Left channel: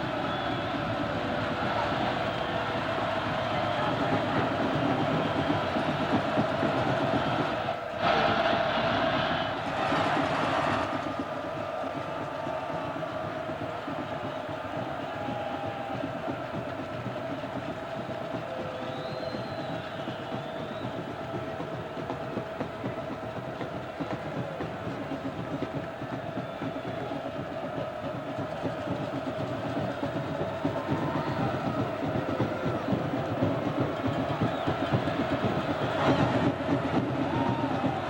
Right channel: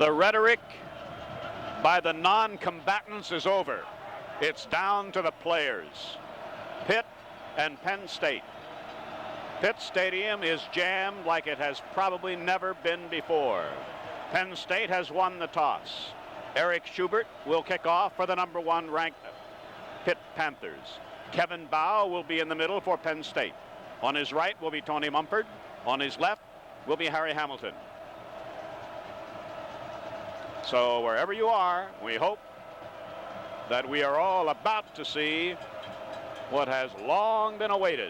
The rhetoric by the non-combatants is over. It's down to the players. Pitt and Penn State. Pitt Stadium is jammed like it has probably never been before. Penn State has won the toss. Eric Schubert will kick off for the #1 ranked Pitt Panthers. Kevin Bow will be in the middle for Penn State. On his right will be Tony Mumford. On his left will be Harry Hamilton. So wherever you are, we hope that we are all about to see what has long been awaited.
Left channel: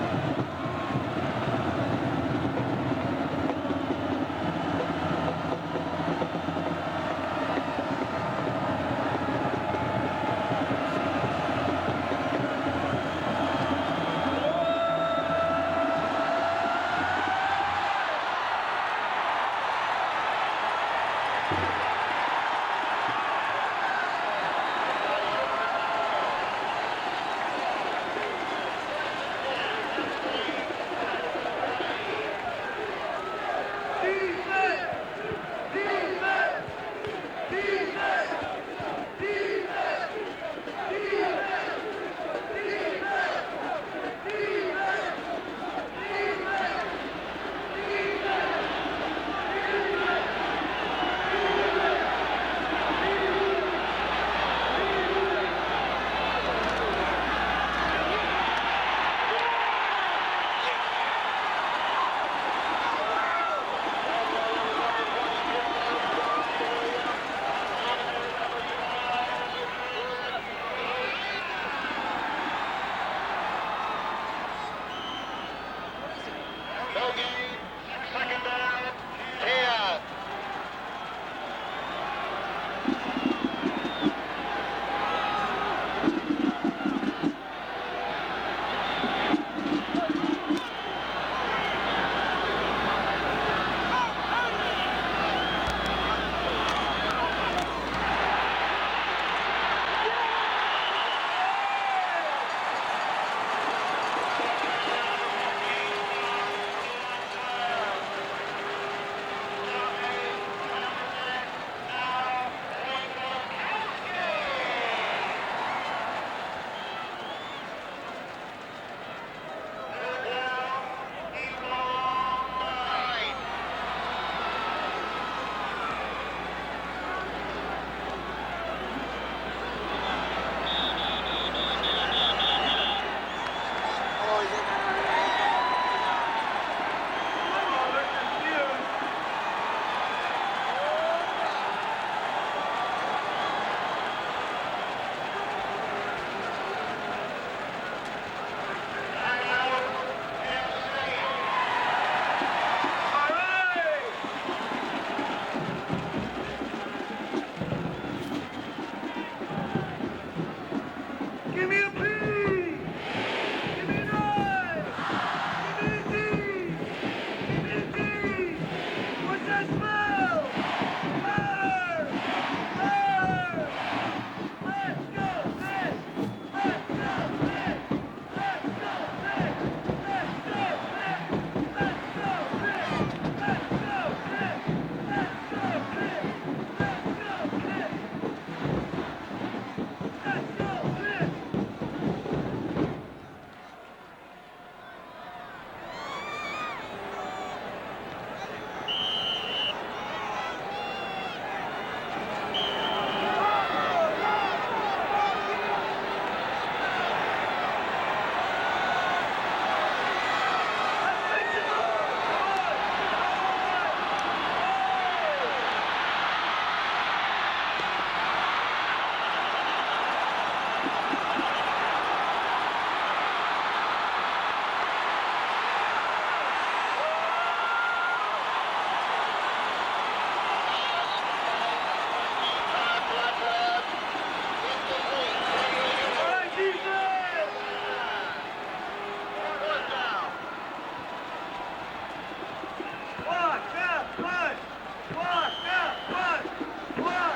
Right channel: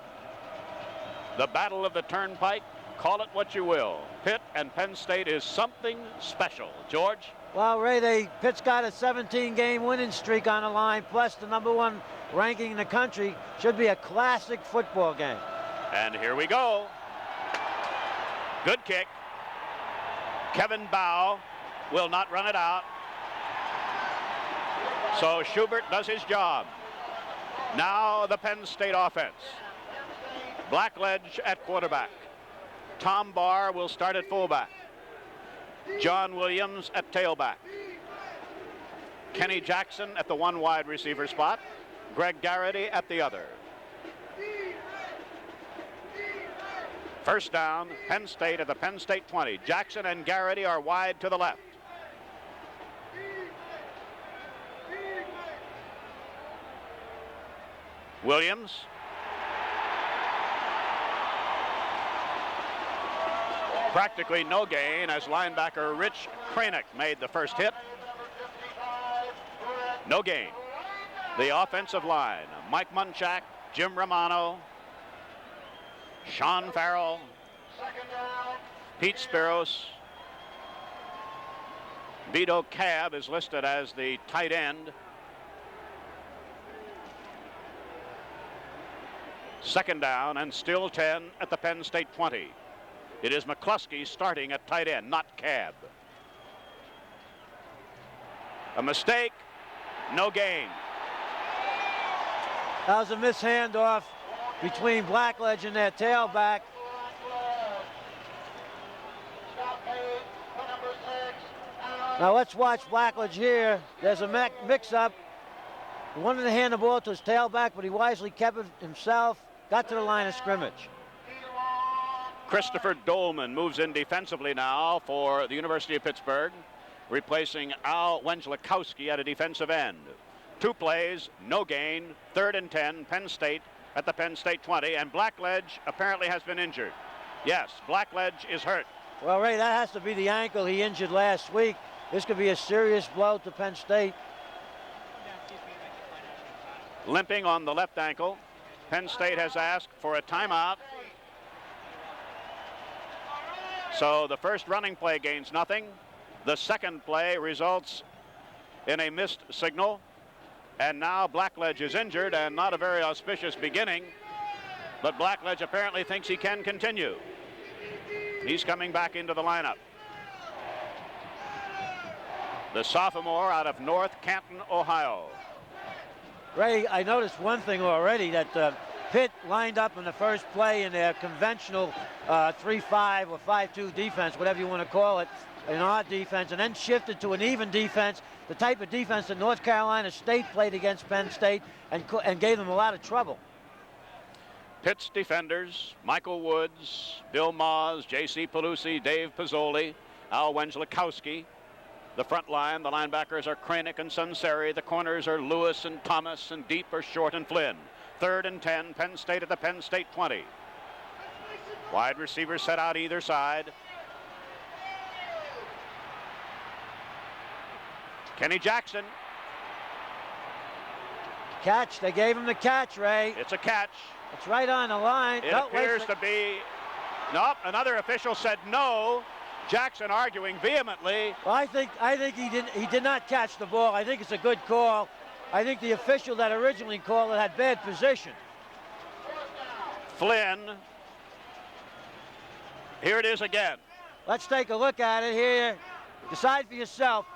The Battle of the Turnpike, call it what you will. Pitt and Penn State is something special. George? Well, Ray, Pitt's got a 17-game winning streak on the line, plus the #1 ranking in the country. Should be a classic football game. And here we go. Good kick. Kevin Bow will not run it out. So Schubert does his job. Now the Penn State offense. Blackledge at quarterback. Tom Barr will start at fullback. John Williams at tailback. Kenny Jackson at the 1 wide receiver spot. Greg Garrity at the other. First down, Penn State at the Penn State 20. Jackson and Garrity are wide to the left. Williams. Practically no gain as linebacker Rich Cranick made the first hit. No gain. The offensive line, Mike Munchak, Jim Romano, Sean Farrell, Pete Spiros, Vito Cav is listed as the tight end. Second down and still 10 at the Penn State 20. It is McCluskey starting at tight end, not Cav. A mistake, no gain. That was a mishandoff between Blackledge and their tailback. Now let's watch Blackledge here. There's a mix-up. He wanted to hand the ball to his tailback, but he wisely kept it himself. Got to the line of scrimmage. Christopher Dolman moves in defensively now for the University of Pittsburgh, replacing Al Wenslakowski at a defensive end. 2 plays, no gain, 3rd and 10, Penn State at the Penn State 20, and Blackledge apparently has been injured. Yes, Blackledge is hurt. Well, Ray, that has to be the ankle he injured last week. This could be a serious blow for Penn State. Limping on the left ankle. Penn State has asked for a timeout. So the first running play gains nothing. The second play results in a missed signal. And now Blackledge is injured, and not a very auspicious beginning. But Blackledge apparently thinks he can continue. He's coming back into the lineup. The sophomore out of North Canton, Ohio. Ray, I noticed one thing already, that Pitt lined up in the first play in their conventional 3-5 or 5-2 defense, whatever you want to call it, an odd defense, and then shifted to an even defense, the type of defense that North Carolina State played against Penn State and gave them a lot of trouble. Pitt's defenders, Michael Woods, Bill Moz, J.C. Pelusi, Dave Pizzoli, Al Wenslakowski. The front line, the linebackers are Cranick and Sunseri. The corners are Lewis and Thomas, and deep are Short and Flynn. 3rd and 10, Penn State at the Penn State 20. Wide receivers set out either side. Kenny Jackson. Catch, they gave him the catch, Ray. It's a catch. It's right on the line. It appears to be, no, another official said no. Jackson arguing vehemently. Well, I think he did not catch the ball. I think it's a good call. I think the official that originally called it had bad position. Flynn. Here it is again. Let's take a look at it here. Decide for yourself.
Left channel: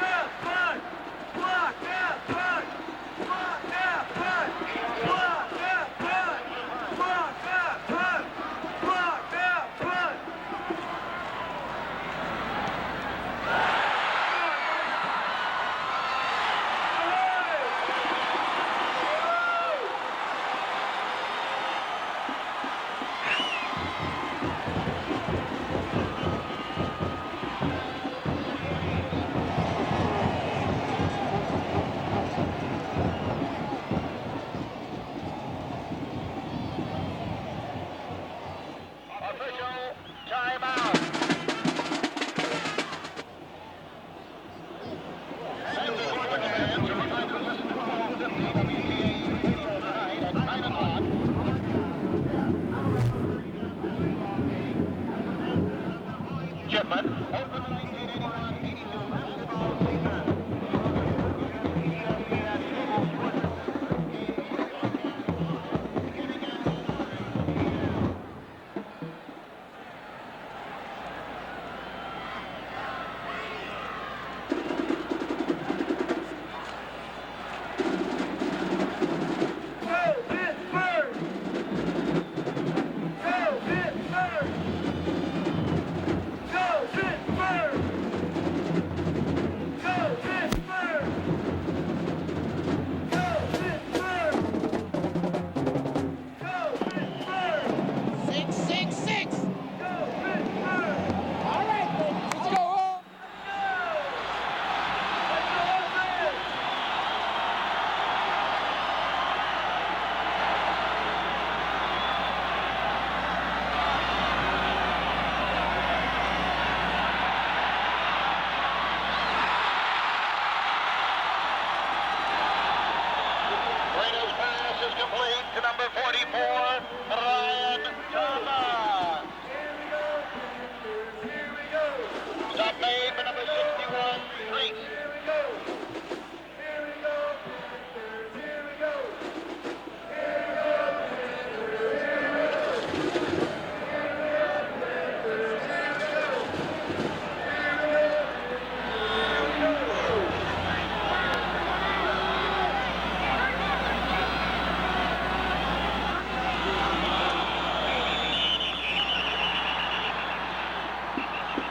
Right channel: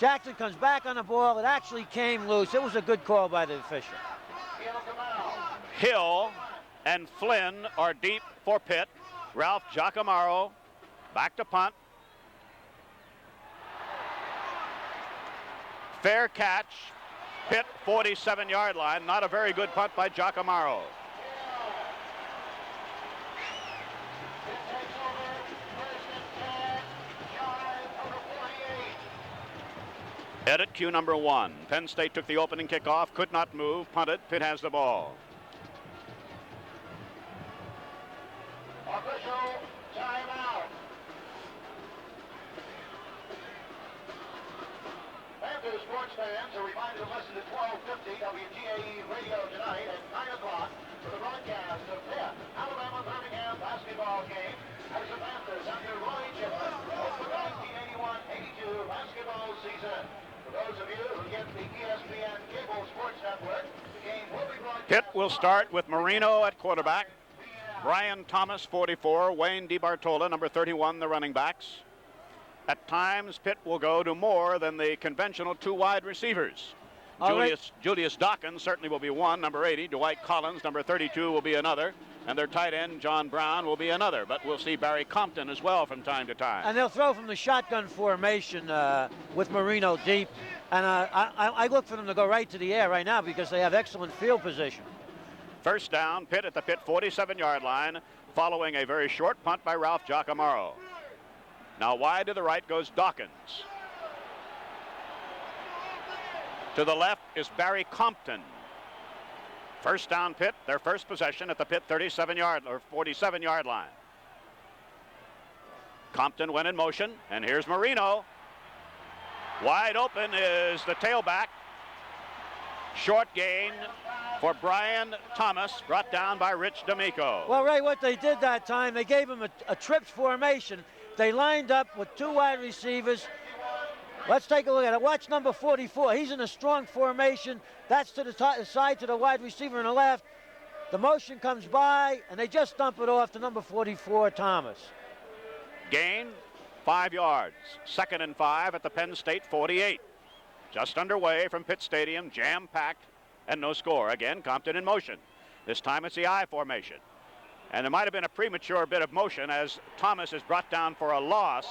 Jackson comes back on the ball. It actually came loose. It was a good call by the official. Hill and Flynn are deep for Pitt. Ralph Giacomo back to punt. Fair catch. Pitt, 47-yard line. Not a very good punt by Giacomo. Edit cue number 1. Penn State took the opening kickoff, could not move, punted. Pitt has the ball. Pitt will start with Marino at quarterback, Brian Thomas, 44, Wayne DiBartola, number 31, the running backs. At times, Pitt will go to more than the conventional 2 wide receivers. Julius Dawkins certainly will be one, number 80. Dwight Collins, number 32, will be another. And their tight end, John Brown, will be another. But we'll see Barry Compton as well from time to time. And they'll throw from the shotgun formation with Marino deep. And I look for them to go right to the air right now because they have excellent field position. First down, Pitt at the Pitt 47-yard line, following a very short punt by Ralph Giacomo. Now wide to the right goes Dawkins. To the left is Barry Compton. First down Pitt, their first possession at the Pitt 47-yard line. Compton went in motion, and here's Marino. Wide open is the tailback. Short gain for Brian Thomas, brought down by Rich D'Amico. Well, Ray, what they did that time, they gave him a trips formation. They lined up with 2 wide receivers. Let's take a look at it. Watch number 44. He's in a strong formation. That's to the side to the wide receiver on the left. The motion comes by, and they just dump it off to number 44, Thomas. Gain, 5 yards. Second and 5 at the Penn State 48. Just underway from Pitt Stadium, jam-packed, and no score. Again, Compton in motion. This time it's the I formation. And there might have been a premature bit of motion as Thomas is brought down for a loss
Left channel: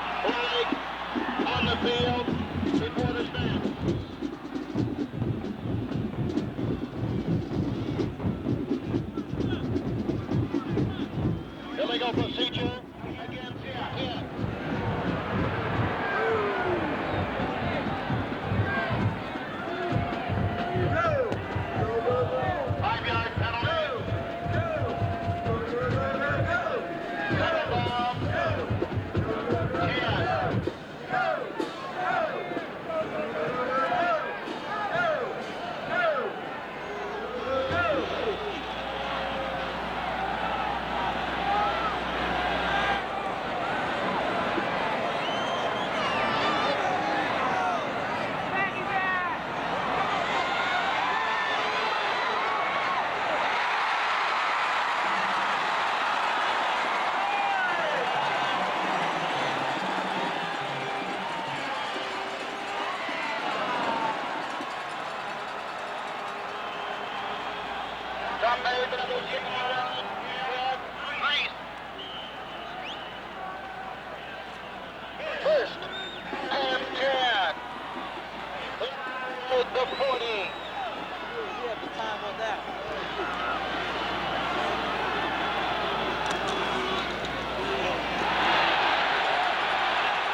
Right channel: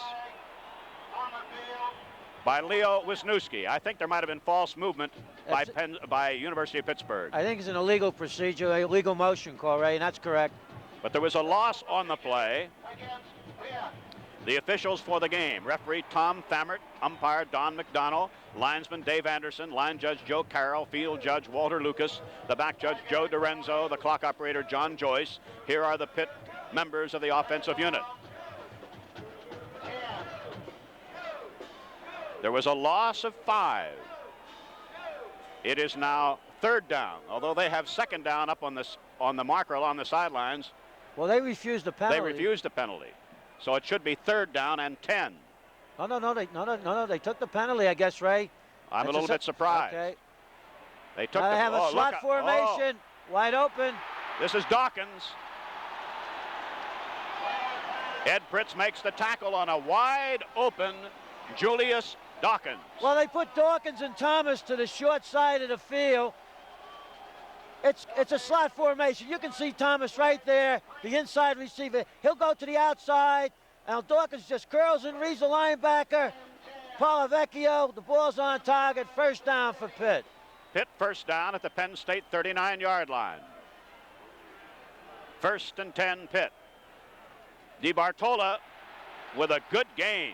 On the field by Leo Wisniewski. I think there might have been false movement by University of Pittsburgh. I think it's an illegal procedure, a legal motion call, Ray, and that's correct. But there was a loss on the play. The officials for the game, referee Tom Thammert, umpire Don McDonald, linesman Dave Anderson, line judge Joe Carroll, field judge Walter Lucas, the back judge Joe DiRenzo, the clock operator John Joyce. Here are the Pitt members of the offensive unit. There was a loss of 5. It is now third down, although they have second down up on the marker along the sidelines. Well, they refused to penalty. They refused to penalty. So it should be third down and 10. I don't know, they took the penalty, I guess, Ray. I'm a little bit surprised. They took They have a slot formation, wide open. This is Dawkins. Ed Fritz makes the tackle on a wide open Julius Dawkins. Well, they put Dawkins and Thomas to the short side of the field. It's a slot formation. You can see Thomas right there, the inside receiver. He'll go to the outside. Now Dawkins just curls and reads the linebacker. Paul Vecchio, the ball's on target. First down for Pitt. Pitt first down at the Penn State 39-yard line. First and 10 Pitt. DiBartola with a good game.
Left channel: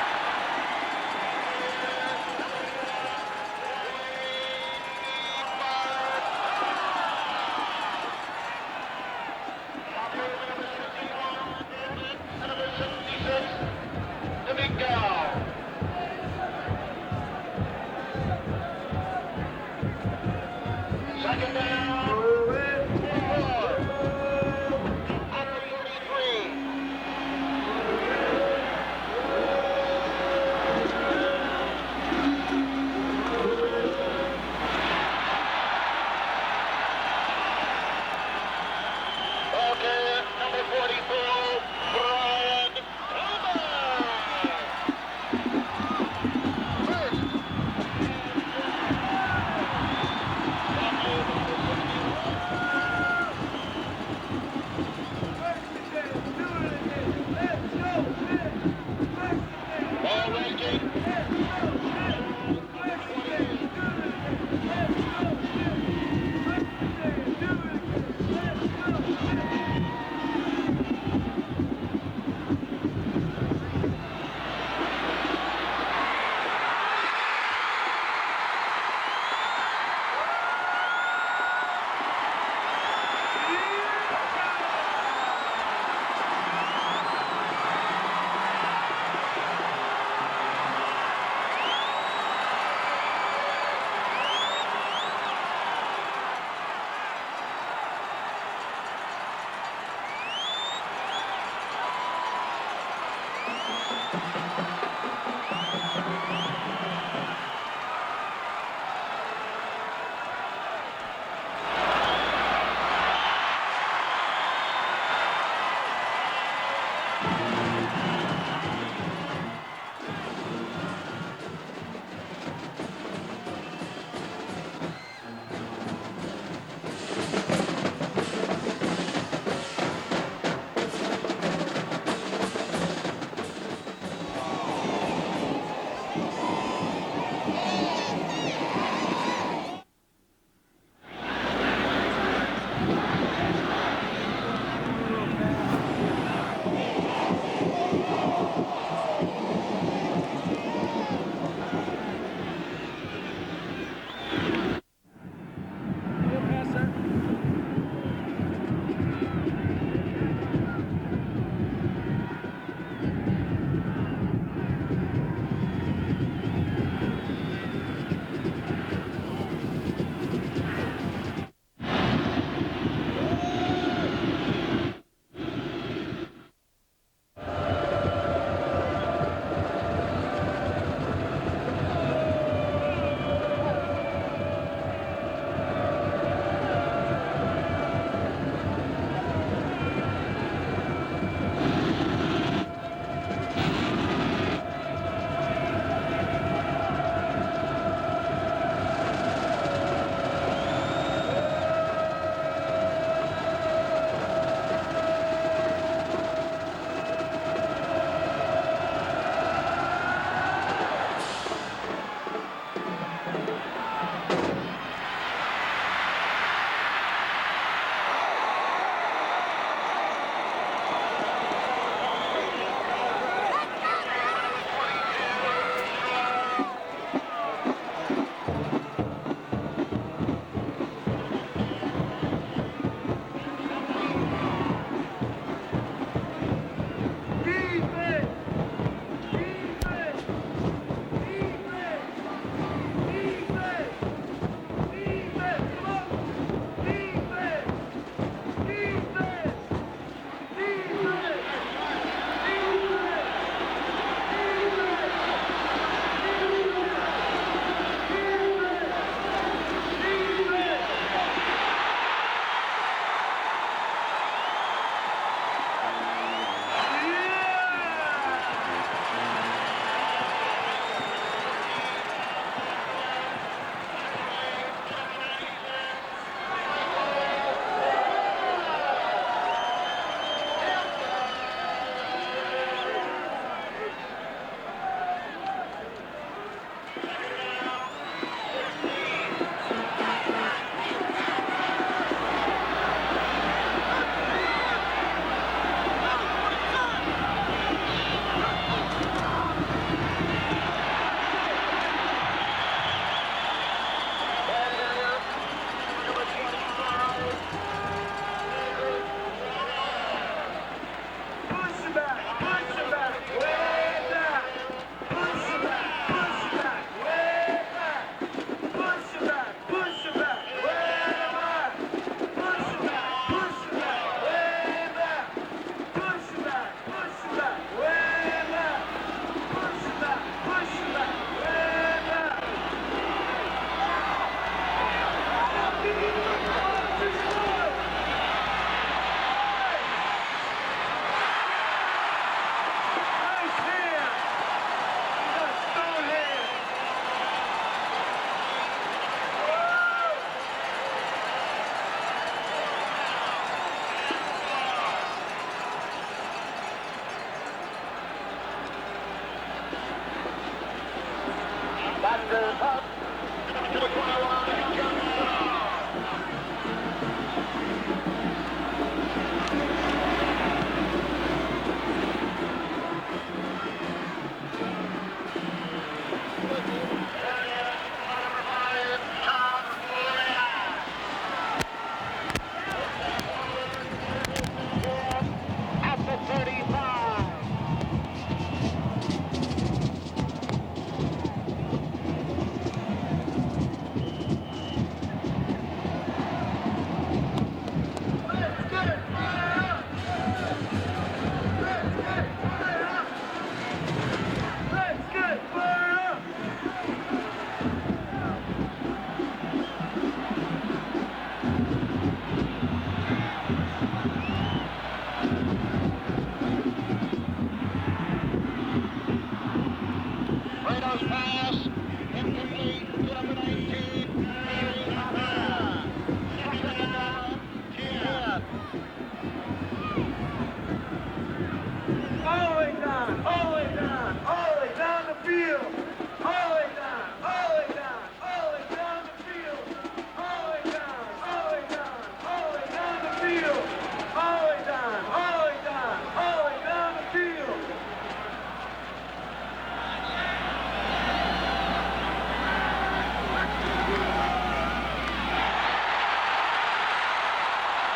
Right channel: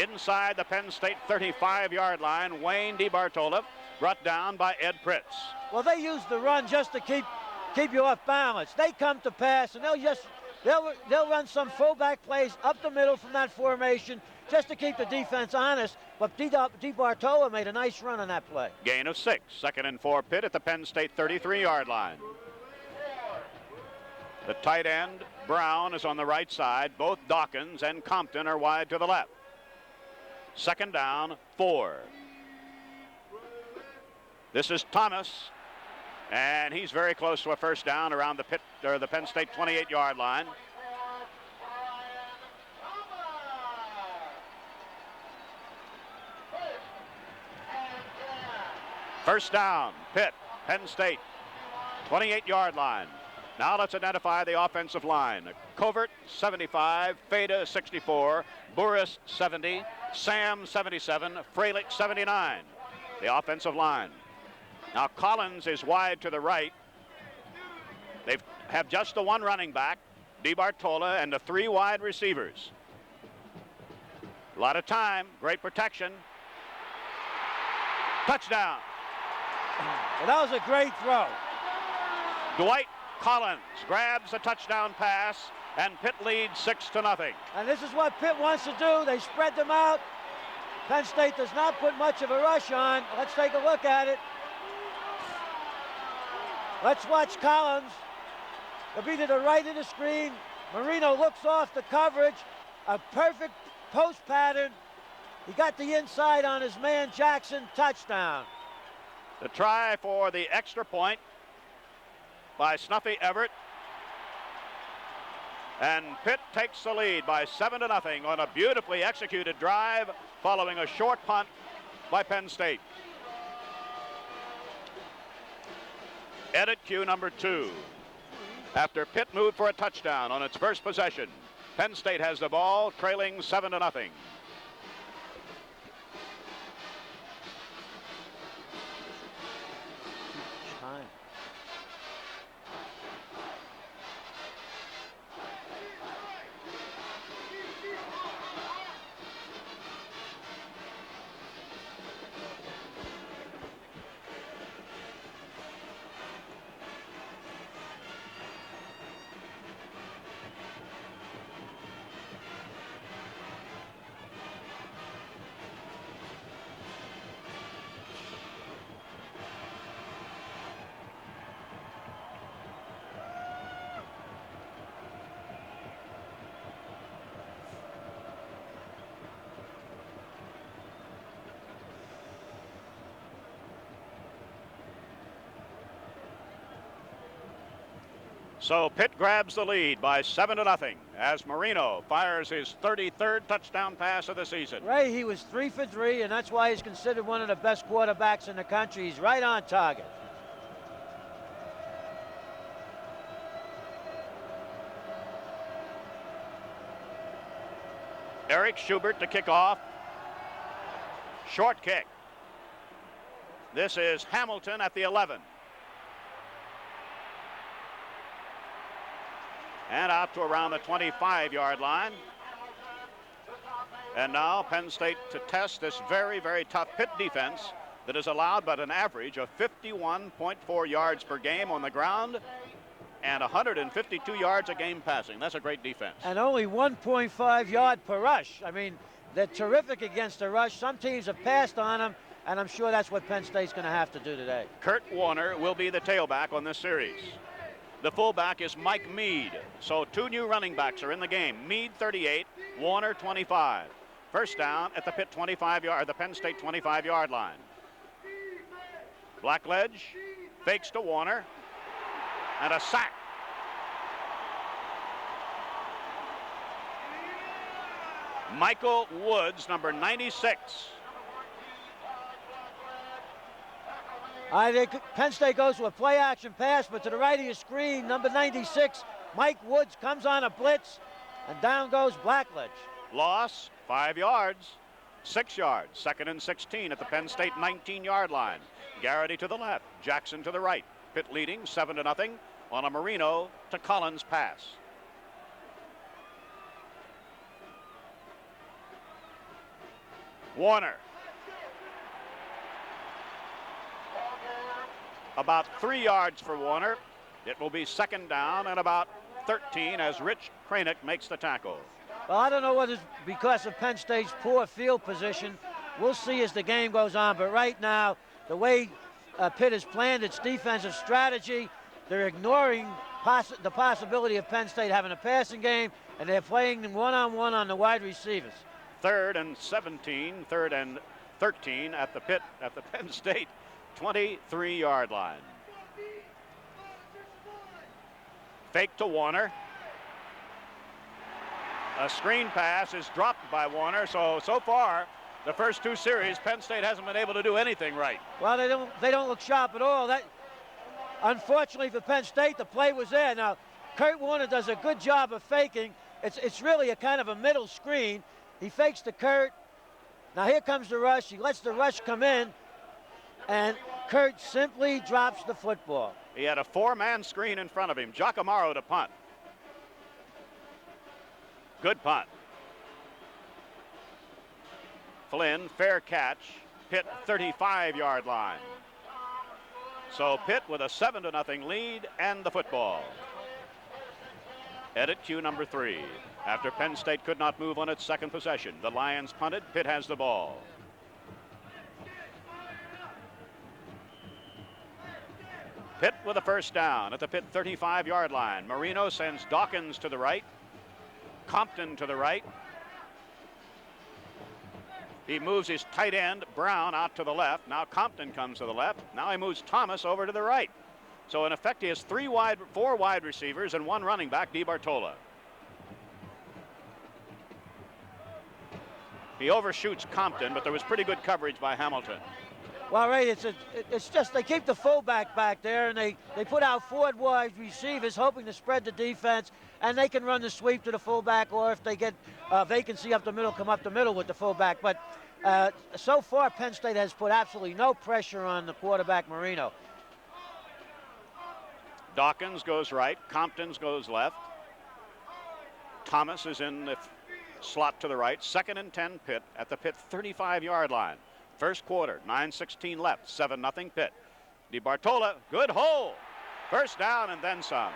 Inside the Penn State 35-yard line, Wayne DiBartola brought down by Ed Fritz. Well, they use the run just to keep you off balance. They come to pass, and they'll run some fullback plays up the middle front formation just to keep the defense honest. But DiBartola made a nice run on that play. Gain of 6. Second and 4 Pitt at the Penn State 33-yard line. The tight end, Brown, is on the right side. Both Dawkins and Compton are wide to the left. Second down, 4. This is Thomas. And he's very close to a first down around the Penn State 28-yard line. First down, Pitt, Penn State, 28-yard line. Now let's identify the offensive line. Covert, 75. Beta, 64. Burris, 70. Sam, 77. Frayling, 79. The offensive line. Now Collins is wide to the right. They have just the one running back, DeBartola, and the 3 wide receivers. A lot of time, great protection. Touchdown. Well, that was a great throw. Dwight Collins grabs a touchdown pass, and Pitt leads 6-0. And this is what Pitt wants to do. They spread them out. Penn State does not put much of a rush on. Let's take a look at it. Let's watch Collins. It'll be to the right of the screen. Marino looks off the coverage. A perfect post pattern. Got the inside on his man Jackson. Touchdown. The try for the extra point by Snuffy Everett. And Pitt takes the lead by 7-0 on a beautifully executed drive following a short punt by Penn State. Edit cue number 2. After Pitt moved for a touchdown on his first possession, Penn State has the ball, trailing 7-0. So Pitt grabs the lead by 7-0 as Marino fires his 33rd touchdown pass of the season. Hey, he was 3 for 3, and that's why he's considered one of the best quarterbacks in the country. He's right on target. Eric Schubert to kick off. Short kick. This is Hamilton at the 11. Around the 25-yard line. And now Penn State tests this very, very tough Pitt defense that is allowed but an average of 51.4 yards per game on the ground and 152 yards a game passing. That's a great defense. And only 1.5 yards per rush. I mean, they're terrific against the rush. Some teams have passed on them, and I'm sure that's what Penn State's going to have to do today. Kurt Warner will be the tailback on this series. The fullback is Mike Mead. So 2 new running backs are in the game. Mead 38, Warner 25. First down at the 25-yard, the Penn State 25-yard line. Blackledge takes to Warner. And a sack. Michael Woods, number 96. All right, Penn State goes to a play-action pass, but to the right of the screen, number 96, Mike Woods comes on a blitz. Down goes Blackledge. Loss, 5 yards, 6 yards. 2nd and 16 at the Penn State 19-yard line. Garrity to the left, Jackson to the right. Pitt leading 7-0. On Marino, the Collins pass. Warner. About 3 yards for Warner. It will be 2nd down and about 13 as Rich Kranick makes the tackle. Well, I don't know whether because of Penn State's poor field position. We'll see as the game goes on. But right now, the way Pitt has planned its defensive strategy, they're ignoring the possibility of Penn State having a passing game, and they're playing one-on-one on the wide receiver. 3rd and 17, 3rd and 13 at the Pitt State 23-yard line. Fake to Warner. A screen pass is dropped by Warner, so far, the first 2 series, Penn State hasn't been able to do anything right. Well, they don't look sharp at all. unfortunately for Penn State, the play was there. Now, Kurt Warner does a good job of faking. It's really a kind of a middle screen. He fakes the Kurt. Now here comes the rush. Lets the rush come in. And Kurt simply drops the football. He had a 4-man screen in front of him. Giacomo to punt. Good punt. Flynn, fair catch. Pitt 35-yard line. So Pitt with a 7-0 lead and the football. Edit cue number 3. After Penn State could not move on its second possession, the Lions punted. Pitt has the ball. Pitt with a first down at the Pitt 35-yard line. Marino sends Dawkins to the right. Compton to the right. He moves his tight end, Brown, out to the left. Now Compton comes to the left. Now he moves Thomas over to the right. So in effect, he has 4 wide receivers and 1 running back, DiBartolo. He overshoots Compton, but there was pretty good coverage by Hamilton. Well, Ray, it's just they keep the fullback back there, and they put out 4 wide receivers, hoping to spread the defense, and they can run the sweep to the fullback, or if they get vacancy up the middle, come up the middle with the fullback. But so far, Penn State has put absolutely no pressure on the quarterback, Marino. Dawkins goes right, Compton goes left. Thomas is in the slot to the right. 2nd and 10 Pitt at the Pitt 35-yard line. First quarter, 9:16 left, 7-0 Pitt. DiBartolo, good hold. First down on Penn side.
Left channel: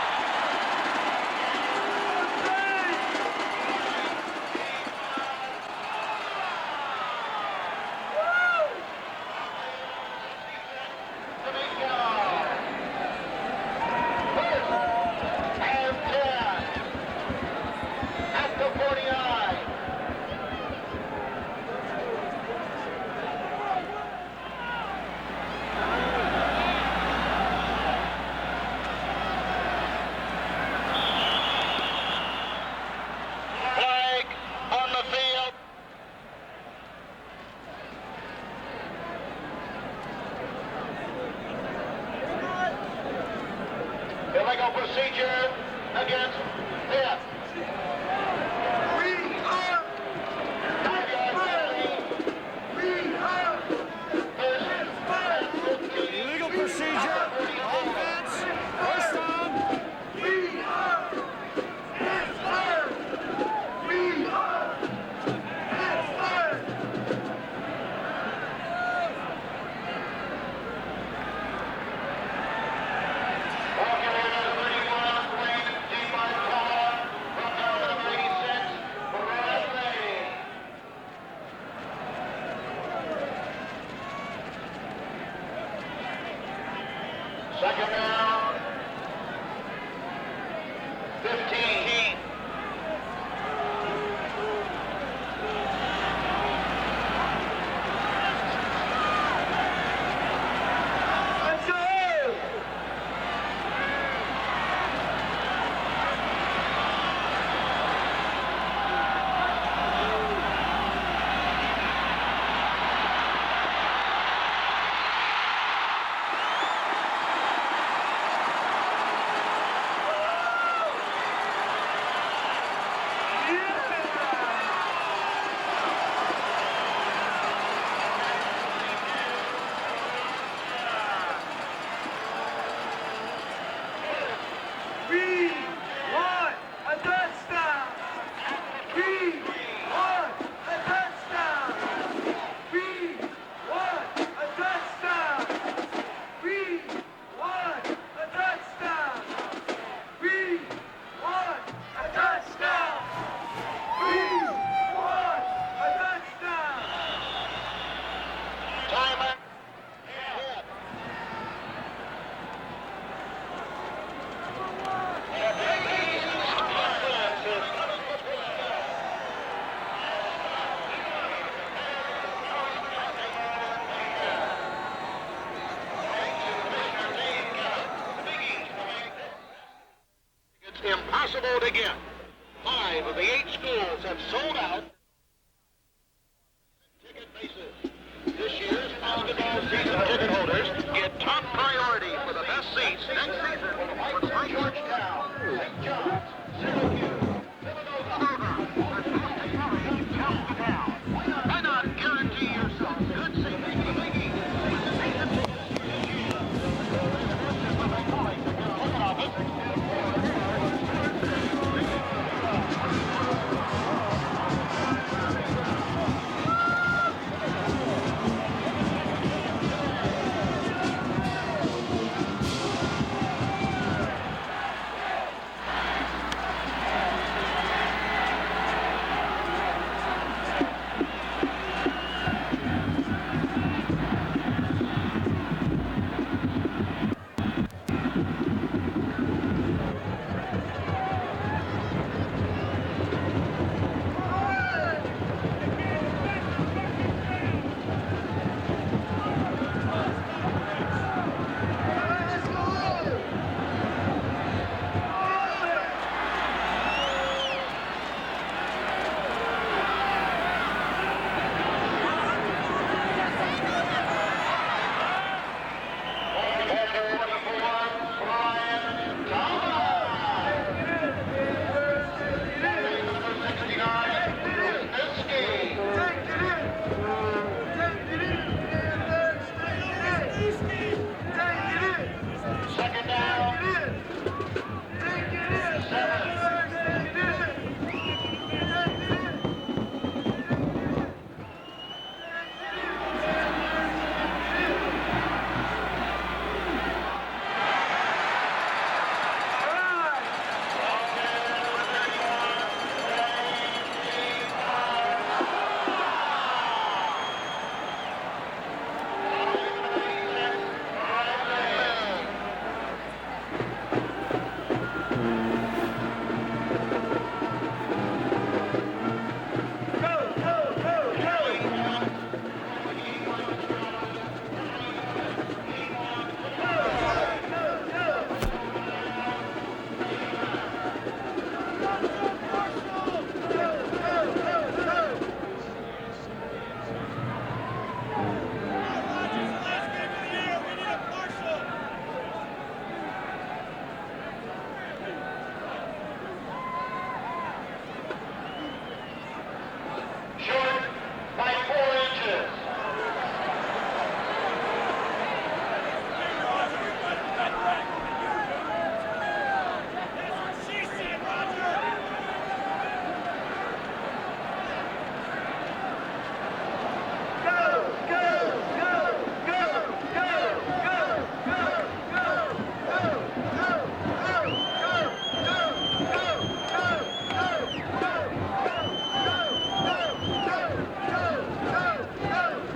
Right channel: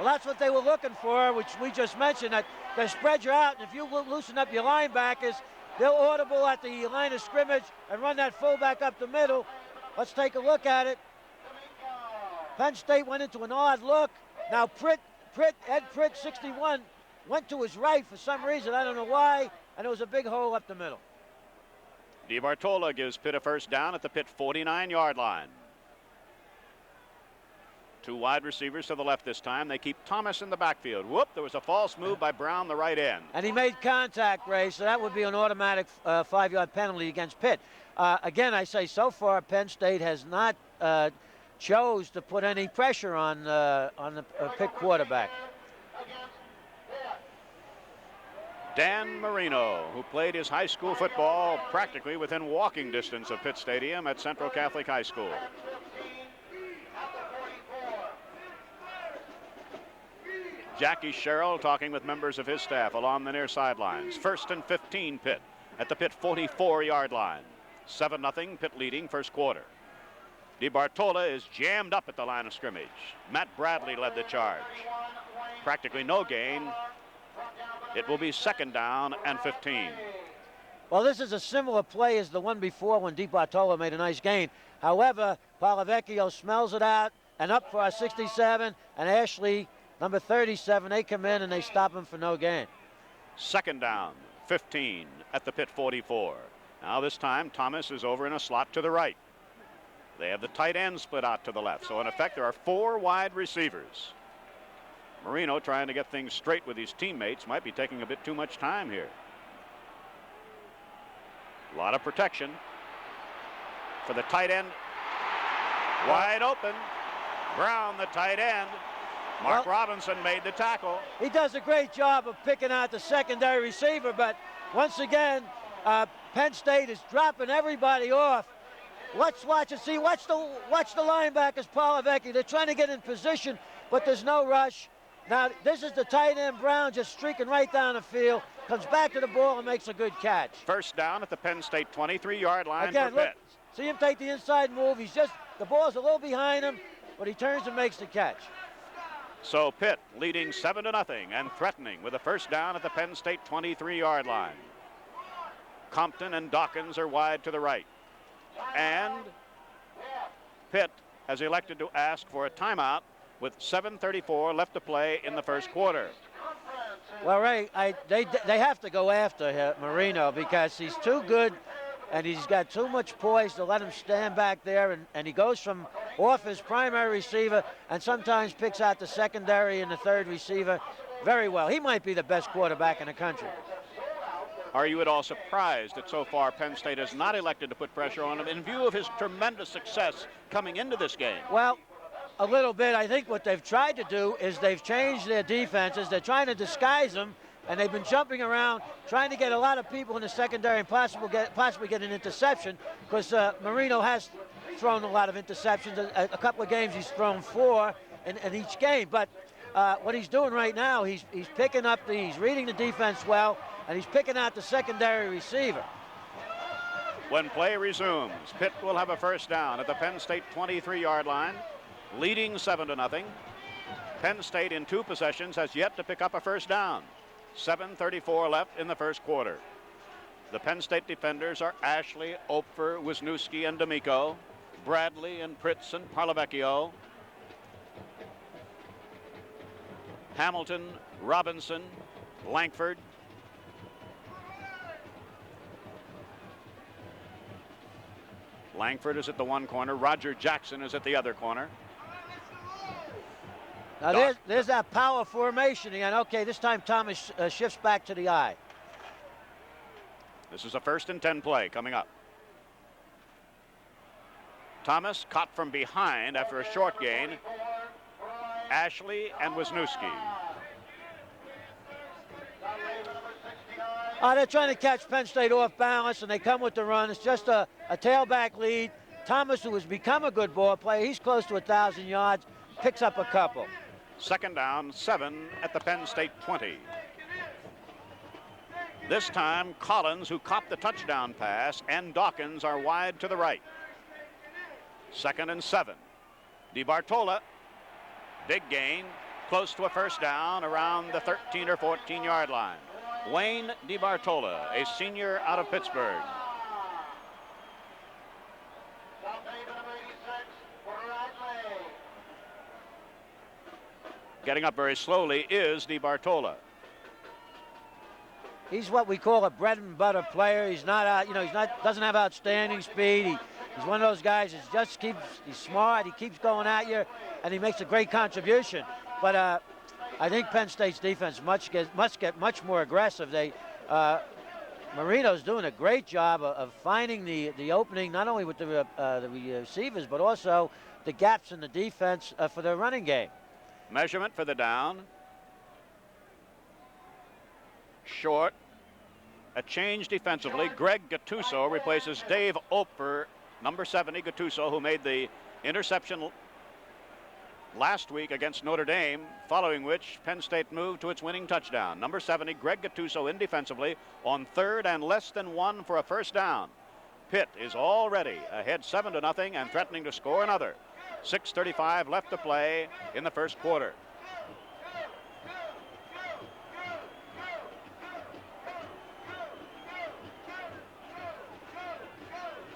Well, that's what they were looking for, which we just mentioned, that their spreads are out, and you loosen up your linebackers. They'll audible at the line of scrimmage and run that fullback up the middle. Let's take a look at it. Penn State went into an odd look. Now Pitt 61 went to his right for some reason. I don't know why. There was a big hole up the middle. DiBartolo gives Pitt a first down at the Pitt 49-yard line. Wide receivers to the left this time. They keep Thomas in the backfield. Look, there's a false move by Brown, the right end. And he made contact, Ray, so that would be an automatic 5-yard penalty against Pitt. Again, I say so far Penn State has not chose to put any pressure on the Pitt quarterback. Dan Marino, who played his high school football practically within walking distance of Pitt Stadium at Central Catholic High School. Illegal procedure. Offense. First down. Jackie Sherrill talking with members of his staff along the near sidelines. 1st and 15 Pitt at the Pitt 44-yard line. 7-0 Pitt leading first quarter. DiBartolo is jammed up at the line of scrimmage. Matt Bradley had a job. Practically no gain. It will be 2nd down and 15. Well, this is a similar play as the one before when DiBartolo made a nice gain. However, Valavecchio smells it out, and up for 67, and Ashley, number 37, they come in and they stop him for no gain. 2nd down, 15 at the Pitt 44. Now this time, Thomas is over in the slot to the right. And the tight end split out. So in effect, there are 4 wide receivers. Marino trying to get things straight with his teammates, but he's taking a bit too much time here. Out of protection. To the tight end. Wide open. Brown, the tight end. Mark Robinson made the tackle. He does a great job of picking out the secondary receiver, but once again, Penn State is dropping everybody off. Let's watch and see. Watch the linebackers, Valavecchio. They're trying to get in position, but there's no rush. Now, this is the tight end, Brown, just streaking right down the field. Comes back to the ball and makes a good catch. First down at the Penn State 23-yard line. Again, look, see him take the inside move. He's just, the ball's a little behind him, but he turns and makes the catch. So Pitt leading 7-0 and threatening with a first down at the Penn State 23-yard line. Compton and Dawkins are wide to the right. And Pitt has elected to ask for a timeout with 7:34 left to play in the first quarter. All right, they have to go after Marino because he's too good and he's got too much poise to let him stand back there, and he goes from off his primary receiver and sometimes picks out the secondary and the third receiver very well. He might be the best quarterback in the country. Are you at all surprised that so far Penn State has not elected to put pressure on him in view of his tremendous success coming into this game? Well, a little bit. I think what they've tried to do is they've changed their defenses. They're trying to disguise them, and they've been jumping around, trying to get a lot of people in the secondary, possibly getting an interception, because Marino has thrown a lot of interceptions. In a couple of games, he's thrown 4 in each game, but what he's doing right now, he's picking up, he's reading his defense well, and he's picking out the secondary receiver. When play resumes, Pitt will have a first down at the Penn State 23-yard line, leading 7-0. Penn State in 2 possessions has yet to pick up a first down. 7:34 left in the first quarter. The Penn State defenders are Ashley, Ofer, Wisniewski, and D'Amico, Bradley, and Fritz, and Malavecchio, Hamilton, Robinson, Langford. Langford is at the one corner. Roger Jackson is at the other corner. Now there's that power formation again. Okay, this time Thomas shifts back to the eye. This is the first and 10 play. Thomas caught from behind after a short gain. Ashley and Wisniewski. They're trying to catch Penn State off balance, and they come with the run. It's just a tailback lead. Thomas, who has become a good ball player, he's close to 1,000 yards, picks up a couple. Second down, 7 at the Penn State 20. This time, Collins, who caught the touchdown pass, and Dawkins are wide to the right. Second and 7. DiBartola, big gain, close to a first down around the 13 or 14-yard line. Wayne DiBartola, a senior out of Pittsburgh. Getting up very slowly is DiBartola. He's what we call a bread and butter player. He's not, doesn't have outstanding speed. He's one of those guys who just keeps smart, he keeps going at you, and he makes a great contribution. But I think Penn State's defense must get much more aggressive. Marino's doing a great job of finding the opening, not only with the receivers, but also the gaps in the defense for the running game. Measurement for the down. Short. A change defensively. Greg Gattuso replaces Dave Oper, number 70 Gattuso, who made the interception last week against Notre Dame, following which Penn State moved to its winning touchdown. Number 70, Greg Gattuso, in defensively on 3rd and less than 1 for a first down. Pitt is already ahead 7-0 and threatening to score another. 6:35 left to play in the first quarter.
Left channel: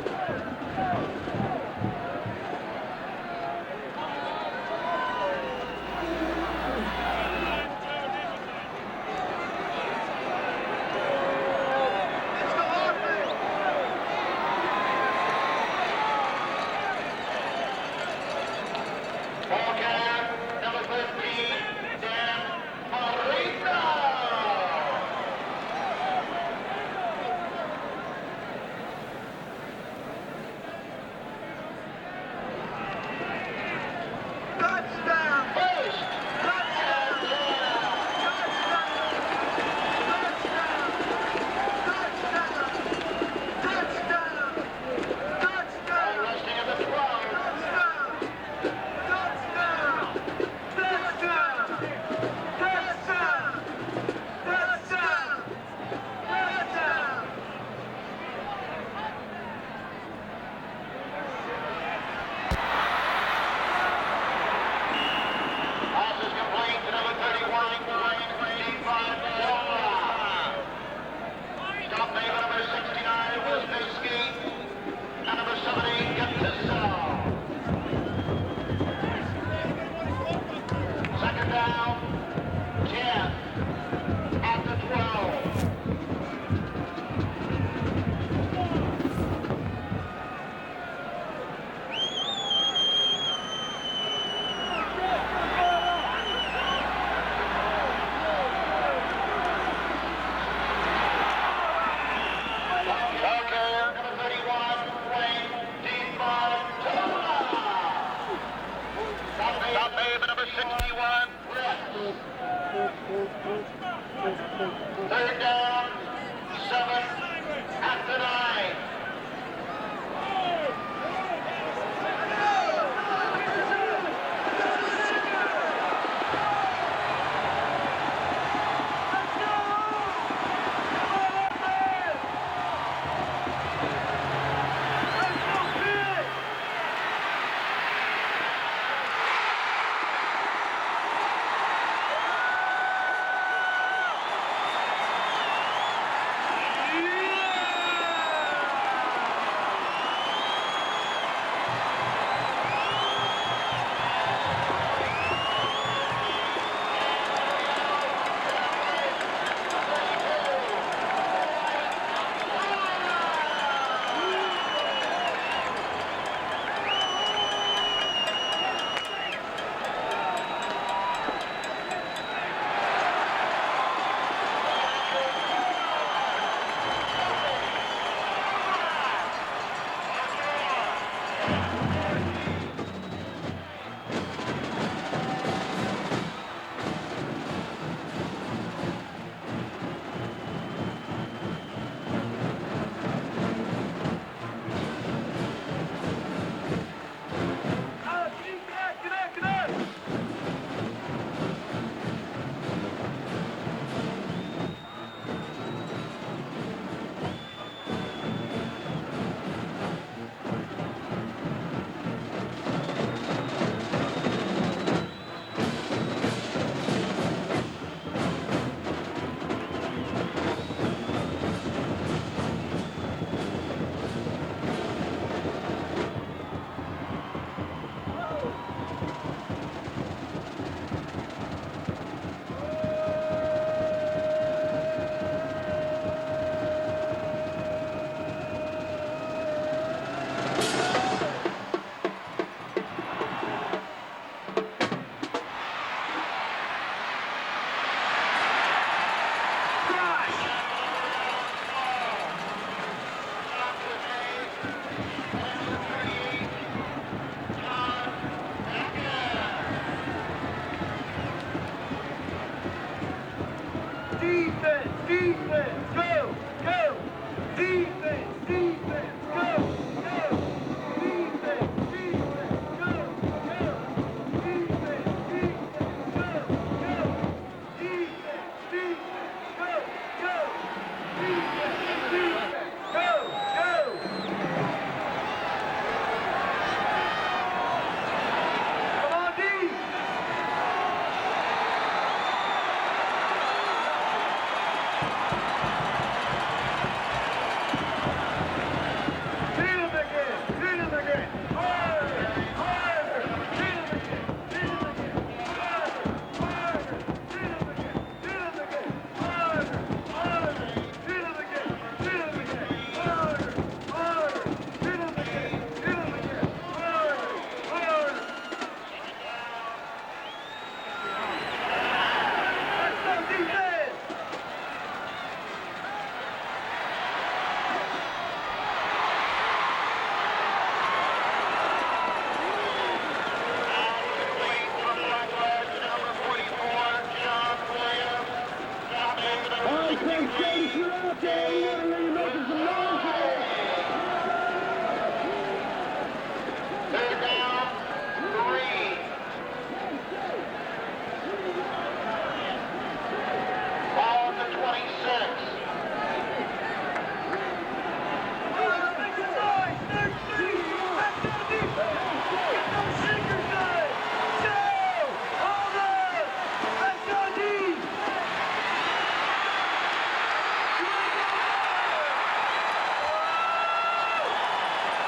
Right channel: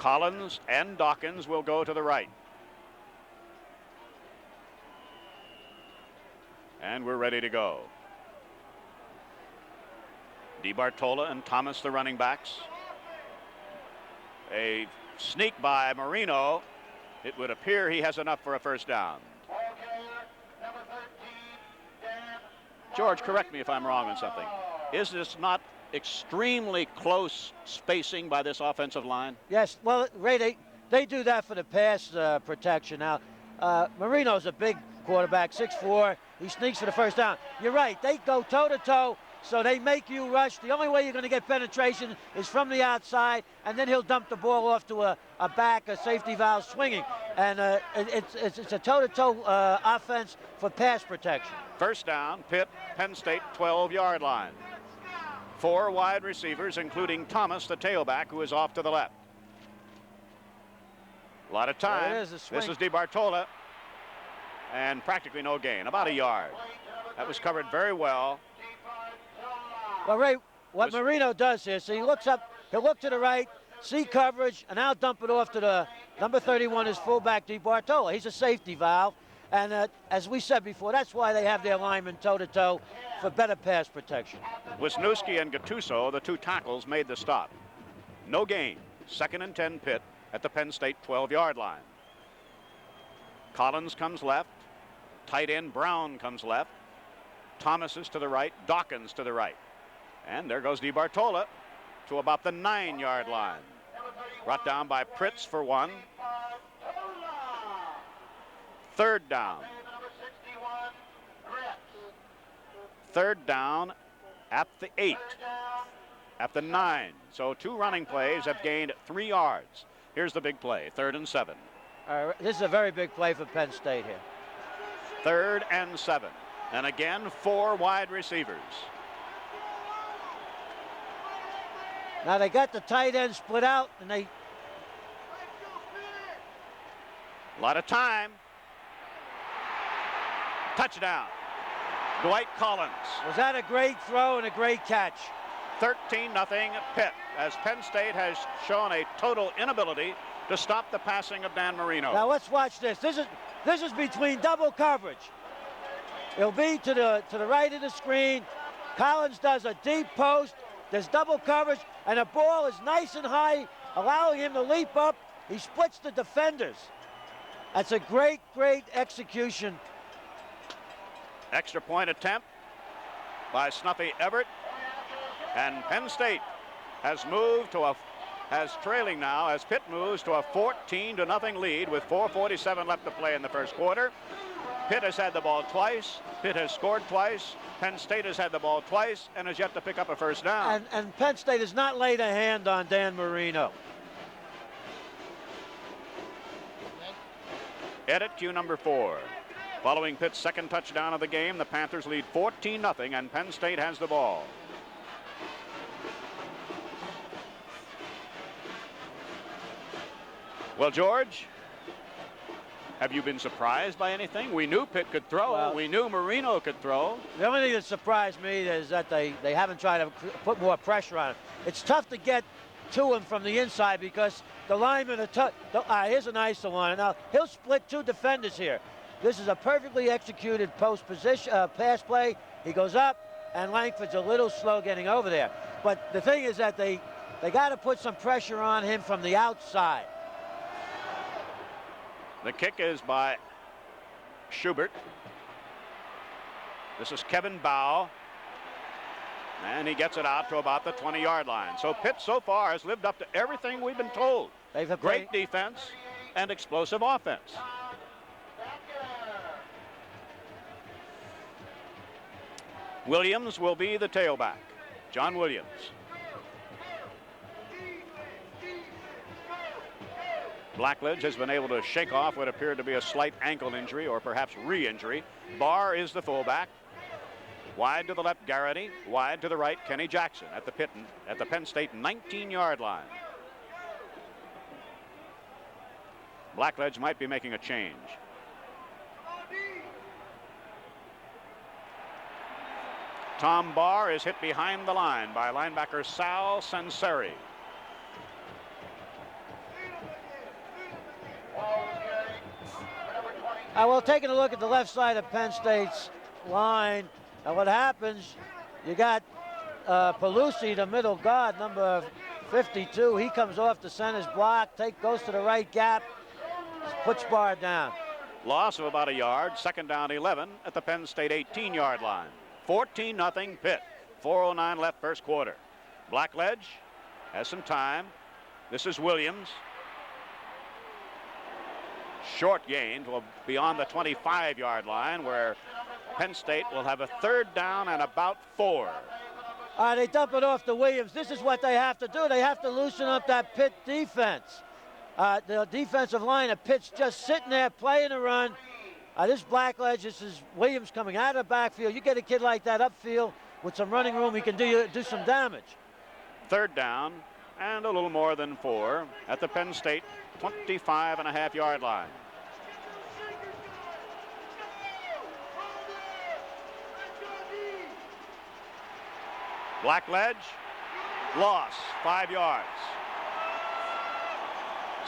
Collins and Dawkins will go to the right. We're ready to go. DiBartola and Thomas, the running backs. A sneak by Marino. It would appear he has enough for a first down. George, correct me if I'm wrong. Is this not extremely close spacing by this offensive line? Yes, well, Ray, they do that for the pass protection. Now, Marino's a big quarterback, 6'4". He sneaks to the first down. You're right, they go toe-to-toe, so they make you rush. The only way you're going to get penetration is from the outside, and then he'll dump the ball off to a back, a safety valve swinging. And it's a toe-to-toe offense for pass protection. First down, Penn State 12-yard line. 4 wide receivers, including Thomas, the tailback, who is off to the left. A lot of time. This is DiBartola. And practically no gain. About a yard. That was covered very well. Well, Ray, what Marino does is he looks up, he'll look to the right, see coverage, and now dump it off to the number 31, his fullback DiBartola. He's a safety valve, And as we said before, that's why they have their linemen toe-to-toe for better pass protection. Wisniewski and Gattuso, the two tackles, made the stop. No gain. 2nd and 10 Pitt at the Penn State 12-yard line. Collins comes left. Tight end Brown comes left. Thomas is to the right. Dawkins to the right. There goes DiBartola to about the 9-yard line. Brought down by Prince for 1. 3rd down. 3rd down at the 8. At the 9. So 2 running plays have gained 3 yards. Here's the big play. 3rd and 7. This is a very big play for Penn State. 3rd and 7. And again, 4 wide receivers. Now they got the tight end split out. A lot of time. Touchdown. Dwight Collins. Was that a great throw and a great catch? 13-0 Pitt, as Penn State has shown a total inability to stop the passing of Dan Marino. Now let's watch this. This is between double coverage. It'll be to the right of the screen. Collins does a deep post. There's double coverage, and the ball is nice and high, allowing him to leap up. He splits the defenders. That's a great, great execution. Extra point attempt by Snuffy Everett. And Penn State has trailing now as Pitt moves to a 14-0 lead with 4:47 left to play in the first quarter. Pitt has had the ball twice. Pitt has scored twice. Penn State has had the ball twice and has yet to pick up a first down. And Penn State has not laid a hand on Dan Marino. Edit cue number 4. Following Pitt's 2nd touchdown of the game, the Panthers lead 14-0 and Penn State has the ball. Well, George, have you been surprised by anything? We knew Pitt could throw. We knew Marino could throw. The only thing that surprised me is that they haven't tried to put more pressure on him. It's tough to get to him from the inside because the lineman, here's a nice one. Now, he'll split 2 defenders here. This is a perfectly executed post position, pass play. He goes up, and Langford's a little slow getting over there. But the thing is that they got to put some pressure on him from the outside. The kick is by Schubert. This is Kevin Bow. And he gets it out to about the 20-yard line. So Pitt so far has lived up to everything we've been told. Great defense and explosive offense. Williams will be the tailback. John Williams. Blackledge has been able to shake off what appeared to be a slight ankle injury or perhaps re-injury. Barr is the fullback. Wide to the left, Garrity. Wide to the right, Kenny Jackson at the Penn State 19-yard line. Blackledge might be making a change. Tom Barr is hit behind the line by linebacker Sal Sanseri. Well, taking a look at the left side of Penn State's line, what happens, you got Pelusi, the middle guard, number 52. He comes off the center's block, goes to the right gap, puts Barr down. Loss of about a yard, 2nd down 11 at the Penn State 18-yard line. 14-0 Pitt, 4:09 left first quarter. Blackledge has some time. This is Williams. Short game beyond the 25-yard line where Penn State will have a 3rd down and about 4. They dump it off to Williams. This is what they have to do. They have to loosen up that Pitt defense. The defensive line of Pitt's just sitting there playing around. This Blackledge, this is Williams coming out of the backfield. You get a kid like that upfield with some running room, he can do some damage. 3rd down and a little more than 4 at the Penn State 25.5-yard line. Blackledge lost 5 yards.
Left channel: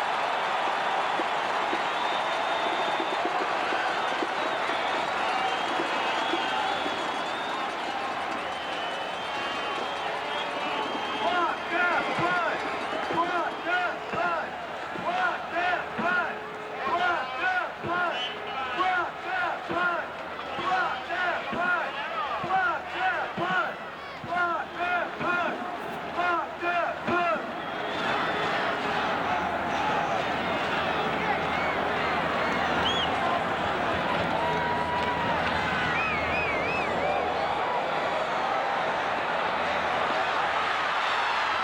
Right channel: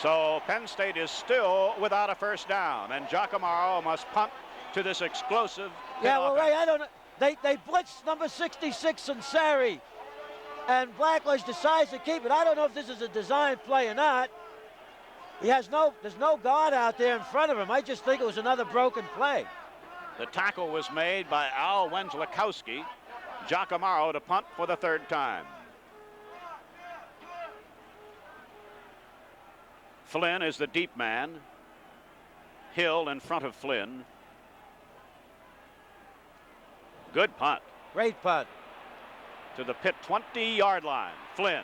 So So Penn State is still without a first down, and Giacomo must punt to this explosive. Yeah, well, wait, they blitzed number 66 in Sari, and Flagler's decides to keep it. I don't know if this is a design play or not. He has no guard out there in front of him. I just think it was another broken play. The tackle was made by Al Wendlikowski. Giacomo to punt for the third time. Flynn is the deep man. Hill in front of Flynn. Good punt. Great punt. To the Pitt 20-yard line. Flynn.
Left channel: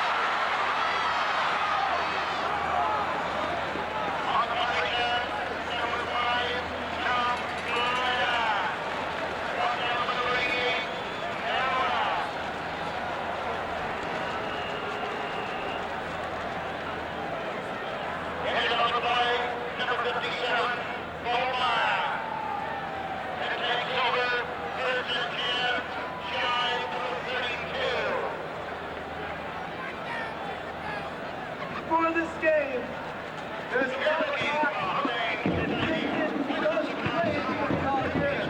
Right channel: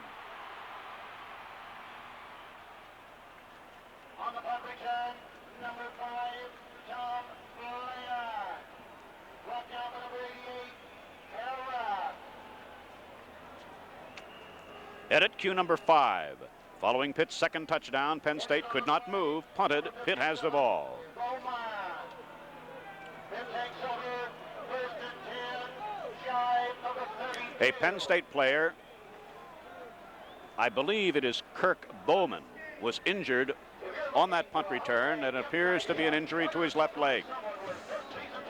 Edit cue number 5. Following Pitt's second touchdown, Penn State could not move. Punted. Pitt has the ball. A Penn State player, I believe it is Kirk Bowman, was injured on that punt return. It appears to be an injury to his left leg.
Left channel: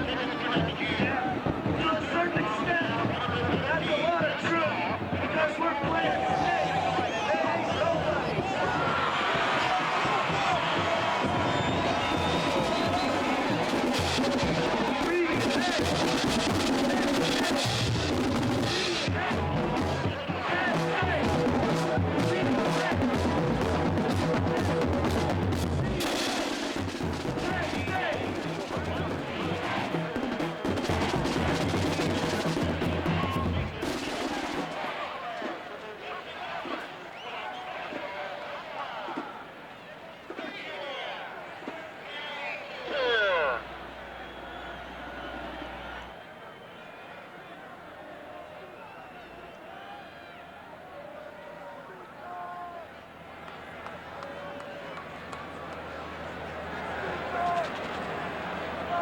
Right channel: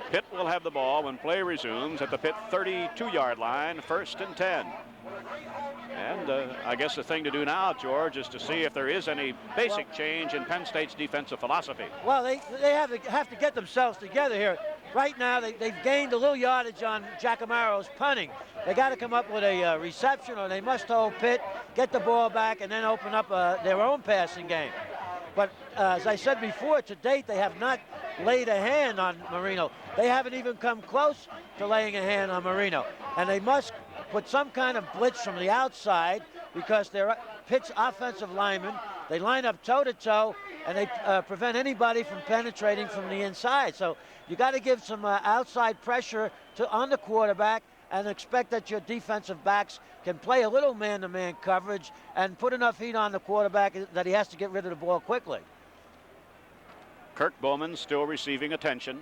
Pitt will have the ball and play resumes at the Pitt 32-yard line, 1st and 10. And I guess the thing to do now, George, is to see if there is any basic change in Penn State's defensive philosophy. Well, they have to get themselves together here. Right now, they gained a little yardage on Giacomo's punting. They got to come up with a reception, or they must go Pitt, get the ball back, and then open up their own passing game. But as I said before, to date, they have not laid a hand on Marino. They haven't even come close to laying a hand on Marino. And they must put some kind of blitz from the outside, because they're Pitt's offensive linemen. They line up toe-to-toe, and they prevent anybody from penetrating from the inside. So you got to give some outside pressure on the quarterback and expect that your defensive backs can play a little man-to-man coverage and put enough heat on the quarterback that he has to get rid of the ball quickly. Kirk Bowman still receiving attention.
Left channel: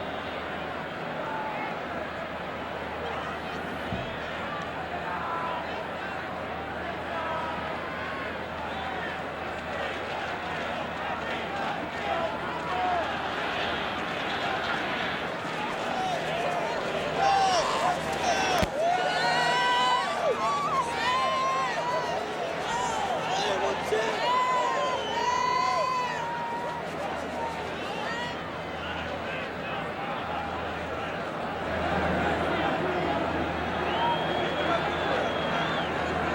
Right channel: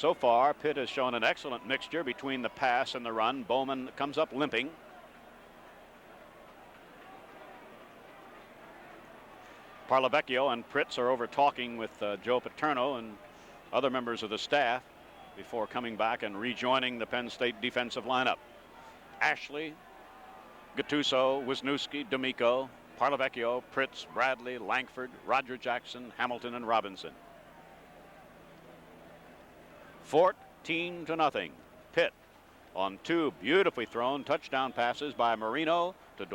So far, Pitt has shown an excellent mixture between the pass and the run. Bowman comes up limping. Barlavecchio and Fritz are over talking with Joe Paterno and other members of the staff before coming back and rejoining the Penn State defensive lineup. Gattuso, Wisniewski, D'Amico, Barlavecchio, Fritz, Bradley, Langford, Roger Jackson, Hamilton, and Robinson. 14-0. Pitt on 2 beautifully thrown touchdown passes by Marino,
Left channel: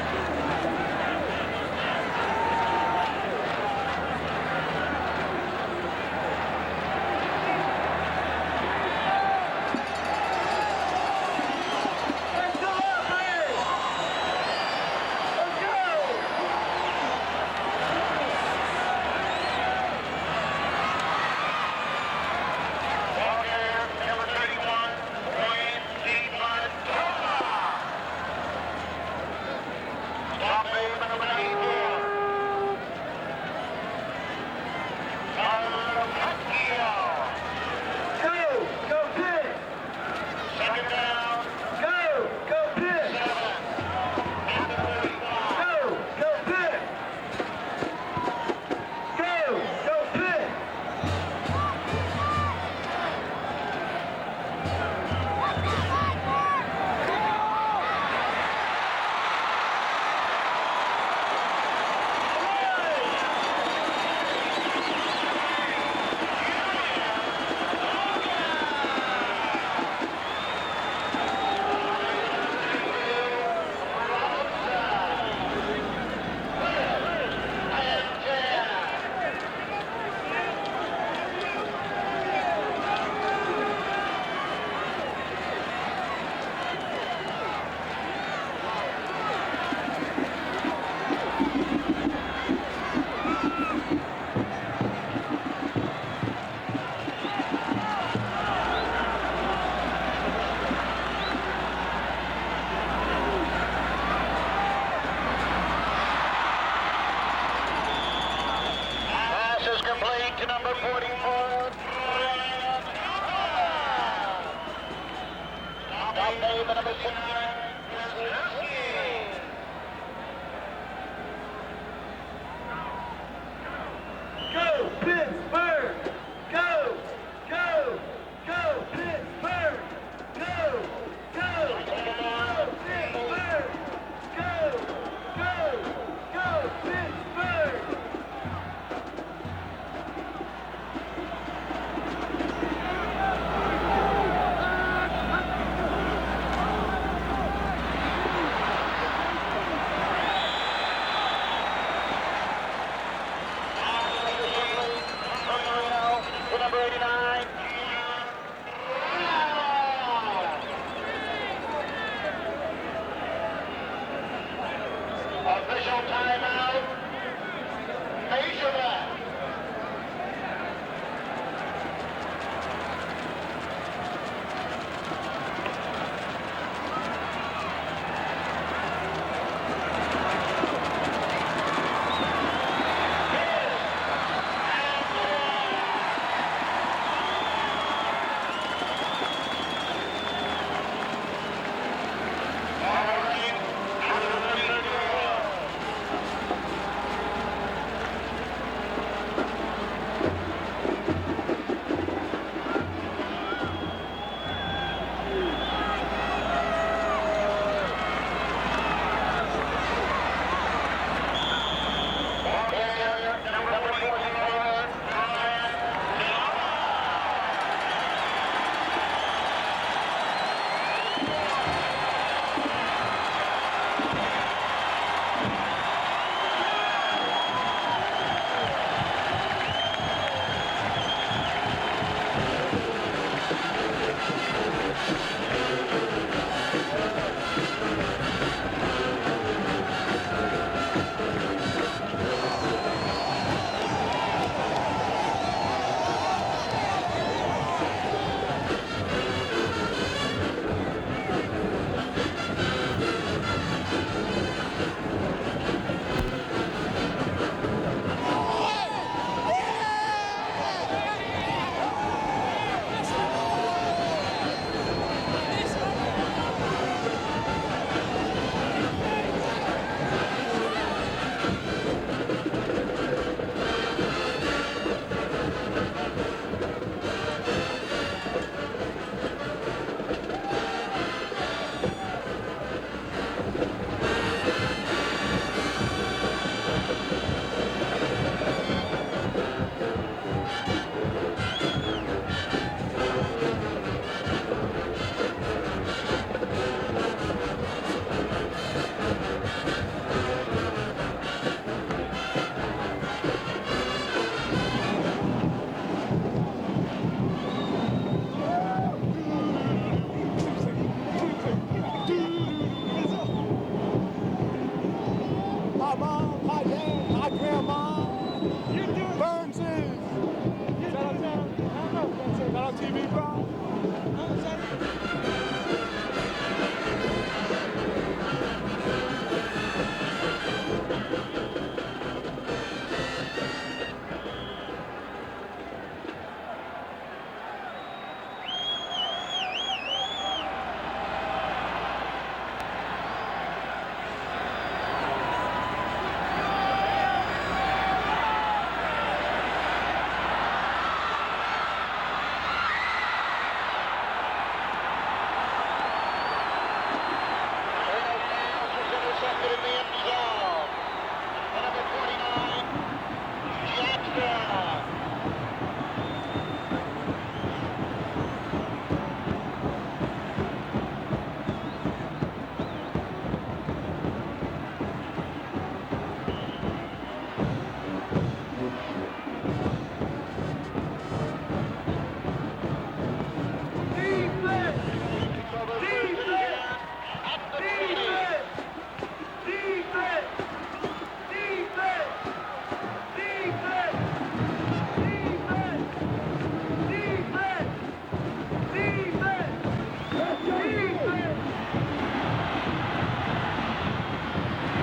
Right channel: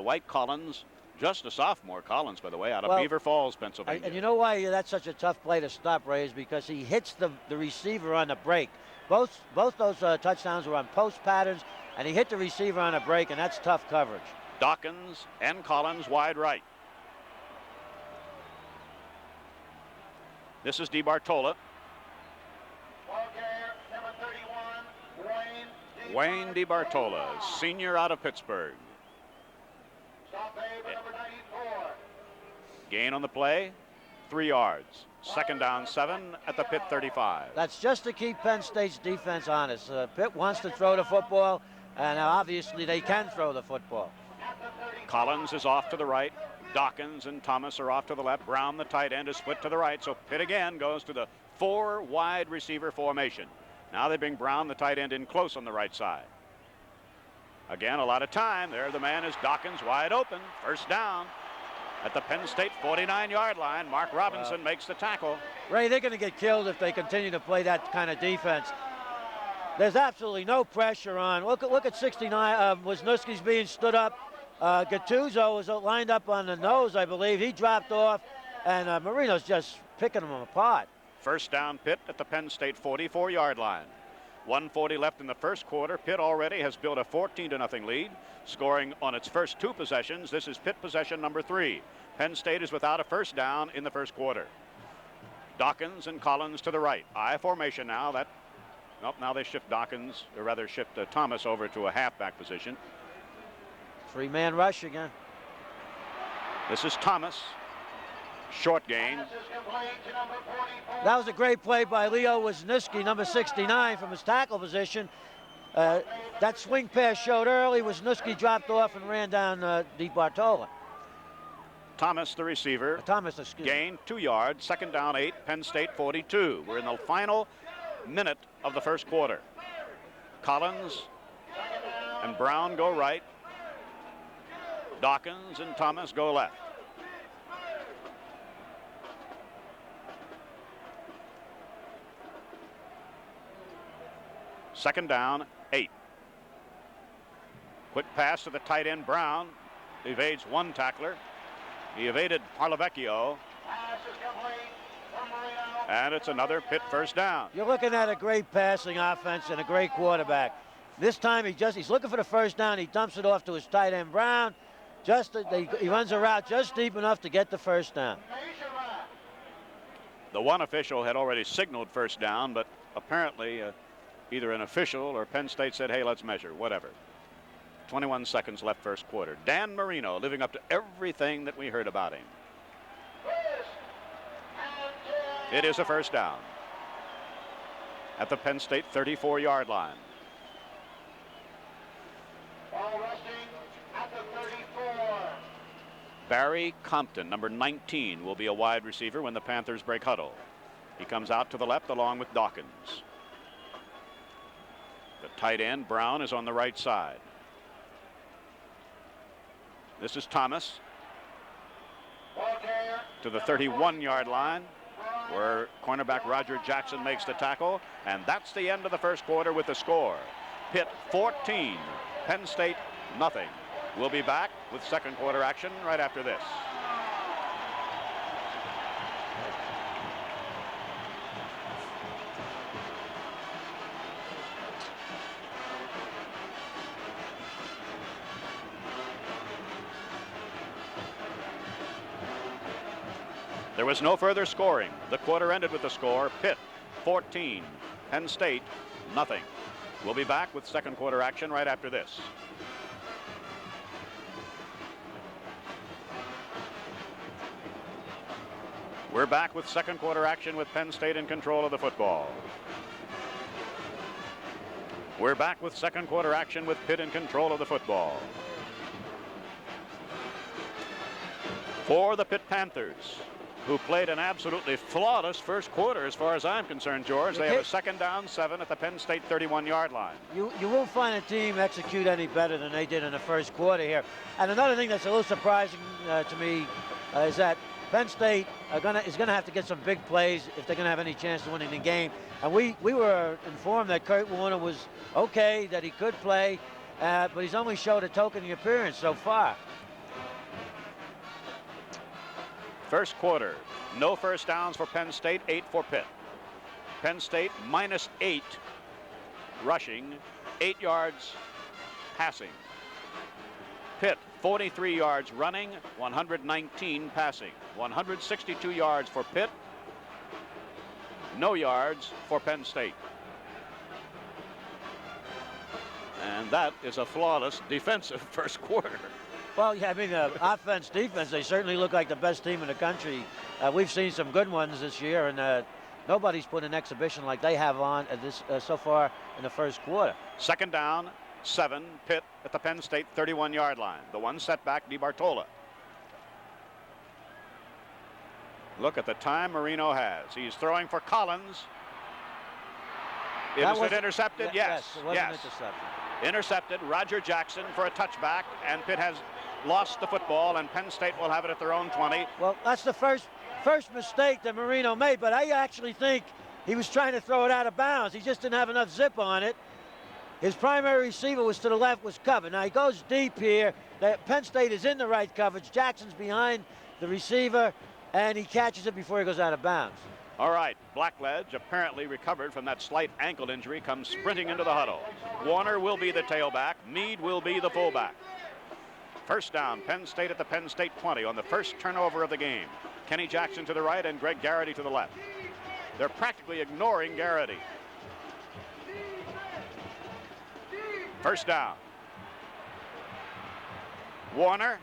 White Collins, just a sophomore. Collins would have had Beaver Falls. You know why that's such a tough play to stop, Ray? Because he hits the receiver on the break. Both those touchdowns were on coach pattern. He hit the receiver on a break, and that's tough cover. Dawkins and Collins wide right. This is DeBartola. Wayne DeBartola, senior out of Pittsburgh. Gain on the play, 3 yards. Second down, 7 at the Pitt 35. That's just to keep Penn State's defense honest. Pitt wants to throw the football, and obviously they can throw the football. Collins is off to the right. Dawkins and Thomas are off to the left. Brown, the tight end, is split to the right. So Pitt again goes to the 4 wide receiver formation. Now they bring Brown, the tight end, in closer to the right side. Again, a lot of time. There the man is Dawkins wide open. First down at the Penn State 49-yard line. Mark Robinson makes the tackle. Ray, they're going to get killed if they continue to play that kind of defense. There's absolutely no pressure on. Look at 69. Wisniewski's being stood up. Gattuso was lined up on the nose, I believe. He dropped off, and Marino's just picking him apart. First down, Pitt at the Penn State 44-yard line. 1:40 left in the first quarter. Pitt already has built a 14-0 lead, scoring on its first 2 possessions. This is Pitt possession number 3. Penn State is without a first down in the first quarter. Dawkins and Collins to the right. I formation now. Now they put Dawkins and the other shift for Thomas over to a half. Big man rushing. This is Thomas. Short game. Pass is complete to number 40. That was a great play by Leo Wisniewski, number 69, from his tackle position. That swing pass showed early. Wisniewski dropped off and ran down DeBartola. Thomas, the receiver. Thomas, excuse me. Gain 2 yards. Second down, 8. Penn State 42. We're in the final minute of the first quarter. Collins, Brown go right. Dawkins, Thomas go left. Second down, 8. Quick pass to the tight end Brown. Evades one tackler. He evaded Malavecchio. And it's another Pitt first down. You're looking at a great passing offense and a great quarterback. This time he's looking for the first down. He dumps it off to his tight end Brown. He runs a route just deep enough to get the first down. The one official had already signaled first down, but apparently either an official or Penn State said, hey, let's measure, whatever. 21 seconds left first quarter. Dan Marino looking up everything that he heard about. It is a first down at the Penn State 34-yard line. Barry Compton, number 19, will be a wide receiver when the Panthers break huddle. He comes out to the left along with Dawkins. Tight end Brown is on the right side. This is Thomas to the 31-yard line where cornerback Roger Jackson makes the tackle. And that's the end of the first quarter with the score. Pitt 14, Penn State nothing. We'll be back. Second quarter action right after this. There was no further scoring. The quarter ended with the score. Pitt 14, Penn State nothing. We'll be back with second quarter action right after this. We're back with second quarter action with Penn State in control of the football. We're back with second quarter action with Pitt in control of the football. For the Pitt Panthers, who played an absolutely flawless first quarter as far as I'm concerned, George. They have second down 7 at the Penn State 31-yard line. You won't find a team execute any better than they did in the first quarter here. And another thing that's a little surprising to me is that Penn State is going to have to get some big plays if they're going to have any chance of winning the game. And we were informed that Kurt Warner was okay, that he could play, but he's only showed a token of experience so far. First quarter, no first downs for Penn State, 8 for Pitt. Penn State -8 rushing, 8 yards passing. Pitt 43 yards running, 119 passing, 162 yards for Pitt. No yards for Penn State. That is a flawless defensive first quarter. Well, I mean, offense, defense, they certainly look like the best team in the country. We've seen some good ones this year, and nobody's put an exhibition like they have on at this so far in the first quarter. Second down, 7, Pitt at the Penn State 31-yard line. One setback, DeMarcola. Look at the time Marino has. He's throwing for Collins. Is it intercepted? Yes. Intercepted. Roger Jackson for a touchback, and Pitt has lost the football, and Penn State will have it at their own 20. Well, that's the first mistake that Marino made, but I actually think he was trying to throw it out of bounds. He just didn't have enough zip on it. His primary receiver was to the left, was covered. Now he goes deep here. Penn State is in the right coverage. Jackson's behind the receiver, and he catches it before he goes out of bounds. All right, Blackbed, apparently recovered from that slight ankle injury, comes sprinting into the huddle. Warner will be the tailback. Meade will be the fullback. First down, Penn State at the Penn State 20 on the first turnover of the game. Kenny Jackson to the right and Greg Garrity to the left. They're practically ignoring Garrity. First down. Warner,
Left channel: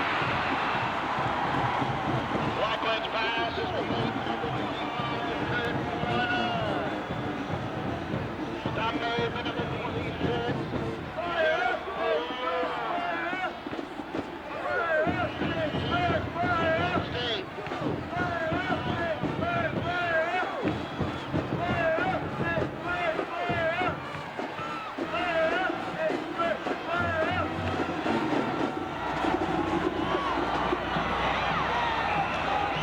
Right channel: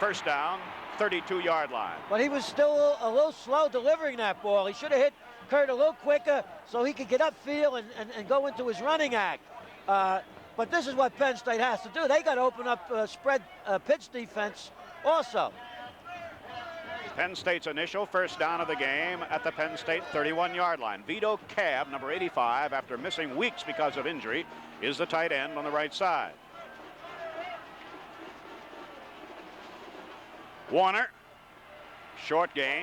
first down, 32-yard line. But he was still a little slow delivering that ball. He should have hit Kurt a little quicker so he could get upfield and go into his running act. But this is what Penn State has to do. They got to open up spread Pitt's defense also. Penn State's initial first down of the game at the Penn State 31-yard line. Vito Cab, number 85, after missing weeks because of injury, is the tight end on the right side. Warner, short gain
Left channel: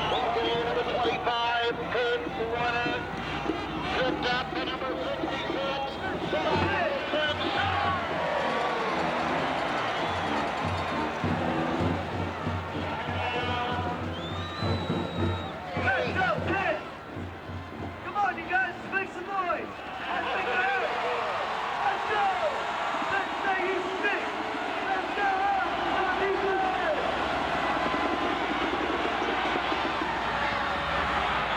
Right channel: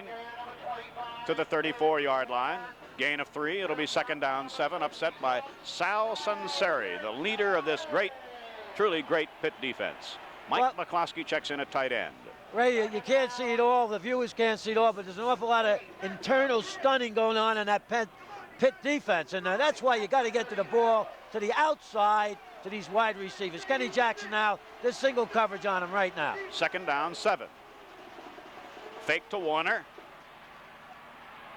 to the 34-yard line. Gain of 3. It'll be second down, 7, upset by Sal Sunseri, the leader of this great, truly great Pitt defense. Mike McCloskey checks in at tight end. Ray, you can't see it all. The viewers can't see it all. But there's an awful lot of internal stunning going on in that Pitt defense. And that's why you got to get to the ball to the outside of these wide receivers. Kenny Jackson now with single coverage on him right now. Second down, 7. Fake to Warner.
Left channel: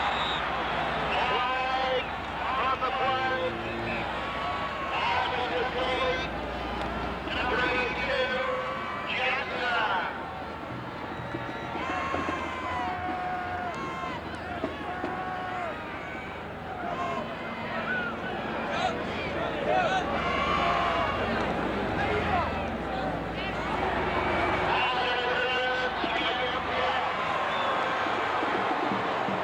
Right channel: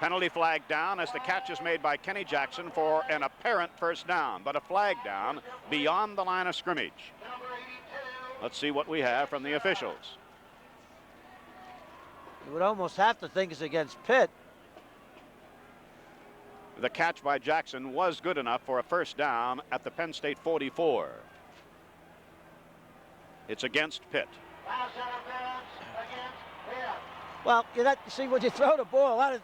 Penalty flag down as the catch is made by Kenny Jackson for an apparent first down. But a flag down beyond the line of scrimmage. Let's see what we have from the officials. You almost have to think it's against Pitt. The catch by Jackson was good enough for a first down at the Penn State 44. It's against Pitt. Well, you have to see when you throw the ball. A lot of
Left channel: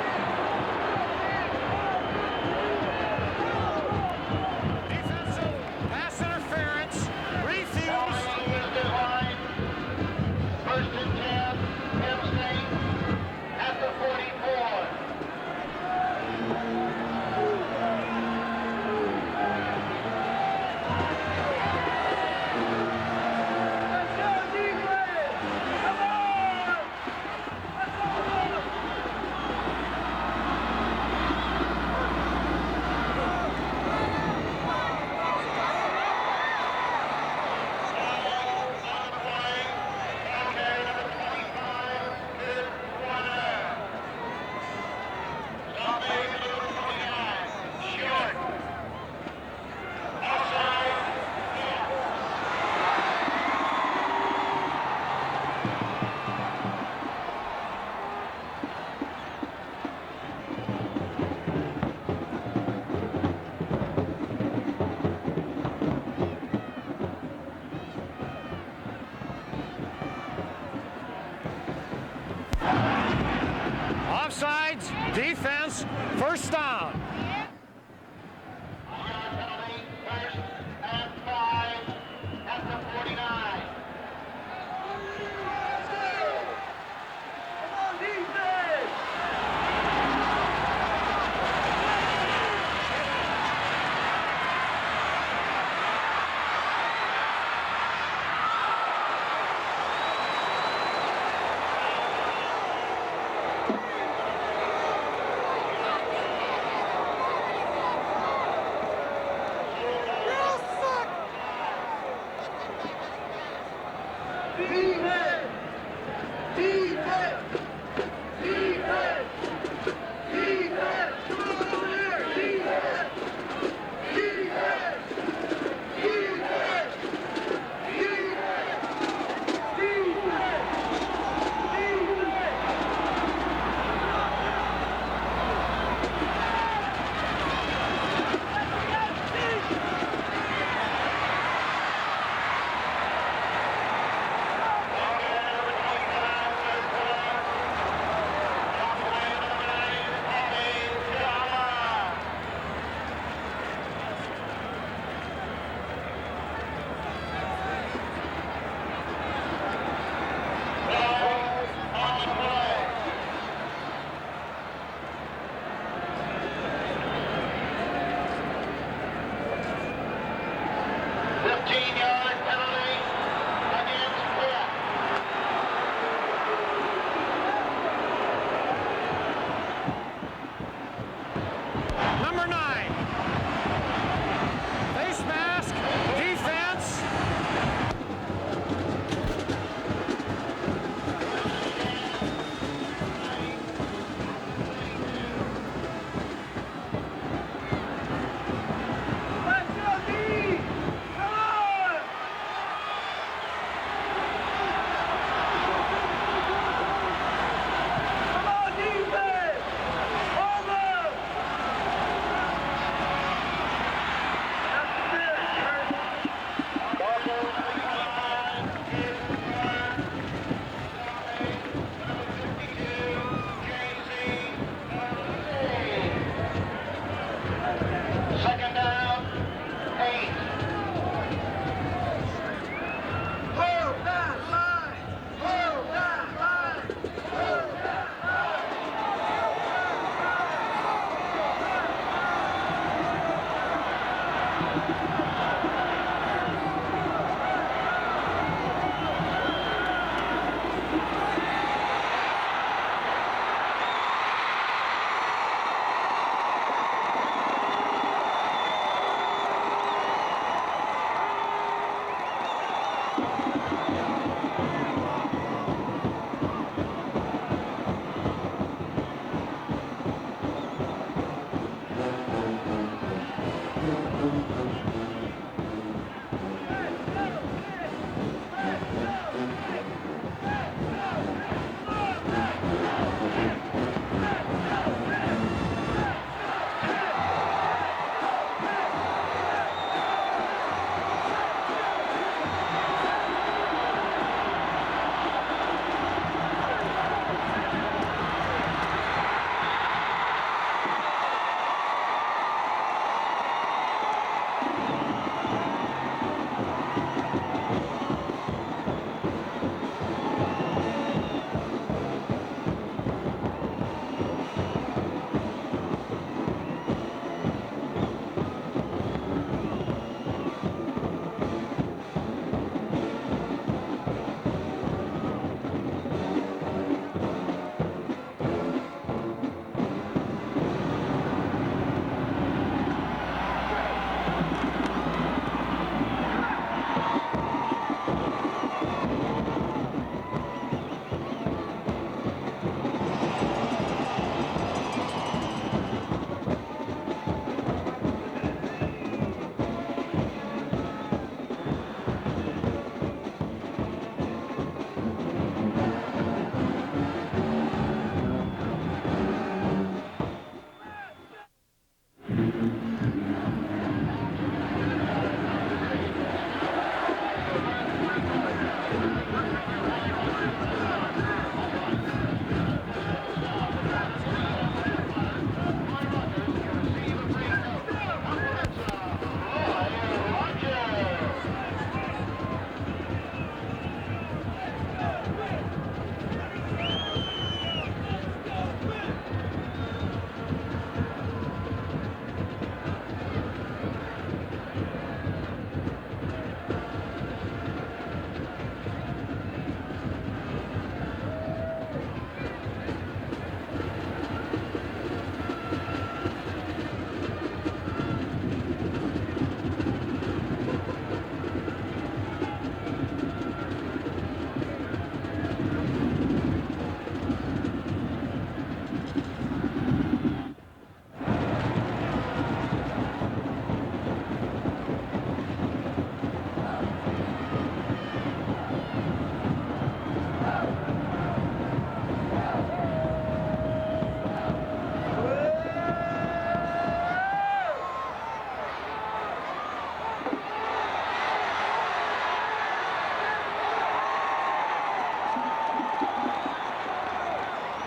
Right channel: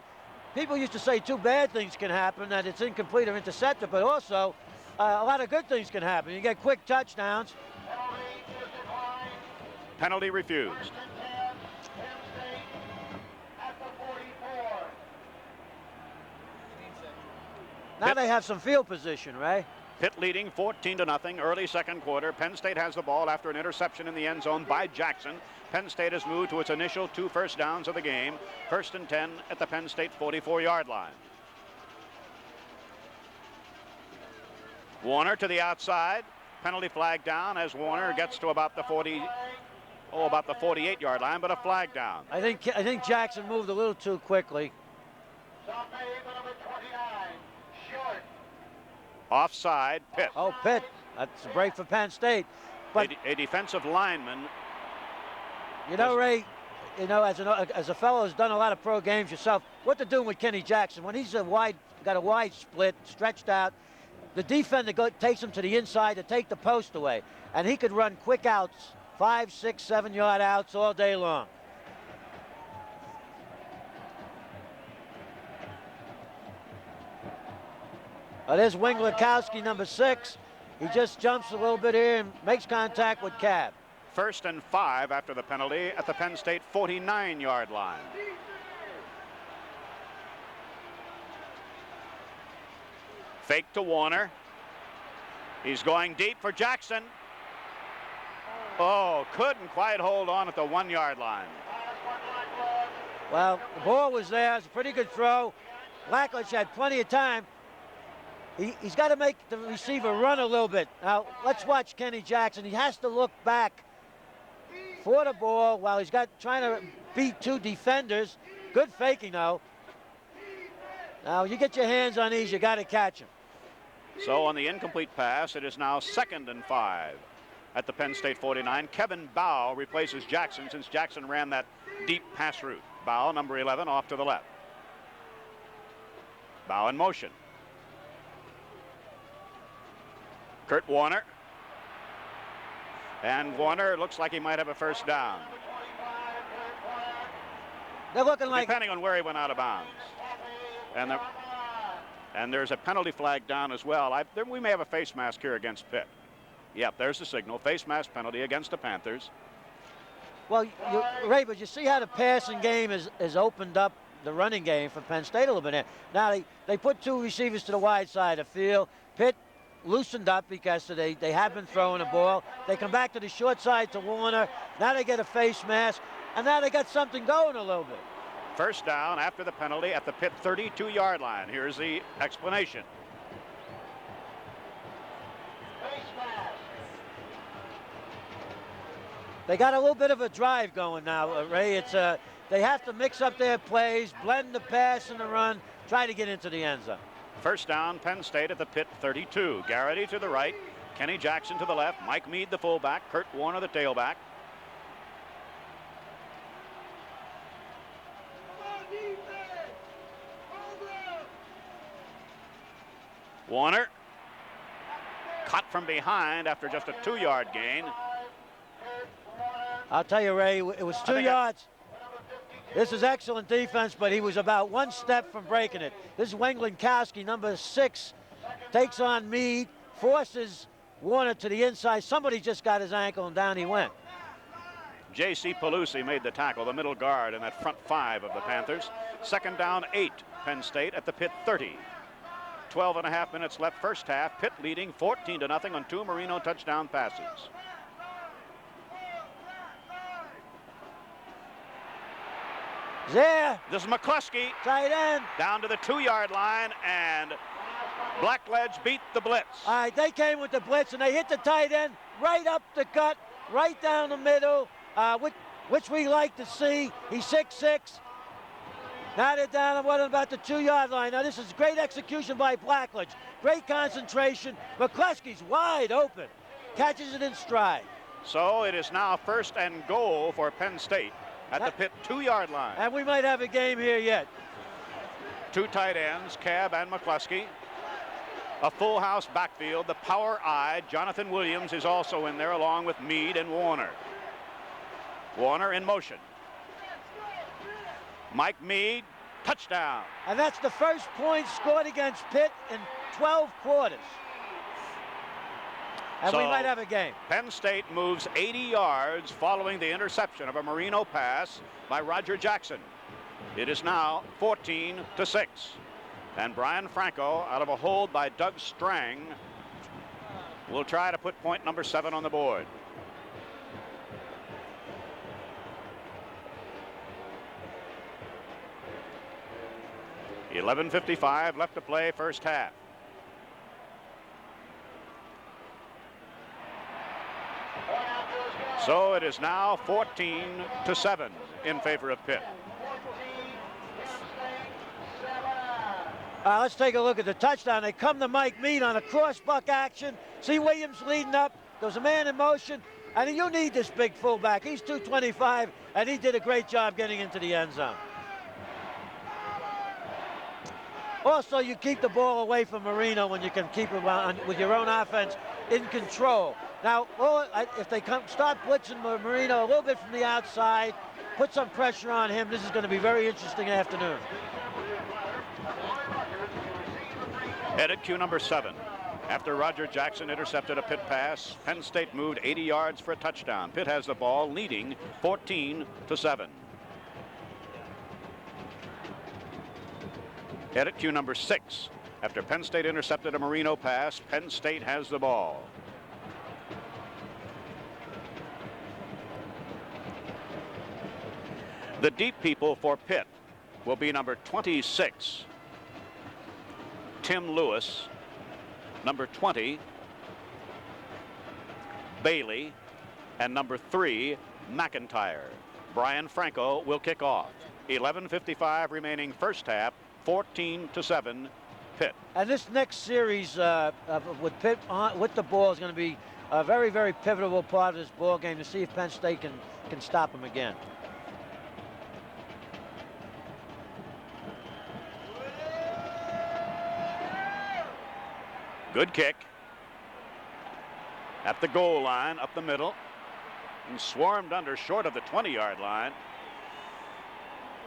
people used to say 2 bad things can happen, that it's incomplete or intercepted, but also a lot of good things can happen. You get quick touchdowns. Penalty refused. Now they have some field position, right? Pitt leading 14-0 early second quarter. Penn State has the ball after the interception in the end zone by Jackson. Penn State has moved to its initial 2 first downs of the game. First and 10 at the Penn State 44-yard line. Warner to the outside. Penalty flag down as Warner gets to about the 48-yard line, but a flag down. I think Jackson moved a little too quickly. Offside. Pitt. Oh, Pitt. That's great for Penn State. But A defensive lineman. you know, Ray, you know, as a fellow who's done a lot of pro games yourself, what to do with Kenny Jackson when he's got a wide split, stretched out. The defender takes him to the inside to take the post away, and he could run quick outs, 5, 6, 7-yard outs all day long. Offsides, defense, first down. There's Wing Lukowski, number 6. He just jumps a little bit here and makes contact with Cab. First and 5 after the penalty at the Penn State 49-yard line. Fake to Warner. He's going deep for Jackson. Oh, couldn't quite hold on to the 1-yard line. Well, the ball was there, pretty good throw. Blackledge had plenty of time. He's got to make the receiver run a little bit. Now, let's watch Kenny Jackson. He has to look back for the ball while he's trying to beat 2 defenders. Good faking, though. Now, you get your hands on these, you got to catch them. So on the incomplete pass, it is now second and 5 at the Penn State 49. Kevin Powell replaces Jackson. Jackson ran that deep pass to Powell, number 11, off to the left. Now in motion. Kurt Warner. And Warner looks like he might have a first down. They're looking like... Depending on where he's out of bounds. And there's a penalty flag down as well. We may have a face mask here against Pitt. Yeah, there's the signal. Face mask penalty against the Panthers. Well, Ray, you see how the passing game is opened up the running game for Penn State a little bit. Now they put 2 receivers to the wide side of the field. Pitt loosened up because they haven't thrown the ball. They come back to the short side to Warner. Now they get a face mask, and now they got something going a little bit. First down after the penalty at the Pitt 32-yard line. Here's the Number 9. explanation. Face mask, defense. They got a little bit of a drive going now, Ray. They have to mix up their plays, blend the pass and the run, try to get into the end zone. First down, Penn State at the Pitt 32. Garrity to the right, Kenny Jackson to the left, Mike Meade the fullback, Kurt Warner the tailback. Warner, punt from behind after just a 2-yard gain. I'll tell you, Ray, it was 2 yards. This is excellent defense, but he was about 1 step from breaking it. This Wenklikowski, number 6, takes on Meade, forces Warner to the inside. Somebody just got his ankle, and down he went. J.C. Pelusi made the tackle, the middle guard in the front 5 of the Panthers. Second down, 8, Penn State at the Pitt 30. 12 and a half minutes left first half. Pitt leading 14-0 on 2 Marino touchdown passes. Yeah. This is McCluskey. Tight end. Down to the 2-yard line, and Blackledge beat the blitz. All right, they came with the blitz, and they hit the tight end right up the gut, right down the middle, which we like to see. He's 6'6". Now they're down at what, about the 2-yard line. Now this is great execution by Blackledge. Great concentration. McCluskey's wide open. Catches it in stride. So it is now first and goal for Penn State at the Pitt 2-yard line. And we might have a game here yet. 2 tight ends, Cav and McCluskey. A full house backfield. The power eye, Jonathan Williams, is also in there along with Meade and Warner. Warner in motion. Mike Meade, touchdown. And that's the first point scored against Pitt in 12 quarters. And we might have a game. Penn State moves 80 yards following the interception of a Marino pass by Roger Jackson. It is now 14-6. And Brian Franco, out of a hold by Doug Strang, will try to put point number 7 on the board. .55 left to play first half. So it is now 14-7 in favor of Pitt. Let's take a look at the touchdown. They come to Mike Meade on a cross-buck action. See Williams leading up. There's a man in motion. And you need this big fullback. He's 225, and he did a great job getting into the end zone. Also, you keep the ball away from Marino when you can keep him with your own offense in control. Now, if they start blitzing Marino a little bit from the outside, put some pressure on him, this is going to be a very interesting afternoon. Headed cue number 7. After Roger Jackson intercepted a Pitt pass, Penn State moved 80 yards for a touchdown. Pitt has the ball, leading 14-7. Headed cue number 6. After Penn State intercepted a Marino pass, Penn State has the ball. The deep people for Pitt will be number 26, Tim Lewis, number 20, Bailey, and number 3, McIntyre. Brian Franco will kick off. 11:55 remaining first half, 14-7. Pitt. And this next series with Pitt with the ball is going to be a very, very pivotal part of this ball game to see if Penn State can stop them again. Good kick. At the goal line, up the middle. And swarmed under short of the 20-yard line.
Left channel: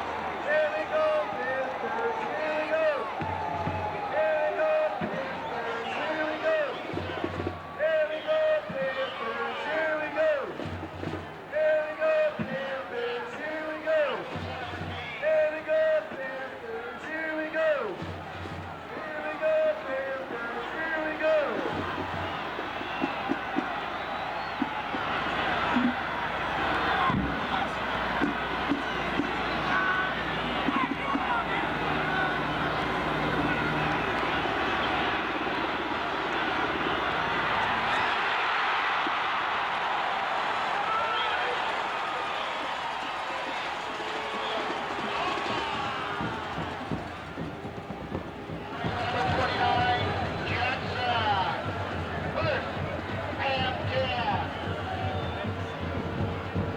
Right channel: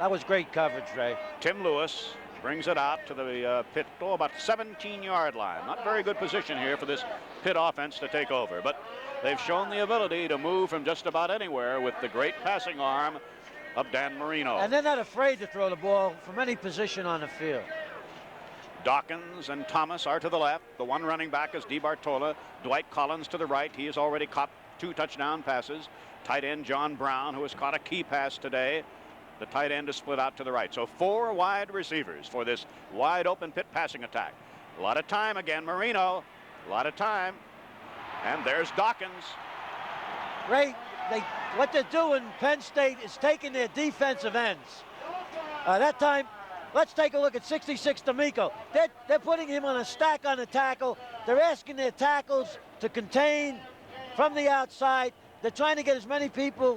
That was great coverage, Ray. Tim Lewis brings it out to the Pitt, about 17-yard line. A very good position here for this Pitt offense to take over. But they've shown the ability to move from just about anywhere with the great passing arm of Dan Marino. And they're not afraid to throw the ball from any position on the field. Dawkins and Thomas are to the left. The one running back is DeBartola. Dwight Collins to the right. He has already caught 2 touchdown passes. Tight end John Brown, who has caught a key pass today. Tight end to split out to the right. So 4 wide receivers for this wide open Pitt passing attack. A lot of time again. Marino. A lot of time. And there's Dawkins. Ray, what they're doing, Penn State, is taking their defensive ends. That time, let's take a look at 66 D'Amico. They're putting him on a stack on the tackle. They're asking their tackles to contain from the outside. They're trying to get as many people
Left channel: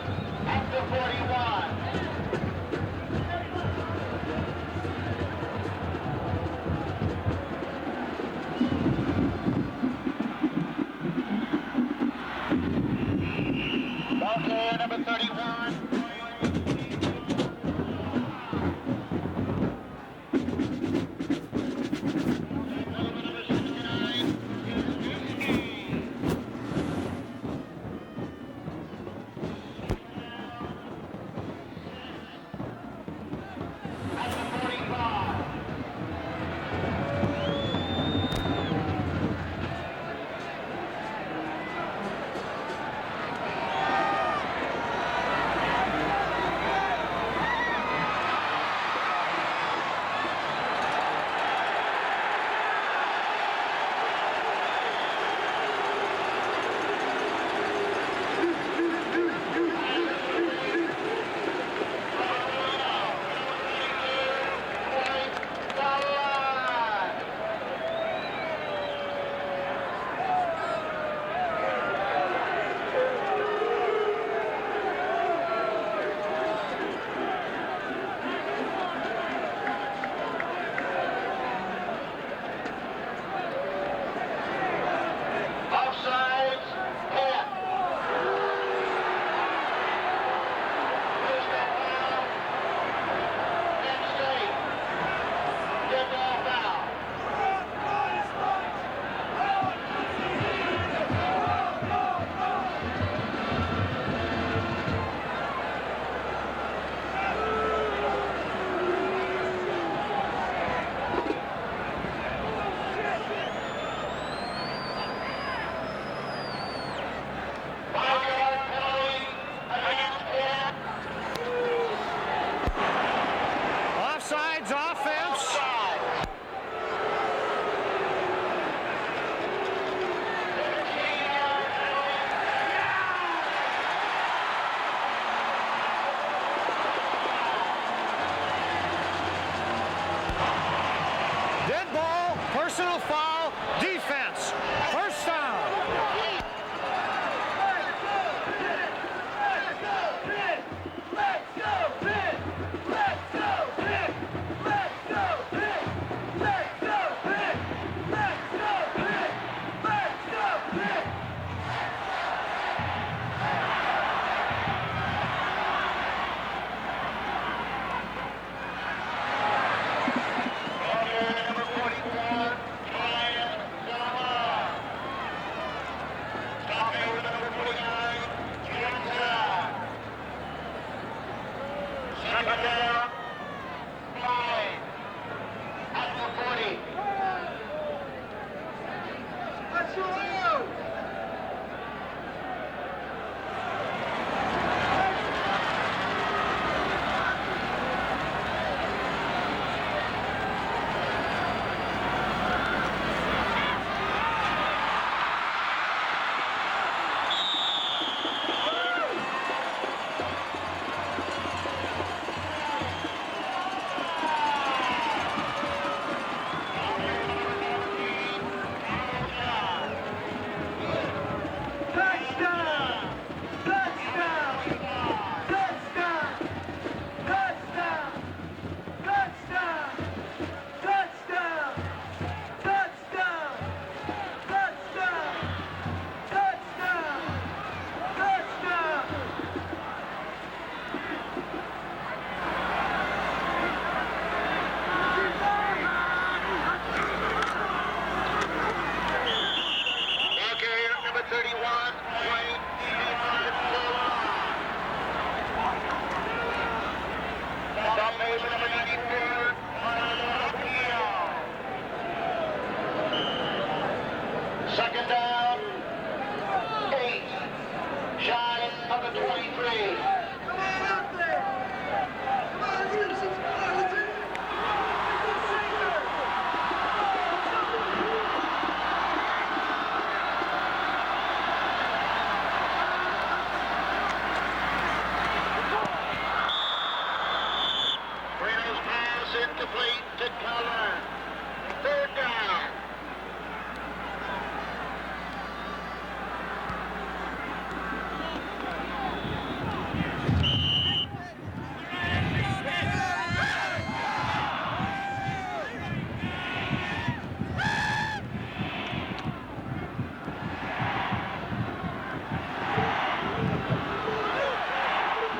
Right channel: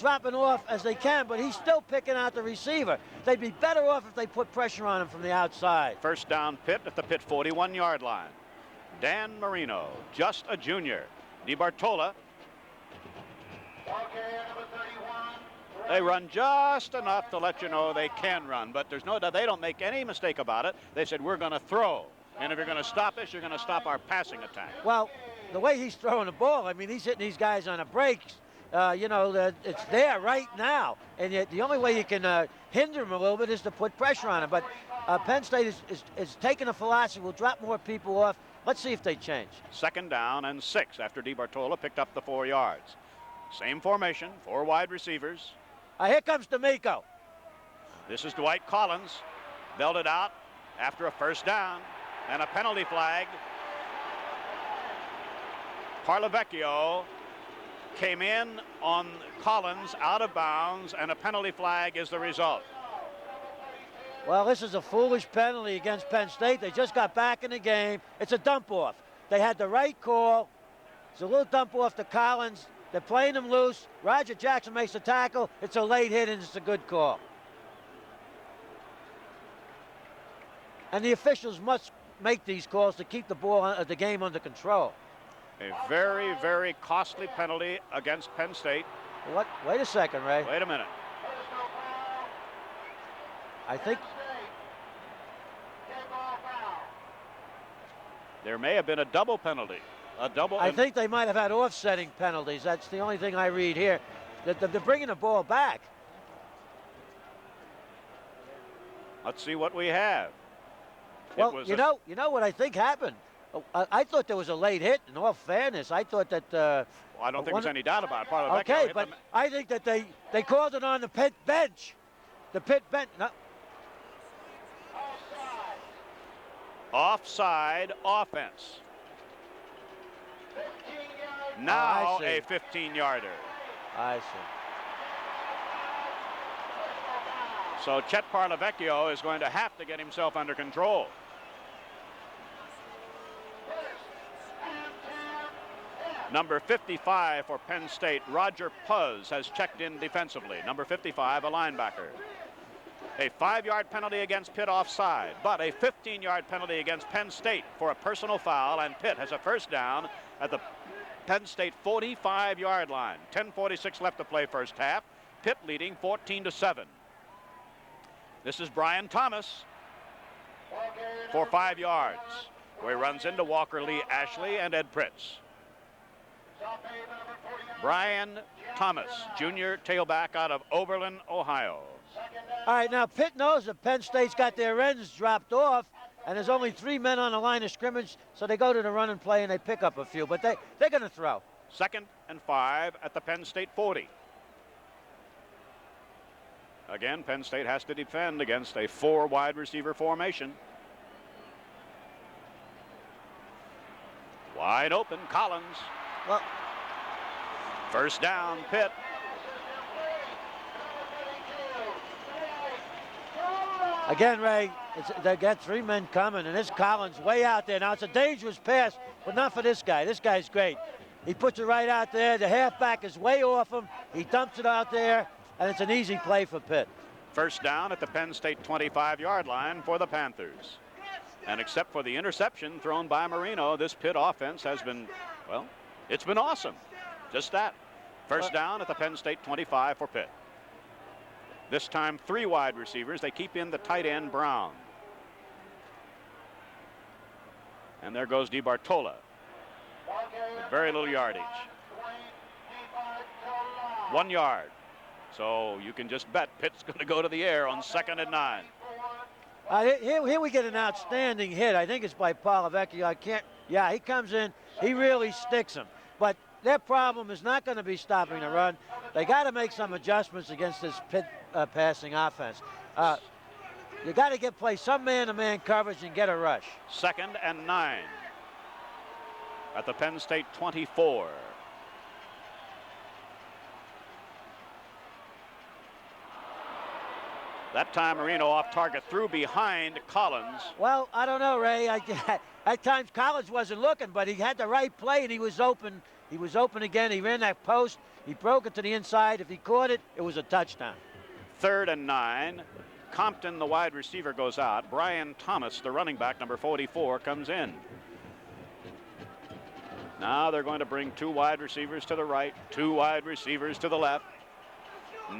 dropping off as they can, but he's still picking out the receiver. They'd be better off if they put pressure on him from the outside. First down Pitt at the Pitt 41-yard line. Dan Marino, just a junior. DeBartola. run just enough to let you know they can run, but there's no doubt they don't make any mistake about it. They said, we're going to throw, and if you're going to stop us, you're going to stop our passing attack. Well, the way he's throwing the ball, I mean, he's hitting these guys on a break. You know, it's there right now, and yet the only way you can hinder him a little bit is to put pressure on him. But Penn State is taking a philosophy, drop more people off. Let's see if they change. 2nd down and 6 after DiBartola picked up the 4 yards. Same formation, 4 wide receivers. Now here comes the makeup. This is Dwight Collins. Dealt it out after a 1st down and a penalty flag. Parlavecchio came in on Collins out of bounds, and a penalty flag is the result. Well, this is a foolish penalty against Penn State. They just got back in the game. It's a dump off. They had the right call. It's a little dump off to Collins. They're playing him loose. Roger Jackson makes a tackle. It's a late hit, and it's a good call. And the officials must make these calls to keep the ball, the game under control. Very, very costly penalty against Penn State. What? Wait a second, Ray. Wait a minute. I think There may have been a double penalty. I think they might have had offsetting penalties. That's the only thing I read here. But they're bringing the ball back. Let's see what we have. Well, you know what I think happened? I thought there was a late hit. In all fairness, I thought that... I don't think there's any doubt about it. Okay, but I think that they called it on the Pitt bench. The Pitt bench. Offsides, offense. Offside, offense. Now a 15-yarder. So Chet Parlavecchio is going to have to get himself under control. Dead ball, personal foul, defense. 1st down. Number 55 for Penn State, Roger Puzz, has checked in defensively. Number 55, a linebacker. A 5-yard penalty against Pitt offside, but a 15-yard penalty against Penn State for a personal foul, and Pitt has a 1st down at the Penn State 45-yard line. 10:46 left to play 1st half. Pitt leading 14-7. This is Brian Thomas for 5 yards, where he runs into Walker Lee, Ashley, and Ed Prince. Brian Thomas, junior tailback out of Oberlin, Ohio. All right, now Pitt knows that Penn State's got their ends dropped off, and there's only 3 men on the line of scrimmage, so they go to the run and play, and they pick up a few, but they're going to throw. 2nd and 5 at the Penn State 40. Again, Penn State has to defend against a 4 wide receiver formation. Wide open, Collins. 1st down, Pitt. Again, Ray, that 3 men coming, and this Collins way out there. Now, it's a dangerous pass, but not for this guy. This guy's great. He puts it right out there. The halfback is way off him. He dumps it out there, and it's an easy play for Pitt. 1st down at the Penn State 25-yard line for the Panthers. And except for the interception thrown by Marino, this Pitt offense has been, well, it's been awesome. Just that. 1st down at the Penn State 25 for Pitt. This time 3 wide receivers. They keep in the tight end Brown. There goes DiBartola. Very little yard. 1 yard. So you can just bet Pitt to go to the air on 2nd and 9. Here we get an outstanding hit. I think it's by Parlavecchio. Yeah, he comes in. He really sticks him. But their problem is not going to be stopping the run. They got to make some adjustments against this Pitt passing offense. You got to play some man-to-man coverage to get a rush. 2nd and 9 at the Penn State 24. That time Marino off target, threw behind Collins. Well, I don't know, Ray. At times Collins wasn't looking, but he had the right play and he was open. He was open again. He ran that post. He drove it to the inside. He caught it. It was a touchdown. 3rd and 9. Compton, the wide receiver, goes out. Brian Thomas, the running back, number 44, comes in. Now they're going to bring 2 wide receivers to the right, 2 wide receivers to the left.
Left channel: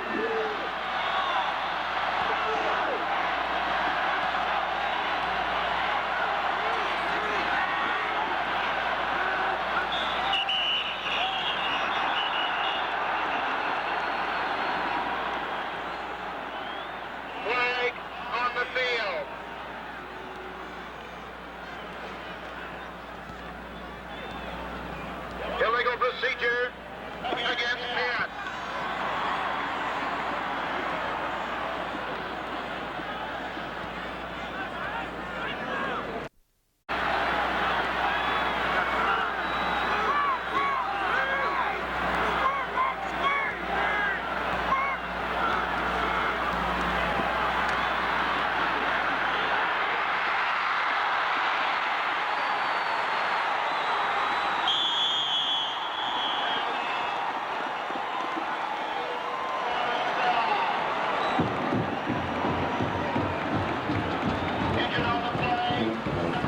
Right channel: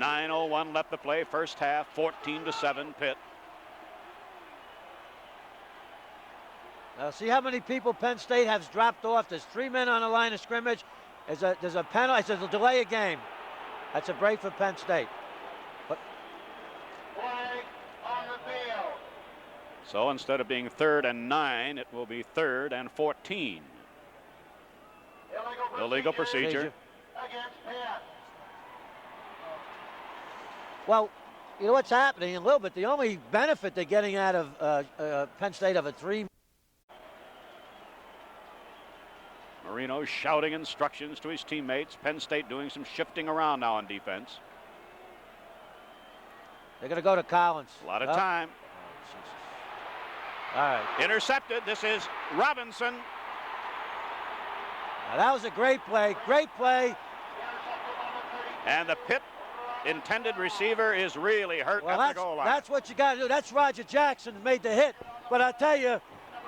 9:01 left to play, first half, 14-7 Pitt. See how many people Penn State has dropped off. There's 3 men on the line of scrimmage. There's a penalty. There's a delay of game. That's a break for Penn State. Flag on the field. So instead of being 3rd and 9, it will be 3rd and 14. Illegal procedure. Against Pitt. Well, what's happening a little bit, the only benefit they're getting out of Penn State of a 3. Shouting instructions to his teammates. Penn State doing some shifting around now on defense. They're going to go to Collins. Out of time. All right. Intercepted. This is Robinson. That was a great play. Great play. And the Pitt intended receiver is really hurt. Well, that's what you got to do. That's Roger Jackson made the hit. But I tell you,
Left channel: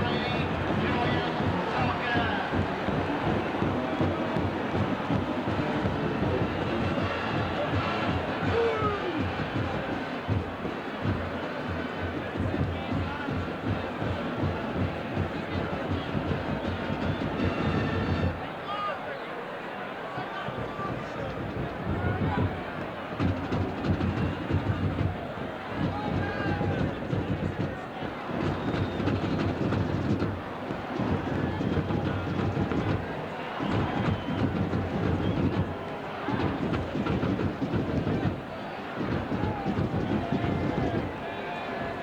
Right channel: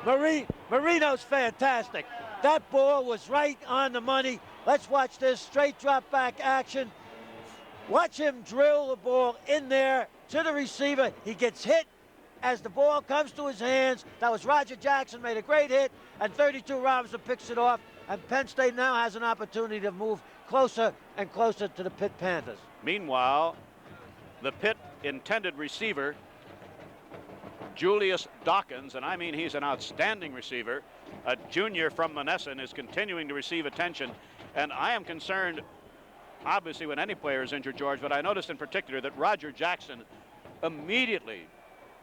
Marino's fantastic. That ball was right on the money. Let's watch this straight drop back action. Watch him drill the ball in there to the receiver. He gets hit as the ball comes to his hands. That was Roger Jackson, made a great hit. At 32, Robinson picks it off. And Penn State now has an opportunity to move closer and closer to the Pitt Panthers. Meanwhile, the Pitt intended receiver, Julius Dawkins, and I mean he's an outstanding receiver, a junior from Monessen, is continuing to receive attention. And I am concerned, obviously, when any player is injured, George, but I noticed in particular that Roger Jackson immediately,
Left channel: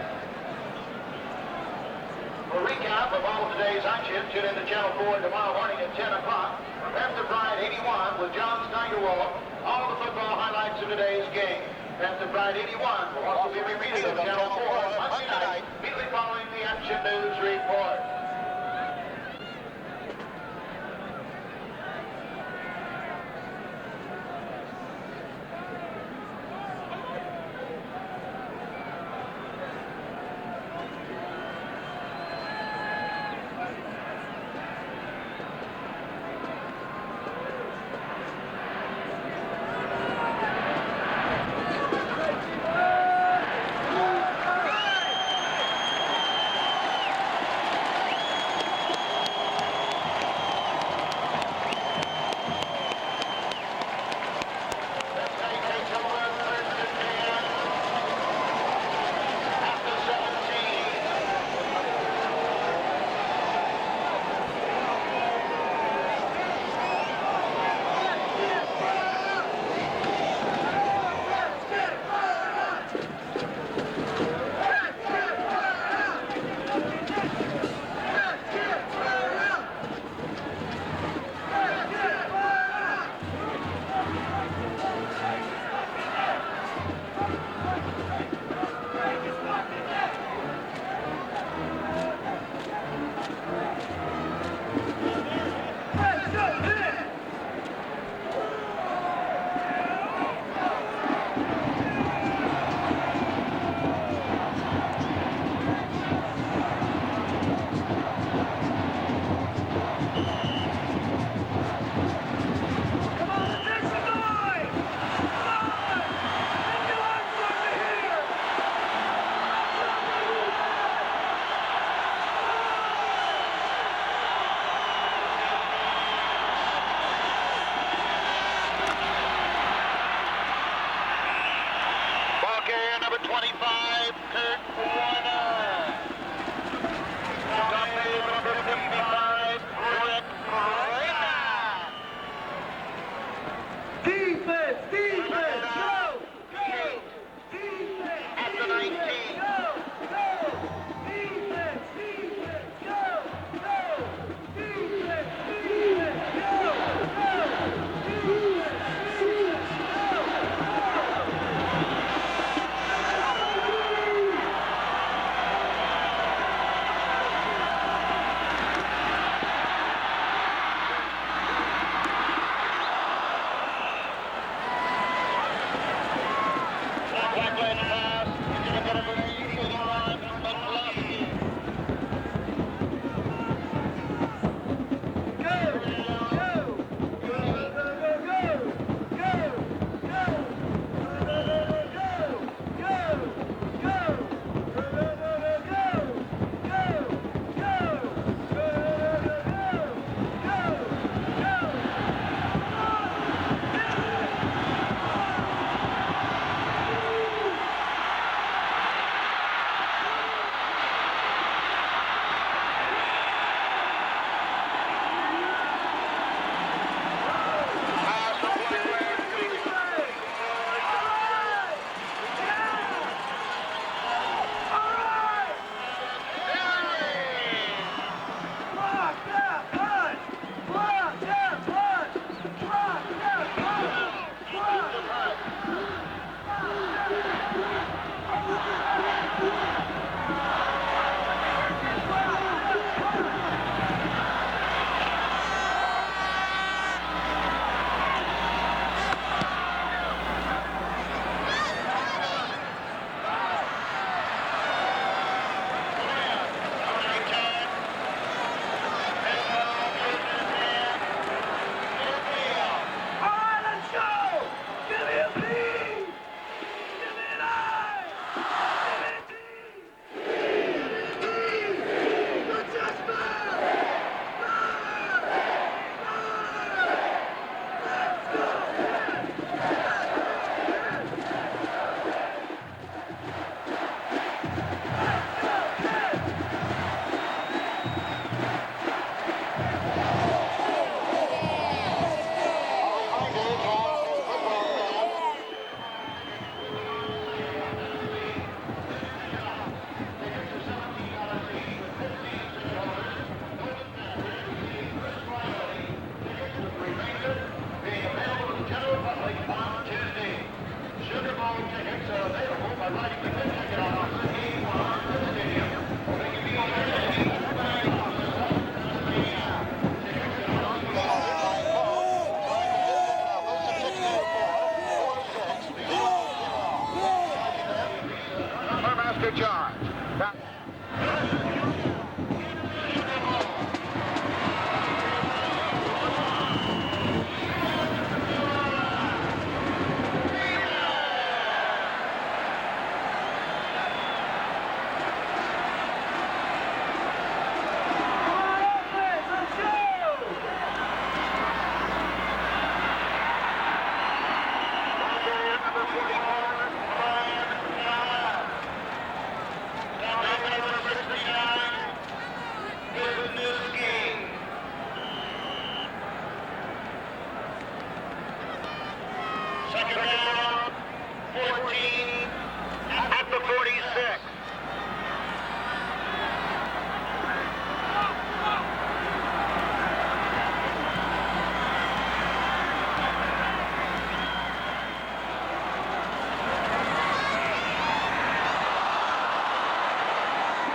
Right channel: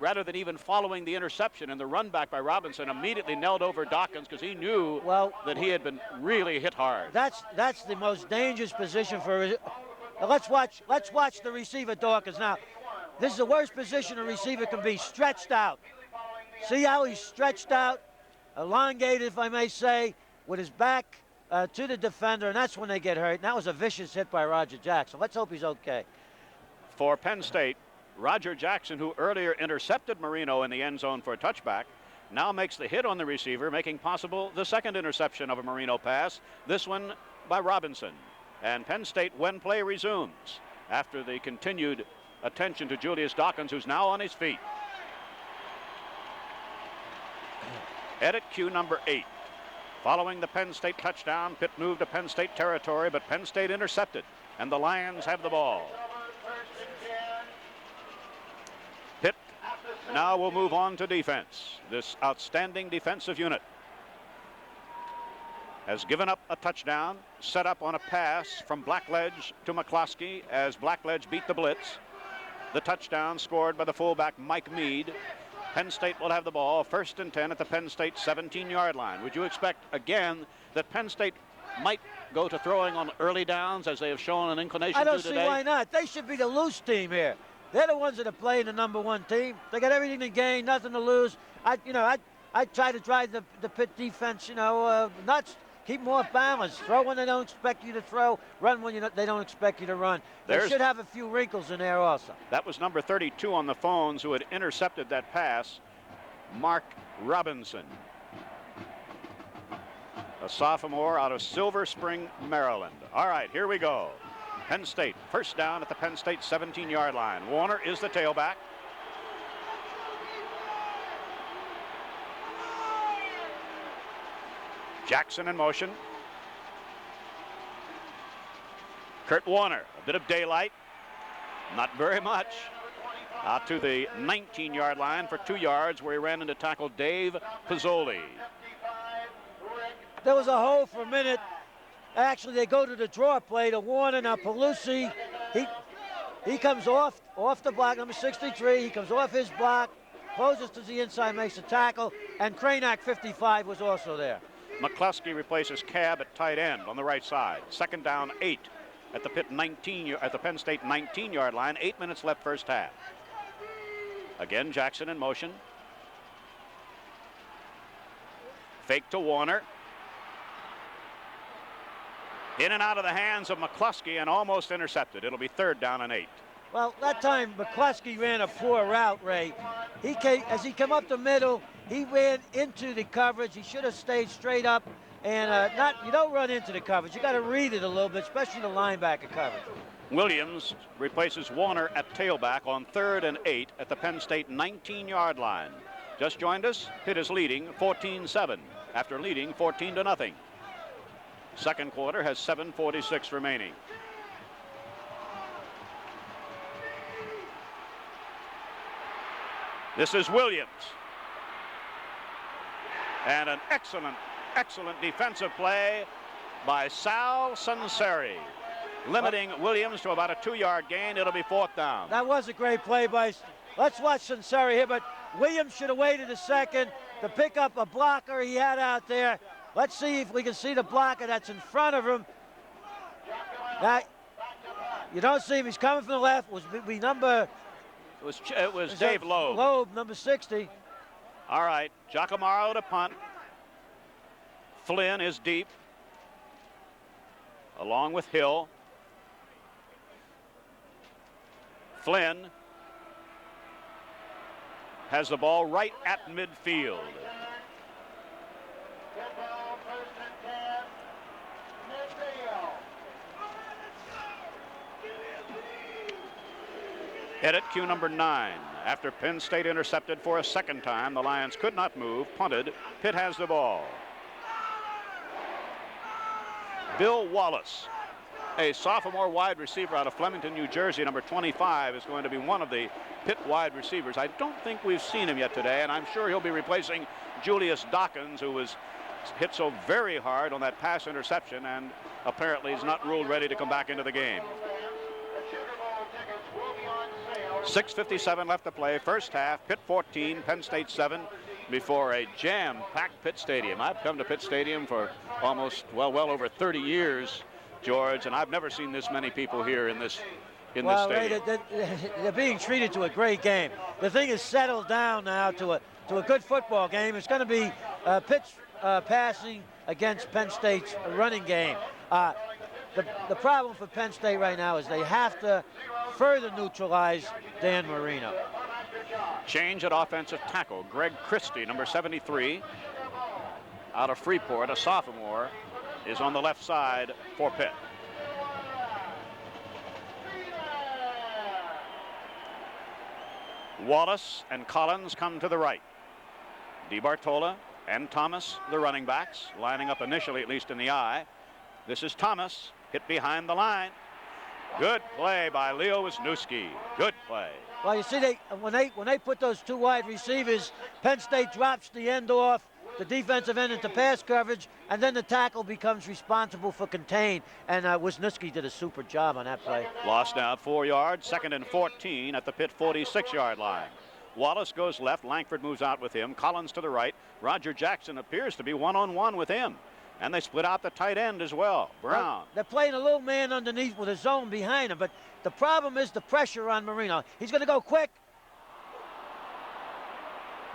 rather than even following the interception and the run back by Robinson, immediately knelt over Dawkins. He knew that he had been really hit hard. That's the most dangerous position for it. Let's watch the receiver Dawkins now. This is the worst position a receiver can be, stretched out. See how he's stretched out, elongated, if I may say, with his back to the defender, and that's when they get hurt. That was a vicious hit by Roger Jackson. Let's hope he's okay. For Penn State, Roger Jackson, who earlier intercepted Marino in the end zone for a touchback, now makes the hit on the receiver, making possible the second interception of a Marino pass, this one by Robinson. And Penn State, when play resumes, after the continued attention to Julius Dawkins, who's now on his feet. Edit cue number 8. Following the Penn State touchdown, Pitt moved to Penn State territory, but Penn State intercepted, and the Lions have the ball. Pitt now will move on to defense. This outstanding defensive unit has given up a touchdown, set up on a pass from Blackledge to McCloskey as Blackledge beat the blitz. The touchdown scored by the fullback Mike Mead. Penn State will have the ball, 1st and 10 at the Penn State 17-yard line. Would you expect, again, that Penn State might go to throwing on early downs as they have shown an inclination? I don't see why not. They should be the loose team here. They're the ones that are playing the number 1 team. They got everything to gain, nothing to lose. I try to drive the Pitt defense, nuts. Keep more balance. Throw when they don't expect you to throw. Run when they don't expect you to run. They should have a few wrinkles in there also. That was number 32 on the phones who had intercepted that pass, Mark Robinson. A sophomore out of Silver Spring, Maryland. All right, here we go. Penn State, first down at the Penn State 17-yard line. Warner is the tailback. Jackson in motion. Kurt Warner, bit of daylight. Not very much. Out to the 19-yard line for 2 yards where he ran into tackle Dave Pizzoli. There was a hold for a minute. Actually, they go to the draw play to Warner. Now, Pelusi, he comes off the block, number 63. He comes off his block, closes to the inside, makes a tackle, and Cranack, 55, was also there. McCluskey replaces Cab at tight end on the right side. 2nd down, 8 at the Penn State 19-yard line. 8 minutes left first half. Again, Jackson in motion. Fake to Warner. In and out of the hands of McCluskey and almost intercepted. It'll be 3rd down and 8. Well, that time McCluskey ran a 4 route, Ray. As he came up the middle, he ran into the coverage. He should have stayed straight up and don't run into the coverage. You got to read it a little bit, especially the linebacker coverage. Williams replaces Warner at tailback on 3rd and 8 at the Penn State 19-yard line. Just joined us. Pitt is leading 14-7 after leading 14-0. Second quarter has 7:46 remaining. This is Williams. And an excellent defensive play by Sal Sunseri, limiting Williams to about a 2-yard gain. It'll be 4th down. That was a great play by, let's watch Sunseri here, but Williams should have waited a second to pick up a blocker he had out there. Let's see if we can see the blocker that's in front of him. That, you don't see if he's coming from the left. It could be number... It was Dave Lowe. Lowe, number 60. All right, Giacomo to punt. Flynn is deep, along with Hill. Flynn has the ball right at midfield. Hit at cue number 9. After Penn State intercepted for a second time, the Lions could not move, punted. Pitt has the ball. Bill Wallace, a sophomore wide receiver out of Flemington, New Jersey, number 25, is going to be one of the Pitt wide receivers. I don't think we've seen him yet today, and I'm sure he'll be replacing Julius Dawkins, who was hit so very hard on that pass interception. Apparently he's not real ready to come back into the game. 6:57 left to play. First half, Pitt 14, Penn State 7, before a jam-packed Pitt Stadium. I've come to Pitt Stadium for almost, well over 30 years, George, and I've never seen this many people here in this stadium. They're being treated to a great game. The thing is settled down now to a good football game. It's going to be Pitt's pass against Penn State's running game. The problem for Penn State right now is they have to further neutralize Dan Marino. Change at offensive tackle. Greg Christie, number 73, out of Freeport, a sophomore, is on the left side for Pitt. Wallace and Collins come to the right. Bartola and Thomas, the running backs, lining up initially, at least in the eye. This is Thomas, hit behind the line. Good play by Leo Wisniewski. Good play. Well, you see, when they put those two wide receivers, Penn State drops the end off, the defensive end at the pass coverage, and then the tackle becomes responsible for contain. And Wisniewski did a super job on that play. Lost down 4 yards, 2nd and 14 at the Pitt 46-yard line. Wallace goes left, Langford moves out with him, Collins to the right. Roger Jackson appears to be one-on-one with him. And they split out the tight end as well. They played a little man underneath with a zone behind him, but the problem is the pressure on Marino. He's going to go quick.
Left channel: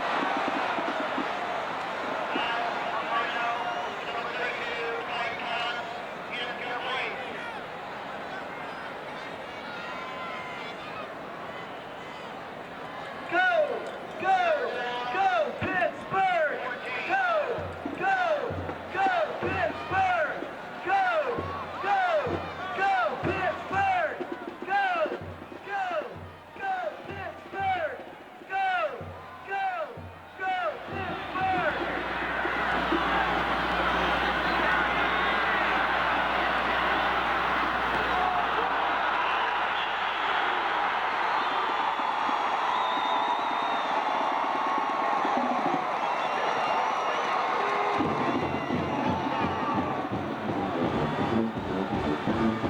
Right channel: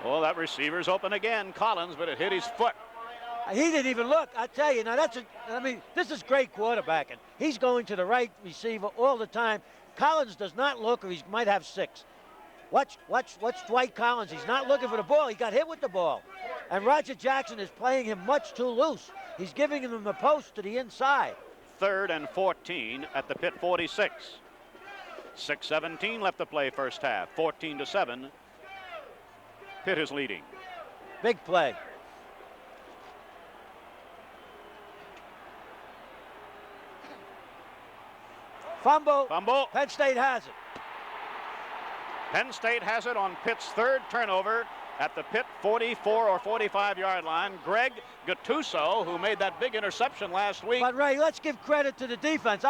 Well, that receiver's open again, Collins, but it hit his foot. He didn't even look. I tell you, this is great quarterback. He's going to the right receiver all the time. Collins does not look, or he might have 6. Watch Dwight Collins. He's not looking for the ball. He got hit with the ball. And Roger Jackson is playing him much too loose. He's giving him the post to the inside. 3rd and 14 at the Pitt 46. 6:17 left to play first half. 14-7. Pitt is leading. Big play. Fumble. Penn State has it. Penn State has it on Pitt's 3rd turnover at the Pitt 44 or 45-yard line. Greg Gattuso, who made that big interception last week. But Ray, let's give credit to the defense.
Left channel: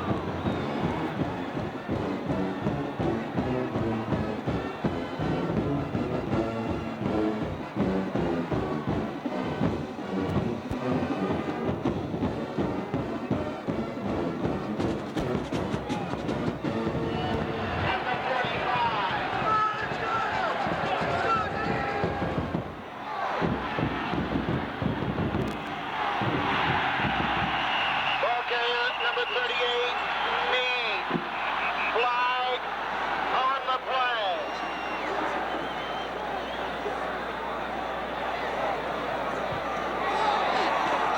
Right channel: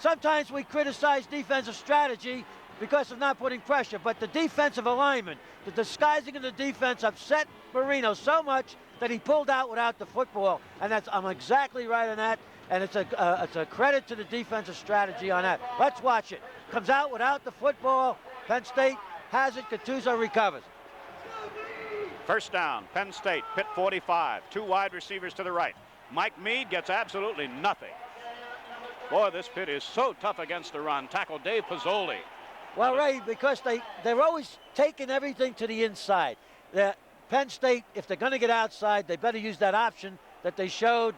Sometimes we criticize defensive strategy because it's not putting pressure, but the defensive alignment, the disguising of the defense upset Marino so much that he pulled out without the football. And I'm exactly right on that, and it's a credit to the defensive strategy on that. Let's watch it. Comes out without the football. Penn State has it. Gattuso recovers. First down, Penn State, Pitt 45. 2 wide receivers to the right. Mike Mead gets absolutely nothing. Boy, this kid is so tough against the run. Tackle Dave Pizzoli. Well, Ray, because they're always taking everything to the inside. Penn State, if they're going to get outside, they better use that option that they showed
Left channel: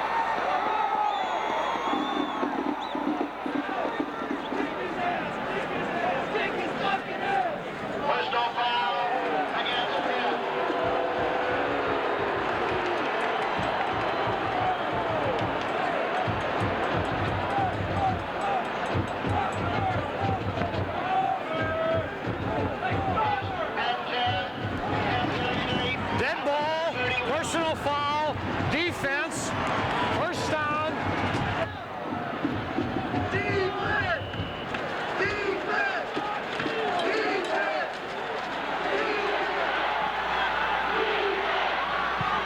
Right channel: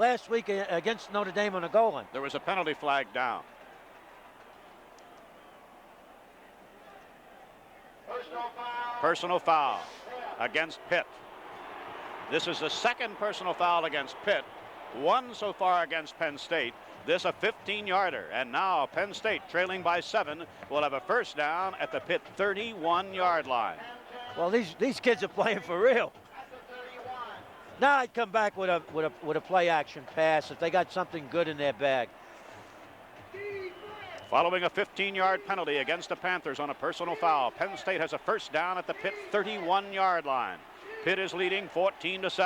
last week against Notre Dame on the goal. There was a penalty flag down. This is the second personal foul against Pitt. One so far against Penn State. This is a 15-yarder. And now Penn State, trailing by 7, will have a first down at the Pitt 31-yard line. Well, these kids are playing for real. Dead ball, personal Now foul, come back with defense. with a play action pass. First They got down. something good in their bag. Following a 15-yard penalty against the Panthers on a personal foul, Penn State has a first down at the Pitt 31-yard line. Pitt is leading 14-7.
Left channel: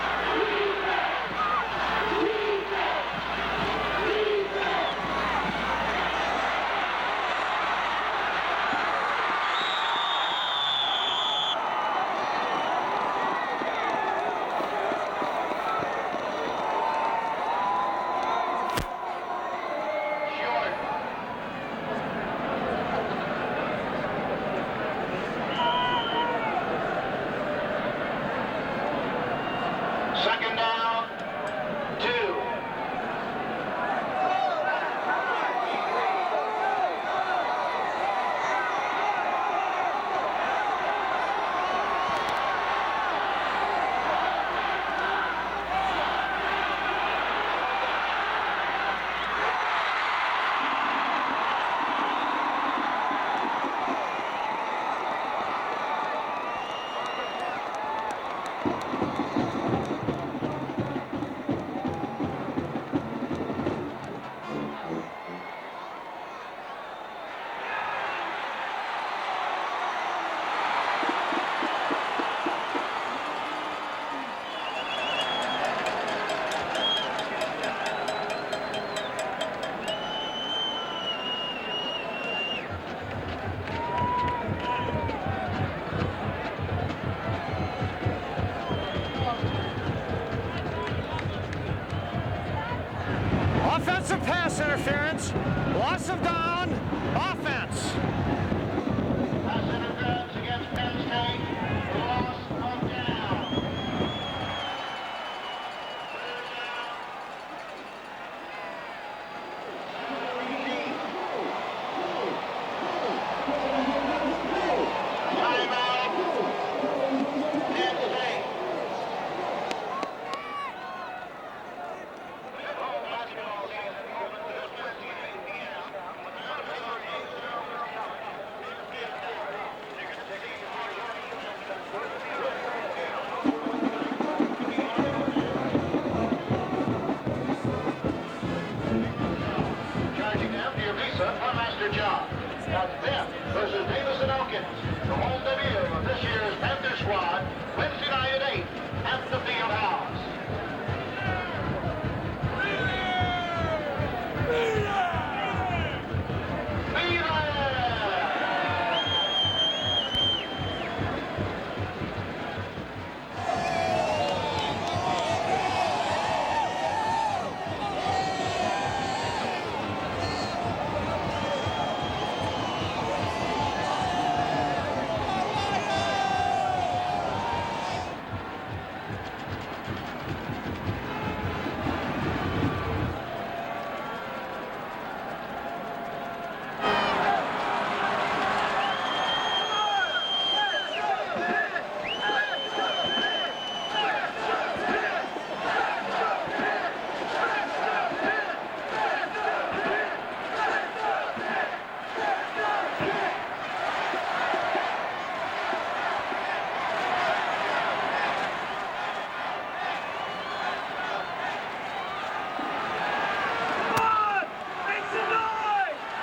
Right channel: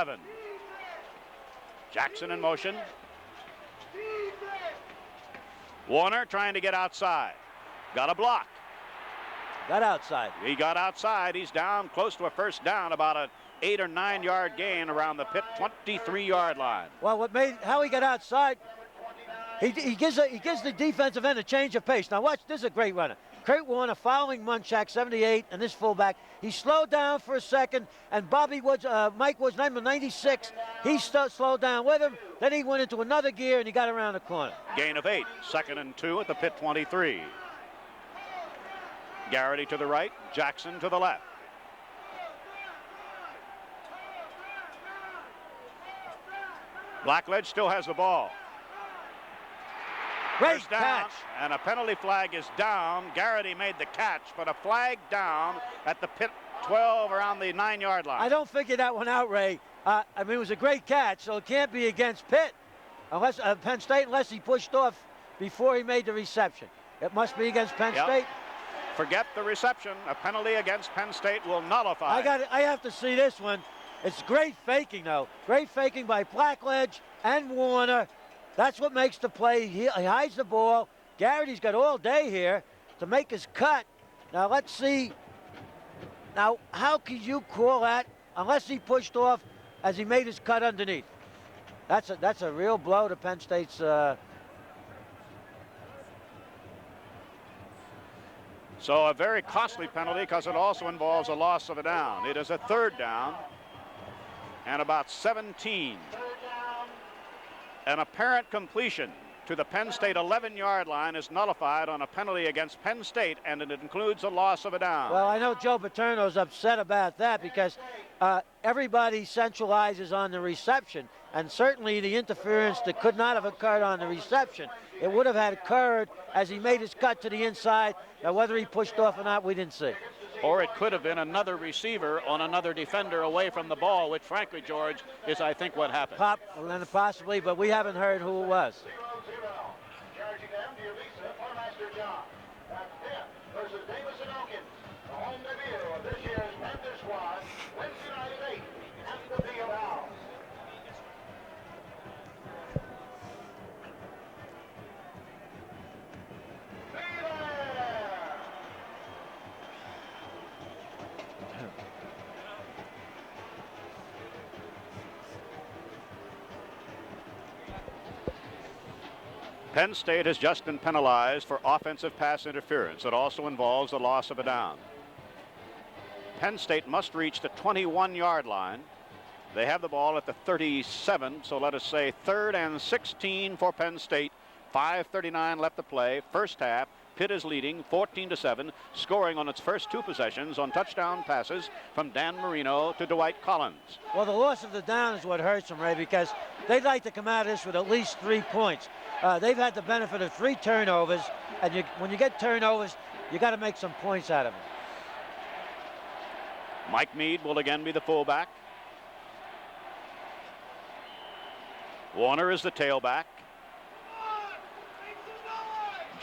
Jackson in motion. Warner trying to get outside. Got a block. Got outside. He got outside. He's down close to a first down, about an 8 or 9 yard gain around the Pitt 23-yard line. Well, how he got outside, he gives the defensive end a change of pace. Now watch, this is a great run. Great one, a following Munchak, 78, this fullback. He slowed down for a second, and Mike was at the 96. He slowed down with it. Then he went into another gear, and he got around the corner. Gain of 8. Second and 2 at the Pitt 23. Garrity to the right, Jackson to the left. Blackledge still has the ball. Great Down, catch. and a penalty flag is down. Garrity made the catch, but a flag down at the Pitt 12 around the 9-yard line. I don't figure that one out, Ray. I mean, it was a great catch, so it can't be against Pitt. Unless Penn State, unless he pushed off before he made the reception. It must be against Penn State. Forget the reception. A penalty against Penn State will nullify. I have to see this one. It's great faking, though. Great faking by Blackledge and Warner. That's what makes the play. He hides the ball. Garrity's got all day here to make his cut. Now let's see. Now, how could you call that unless he pushed off as he made his cut underneath? That's a real blow to Penn State's. Offensive pass interference, loss of down, offense. So a very costly penalty because it also involves a loss of a down. It is a third down and about 17. An apparent completion to the Penn State 11-yard line is nullified on a penalty against Penn State, and it includes a loss of a down. Well, I know Joe Paterno's upset about that because everybody centralizes on the reception, and certainly the interference that could not have occurred on the reception, it would have had occurred as he made his cut to the inside. Now, whether he pushed off or not, we didn't see. Or it could have been another receiver on another defender away from the ball, which frankly, George, is I think what happened. Possibly, but we haven't heard who it was. Charging down to your Lisa, one master job. That's Pitt versus Davis and Elkins. The home debut of this year's Panther squad, Wednesday night at 8 at the Field House. Penn State has just been penalized for offensive pass interference. It also involves the loss of a down. Penn State must reach the 21-yard line. They have the ball at the 37, so let us say 3rd and 16 for Penn State. 5:39 left to play. First half, Pitt is leading 14-7, scoring on its first 2 possessions on touchdown passes from Dan Marino to Dwight Collins. Well, the loss of the downs what hurts me because they'd like to come out of this with at least 3 points. They've had the benefit of 3 turnovers, and when you get turnovers, you got to make some points out of it. Mike Meade will again be the fullback. Warner is the tailback.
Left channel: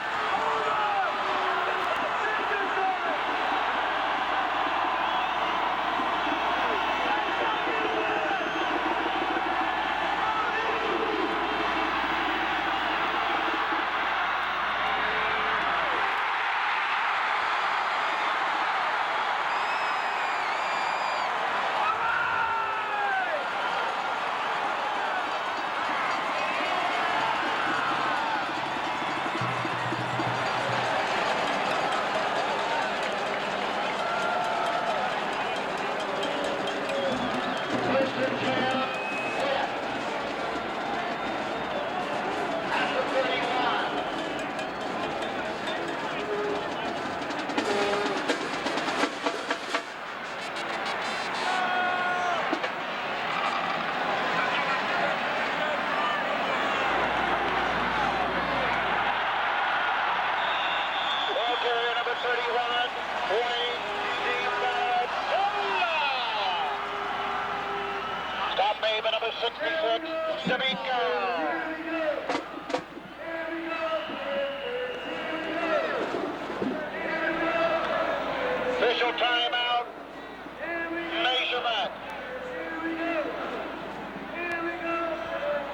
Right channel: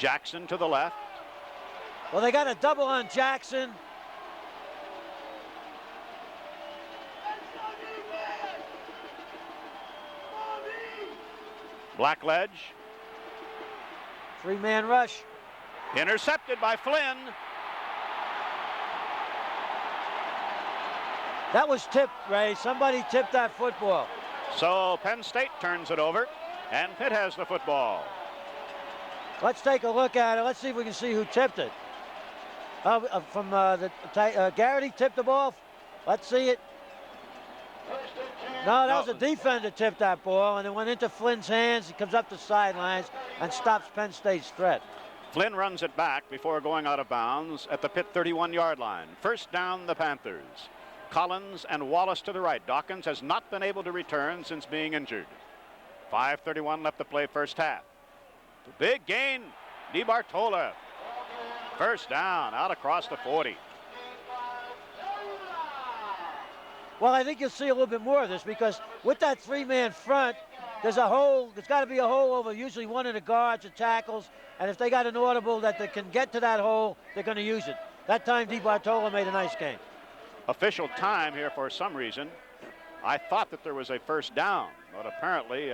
Jackson to the left. Well, they got a double on Jackson. Blackledge. 3-man rush. Intercepted by Flynn. That was tipped, Ray. Somebody tipped that football. So Penn State turns it over, and Pitt has the football. Let's take a look at it. Let's see if we can see who tipped it. Garrity tipped the ball. Let's see it. No, that was the defender tipped that ball, and it went into Flynn's hands, comes up the sideline, and stopped Penn State's stretch. Flynn runs it back before going out of bounds at the Pitt 31-yard line. First down, the Panthers. Collins and Wallace to the right. Dawkins has not been able to return since being injured. 5:31 left to play first half. Big gain. DeBartola. First down, out across the 40. Well, I think you'll see a little bit more of this because with that three-man front, there's a hole. It's got to be a hole over usually one of the guards or tackles. And if they got an audible that they can get to that hole, they're going to use it. That time, DeBartola made a nice game. Official time here for some reason. I thought that there was a first down. Apparently,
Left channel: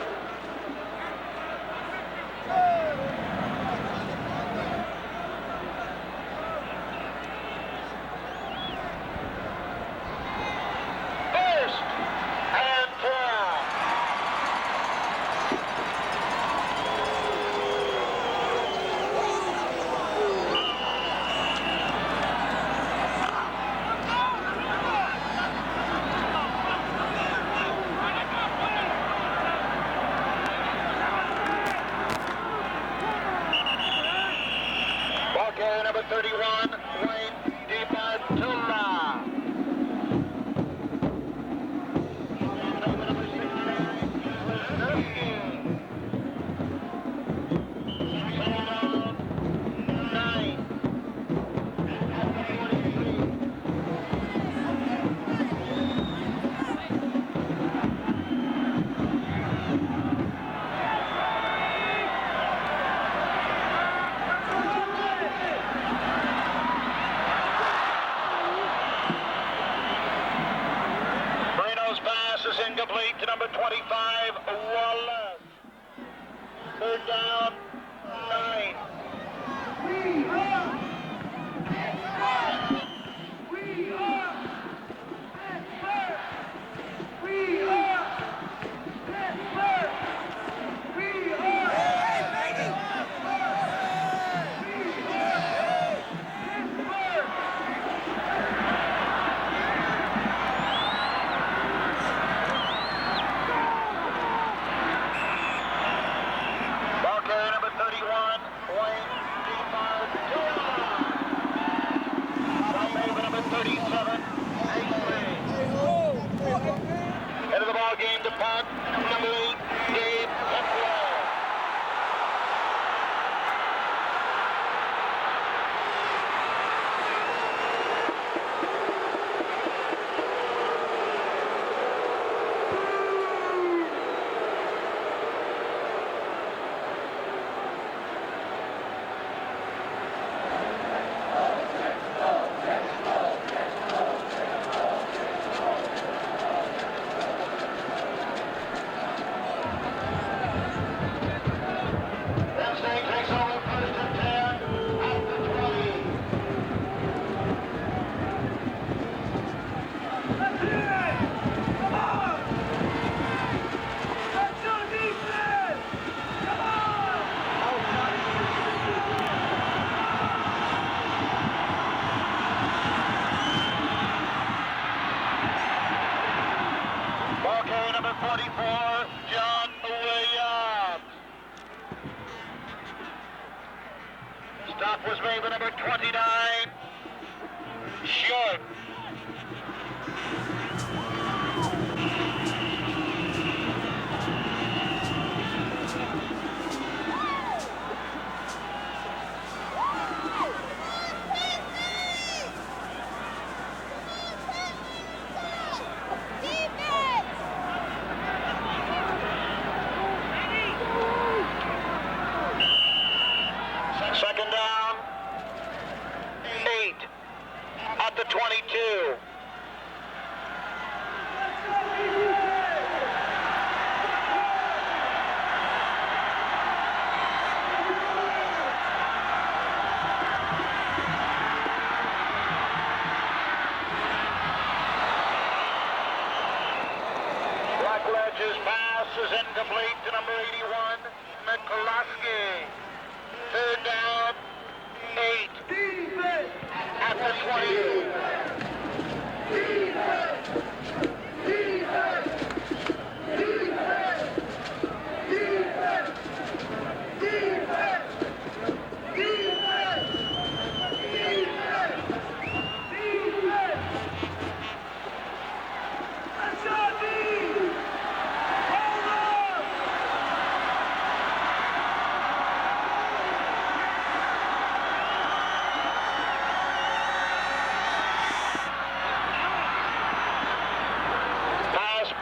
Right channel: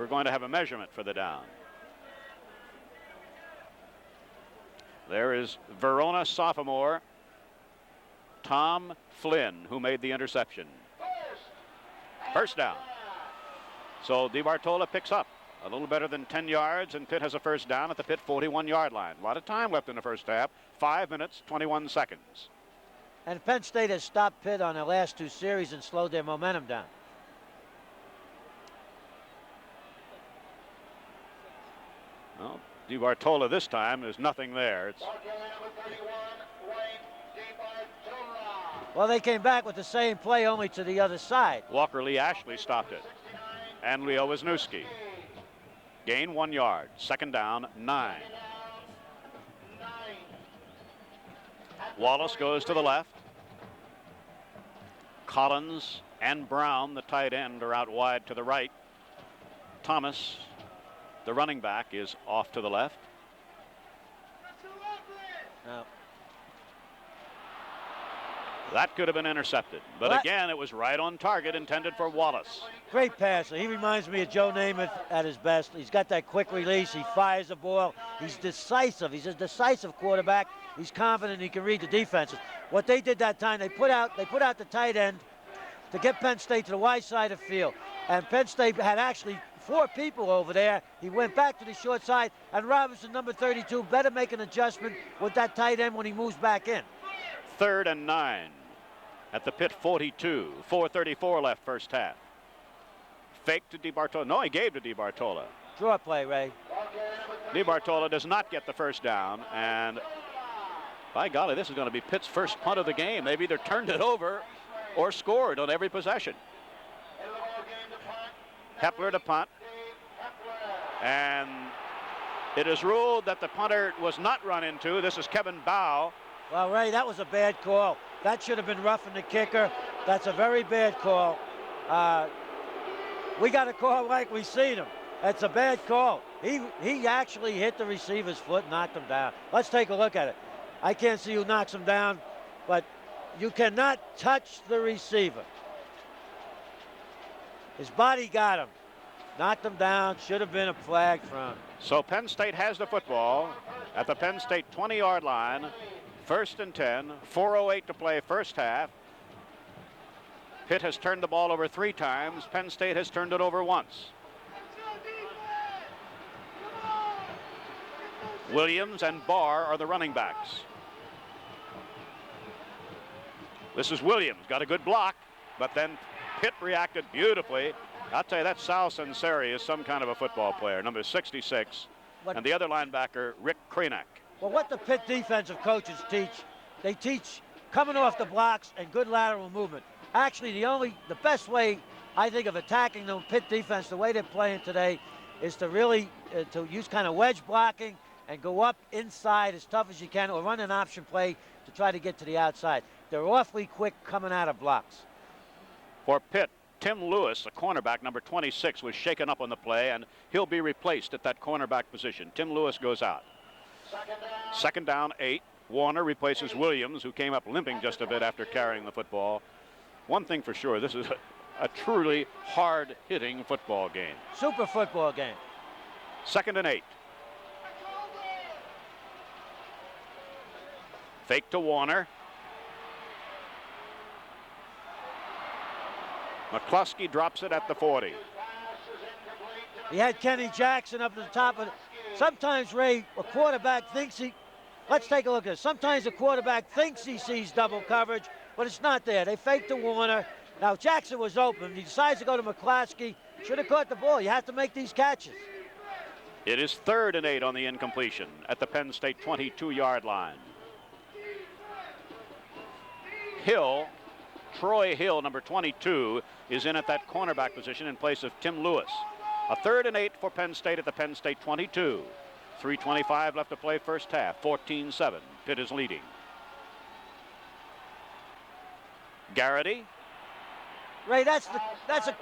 we're going to have a measurement for the down. There is Verona sophomore Tom Flynn, who made the interception. First down. So DeBartola picks up. A little better than 10 yards. Pitt has a first down. Pitt 41 yards. Time left for the first down. 5 minutes, 21 seconds. Penn State has stopped Pitt on the last two series and slowed their momentum down. DeBartola this time, there's nothing there. Ball carrier number 31, Wayne DeBartola. Well, they came back with the same play, only to the other side. Walker Lee Ashley stopped it. And Leo Wisniewski. Gain 1 yard. Second down, 9. Wallace goes to the left. Collins and Brown, the tight end, are out wide to the right. Thomas, the running back, is off to the left. That could have been intercepted, but again, it was right on target, intended for Wallace. Great passer. He reminds me of Joe Namath at his best. He's got that quick release. He fires the ball. He's decisive. He's a decisive quarterback. He's confident he can read the defense. What they did that time, they put out the tight end to get Penn State to the wide side of the field. And Penn State had actually 4 people over there. He went back to the short side, and Robinson, number 32, better make an adjustment with that tight end when he moves back in. 3rd and 9 at the Pitt 42. 4:34 left first half. Fake to DeBartola. No, he gave to DeBartola. Short play, Ray. DeBartola does not get the first down. And by golly, this is going to be Pitt's first punt of the game. They've either turned it over or scored on every possession. Head of the ball game to punt. Kepler to punt. And it is ruled that the punter was not run into. This is Kevin Bow. All right, that was a bad call. That should have been roughing the kicker. That's a very bad call. We got a call like we seen him. That's a bad call. He actually hit the receiver's foot, knocked him down. Let's take a look at it. I can't see who knocks him down, but you cannot touch the receiver. His body got him. Knocked him down, should have been a flag. So Penn State has the football at the Penn State 20-yard line. 1st and 10. 4:08 to play first half. Pitt has turned the ball over 3 times. Penn State has turned it over once. Williams and Barr are the running backs. This is Williams. Got a good block, but then Pitt reacted beautifully. I'll tell you, that Sal Sinceri is some kind of a football player, number 66. And the other linebacker, Rick Kranak. Well, what the Pitt defensive coaches teach, they teach coming off the blocks and good lateral movement. Actually, the best way, I think, of attacking the Pitt defense, the way they're playing today, is to really to use kind of wedge blocking and go up inside as tough as you can, or run an option play and try to get to the outside. They're awfully quick coming out of blocks. For Pitt, Tim Lewis, the cornerback, number 26, was shaken up on the play, and he'll be replaced at that cornerback position. Tim Lewis goes out. Second down, 8. Warner replaces Williams, who came up limping just a bit after carrying the football. One thing for sure, this is a truly hard-hitting football game. Super football game. 2nd and 8. Fake to Warner. McCluskey drops it at the 40. He had Kenny Jackson up at the top. And sometimes, Ray, a quarterback thinks he... Let's take a look at this. Sometimes a quarterback thinks he sees double coverage, but it's not there. They faked the Warner. Now, Jackson was open. He decides to go to McCluskey. Should have caught the ball. You have to make these catches. It is 3rd and 8 on the incompletion at the Penn State 22-yard line. Hill, Troy Hill, number 22, is in at that cornerback position in place of Tim Lewis. A 3rd and 8 for Penn State at the Penn State 22. 3:25 left to play first half. 14-7. Pitt is leading. Garrity. Ray, that's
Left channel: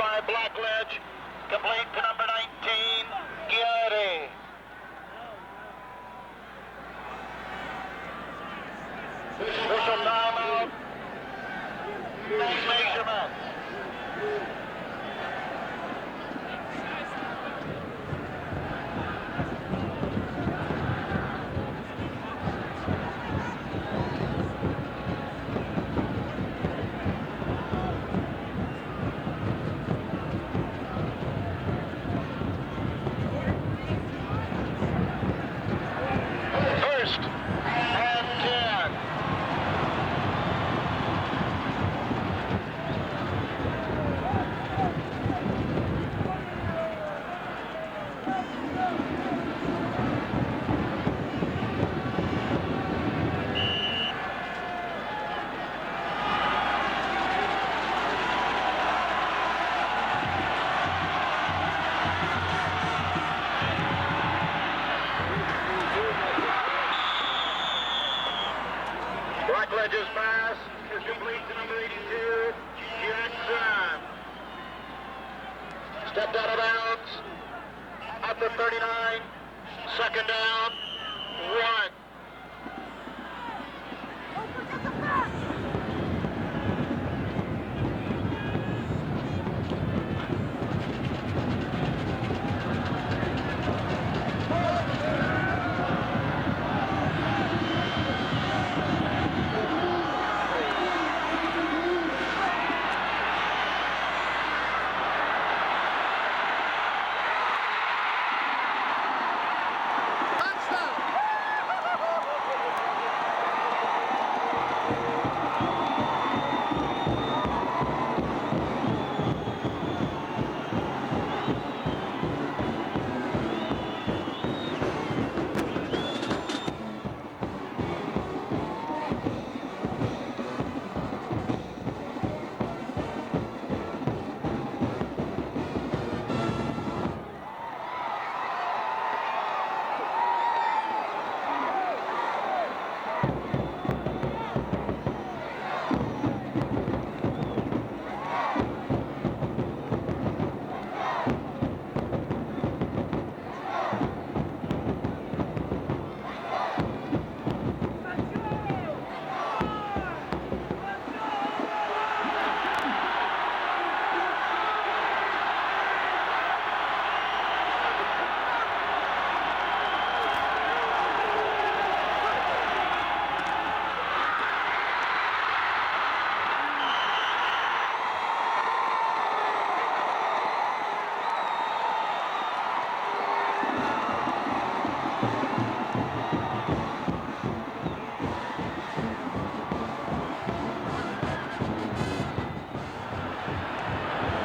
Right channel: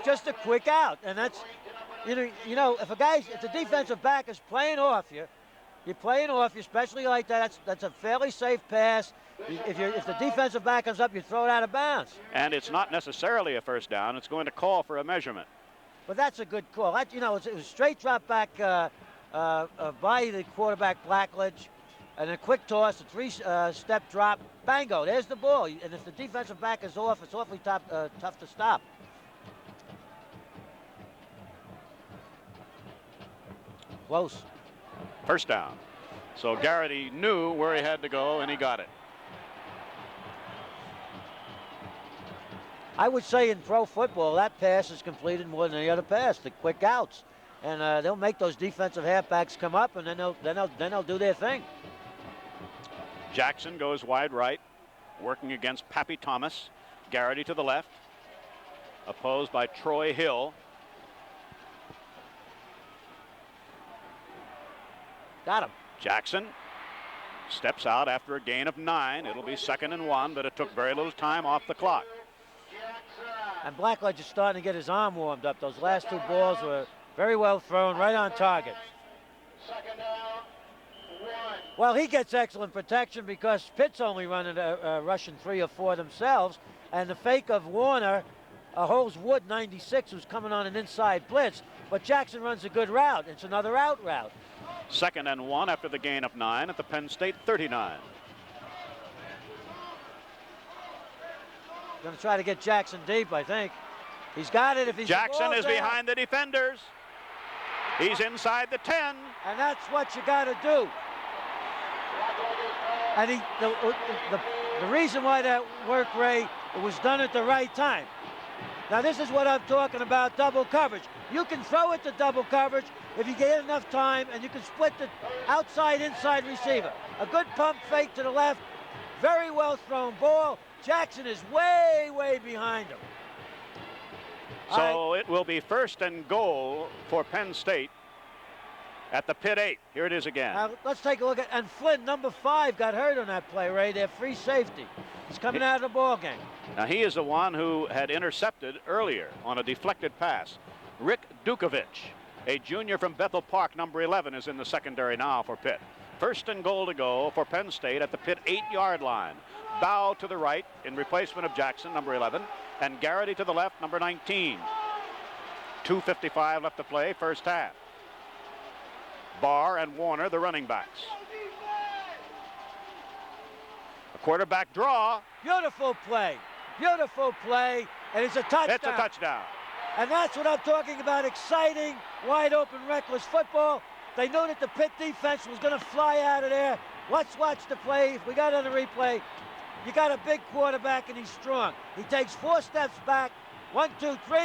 just a quick out, and that's you know if the defensive back is playing off you, you're playing off you, especially like that. That's a fairly safe pass. If the defensive back comes up, you throw it out of bounds. And it's not necessarily a first down. It's going to call for a measurement. But that's a good call. Actually, no, it's a straight drop back by the quarterback Blackledge, and a quick toss, a 3-step drop. Bango, there's the ball. The defensive back is off. It's awfully tough to stop. Close. First down. So Garrity knew where he had to go, and he got it. I would say in pro football, that pass is completed more than the other pass, the quick outs. And they'll make those defensive halfbacks come up, and then they'll do their thing. Jackson goes wide right, working against Pappy Thomas. Garrity to the left. Opposed by Troy Hill. Jackson steps out after a gain of 9. It'll be 2nd and 1, but it took very little time off the clock. Blackledge is starting to get his arm warmed up. Those last 2 balls were very well thrown, right on target. 2nd down. Well, he gets excellent protection because Pitt's only running rushing 3 or 4 themselves, and the fake of Warner holds Wood 96 is coming on an inside blitz, but Jackson runs a good route. It's another out route. 2nd and 1 after the gain of 9. The Penn State 39. Try to get Jackson deep, I think. He's got it. Jackson is behind the defender. He's inside the 10. And that's what you got to do. And the reason why that work rate was done at the right time. Now this is what I'm talking about, double coverage. You can throw it to double coverage if you get enough time and you can split the outside, inside receiver. A good pump fake to the left. Very well thrown ball. Jackson is way, way behind him. So it will be 1st and goal for Penn State at the Pitt 8. Here it is again. Let's take a look at, and Flint, number 5, got hurt on that play, Ray. Their free safety. He's coming out of the ball game. Now he is the one who had intercepted earlier on a deflected pass. Rick Dukovic, a junior from Bethel Park, number 11, is in the secondary now for Pitt. 1st and goal to go for Penn State at the Pitt 8-yard line. Bow to the right in replacement of Jackson, number 11, and Garrity to the left, number 19. 2:55 left to play, first half. Barr and Warner, the running backs. Quarterback draw. Beautiful play. Beautiful play. And it's a touchdown. It's a touchdown. And that's what I'm talking about. Exciting, wide open, reckless football. They knew that the Pitt defense was going to fly out of there. Let's watch the play. We got it on the replay. You got a big quarterback and he's strong. He takes 4 steps back. 1, 2, 3.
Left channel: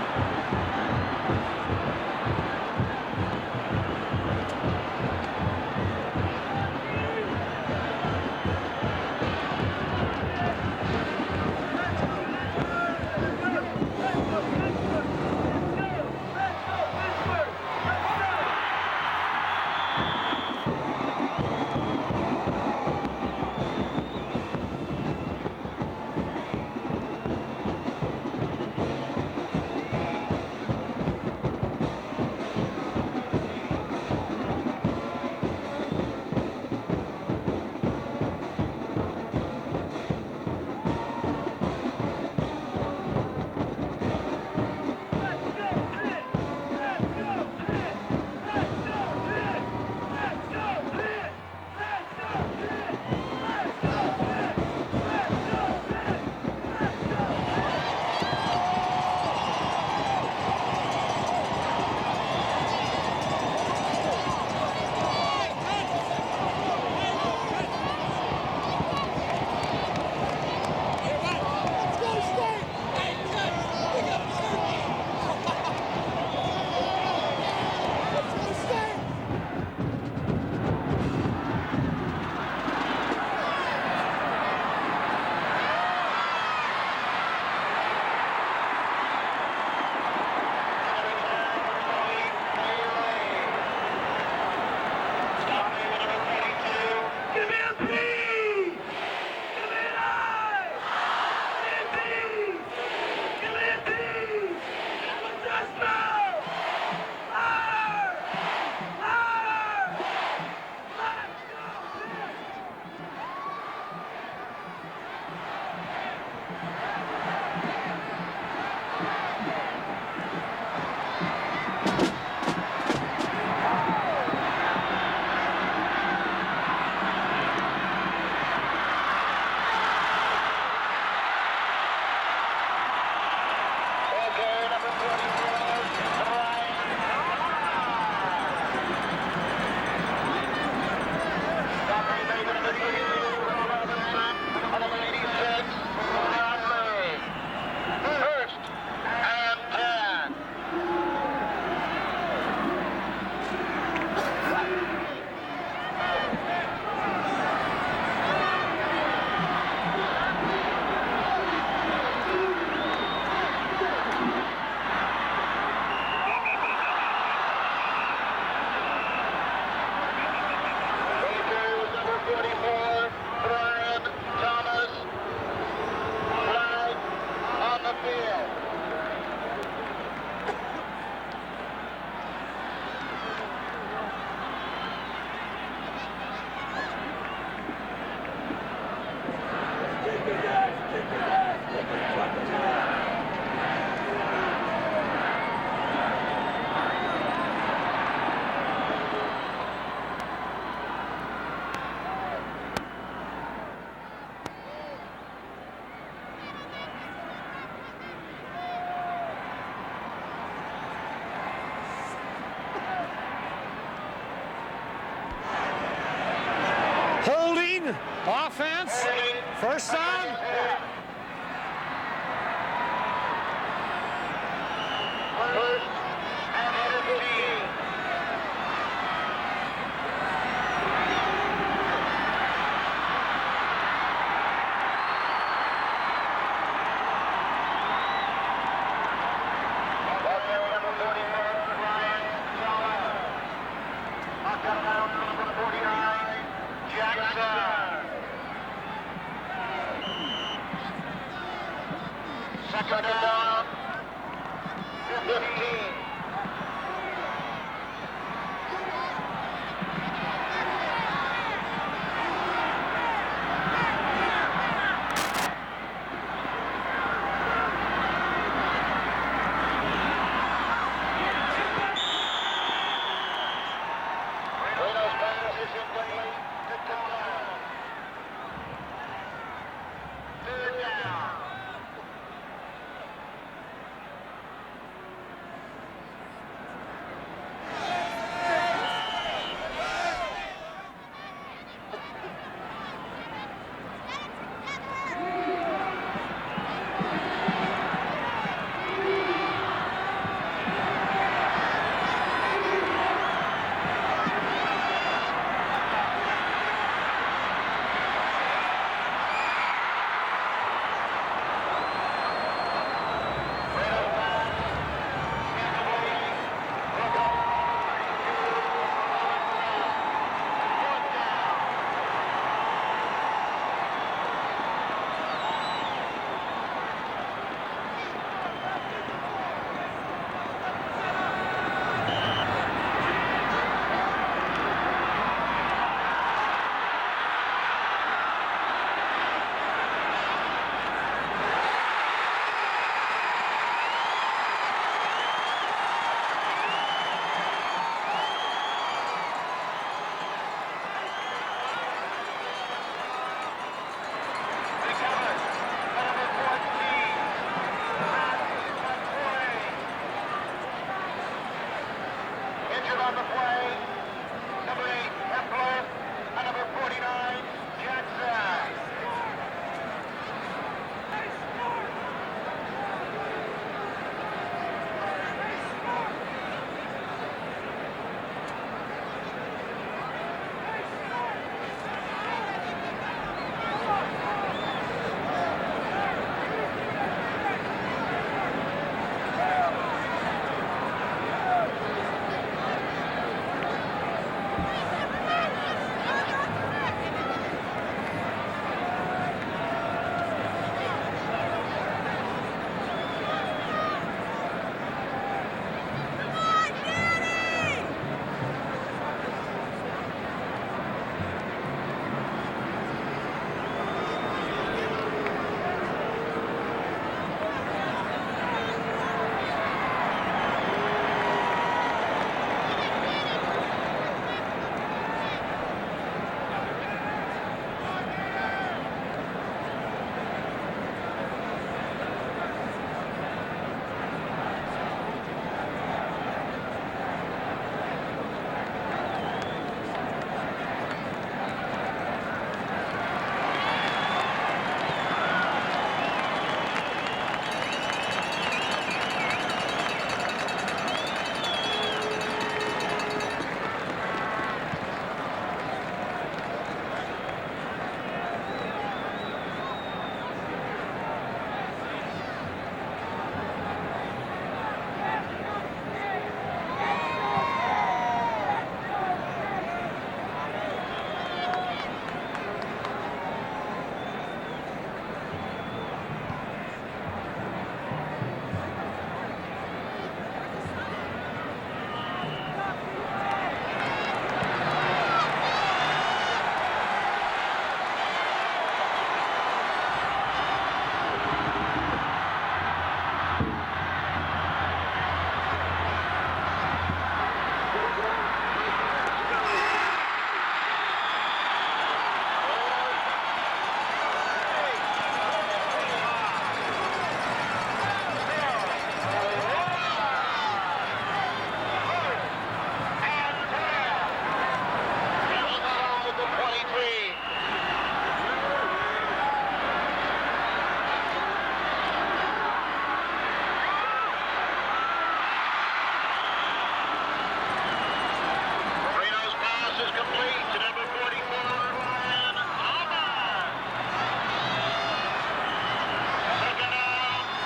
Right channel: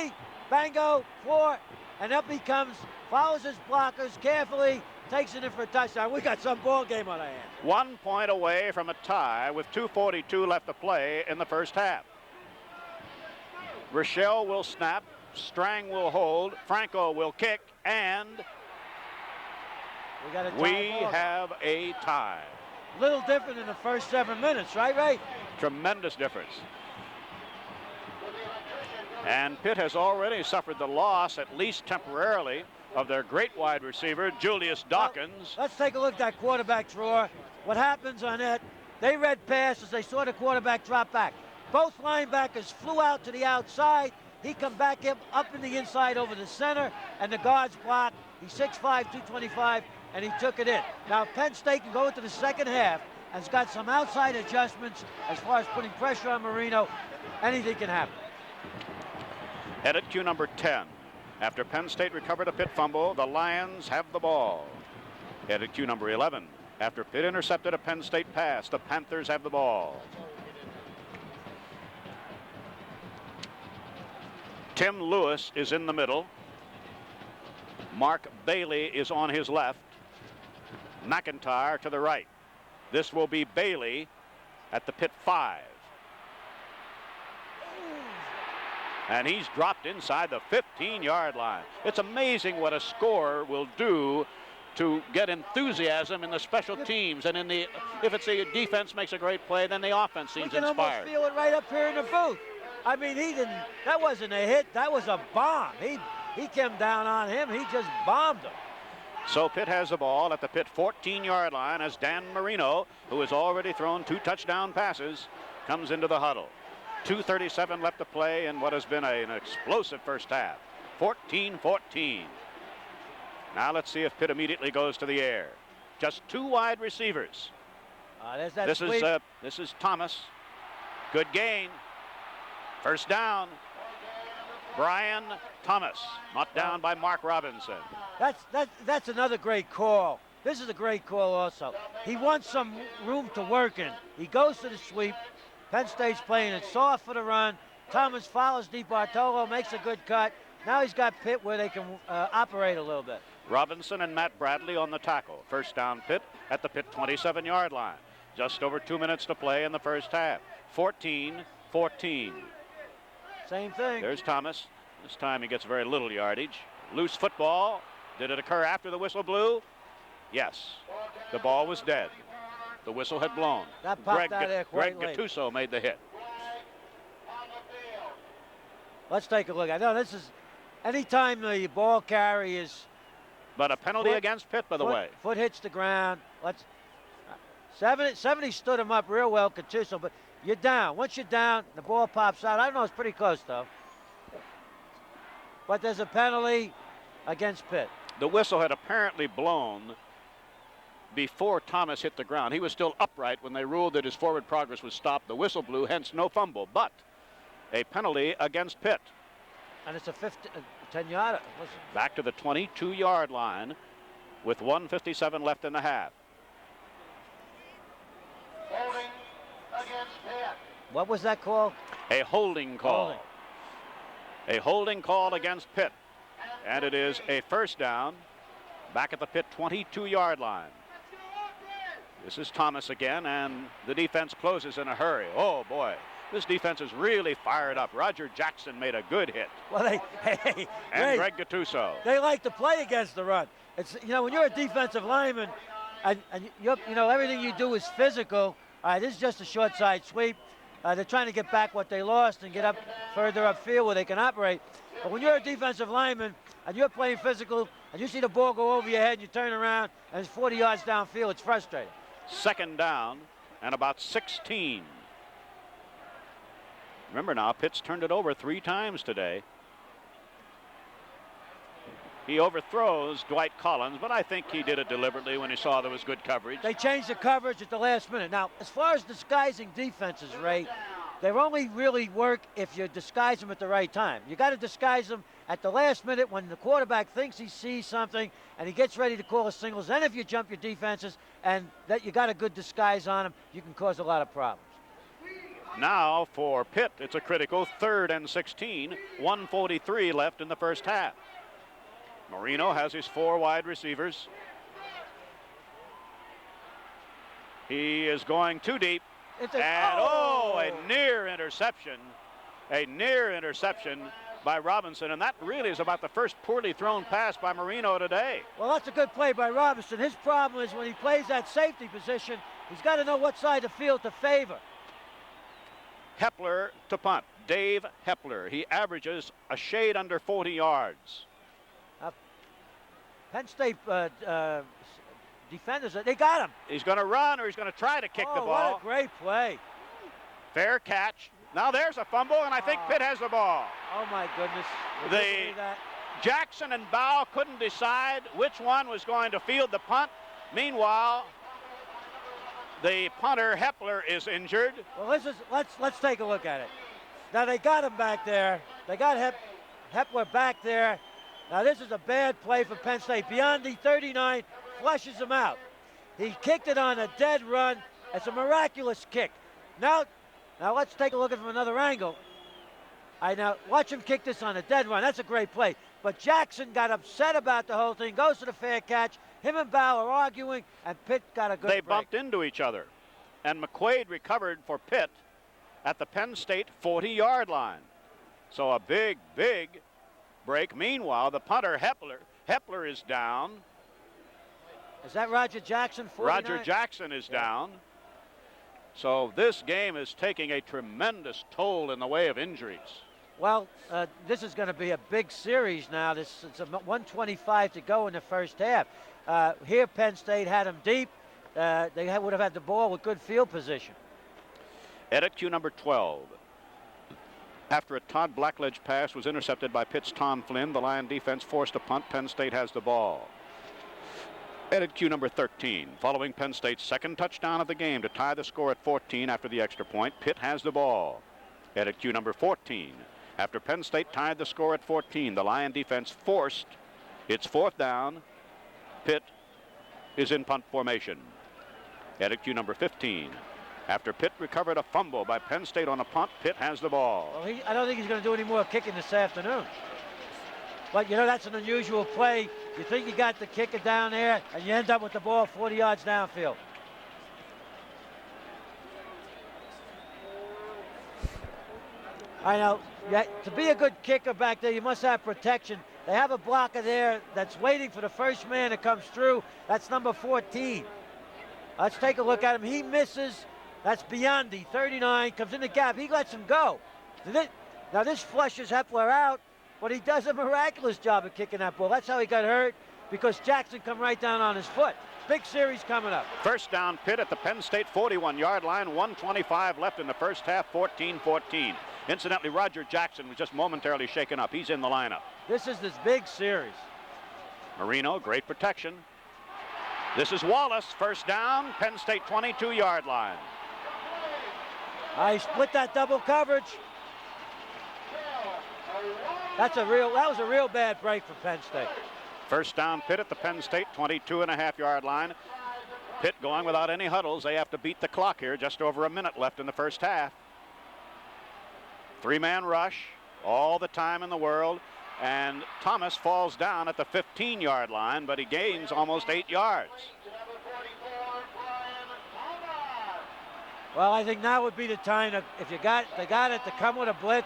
Bango, 4. And up he comes. Follows his blockers carefully. Takes it in for a touchdown. We got some ball game on it. 1 point away from a tie with 2:42 left to play in the first half. Rochelle will snap. Strang will hold. Franco will kick. And we have a tie. A little different in the first 7 minutes, right, Ray? Tremendous difference. And Pitt has already suffered the loss, at least temporarily, of their great wide receiver, Julius Dawkins. Let's take a look at that quarterback draw. What happens on it? They read passes. They saw the quarterback drop back. Both linebackers flew out to the outside. He come back in, up to the inside over the center, and the guards blocked 6'5" to 25, and he took it in. Now Penn State can go into the second half. It's got some outside adjustments as far as putting pressure on Marino. Anything can happen. Headed cue number 10. After Penn State recovered a Pitt fumble, the Lions have the ball. Headed cue number 11. After Pitt intercepted a Penn State pass, the Panthers have the ball. Tim Lewis is in the middle. Mark Bailey is on his left. McIntyre to the right. This will be Bailey at the Pitt 5. And he's dropped inside the 15-yard line. It's amazing what a score will do to get enthusiasm in the special teams. And if it's the defense makes a great play, then the offense seems inspired. Right up here in the booth. I mean, that wasn't a hit. That was a bomb. He came down on him. He just bombed him. So Pitt has the ball at the Pitt 14-yard line as Dan Marino, who has already thrown 2 touchdown passes, comes into the huddle. 2:37 left to play in what has been an explosive first half. 14-14. Now let's see if Pitt immediately goes to the air. Just 2 wide receivers. This is Thomas. Good game. First down. Brian Thomas. Up down by Mark Robinson. That's another great call. This is a great call. He wants some room to work in. He goes to the sweep. Penn State's playing it soft for the run. Thomas follows DeBartolo, makes a good cut. Now he's got Pitt where they can operate a little bit. Robinson and Matt Bradley on the tackle. First down Pitt at the Pitt 27-yard line. Just over 2 minutes to play in the first half. 14-14. There's Thomas. This time he gets very little yardage. Loose football. Did it occur after the whistle blew? Yes. The ball was dead. The whistle had blown. Greg Gattuso made the hit. Let's take a look at that. This is anytime the ball carry is. But a penalty against Pitt, by the way. Foot hits the ground. 70 stood him up real well for Chisholm. You're down. Once you're down, the ball pops out. I know it's pretty close now. But there's a penalty against Pitt. The whistle had apparently blown before Thomas hit the ground. He was still upright when they ruled that his forward progress was stopped. The whistle blew, hence no fumble. But a penalty against Pitt. And it's a 10-yarder. Back to the 22-yard line with 1:57 left in the half. Holding, offense, first down. What was that call? A holding call. A holding call against Pitt. And it is a first down back at the Pitt 22-yard line. This is Thomas again, and the defense closes in a hurry. Oh, boy. This defense is really fired up. Roger Jackson made a good hit. Well, and Greg Gattuso. They like to play against the run. It's, when you're a defensive lineman, everything you do is physical. This is just a short side sweep. They're trying to get back what they lost to get up further upfield where they can operate. But when you're a defensive lineman, if you're playing physical, you see the ball go over your head, you turn around, and it's 40 yards downfield. It's frustrating. Second down and about 16. Remember now, Pitt's turned it over 3 times today. He overthrows Dwight Collins, but I think he did it deliberately when he saw there was good coverage. They changed the coverage at the last minute. Now, as far as disguising defenses, Ray, they only really work if you disguise them at the right time. You got to disguise them at the last minute when the quarterback thinks he sees something and he gets ready to pull a signal. Then if you jump your defenses and that you got a good disguise on them, you can cause a lot of problems. Now for Pitt, it's a critical 3rd and 16. 1:43 left in the first half. Marino has his 4 wide receivers. He is going too deep. And a near interception. A near interception by Robinson. And that really is about the first 40 thrown pass by Marino today. Well, that's a good play by Robinson. His problem is when he plays that safety position, he's got to know what side of the field to favor. Hepler to punt. Dave Hepler. He averages a shade under 40 yards. They got it. He's going to run. He's going to try to kick the ball. Great play. Bearcat. Now there's a fumble, and I think Pitt has the ball. Oh, my goodness. The Jackson and Bow couldn't decide which one was going to field the punt. Meanwhile, the punter, Hepler, is injured. Let's take a look at it. Now, they got him back there. They got Hepler back there. Now, this is a bad play for Penn State. Beyond the 39, flushes him out. He kicked it on a dead run. It's a miraculous kick. Now let's take a look at it from another angle. Now, watch him kick this on a dead run. That's a great play. But Jackson got upset about the whole thing, goes to the fair catch. Him and Bow are arguing, and Pitt got a good. They bumped into each other. And McQuaid recovered for Pitt at the Penn State 40-yard line. So So a big break. Meanwhile, the punter, Hepner is down. Is that Roger Jackson? Roger Jackson is down. So this game is taking a tremendous toll in the way of injuries. Well, this is going to be a big series now. There's 125 to go in the first half. Here, Penn State had them deep. They would have had the ball with good field position. Edit cue number 12. After Todd Blackledge's pass was intercepted by Pitt's Tom Flynn, the line defense forced a punt. Penn State has the ball. Edit cue number 13. Following Penn State's second touchdown of the game to tie the score at 14 after the extra point, Pitt has the ball. Edit cue number 14. After Penn State tied the score at 14, the Lion defense forced its fourth down. Pitt is in punt formation. Edit cue number 15. After Pitt recovered a punter by Penn State on a punt, Pitt has the ball. I don't think he's going to do any more kicking this afternoon. But, you know, that's an unusual play. You think you got to kick it down there, and you end up with the ball 40 yards downfield. I know. To be a good kicker back there, you must have protection. They have a blocker there that's waiting for the first man that comes through. That's number 14. Let's take a look at him. He misses. That's beyond the 39. Comes in the gap. He lets him go. Now this flushes Hepler out, but he does a miraculous job of kicking that ball. That's how he got hurt, because Jackson come right down on his foot. Big series coming up. First down, Pitt at the Penn State 41-yard line. 1:25 left in the first half. 14-14. Incidentally, Roger Jackson is just momentarily shaken up. He's in the line. This is his big series. Marino, great protection. This is Wallace. First down, Penn State 22-yard line. He split that double coverage. That was a real bad break for Penn State. First down, Pitt at the Penn State 22.5-yard line. Pitt going without any huddles. They have to beat the clock here. Just over a minute left in the first half. Three-man rush, all the time in the world, and Thomas falls down at the 15-yard line, but he gains almost 8 yards. Well, I think now would be the time that if you got it to come with a blitz.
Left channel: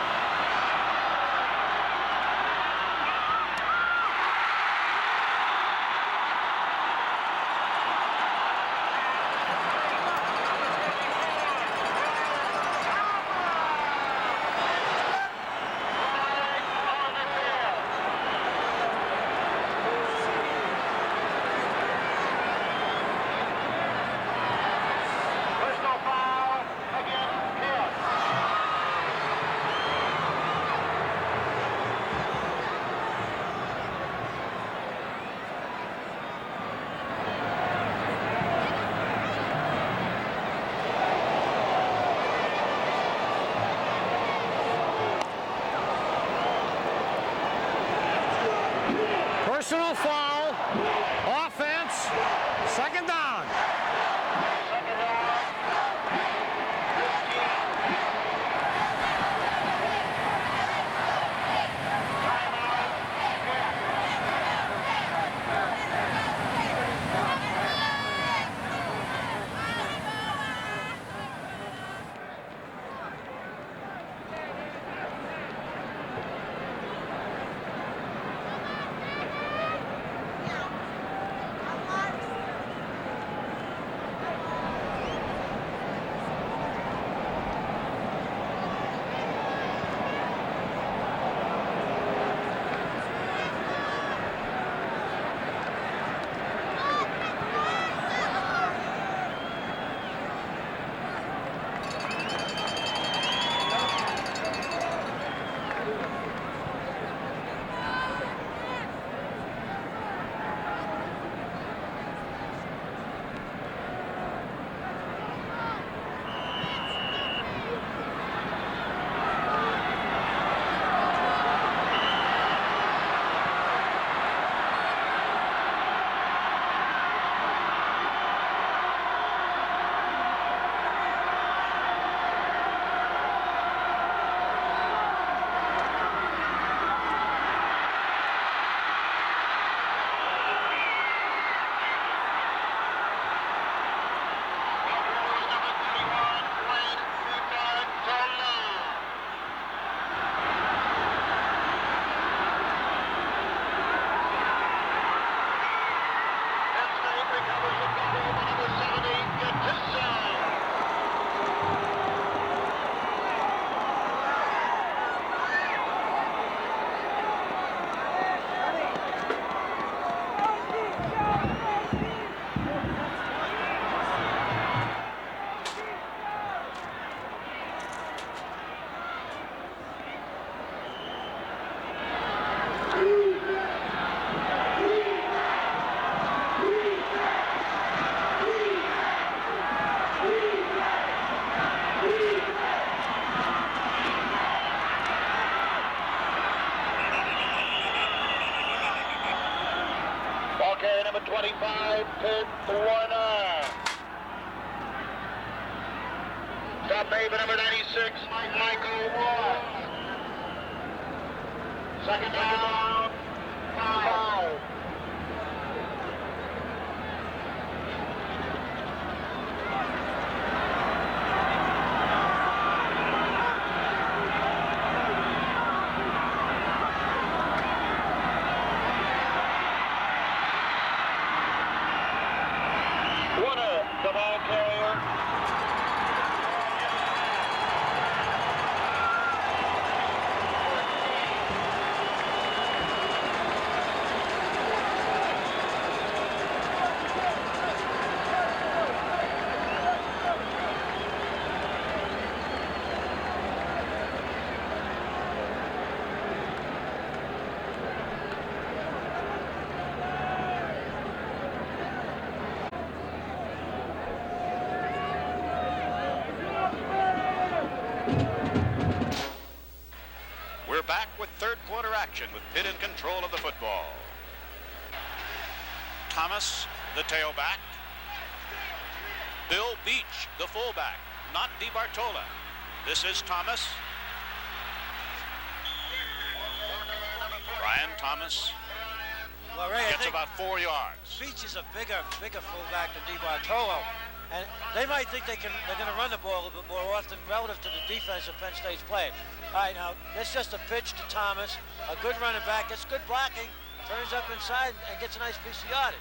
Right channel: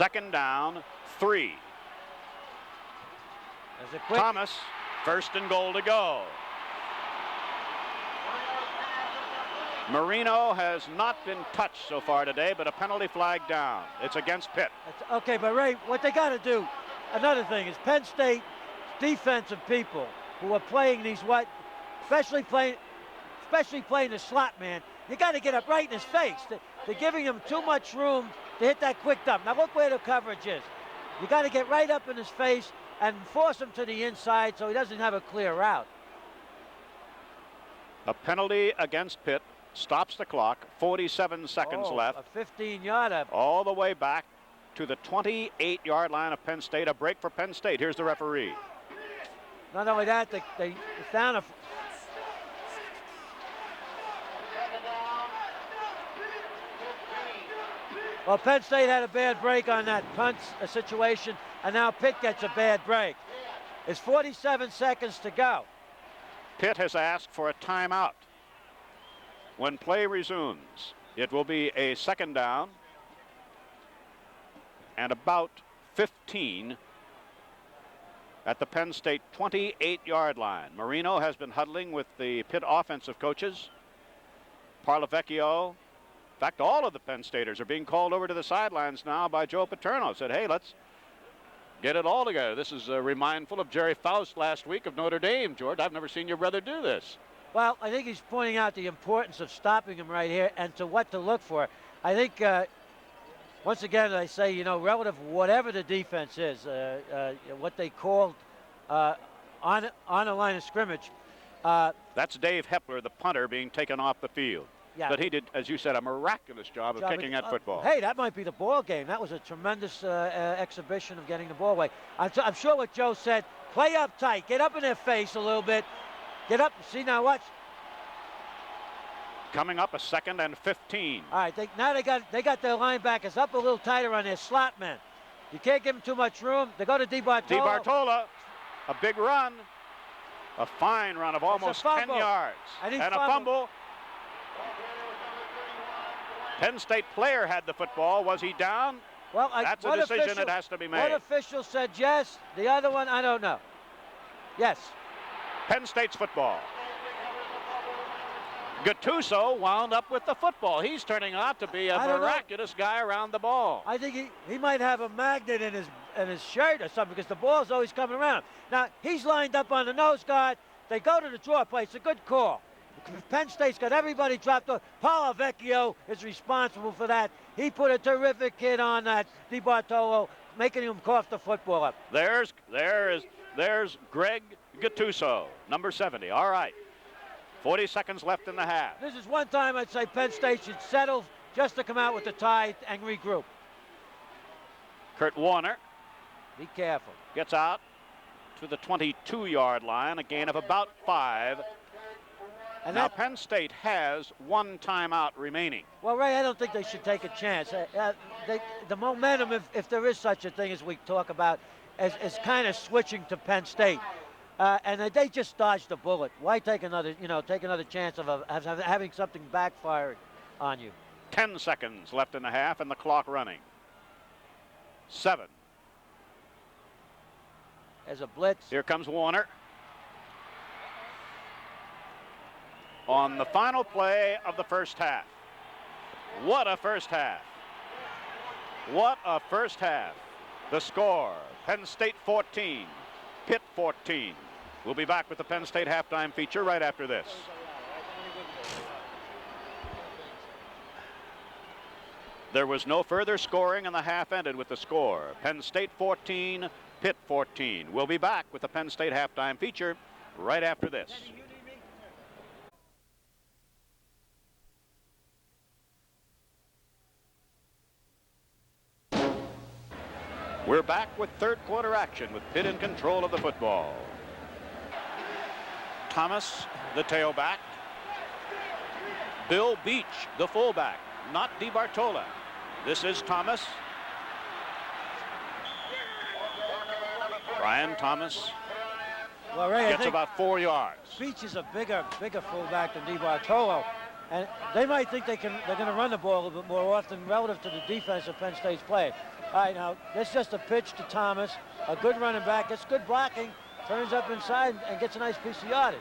Second down, 3. Thomas, first and goal to go. Marino has not been touched so far today, but a penalty flag down. It's against Pitt. Okay, but Ray, what they got to do, another thing is Penn State defensive people who are playing these especially playing the slot man. You got to get it right in his face. They're giving him too much room to hit that quick dump. Now look where the coverage is. You got to get right up in his face and force him to the inside so he doesn't have a clear route. A penalty against Pitt stops the clock. 47 seconds left. All the way back to the 28-yard line of Penn State. A break for Penn State. Here's the referee. Personal foul. Offense. Second down. Well, Penn State had a bad break on that punt situation, and now Pitt gets a bad break. There's 47 seconds to go. Pitt has asked for a timeout. When play resumes, it will be a second down and about 15 at the Penn State 28-yard line. Marino has been huddling with the Pitt offensive coaches. Parlavecchio, in fact, all of the Penn Staters are being called over to the sidelines now by Joe Paterno. Said, hey, let's get it all together. This is a reminder of Jerry Faust last week at Notre Dame. George, I've never seen your brother do this. Well, I think he's pointing out the importance of stopping him right here and to what to look for. I think, once again, I say, you know, relative to whatever the defense is, what they call on a line of scrimmage. That's Dave Hepler, the punter, being taken off the field. Yeah. But he did, as you said, a miraculous job of kicking that football. Hey, that might be the ball game. That was a tremendous exhibition from the ball. I'm sure what Joe said, play up tight, get up in their face a little bit, get up and see now what. Coming up a second and 15. All right, now they got their linebackers up a little tighter on their slot now. You can't give them too much room. They go to DeBartola. DeBartola, a big run, a fine run of almost 10 yards, and a fumble. Penn State player had the football. Was he down? Well, That's a decision that has to be One made. official said yes. The other one, I don't know. Yes. Penn State's football. Gattuso wound up with the football. He's turning out to be a miraculous guy around the ball. I think he might have a magnet in his shirt or something because the ball's always coming around. Now, he's lined up on the nose guard. They go to the draw place. Good call. Penn State's got everybody dropped off. Paulo Vecchio is responsible for that. He put a terrific hit on that DiBartolo, making him cough the football up. There's Greg Gattuso, number 7. All right. 40 seconds left in the half. This is one time I'd say Penn State should settle just to come out with a tie and regroup. Kurt Warner gets out to the 22-yard line, a gain of about 5. Now Penn State has 1 timeout remaining. Well, Ray, I don't think they should take a chance. The momentum, if there is such a thing as we talk about, is kind of switching to Penn State, and they just dodged the bullet. Why take another chance of having something backfire? 10 seconds left in the half of the clock running. 7. Here comes Warner. On the final play of the first half. What a first half. What a first half. The score, Penn State 14, Pitt 14. We'll be back with the Penn State halftime feature right after this. There was no further scoring, and the half ended with the score. Penn State 14, Pitt 14. We'll be back with the Penn State halftime feature right after this. We're back with third quarter action with Pitt in control of the football. Thomas, the tailback. Bill Beach, the fullback, not DiBartolo. This is Thomas. Brian Thomas Well, Ray, gets about 4 yards. Beach is a bigger fullback than DiBartolo, and they might think they're going to run the ball a little bit more often relative to the defense that Penn State's playing. All right, now, this is just a pitch to Thomas, a good running back, gets good blocking, turns up inside and gets a nice piece of yardage.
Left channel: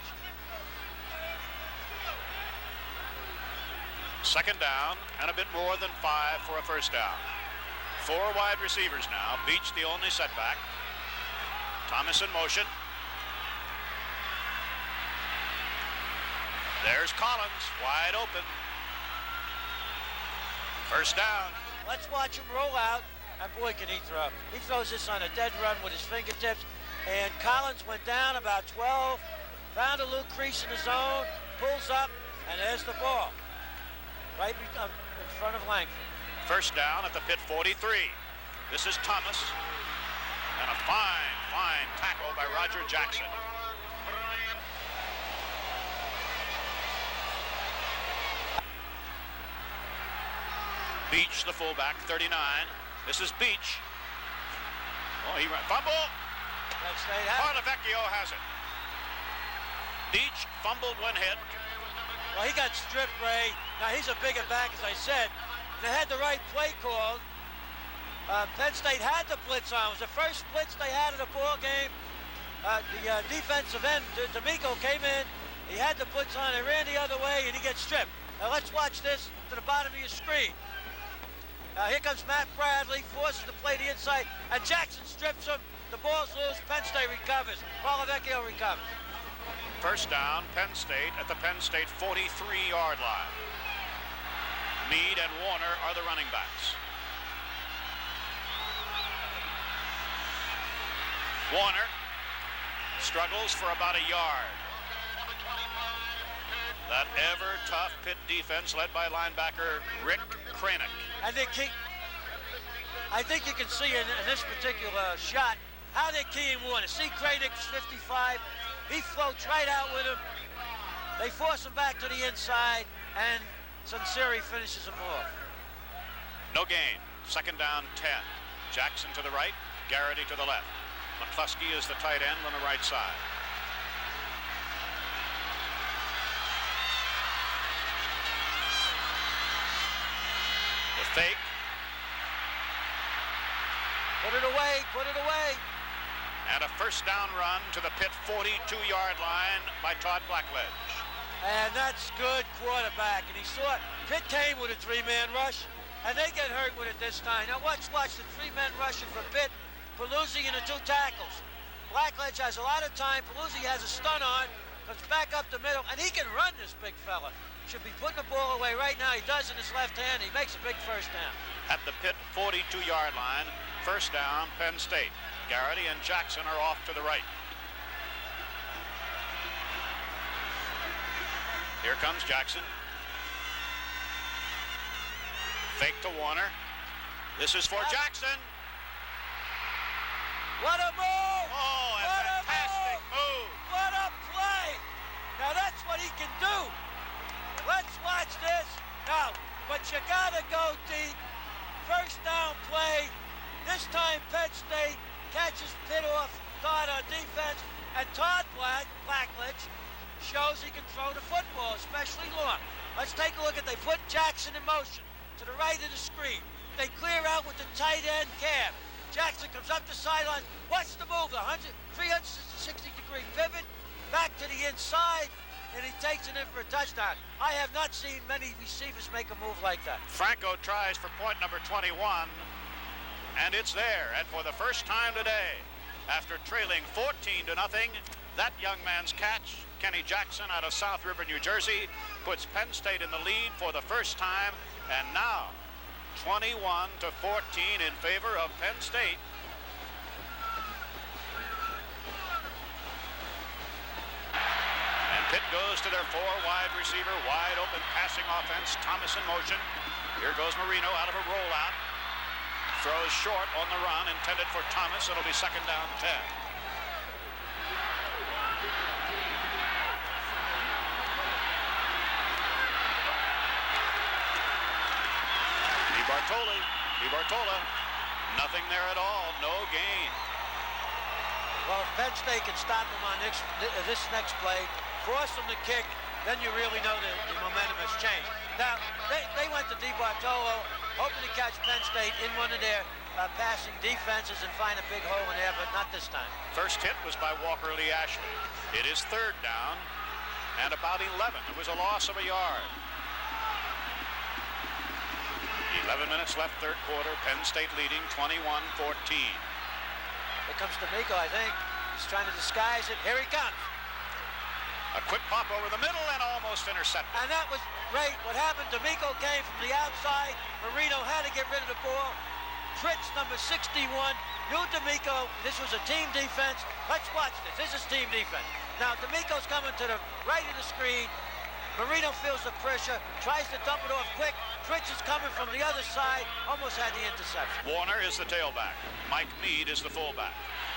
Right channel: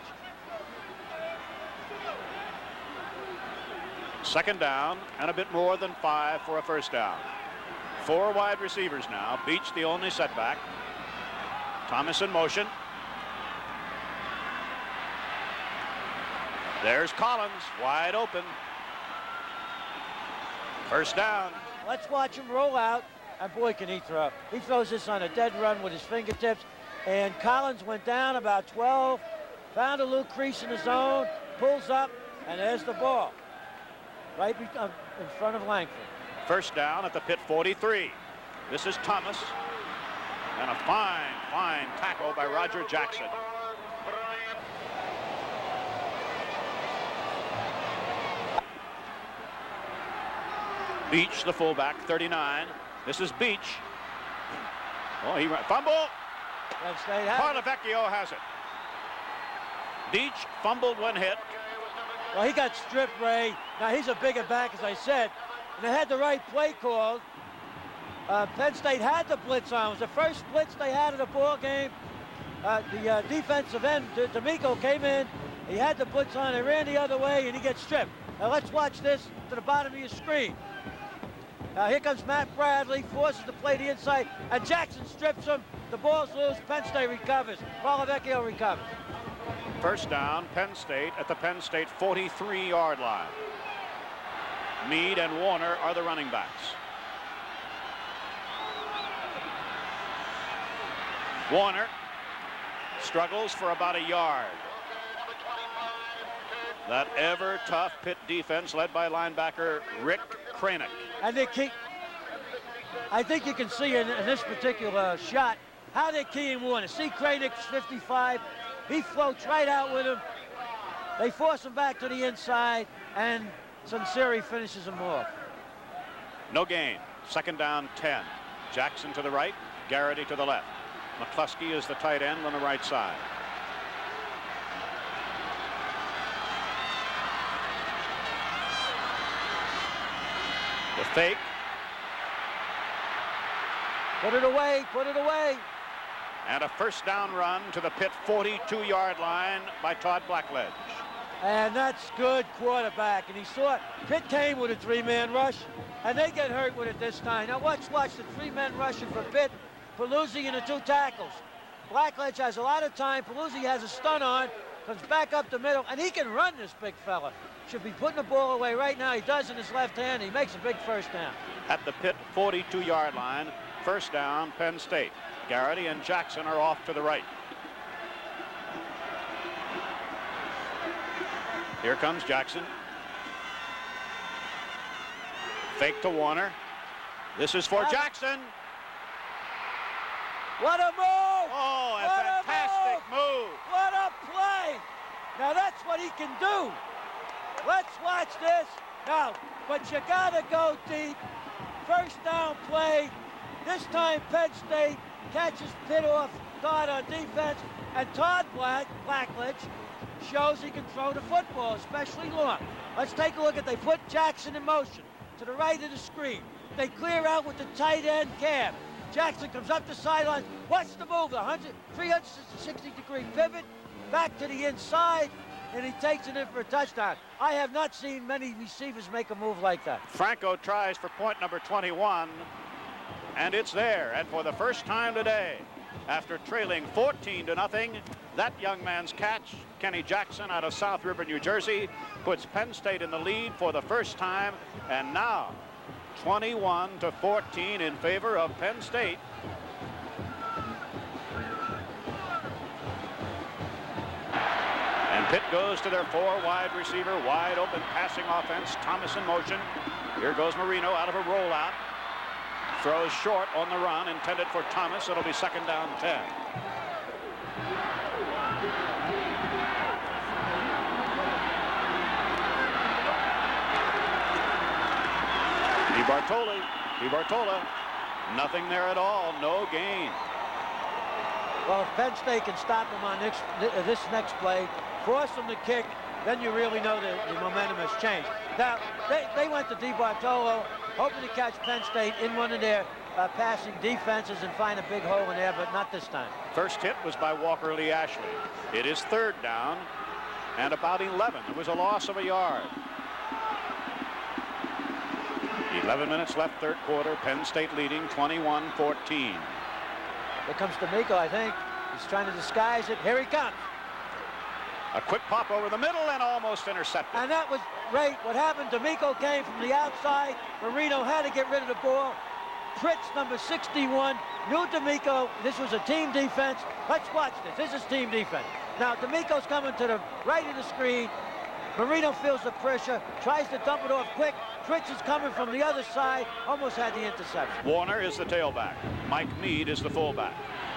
Second down and a bit more than 5 for a first down. 4 wide receivers now. Beach the only setback. Thomas in motion. There's Collins wide open. First down. Let's watch him roll out, and boy, can he throw. He throws this on a dead run with his fingertips, and Collins went down about 12, found a little crease in the zone, pulls up, and there's the ball. Right in front of Langford. First down at the Pitt 43. This is Thomas. And a fine tackle by Roger Jackson. Beach, the fullback, 39. This is Beach. Oh, he fumble. Vecchio has it. Beach fumbled when hit. Well, he got stripped, Ray. Now, he's a bigger back, as I said. And they had the right play called. Penn State had the blitz on. It was the first blitz they had in the ball game. The defensive end, D'Amico, came in. He had the blitz on. He ran the other way, and he gets stripped. Now, let's watch this to the bottom of your screen. Here comes Matt Bradley, forces the play to the inside, and Jackson strips him. The ball's loose. Penn State recovers. Paulo Vecchio recovers. First down, Penn State at the Penn State 43-yard line. Meade and Warner are the running backs. Warner struggles for about a yard. That ever-tough Pitt defense led by linebacker Rick Cranick. I think you can see in this particular shot how they're keying Warner. See Cranick's 55. He floats right out with him. They force him back to the inside, and Sunseri finishes him off. No gain. Second down, 10. Jackson to the right, Garrity to the left. McCluskey is the tight end on the right side. The fake. Put it away, put it away. And a first down run to the Pitt 42-yard line by Todd Blackledge. And that's good quarterback. And he saw it. Pitt came with a three-man rush, and they get hurt with it this time. Now watch the three-man rushing for Pitt. Paluzzi in the 2 tackles. Blackledge has a lot of time. Paluzzi has a stun on, comes back up the middle, and he can run, this big fella. Should be putting the ball away right now. He does in his left hand. He makes a big first down. At the Pitt 42-yard line, first down, Penn State. Garrity and Jackson are off to the right. Here comes Jackson. Fake to Warner. This is for Jackson. What a move! Oh, a fantastic move. What a play! Now that's what he can do. Let's watch this. Now, but you gotta go deep. First down play. This time Penn State catches Pitt off guard on defense, and Todd Blackledge shows he can throw the football, especially long. Let's take a look at, they put Jackson in motion to the right of the screen. They clear out with the tight end cab. Jackson comes up the sideline. What's the move? 360-degree pivot, back to the inside, and he takes it in for a touchdown. I have not seen many receivers make a move like that. Franco tries for point number 21, and it's there. And for the first time today, after trailing 14-0, that young man's catch, Kenny Jackson out of South River, New Jersey, puts Penn State in the lead for the first time, and now 21-14 in favor of Penn State. And Pitt goes to their 4 wide receiver, wide open passing offense. Thomas in motion. Here goes Marino out of a rollout. Throws short on the run, intended for Thomas. It'll be second down 10. DiBartola, nothing there at all, no gain. Well, if Penn State can stop him on this next play, force him to kick, then you really know the momentum has changed. Now, they went to DiBartola, hoping to catch Penn State in one of their passing defenses and find a big hole in there, but not this time. First hit was by Walker Lee Ashley. It is third down and about 11. It was a loss of a yard. 11 minutes left, third quarter. Penn State leading 21-14. Here comes D'Amico, I think. He's trying to disguise it. Here he comes. A quick pop over the middle and almost intercepted. And that was great. What happened, D'Amico came from the outside. Marino had to get rid of the ball. Fritz, number 61, knew D'Amico. This was a team defense. Let's watch this. This is team defense. Now, D'Amico's coming to the right of the screen. Marino feels the pressure, tries to dump it off quick. Fritz is coming from the other side, almost had the interception. Warner is the tailback. Mike Meade is the fullback.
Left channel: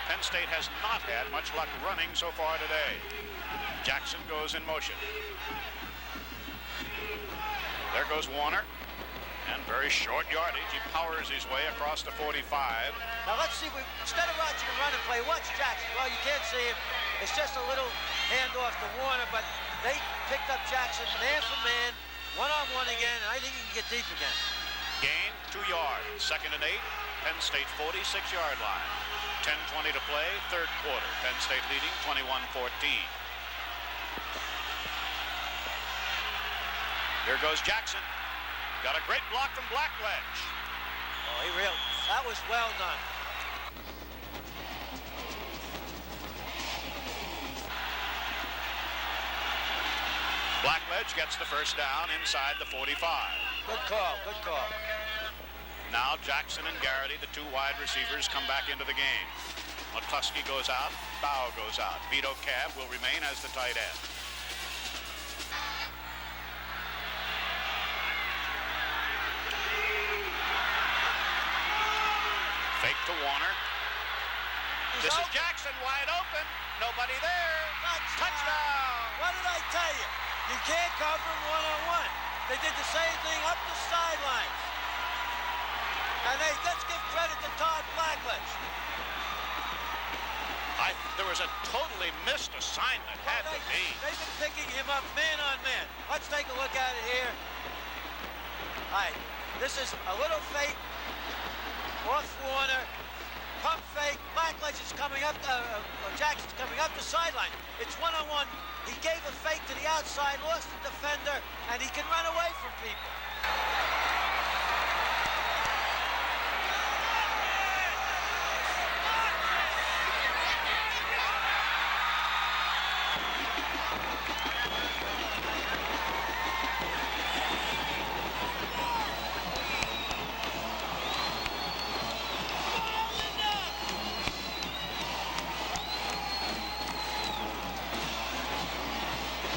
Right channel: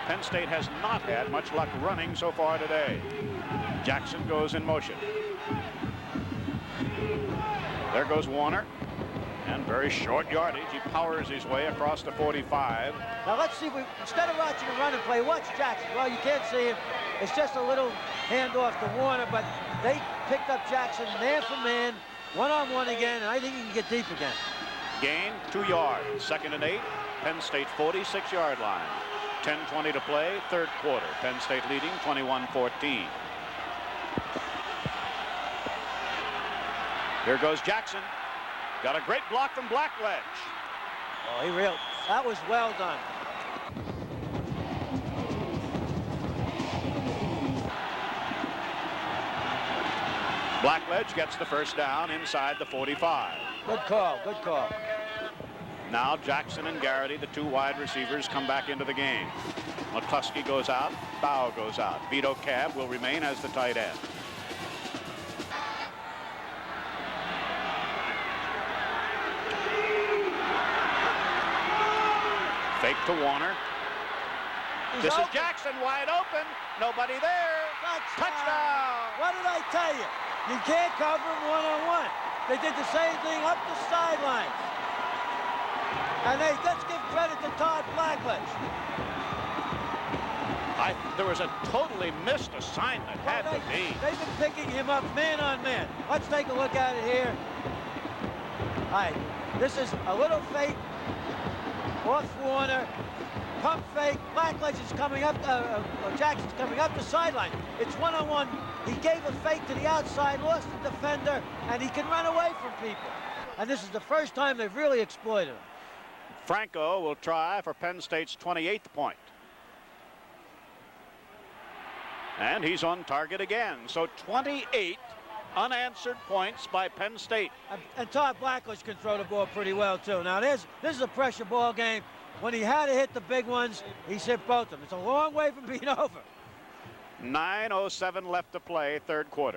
Penn State has not had much luck running so far today. Jackson goes in motion. There goes Warner. And very short yardage. He powers his way across the 45. Now let's see, instead of watching a run and play, watch Jackson. Well, you can't see him. It's just a little handoff to Warner, but they picked up Jackson man for man, one-on-one again, and I think he can get deep again. Gain 2 yards. Second and 8. Penn State 46-yard line. 10:20 to play, third quarter. Penn State leading 21-14. Here goes Jackson. Got a great block from Blackledge. Oh, that was well done. Blackledge gets the first down inside the 45. Good call, good call. Now Jackson and Garrity, the 2 wide receivers, come back into the game. McCluskey goes out, Bow goes out. Vito Cab will remain as the tight end. Fake to Warner. This is Jackson wide open. Nobody there. Touchdown. What did I tell you? You can't cover him one-on-one. They did the same thing up the sidelines. And let's give credit to Todd Blackledge. There was a totally missed assignment. They've been picking him up man on man. Let's take a look at it here. All right. This is a little fake off Warner. Pump fake. Blackledge is coming up. Jackson's coming up the sideline. It's one-on-one. He gave a fake to the outside, lost the defender, and he can run away from people. And this is the first time they've really exploited. Franco will try for Penn State's 28th point. And he's on target again. So 28 unanswered points by Penn State. And Todd Blackledge can throw the ball pretty well, too. Now, this is a pressure ball game. When he had to hit the big ones, he's hit both of them. It's a long way from Reno. 9:07 left to play, third quarter.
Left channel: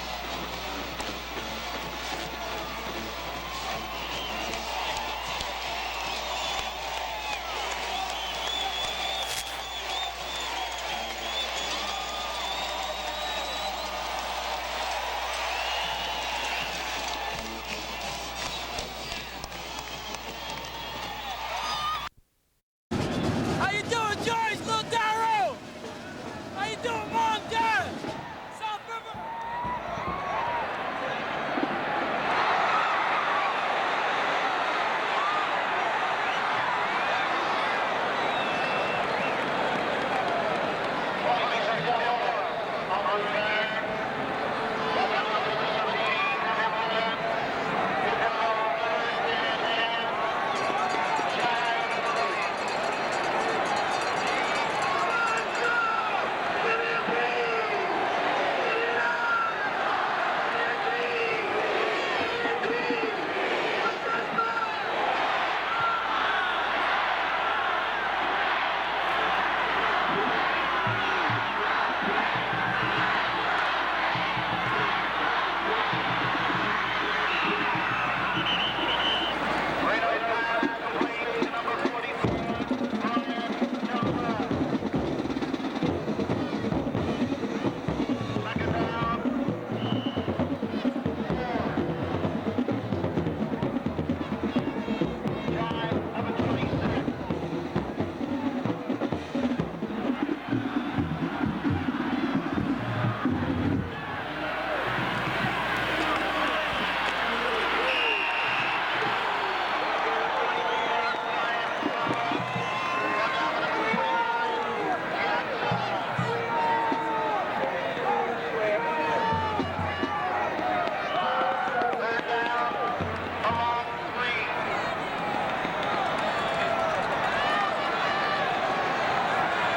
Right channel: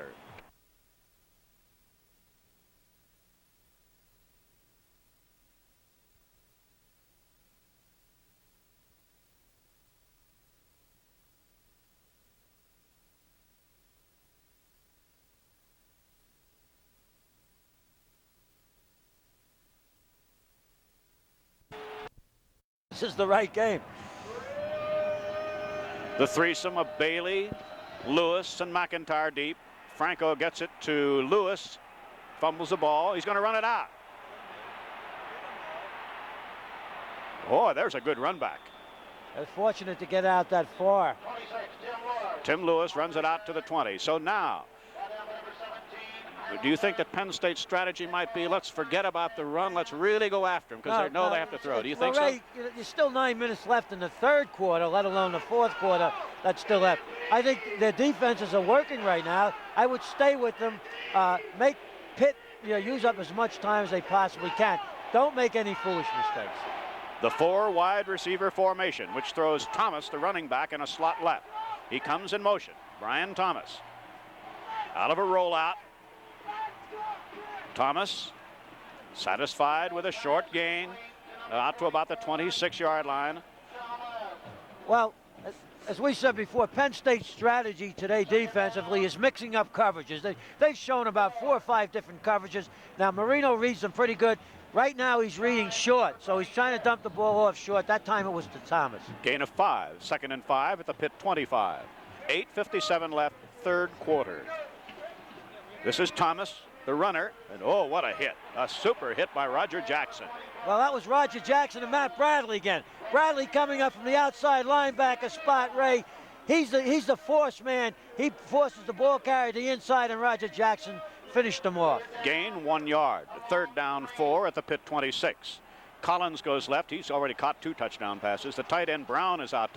The right game. How you doing, George? Little Darrow? The threesome of Bailey, Lewis, and McIntyre deep. Franco gets it to Lewis. Fumbles the ball. He's going to run it out. Boy, there's a good run. Fortunate to get out that far. Tim Lewis runs it out to the 20. So now, do you think that Penn State's strategy might be, let's forget about the run, let's really go after it? Do you think so? There's still 9 minutes left in the third quarter, let alone the fourth quarter. That's still left. I think their defenses are working right now. I would stay with them. They use up as much time as they possibly can. Don't make any foolish mistakes. The 4 wide receiver formation, which throws Thomas, the running back, in the slot right. He comes in motion. And Thomas. Out of the rollout. Thomas, satisfied with a short gain, out to about the 26-yard line. Well, as we said before, Penn State's strategy today defensively is mixing up coverages. They've shown about 4 or 5 different coverages. Now, Marino reads them pretty good. Right now, he's reading short, so he's trying to dump the ball off short. That time it was Thomas. Gain of 5, 2nd and 5 at the Pitt 25. 8:57 left, third quarter. This is Thomas, the runner. Oh, what a hit. A super hit by Roger Jackson. Well, that was Roger Jackson and Matt Bradley again. Bradley coming up from the outside linebacker spot. Ray, he's the force man. He forced the ball carrier to the inside, and Roger Jackson finished them off. Gain 1 yard. Third down 4 at the Pitt 26. Collins goes left. He's already caught 2 touchdown passes. The tight end Brown is out.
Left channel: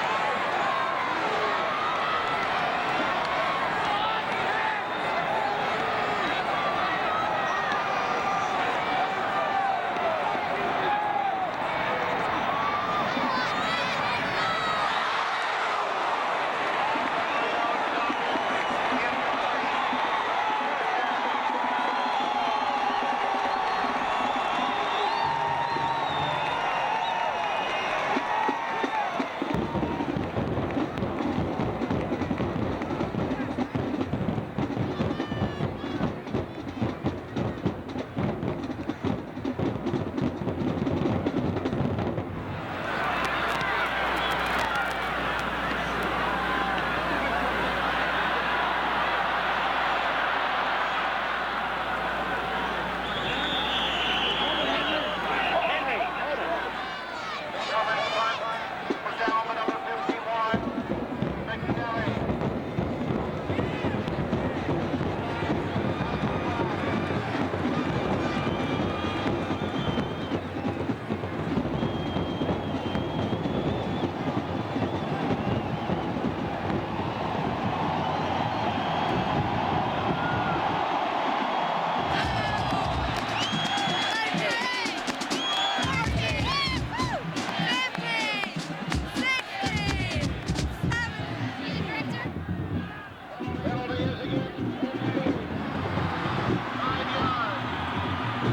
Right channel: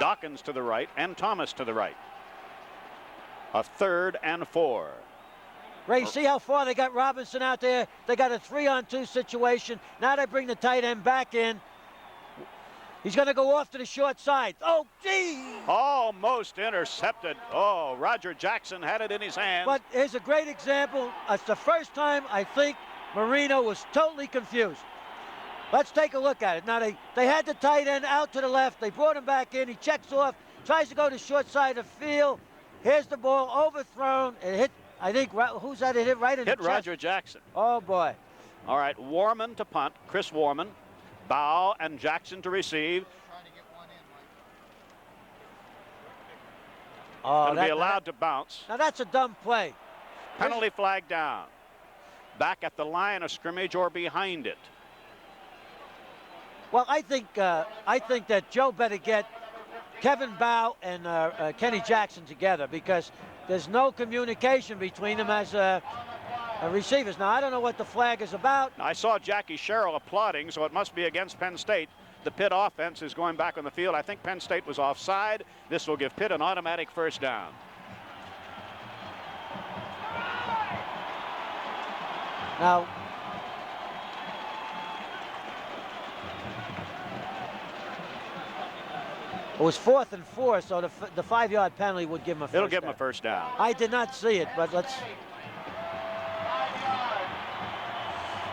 Dobbins to the right and Thomas to the right. A 3rd and 4. Ray, see how far they got Robinson out there? They got a 3-on-2 situation. Now they bring the tight end back in. He's going to go off to the short side. Oh, almost intercepted. Oh, Roger Jackson had it in his hand. But here's a great example. That's the first time I think Marino was totally confused. Let's take a look at it. Now they had the tight end out to the left. They brought him back in. He checks off, tries to go to the short side of the field. Here's the ball overthrown. It hit, I think, who's that? It hit right at Hit Roger Jackson. Oh, boy. All right, Warman to punt. Chris Warman. Bow and Jackson to receive. Oh, Be allowed to bounce. That's a dumb play. Penalty flag down. Back at the line of scrimmage or behind him. Well, I think that Joe better get Kevin Bow and Kenny Jackson together, because there's no communication between them as receivers. Now, I don't know what the flag is about. I saw Jackie Sherrill applauding, so it must be against Penn State. The Pitt offense is going back to the field. I think Penn State was offside. This will give Pitt an automatic first down. Now, it was 4th and 4, so the 5-yard penalty would give him a first down. It'll give him a first down. I did not see it, but let's...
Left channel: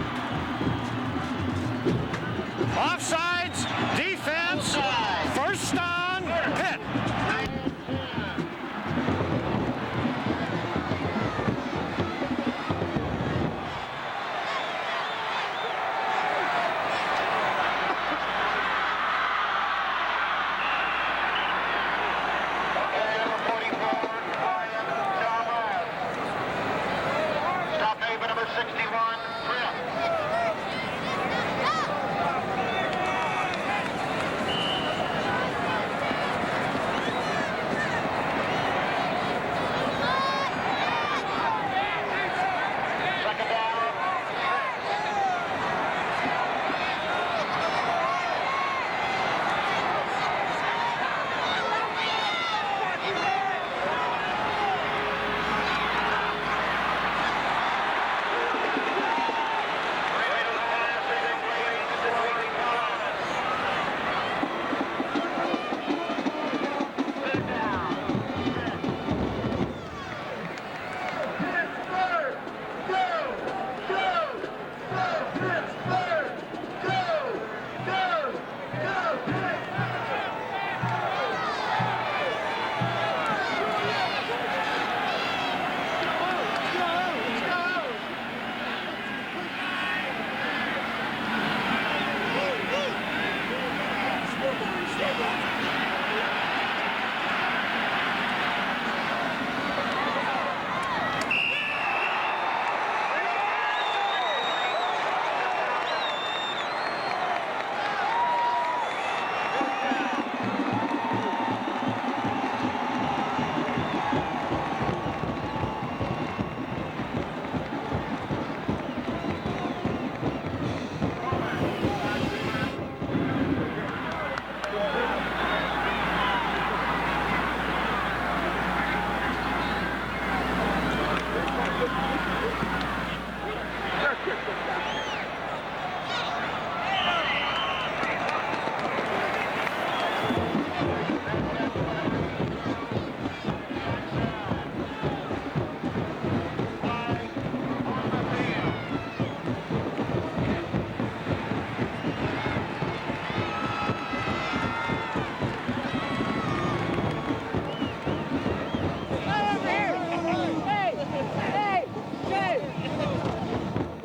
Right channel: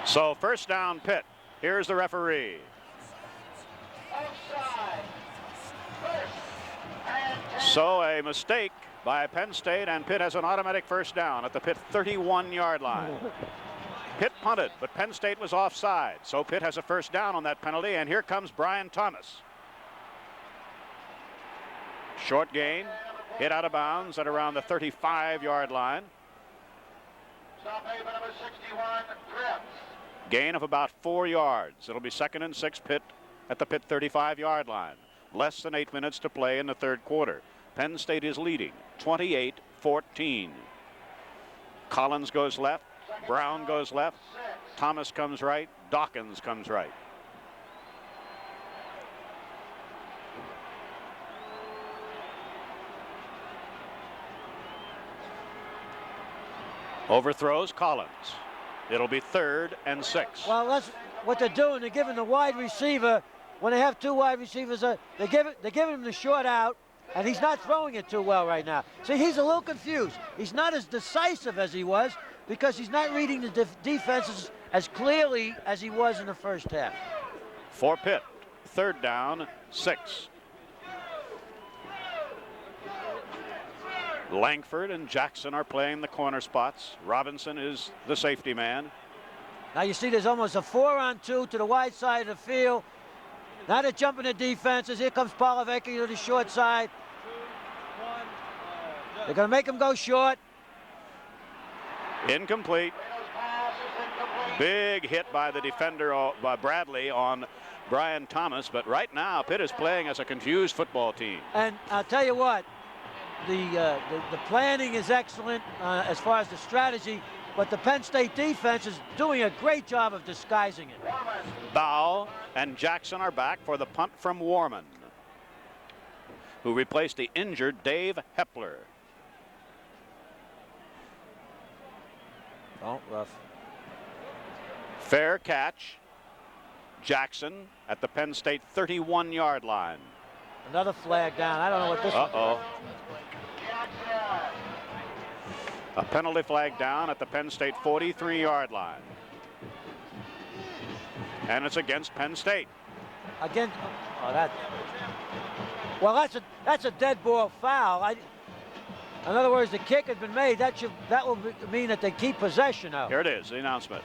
So first down Pitt. Here's the referee. Offsides, defense, first down, Pitt. So a mistake by Penn State, and Pitt has an automatic first down at the Pitt 31-yard line. Pitt punted, but Penn State was offside. So Pitt has a first down on that penalty, and here comes Brian Thomas. Short gain, hit out of bounds at around the 35-yard line. Stop made by number 61, Pitt. Gain of about 4 yards. It'll be 2nd and 6 Pitt at the Pitt 35-yard line. Less than 8 minutes to play in the third quarter. Penn State is leading 28-14. Collins goes left. Brown goes left. Thomas comes right. Dawkins comes right. Overthrows Collins. It'll be 3rd and 6. Well, that's what they're doing. They're giving a wide receiver. When they have 2 wide receivers, they give him the short out, and he's not throwing it too well right now. See, he's a little confused. He's not as decisive as he was because he's not reading the defenses as clearly as he was in the first half. For Pitt, 3rd down, 6. Langford and Jackson are playing the corner spots. Robinson is the safety man. Now you see there's almost a 4-on-2 to the wide side of the field. Now they're jumping the defenses. Here comes Balametti with the short side. They're going to make him go short. Incomplete. Big hit by the defender by Bradley on Brian Thomas, but right now Pitt is playing as a confused football team. And I'll tell you what, the planning is excellent as far as the strategy, but the Penn State defense is doing a great job of disguising. Bow and Jackson are back for the punt from Warner, who replaced the injured Dave Pepper. Fair catch. Jackson at the Penn State 31-yard line. Another flag down. I don't know what this is. A penalty flag down at the Penn State 43-yard line. And it's against Penn State. Again, that's a dead ball foul. In other words, the kick is made. That will mean that they keep possession of it. Here it is, the announcement.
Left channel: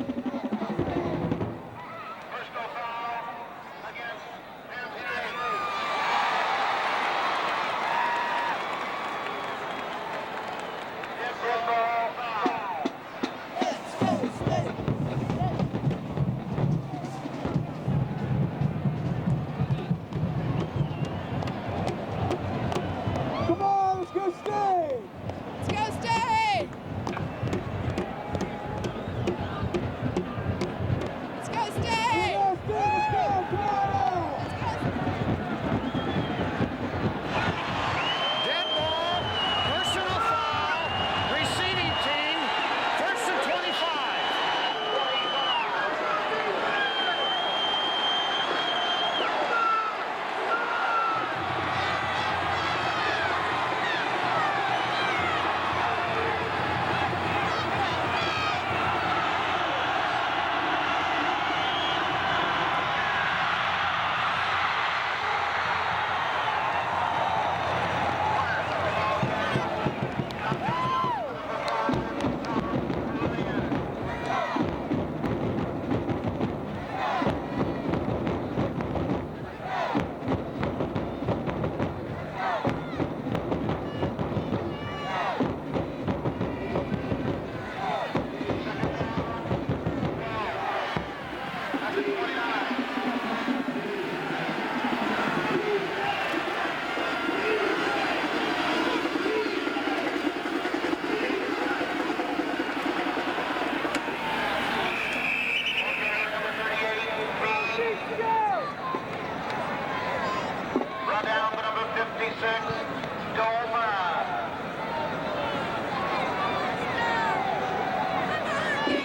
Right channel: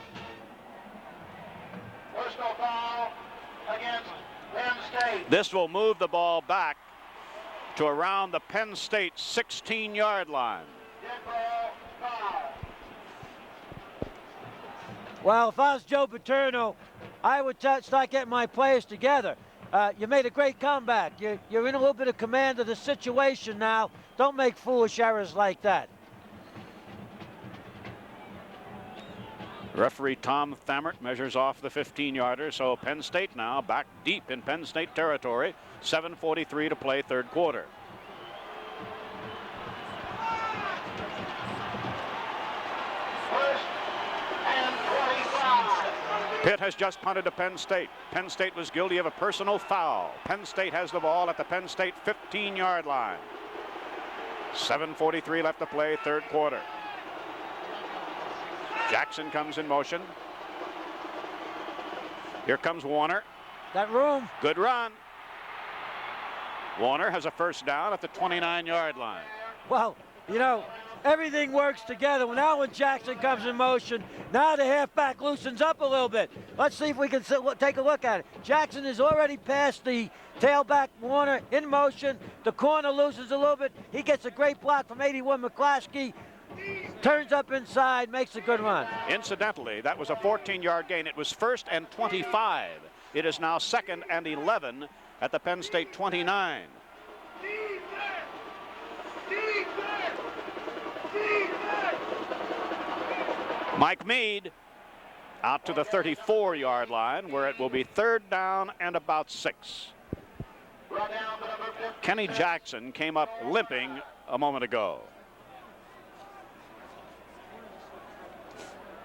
This will move the ball back to around the Penn State 16-yard line. Well, if I was Joe Paterno, I would start getting my players together. You made a great comeback. You're in a little bit of command of the situation now. Don't make foolish errors like that. Referee Tom Thamert measures off the 15-yarder, so Penn State now back deep in Penn State territory. 7:43 to play, third quarter. Dead ball, personal foul, receiving team, 1st and 25. Pitt has just punted to Penn State. Penn State is guilty of a personal foul. Penn State has the ball at the Penn State 15-yard line. 7:43 left to play, third quarter. Jackson comes in motion. Here comes Warner. Got room. Good run. Warner has a first down at the 29-yard line. Well, you know, everything works together. Now when Jackson comes in motion, now the halfback loosens up a little bit. Let's see if we can take a look at it. Jackson is already past the tailback. Warner in motion. The corner loosens a little bit. He gets a great block from 81 McClaskey. Turns up inside, makes a good run. Incidentally, that was a 14-yard gain. It was 1st and 25. It is now 2nd and 11 at the Penn State 29. Mike Mead out to the 34-yard line, where it will be 3rd down and about 6. Kenny Jackson came up limping a moment ago.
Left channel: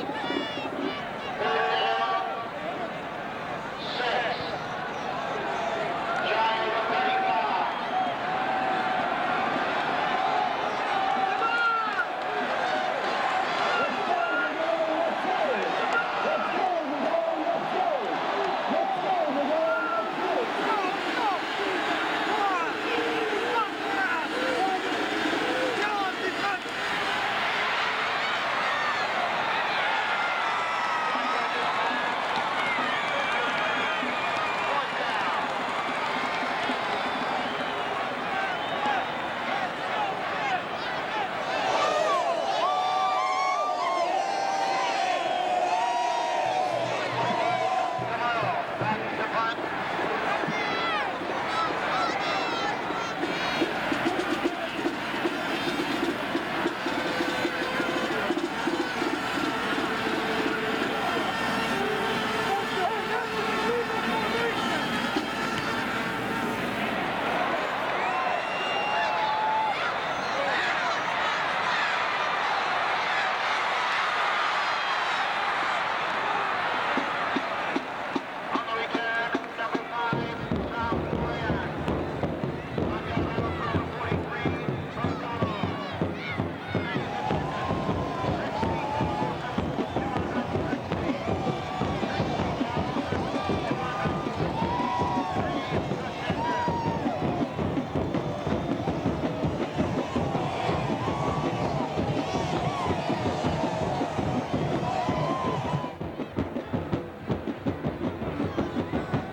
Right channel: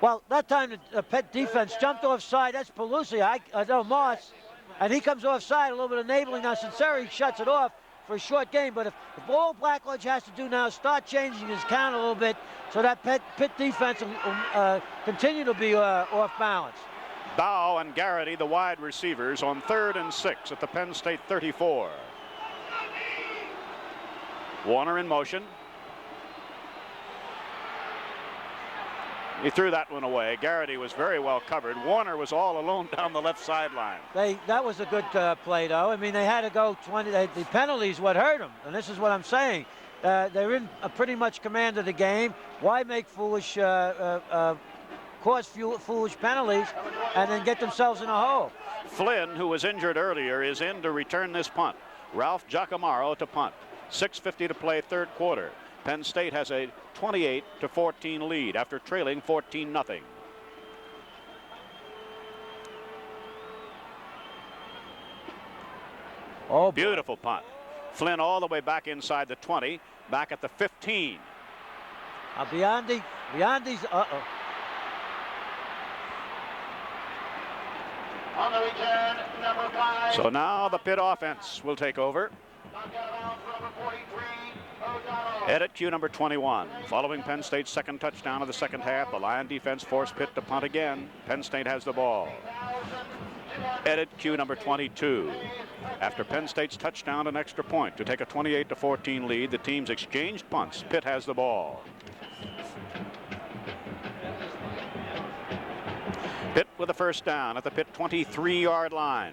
Well, that time the Pitt defense jumped offside. That's Pelusi, Del Mar. And he comes offside over the neighboring necessarily shuts it off for a short game. But all Blackwoods has to do now is start changing his count a little bit so that Pitt defense will continue to be off bounds. Dow and Garrity, the wide receivers, on 3rd and 6 at the Penn State 34. Warner in motion. He threw that one away. Garrity was very well covered. Warner was all alone down the left sideline. That was a good play, though. I mean, they had to go 20. The penalties what hurt. This is what I'm saying. They're in pretty much command of the game. Why make foolish force foolish penalties and then get themselves in a hole. Flynn, who was injured earlier, is in to return this punt. Ralph Giacomo to punt. 6:50 to play, third quarter. Penn State has a 28-14 lead after trailing 14-0. Oh, beautiful punt. Flynn all the way back inside the 20, back at the 15. Beyond these, So now the Pitt offense will take over. Headed cue number 21. Following Penn State's second touchdown in the second half, the Lion defense forced Pitt to punt again. Penn State has the ball. Headed cue number 22. After Penn State's touchdown and extra point to take a 28-14 lead, the teams exchange punts. Pitt has the ball. Pitt with a first down at the Pitt 23-yard line.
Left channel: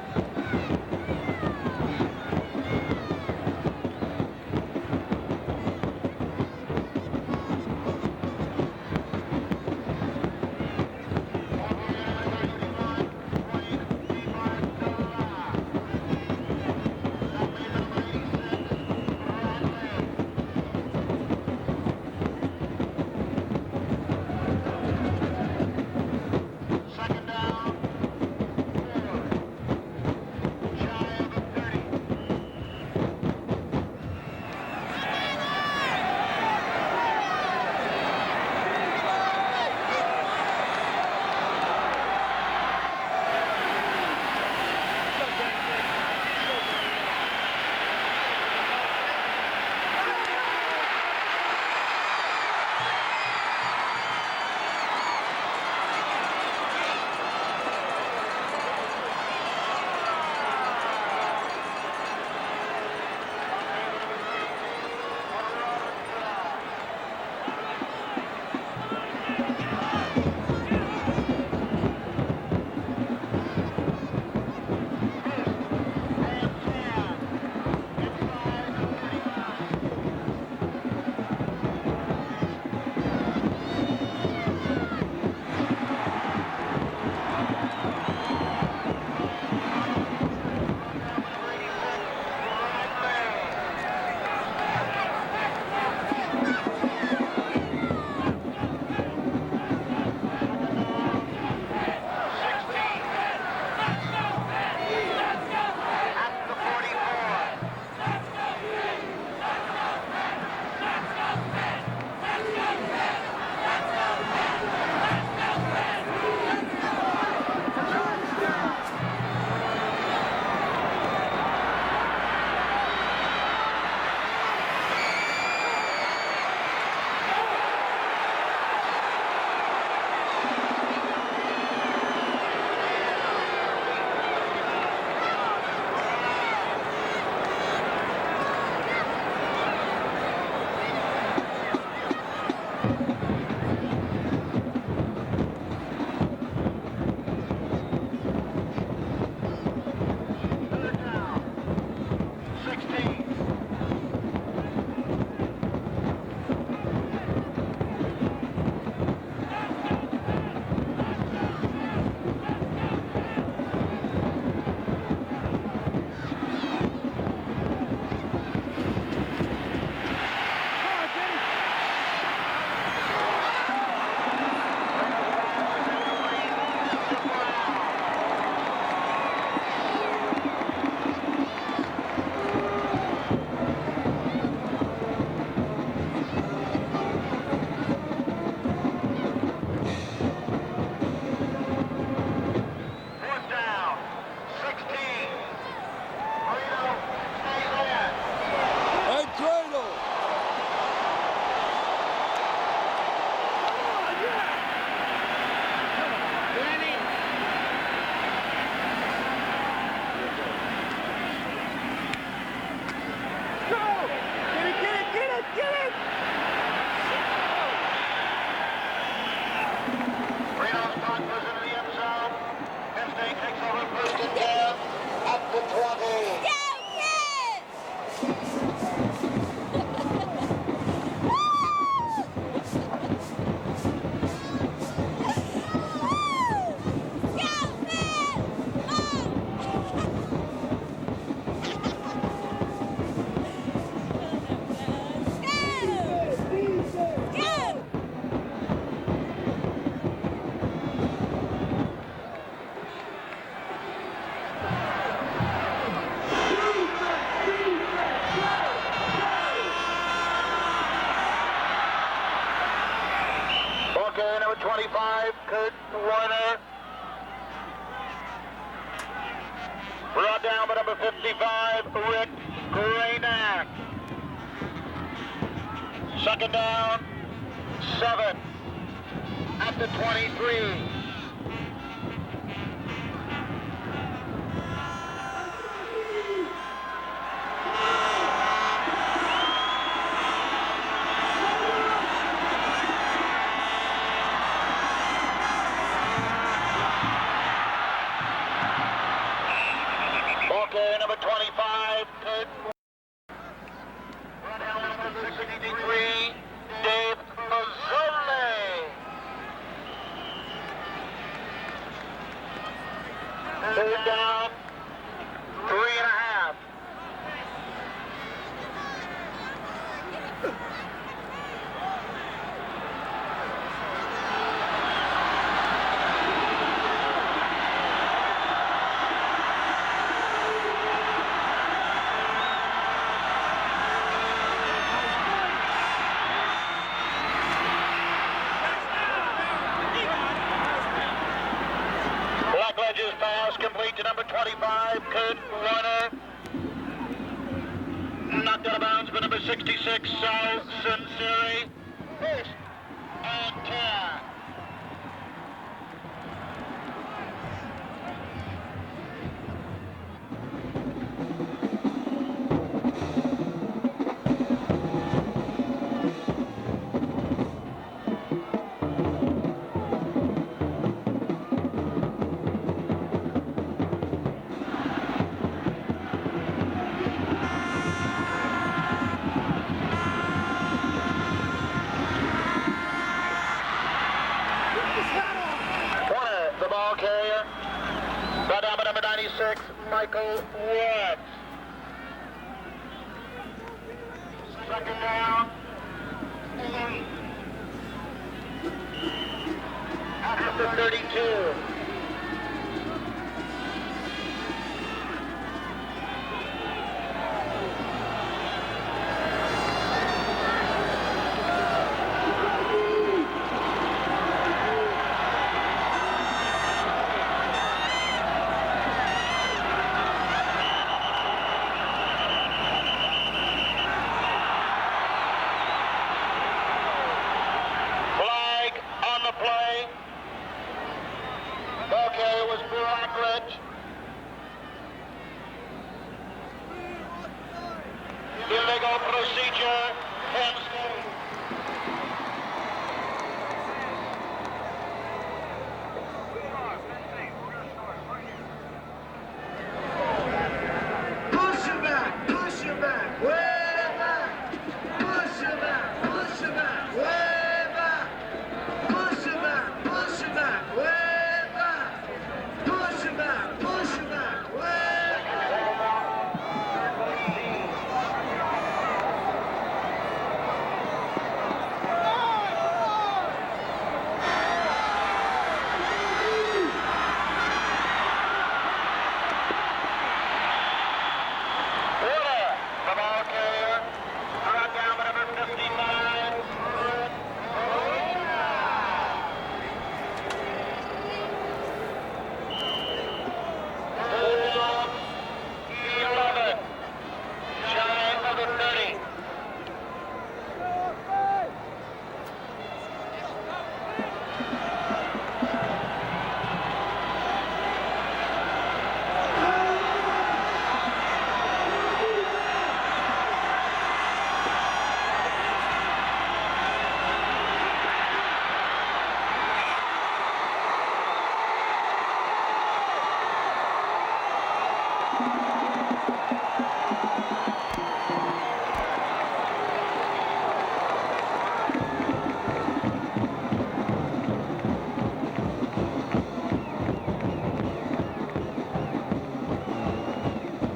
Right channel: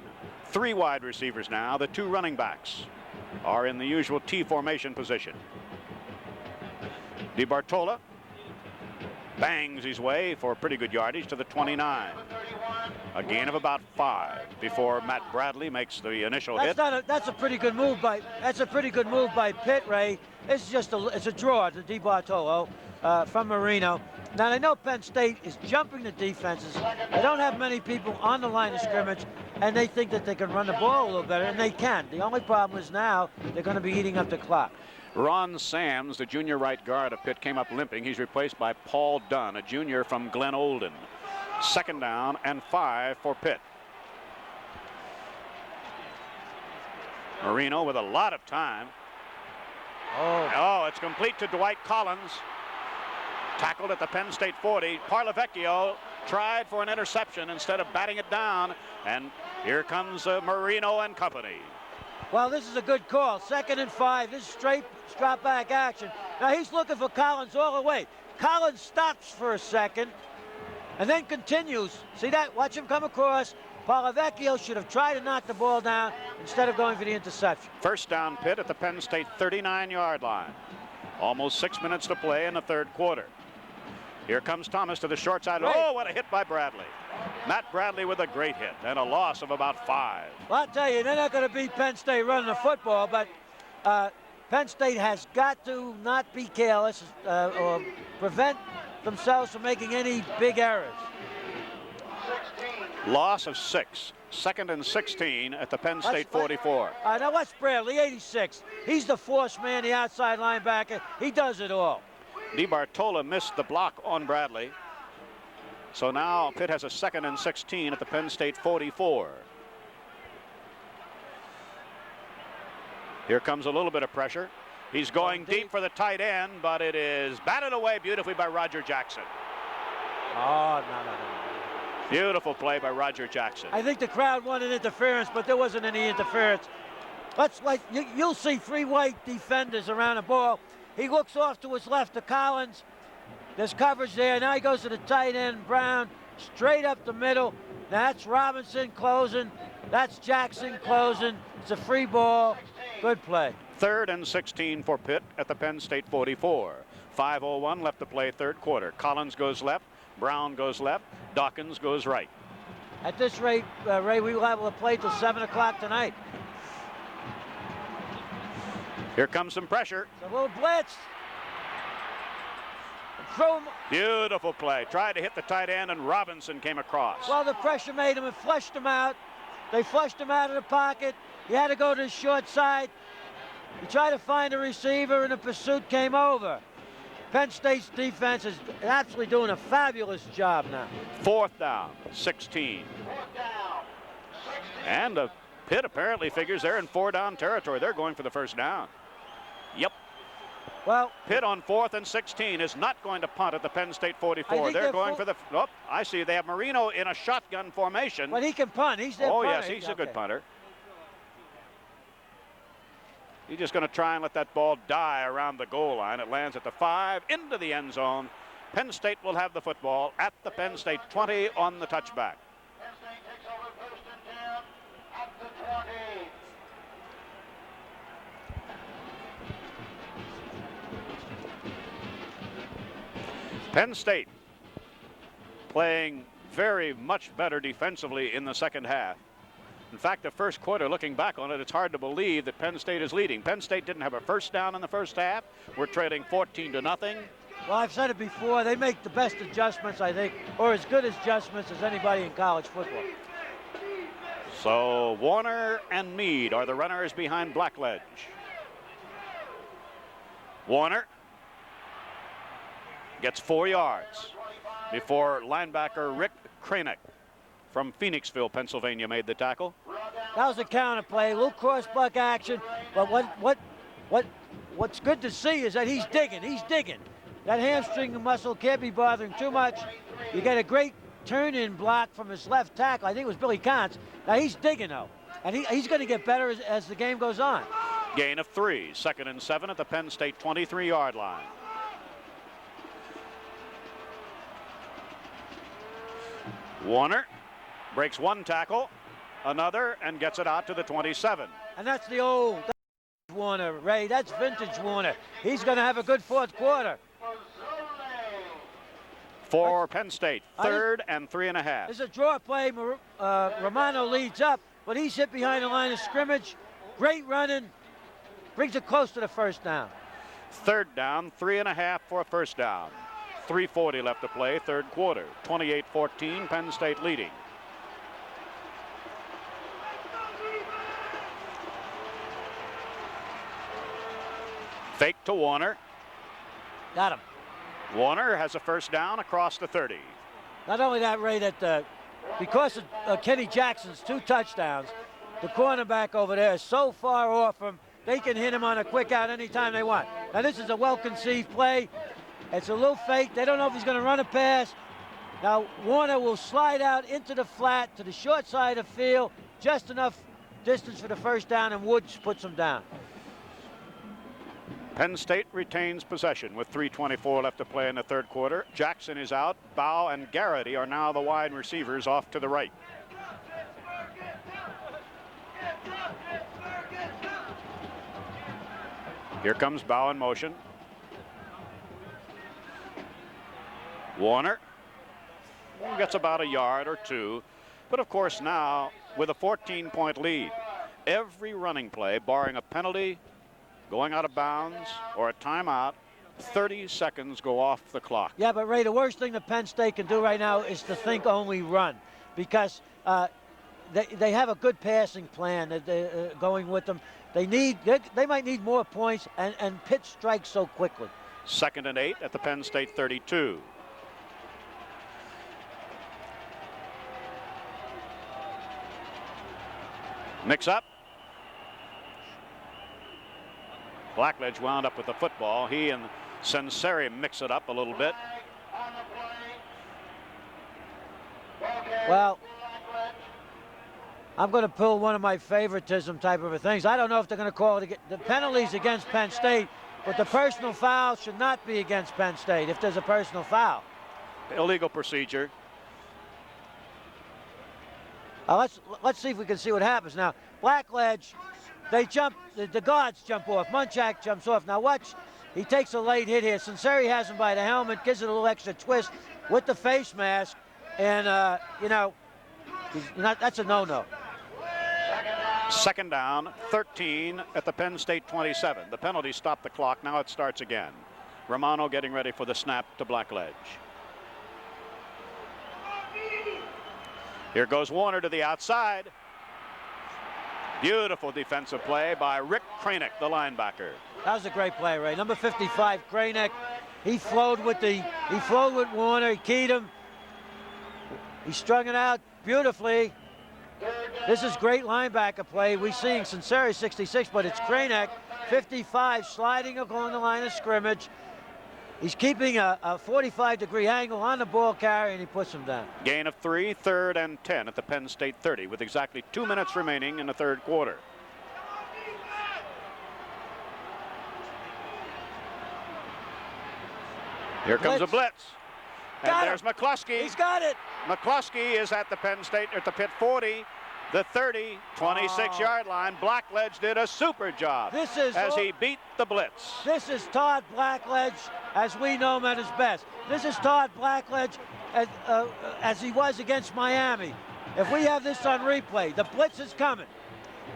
3 wide receivers now. The 2 running backs are in the usual T formation position. DeBartola bangs his way for pretty good yardage to the 29. A gain of about 5 before Matt Bradley makes the initial hit. That's a pretty good move by Pitt, Ray. It's a draw to DeBartolo from Marino. Now I know Penn State is jumping the defenses. They don't have many people on the line of scrimmage, and they think that they can run the ball a little better, and they can. The only problem is now they're going to be eating up the clock. Ron Sands, the junior right guard, came up limping. He's replaced by Paul Dunn, a junior from Glen Olden. Second down and 5 for Pitt. Marino with a lot of time. Oh, it's complete to Dwight Collins. Tackled at the Penn State 40. Parlavecchio tried for an interception instead of batting it down. And here comes Marino and company. Well, this is a good call. 2nd and 5. This straight drop back action. Now he's looking for Collins all the way. Collins stops for a second and then continues. See that? Watch him come across. Parlavecchio should have tried to knock the ball down instead of going for the interception. First down Pitt at the Penn State 39-yard line. Almost 6 minutes to play in the third quarter. Here comes Thomas to the short side. Oh, and a hit by Bradley. Matt Bradley with a great hit and a loss of about 5. I'll tell you, they're not going to beat Penn State running the football, but Penn State has got to not be careless or prevent themselves from making any big errors. Loss of 6. 2nd and 16 at the Penn State 44. Now watch Bradley, 86. He's the force man, the outside linebacker. He does it all. DeBartola missed the block on Bradley. So now Pitt has a 2nd and 16 at the Penn State 44. Here comes a little bit of pressure. He's going deep for the tight end, but it is batted away beautifully by Roger Jackson. Beautiful play by Roger Jackson. I think the crowd wanted interference, but there wasn't any interference. You'll see 3 white defenders around the ball. He looks off to his left to Collins. There's coverage there. Now he goes to the tight end, Brown, straight up the middle. Now that's Robinson closing. That's Jackson closing. It's a free ball. Good play. 3rd and 16 for Pitt at the Penn State 44. 5:01 left to play third quarter. Collins goes left. Brown goes left. Dawkins goes right. At this rate, Ray, we will have a play till 7 o'clock tonight. Here comes some pressure. Beautiful play. Trying to hit the tight end, and Robinson came across. Well, the pressure made him flush him out. They flushed him out of the pocket. He had to go to the short side, try to find a receiver, and the pursuit came over. Penn State's defense is actually doing a fabulous job now. 4th down, 16. And the Pitt apparently figures they're in 4-down territory. They're going for the first down. Yep. Well, Pitt on 4th and 16 is not going to punt at the Penn State 44. They're going for the... Oh, I see they have Marino in a shotgun formation. but he can punt. He's the Oh, yes, he's a good punter. He's just going to try and let that ball die around the goal line. It lands at the 5, into the end zone. Penn State will have the football at the Penn State 20 on the touchback. Penn State takes over 1st and 10 at the 20. Penn State playing very much better defensively in the second half. In fact, the first quarter, looking back on it, it's hard to believe that Penn State is leading. Penn State didn't have a first down in the first half. We're trailing 14-0. Well, I've said it before, they make the best adjustments, I think, or as good adjustments as anybody in college football. So Warner and Meade are the runners behind Blackbelt. Warner gets 4 yards before linebacker Rick Cranick from Phoenixville, Pennsylvania, made the tackle. That was a counter play, look cross-buck action, but what's good to see is that he's digging. That hamstring muscle can't be bothering too much. You get a great turn-in block from his left tackle. I think it was Billy Kahn. Now he's digging though, and he's going to get better as the game goes on. Gain of 3, 2nd and 7 at the Penn State 23-yard line. Warner breaks 1 tackle, another, and gets it out to the 27. And that's the old Warner, Ray. That's vintage Warner. He's going to have a good fourth quarter. For Penn State, 3rd and 3.5. It's a draw play. Romano leads up, but he's hit behind the line of scrimmage. Great running. Brings it close to the first down. 3rd down, 3.5 for a first down. 3:40 left to play, 3rd quarter. 28-14, Penn State leading. Fake to Warner. Got it. Warner has a first down across the 30. Not only that, Ray, that because of Kenny Jackson's 2 touchdowns, the cornerback over there is so far off him, they can hit him on a quick out anytime they want. Now this is a well-conceived play. It's a little fake. They don't know if he's going to run a pass. Now Warner will slide out into the flat to the short side of the field, just enough distance for the first down, and Woods puts him down. Penn State retains possession with 3:24 left to play in the 3rd quarter. Jackson is out. Bow and Garrity are now the wide receivers off to the right. Here comes Bow in motion. Warner gets about a yard or 2. But of course now, with a 14-point lead, every running play, barring a penalty, going out of bounds, or a timeout, 30 seconds go off the clock. Yeah, but Ray, the worst thing that Penn State can do right now is to think only run, because they have a good passing plan that they're going with them. They might need more points and hit strike so quickly. 2nd and 8, Penn State 32. Mix up. Blackledge wound up with the football. He and Senseri mix it up a little bit. Flag on the play. Well, It was Blackledge. I'm going to pull one of my favoritism type of things. I don't know if they're going to call it the penalties against Penn State, but the personal foul should not be against Penn State if there's a personal foul. Illegal procedure. Let's see if we can see what happens now. Blackledge, they jump, the guards jump off. Munchak jumps off. Now watch, he takes a late hit here. Sinceri has him by the helmet, gives it a little extra twist with the face mask, and you know, that's a no-no. 2nd down, 13 at the Penn State 27. The penalty stopped the clock. Now it starts again. Romano getting ready for the snap to Blackledge. Here goes Warner to the outside. Beautiful defensive play by Rick Cranick, the linebacker. That was a great play, Ray. Number 55, Cranick. He flowed with Warner. He keyed him. He strung it out beautifully. This is great linebacker play. We're seeing Sinceri 66, but it's Cranick 55 sliding up on the line of scrimmage. He's keeping a 45-degree angle on the ball carrier, and he puts it down. Gain of 3, 3rd and 10 at the Penn State 30, with exactly 2 minutes remaining in the 3rd quarter. Here comes a blitz. And there's McCluskey. He's got it. McCluskey is at the Penn State at the Pitt 40, the 30, 26-yard line. Blackledge did a super job as he beat the blitz. This is Todd Blackledge has we know him at his best. This is Todd Blackledge as he was against Miami. If we have this on replay, the blitz is coming.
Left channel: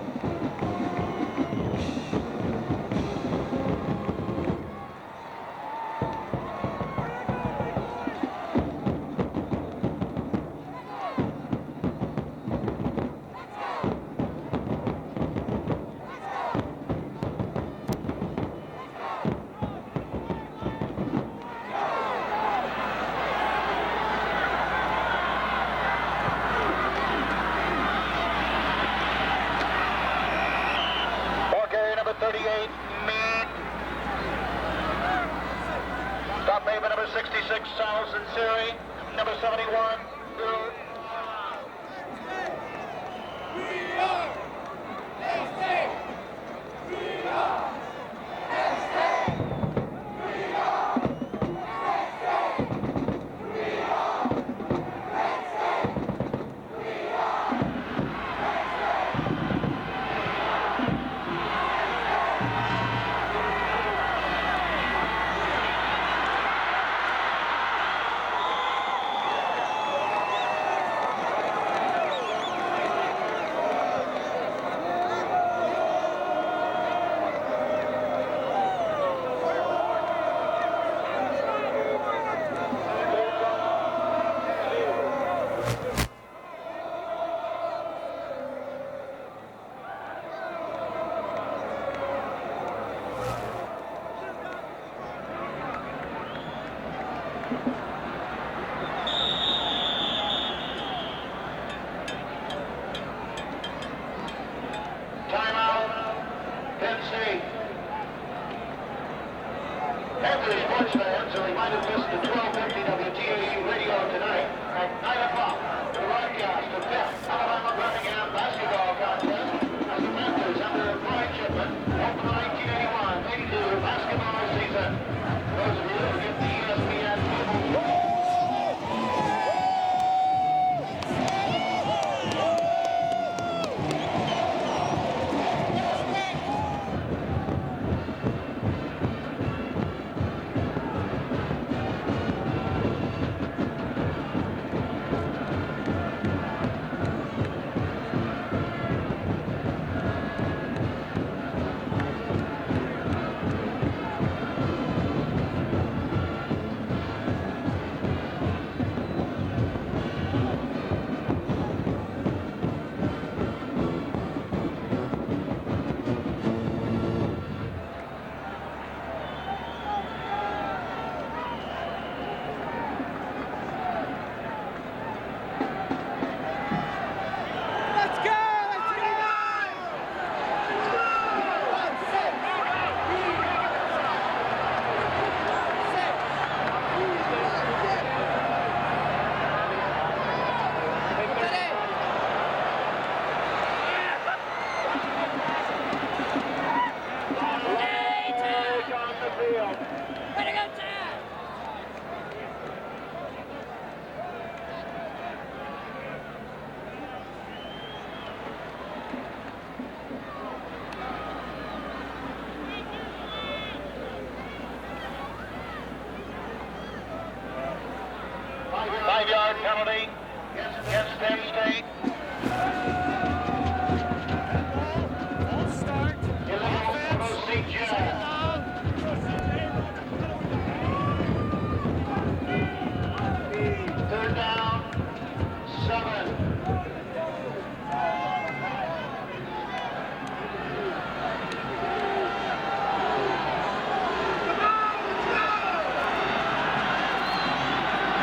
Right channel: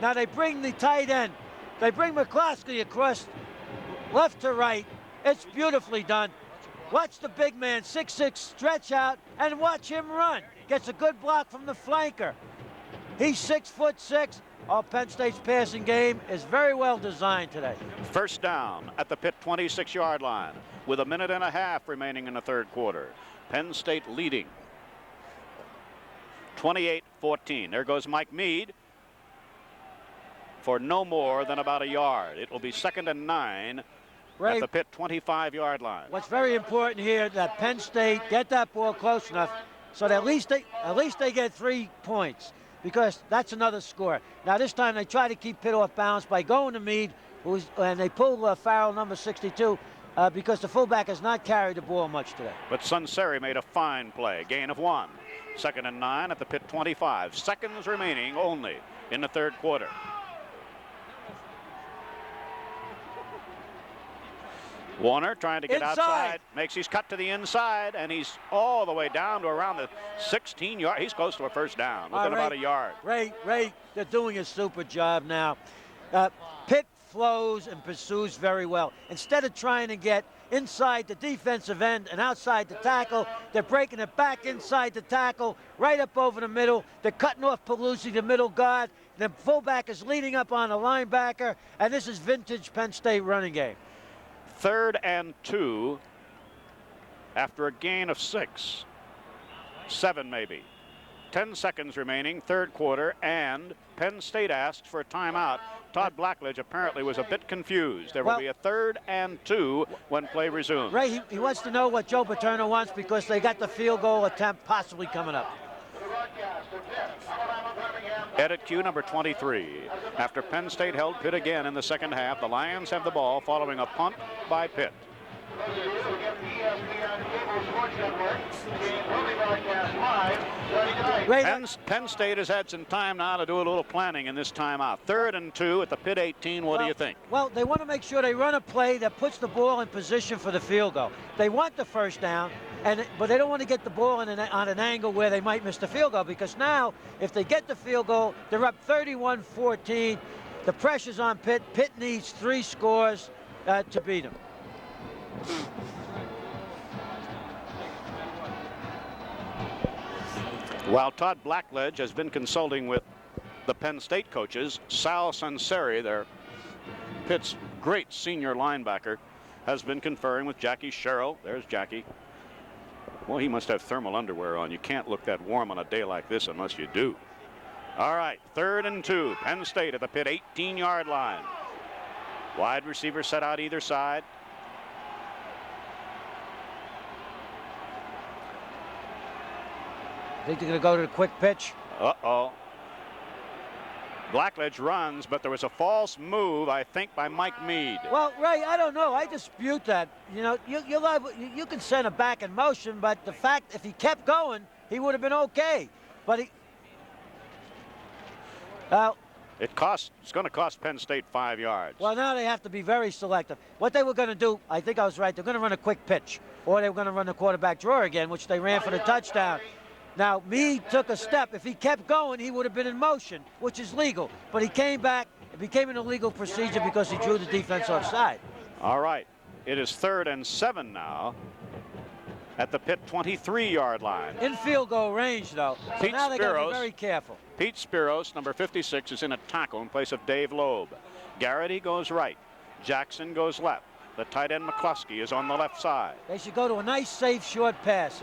Now they bring the tight end. They bring McCloskey across left to right. It's beautifully done. Watch the big man, 6'6", stretch out, and watch him run. Gets a good block from the flanker. He's 6'6". Oh, Penn State's passing game is very well designed today. First down at the Pitt 26-yard line with a minute and a half remaining in the third quarter. Penn State leading 28-14. There goes Mike Meade for no more than about a yard. It'll be 2nd and 9 at the Pitt 25-yard line. It's very important here that Penn State get that ball close enough so that at least they get 3 points, because that's another score. Now this time they try to keep Pitt off balance by going to Meade, and they pull foul number 62 because the fullback has not carried the ball much there. But Sunseri made a fine play, gain of 1. 2nd and 9 at the Pitt 25. Seconds remaining only in the third quarter. Warner trying to get inside. Makes his cut to the inside, and he's all the way down to around the 16-yard. He's close to the first down. About a yard. Ray, they're doing a super job now. Pitt flows and pursues very well. Instead of trying to get inside the defensive end and outside the tackle, they're breaking it back inside the tackle, right up over the middle. They're cutting off Paluzzi, the middle guard. The fullback is leading up on the linebacker, and this is vintage Penn State running game. 3rd and 2 after a gain of 6. 7 maybe. 10 seconds remaining, third quarter, and Penn State asked for a timeout. Todd Blackledge apparently was a bit confused. There will be a 3rd and 2 when play resumes. Ray, he wants to know what Joe Paterno wants because they got the field goal attempt possibly coming up. Headed to number 23. After Penn State held Pitt again in the second half, the Lions have the ball following a punt by Pitt. Penn State has had some time now to do a little planning in this timeout. 3rd and 2 at the Pitt 18. What do you think? Well, they want to make sure they run a play that puts the ball in position for the field goal. They want the first down, but they don't want to get the ball on an angle where they might miss the field goal, because now, if they get the field goal, they're up 31-14. The pressure's on Pitt. Pitt needs 3 scores to beat it. While Todd Blackledge has been consulting with the Penn State coaches, Sal Sunseri, their Pitt's great senior linebacker, has been conferring with Jackie Sherrill. There's Jackie. Well, he must have thermal underwear on. You can't look that warm on a day like this unless you do. All right, 3rd and 2. Penn State at the Pitt 18-yard line. Wide receiver set out either side. Going to go to the quick pitch. Blackledge runs, but there was a false move, I think, by Mike Meade. Well, Ray, I don't know. I dispute that. You know, you can send him back in motion, but the fact if he kept going, he would have been okay. But he... It's going to cost Penn State 5 yards. Well, now they have to be very selective. What they were going to do, I think I was right, they're going to run a quick pitch. Or they were going to run the quarterback draw again, which they ran for the touchdown. Now, Meade took a step. If he kept going, he would have been in motion, which is legal. But he came back. He came in a legal procedure because he threw the defense offside. All right. It is 3rd and 7 now at the Pitt 23-yard line. In field goal range, though. Pete Spiros. Very careful. Pete Spiros, number 56, is in a tackle in place of Dave Lowe. Garrity goes right. Jackson goes left. The tight end McCloskey is on the left side. This will go to a nice, safe, short pass.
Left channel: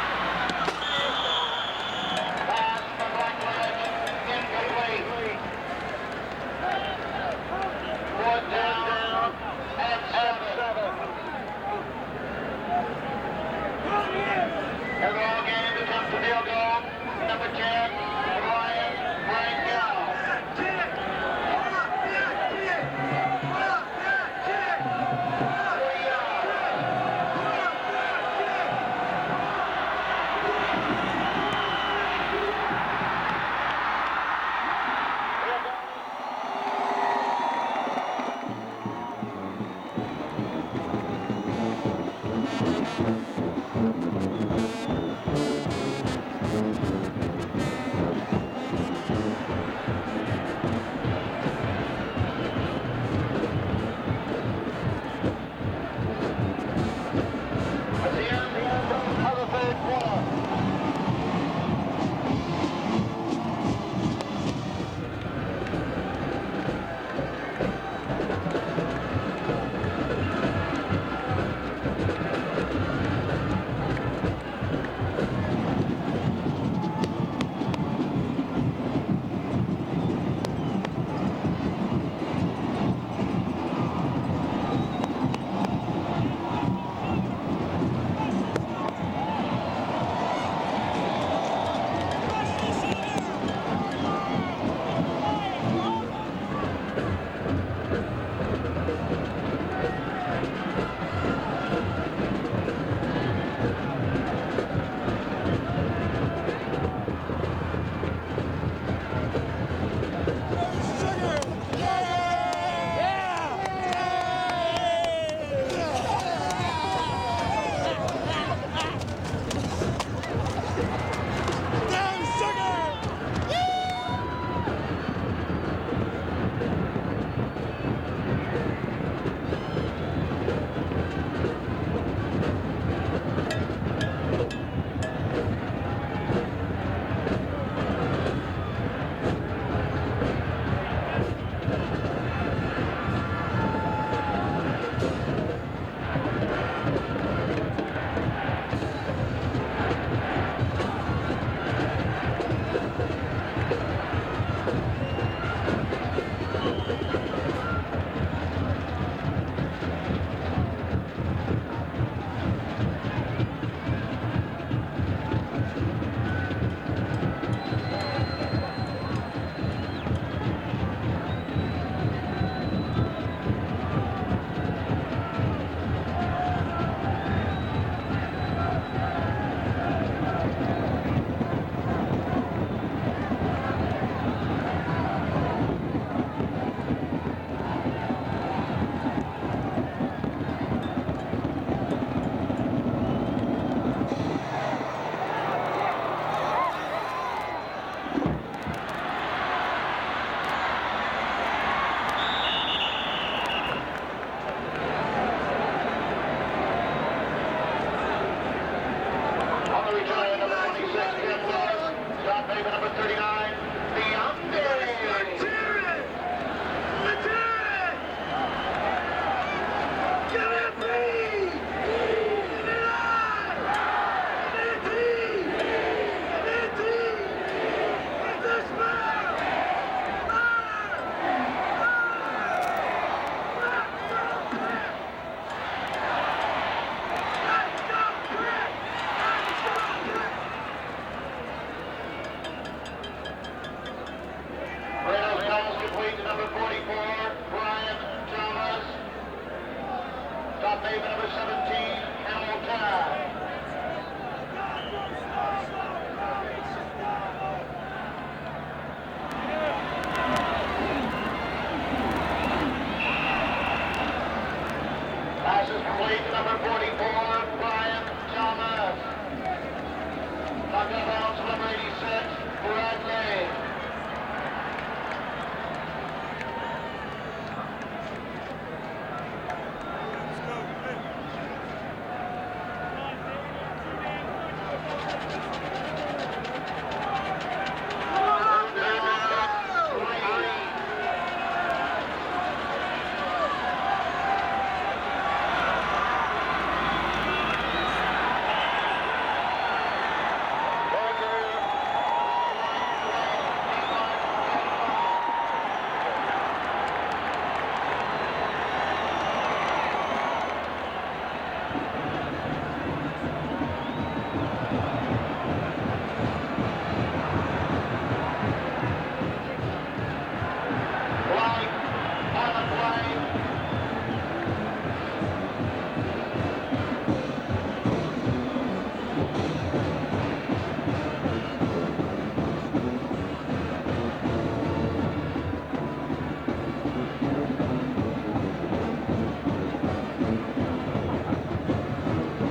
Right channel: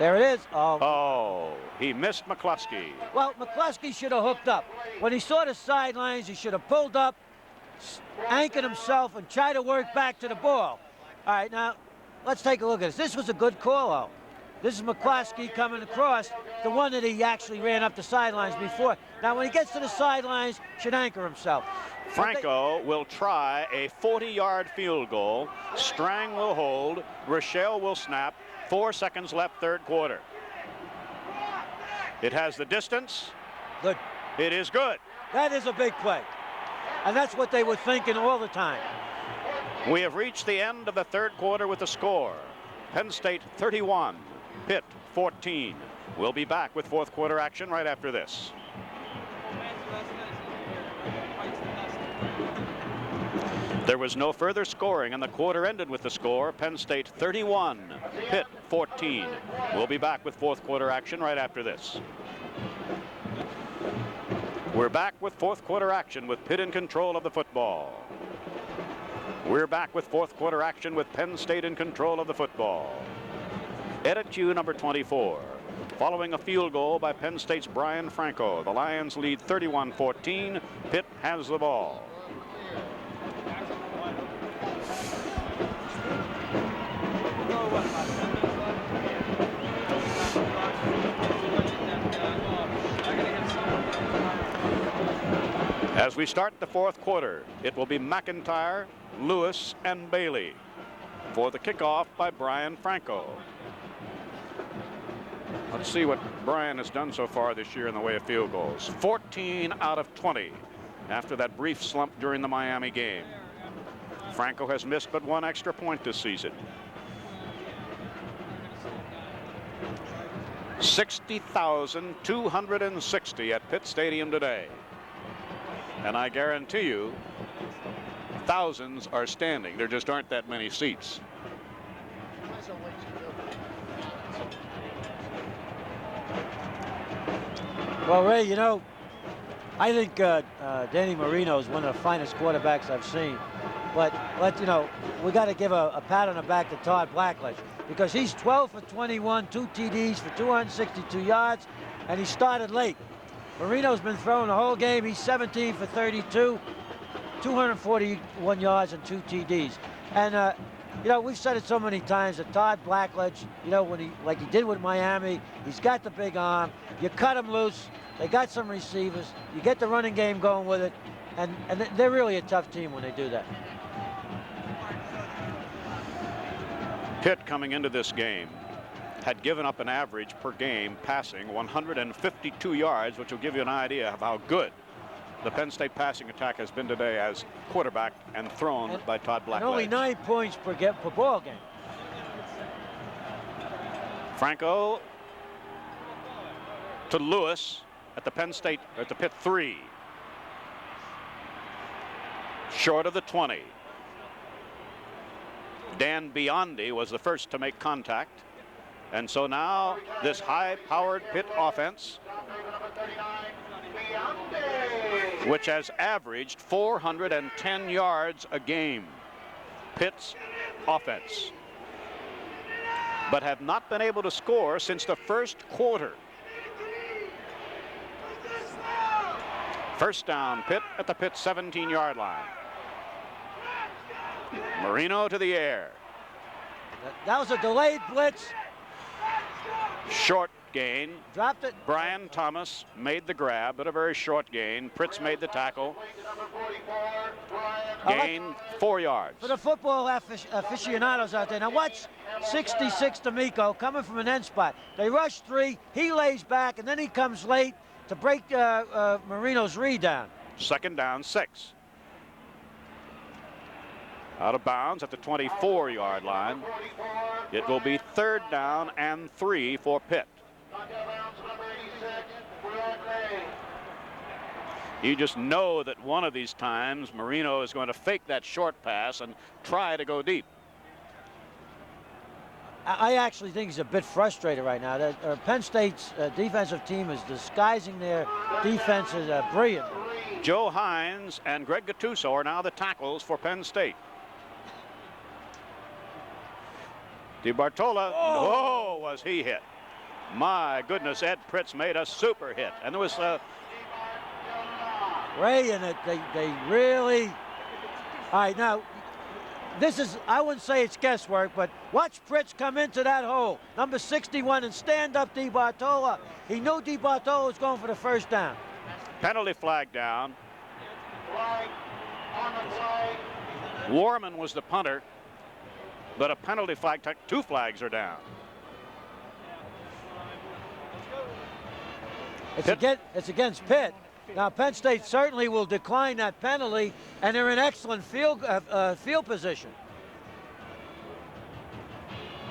There it is. Oh, he missed McCloskey. Well, McCloskey should have hooked up. When he saw the sidelines, he should have pulled up, anchored himself, and tried to work back to the ball. All right, now, let's take a look at this. This was a good call-out. This is McCloskey coming across, the one that he actually ran up the sidelines before. Now, when he gets to the sidelines, he should anchor himself. Franco will try a 40-yard field goal. Strang will hold. Rochelle will snap. 4 seconds left, third quarter. It has the distance. Good. It is good. That is a big play. And that's what they were thinking all the time. We have reached the end of the third quarter with the score. Penn State 31, Pitt 14. We'll be back with fourth quarter action right after this. There was no further scoring, and the quarter ended with the score. Penn State 31, Pitt 14. We'll be back with fourth quarter action right after this. We're back with fourth quarter action with Pitt in control of the football. We're back with fourth quarter action with Penn State in control of the football. Edit cue number 24. Following a field goal by Penn State's Brian Franco, the Lions lead 31-14. Pitt has the ball. As we start the fourth quarter, it will be McIntyre, Lewis, and Bailey for the kickoff by Brian Franco. Let's see what Brian has done so far this year in the way of field goals. 14 out of 20 after that brief slump during the Miami game. Franco has missed but one extra point this season. 60,260 at Pitt Stadium today. And I guarantee you, thousands are standing. There just aren't that many seats. Well, Ray, you know, I think Dan Marino is one of the finest quarterbacks I've seen. But you know, we got to give a pat on the back to Todd Blackley, because he's 12 for 21, 2 TDs for 262 yards, and he started late. Marino's been throwing the whole game. He's 17 for 32, 241 yards and 2 TDs. And you know, we've said it so many times, and Todd Blackledge, you know, like he did with Miami, he's got the big arm. You cut him loose. They got some receivers. You get the running game going with it, and they're really a tough team when they do that. Pitt, coming into this game, had given up an average per game passing 152 yards, which will give you an idea how good the Penn State passing attack has been today as quarterback and thrown by Todd Blackledge. Only 9 points per ball game. Franco to Lewis at the Penn State at the Pitt 3. Short of the 20. Dan Biondi was the first to make contact. And so now this high-powered Pitt offense, which has averaged 410 yards a game, Pitt's offense, but have not been able to score since the first quarter. First down, Pitt at the Pitt 17-yard line. Marino to the air. That was a delayed blitz. Short gain. Dropped it. Brian Thomas made the grab, but a very short gain. Fritz made the tackle. Gain 4 yards. For the football aficionados out there, now watch 66 D'Amico coming from an end spot. They rush 3, he lays back, and then he comes late to break Marino's read down. Second down, 6. Out of bounds at the 24-yard line. It will be third down and 3 for Pitt. You just know that one of these times Marino is going to fake that short pass and try to go deep. I actually think he's a bit frustrated right now. Penn State's defensive team is disguising their defensive brilliantly. Joe Hines and Greg Gattuso are now the tackles for Penn State. DiBartola, oh, was he hit. My goodness, Ed Fritz made a super hit. And it was Ray, and they really... All right, now, this is, I wouldn't say it's guesswork, but watch Fritz come into that hole. Number 61 and stand up DiBartola. He knew DiBartola was going for the first down. penalty flag down. Warman was the punter, but a penalty flag, 2 flags are down. Pitt it's against Pitt. Now Penn State certainly will decline that penalty, and they're in excellent field position.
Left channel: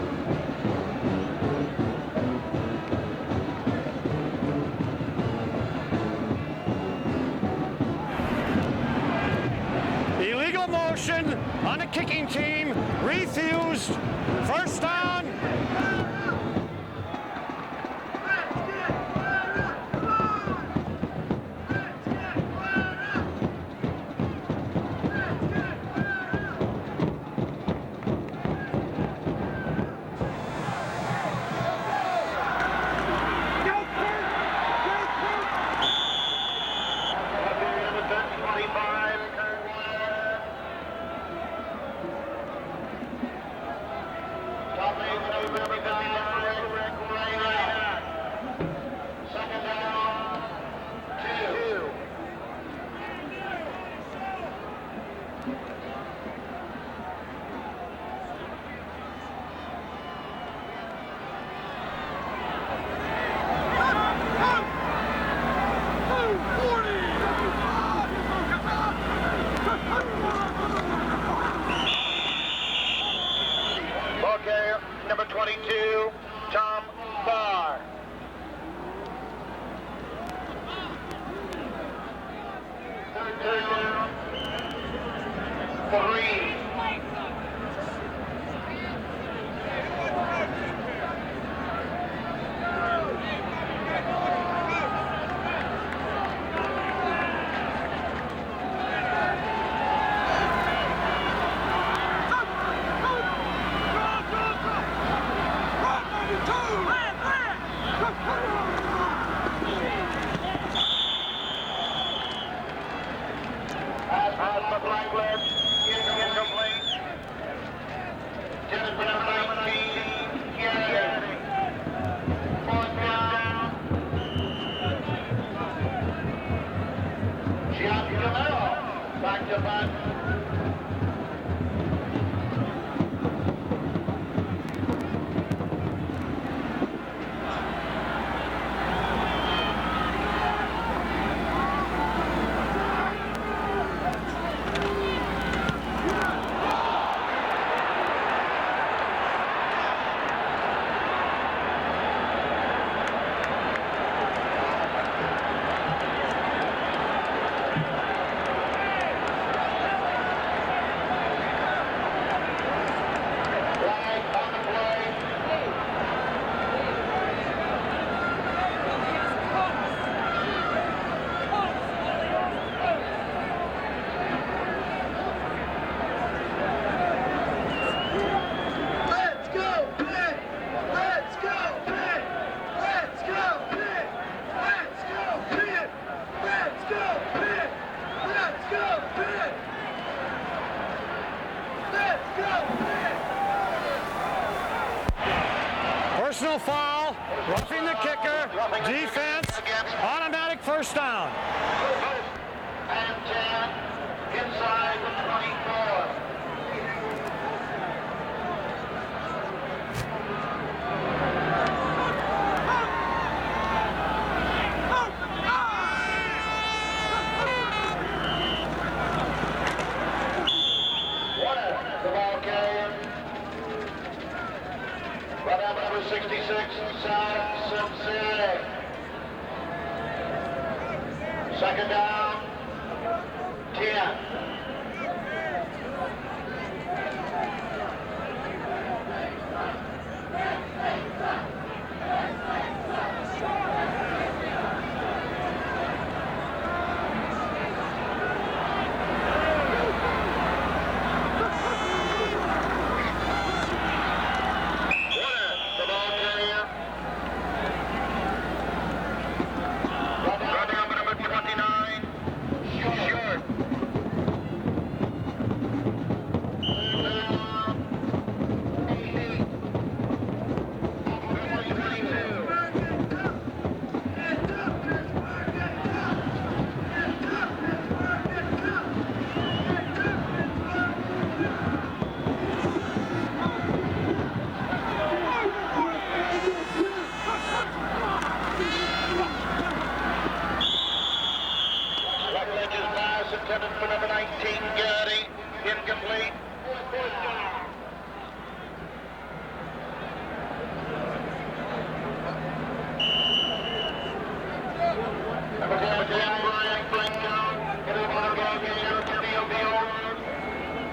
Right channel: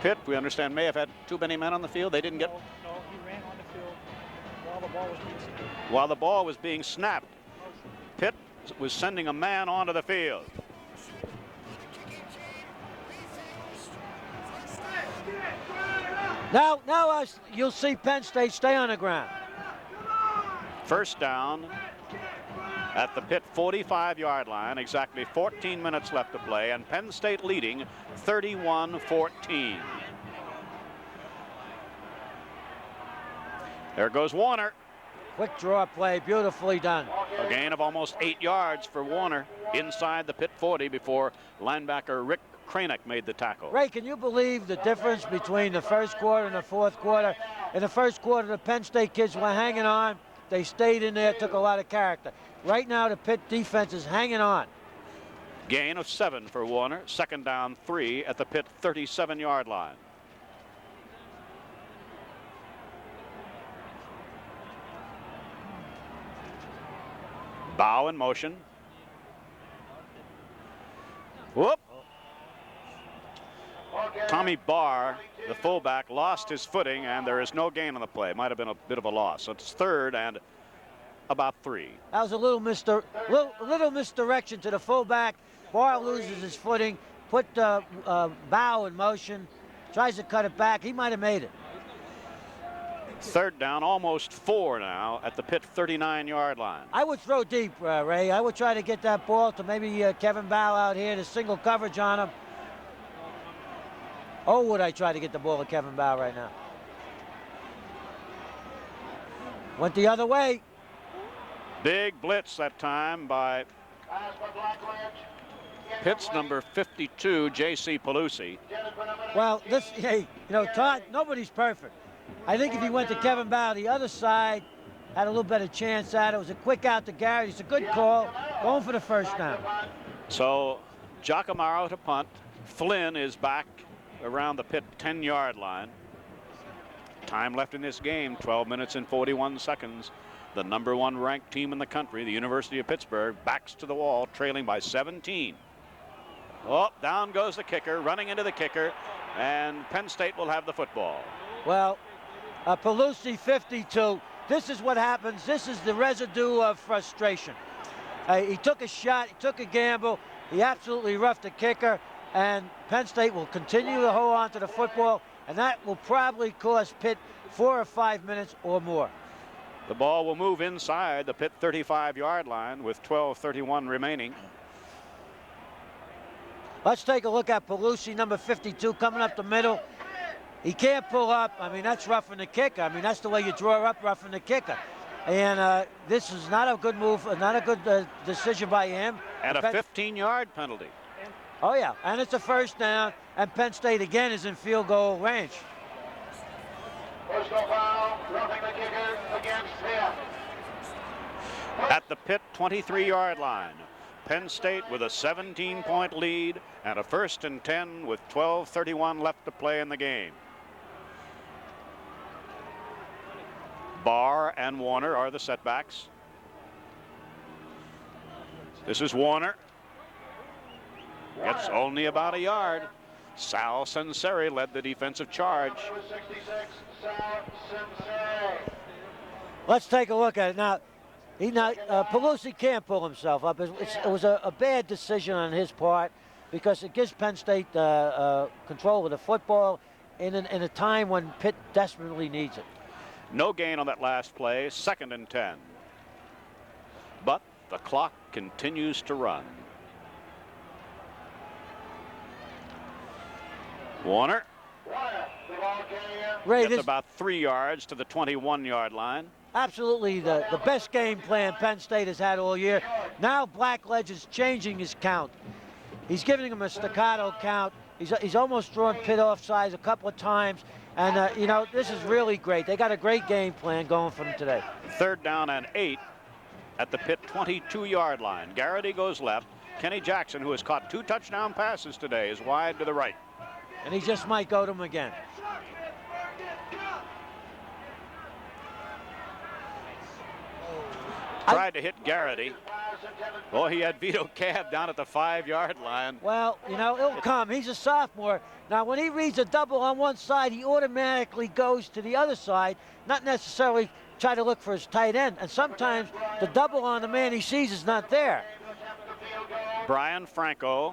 Pitt, we understand, may have had too many men on the field. They didn't get. While the ball was being snapped, Pitt was sending a man onto the field. Illegal motion on the kicking team. Refused. First down. Now you'll see Penn State stay on the ground. First down at the Pitt 45-yard line. Exactly 14 minutes left to play, and Penn State leading 31-14. There goes Warner. Good draw play, beautifully done. Gain of almost 8 yards for Warner inside the Pitt 40 before linebacker Rick Cranick made the tackle. Ray, can you believe the difference between the first quarter and the fourth quarter? In the first quarter, the Penn State kids were hanging on. They stayed in there, took a lot of character. Right now, the Pitt defense is hanging on. Gain of 7 for Warner. Second down 3 at the Pitt 37-yard line. Bow in motion. Whoop. Tommy Barr, the fullback, lost his footing, and there is no gain on the play. Might have been a bit of a loss. So it's third and about 3. That was a little misdirection to the fullback. Barr loses his footing, put Bow in motion, tries to cut it back. He might have made it. Third down, almost 4 now at the Pitt 39-yard line. I would throw deep, Ray. I would try to get that ball to maybe Kevin Bow out in a single coverage on him. Oh, would I try to get the ball to Kevin Bow right now. But the other way. Big blitz that time by Pitt's number 52, J.C. Pelusi. Well, nobody's perfect. I think if he went to Kevin Bow the other side, had a little better chance at it. It was a quick out to Gary. It's a good ball. Going for the first down. So, Giacomo to punt. Flynn is back around the Pitt 10-yard line. Time left in this game, 12 minutes and 41 seconds. The number 1 ranked team in the country, the University of Pittsburgh, backs to the wall, trailing by 17. Well, down goes the kicker, running into the kicker, and Penn State will have the football. Well, Pelusi 52. This is what happens. This is the residue of frustration. He took a shot, took a gamble. He absolutely roughed the kicker, and Penn State will continue to hold on to the football. That will probably cost Pitt 4 or 5 minutes or more. The ball will move inside the Pitt 35-yard line with 12:31 remaining. Let's take a look at Pelusi, number 52, coming up the middle. He can't pull up. I mean, that's roughing the kicker. I mean, that's the way you draw up, roughing the kicker. And this is not a good move, not a good decision by him. And a 15-yard penalty. Oh, yeah. And it's a first down. And Penn State, again, is in field goal range. Personal foul. Roughing the kicker. Defense. Automatic first down. At the Pitt 23-yard line. Penn State with a 17-point lead and a 1st and 10 with 12:31 left to play in the game. Barr and Warner are the setbacks. This is Warner. It's only about a yard. Sal Senseri led the defensive charge. Let's take a look at it now. Pelusi can't pull himself up. It was a bad decision on his part because it gives Penn State control of the football in a time when Pitt desperately needs it. No gain on that last play, 2nd and 10. But the clock continues to run. Warner. Ray, That's about 3 yards to the 21-yard line. Absolutely the best game plan Penn State has had all year. Now Blackledge is changing his count. He's giving him a staccato count. He's almost drawn Pitt offsides a couple of times. And, you know, this is really great. They got a great game plan going for today. 3rd down and 8 at the Pitt 22-yard line. Garrity goes left. Kenny Jackson, who has caught 2 touchdown passes today, is wide to the right. He just might go to him again. tried to hit Garrity. Oh, he had beat Dan down at the 5-yard line. Well, you know, it will come. He's a sophomore. Now, when he reads a double on one side, he automatically goes to the other side, not necessarily try to look for his tight end. And sometimes the double on the man he sees is not there. Brian Franco,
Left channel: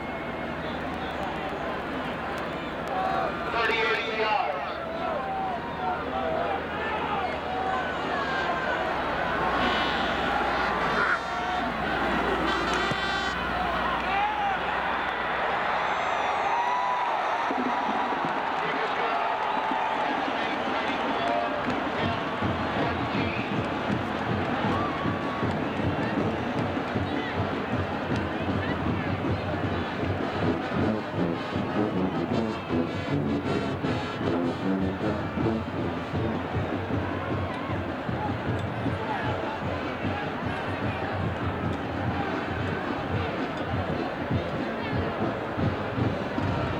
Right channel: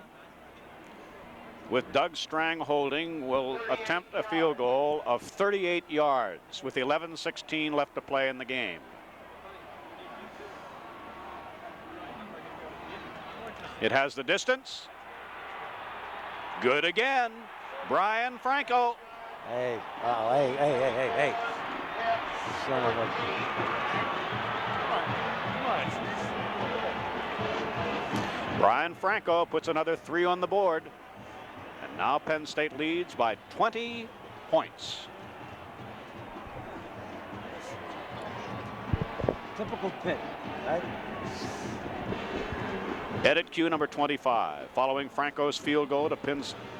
with Doug Strang holding, will attempt the field goal of 38 yards with 11:16 left to play in the game. It has the distance. Good again. Brian Franco. Hey. Brian Franco puts another 3 on the board. Now Penn State leads by 20 points. Edit cue number 25. Following Franco's field goal to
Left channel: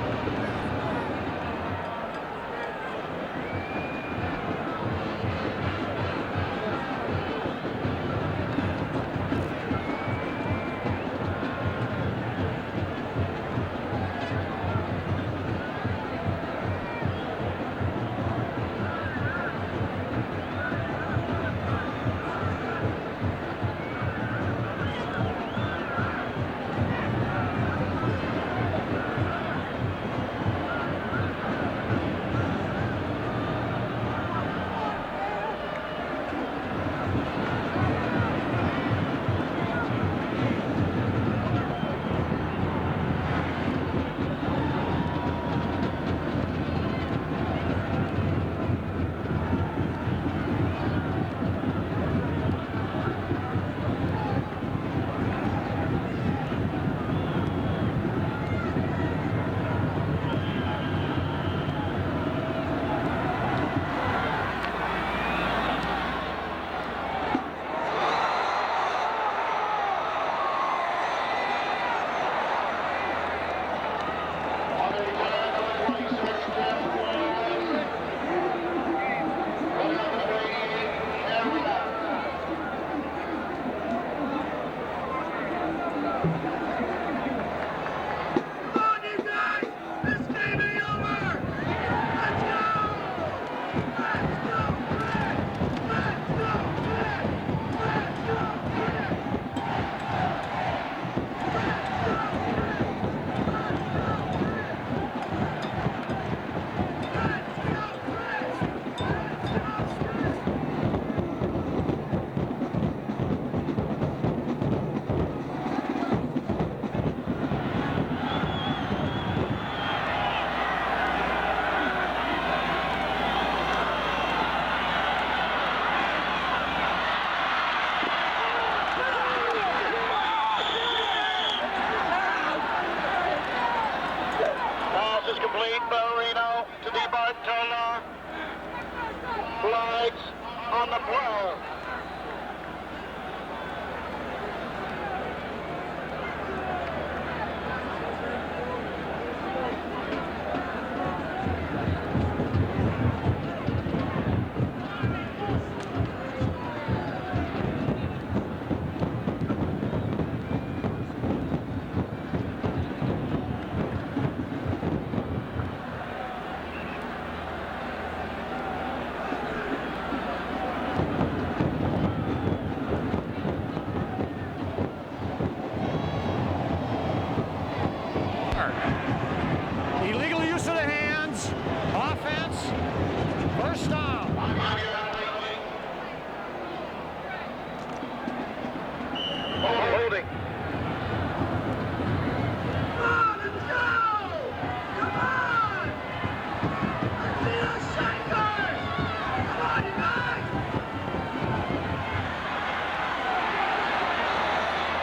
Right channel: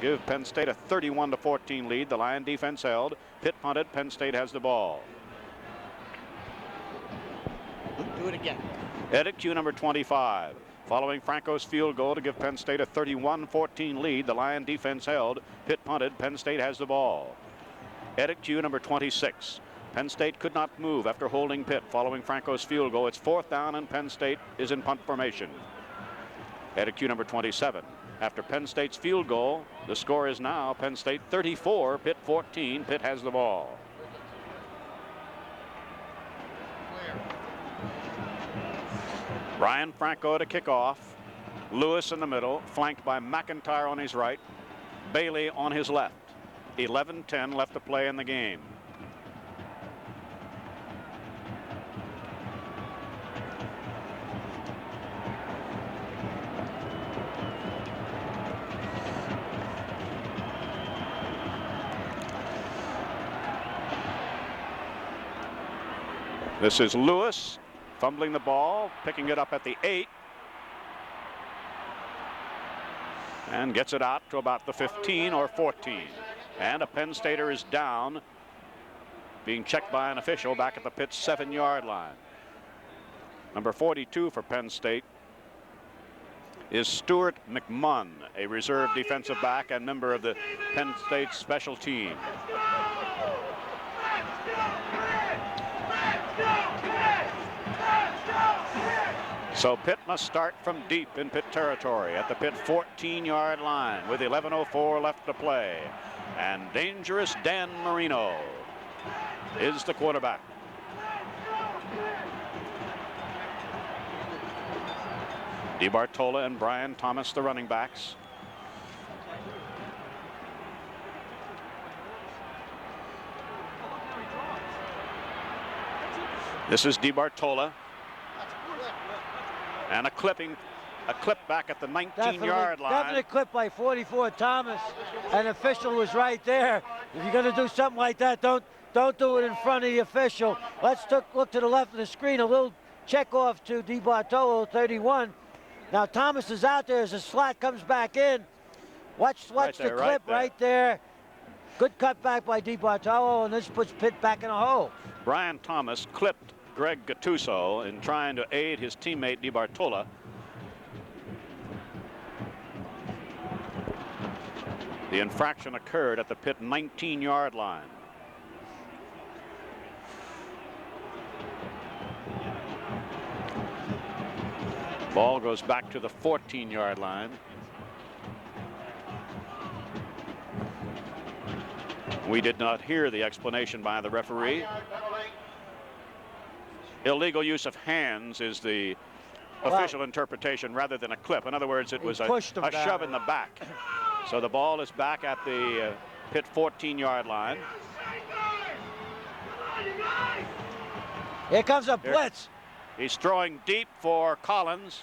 give Penn State a 31-14 lead. The Lion defense held. Pitt punted. Penn State has the ball. Edit cue number 25. Following Franco's field goal to give Penn State a 31-14 lead. The Lion defense held. Pitt punted. Penn State has the ball. Edit cue number 26. Penn State could not move after holding Pitt following Franco's field goal. It's 4th down and Penn State is in punt formation. Edit cue number 27. After Penn State's field goal, the score is now Penn State 34, Pitt 14. Pitt has the ball. Brian Franco to kick off. Lewis in the middle, flanked by McIntyre on his right. Bailey on his left. 11:10 left to play in the game. This is Lewis fumbling the ball, picking it up at the 8, and gets it out to about the 15 or 14. And the Penn Stater is down, being checked by an official back at the Pitt's 7-yard line. Number 42 for Penn State is Stuart McMahon, a reserve defensive back and member of the Penn State special team. So Pitt must start from deep in Pitt territory at the Pitt 14-yard line with 11:04 left to play. And dangerous Dan Marino is the quarterback. DeBartola and Brian Thomas, the running backs. This is DeBartola. And a clip back at the 19-yard line. A clip by 44 Thomas. An official was right there. If you're going to do something like that, don't do it in front of the official. Let's look to the left of the screen. A little check off to DeBartolo, 31. Now Thomas is out there as the slot comes back in. Watch the clip right there. Good cutback by DeBartolo, and this puts Pitt back in a hole. Brian Thomas clipped Greg Gattuso in trying to aid his teammate DeBartola. The infraction occurred at the Pitt 19-yard line. Ball goes back to the 14-yard line. Illegal use of the hands. We did not hear the explanation by the referee. Illegal use of hands is the official interpretation rather than a clip. In other words, it was a shove in the back. So the ball is back at the Pitt 14-yard line. Here comes a blitz. He's throwing deep for Collins.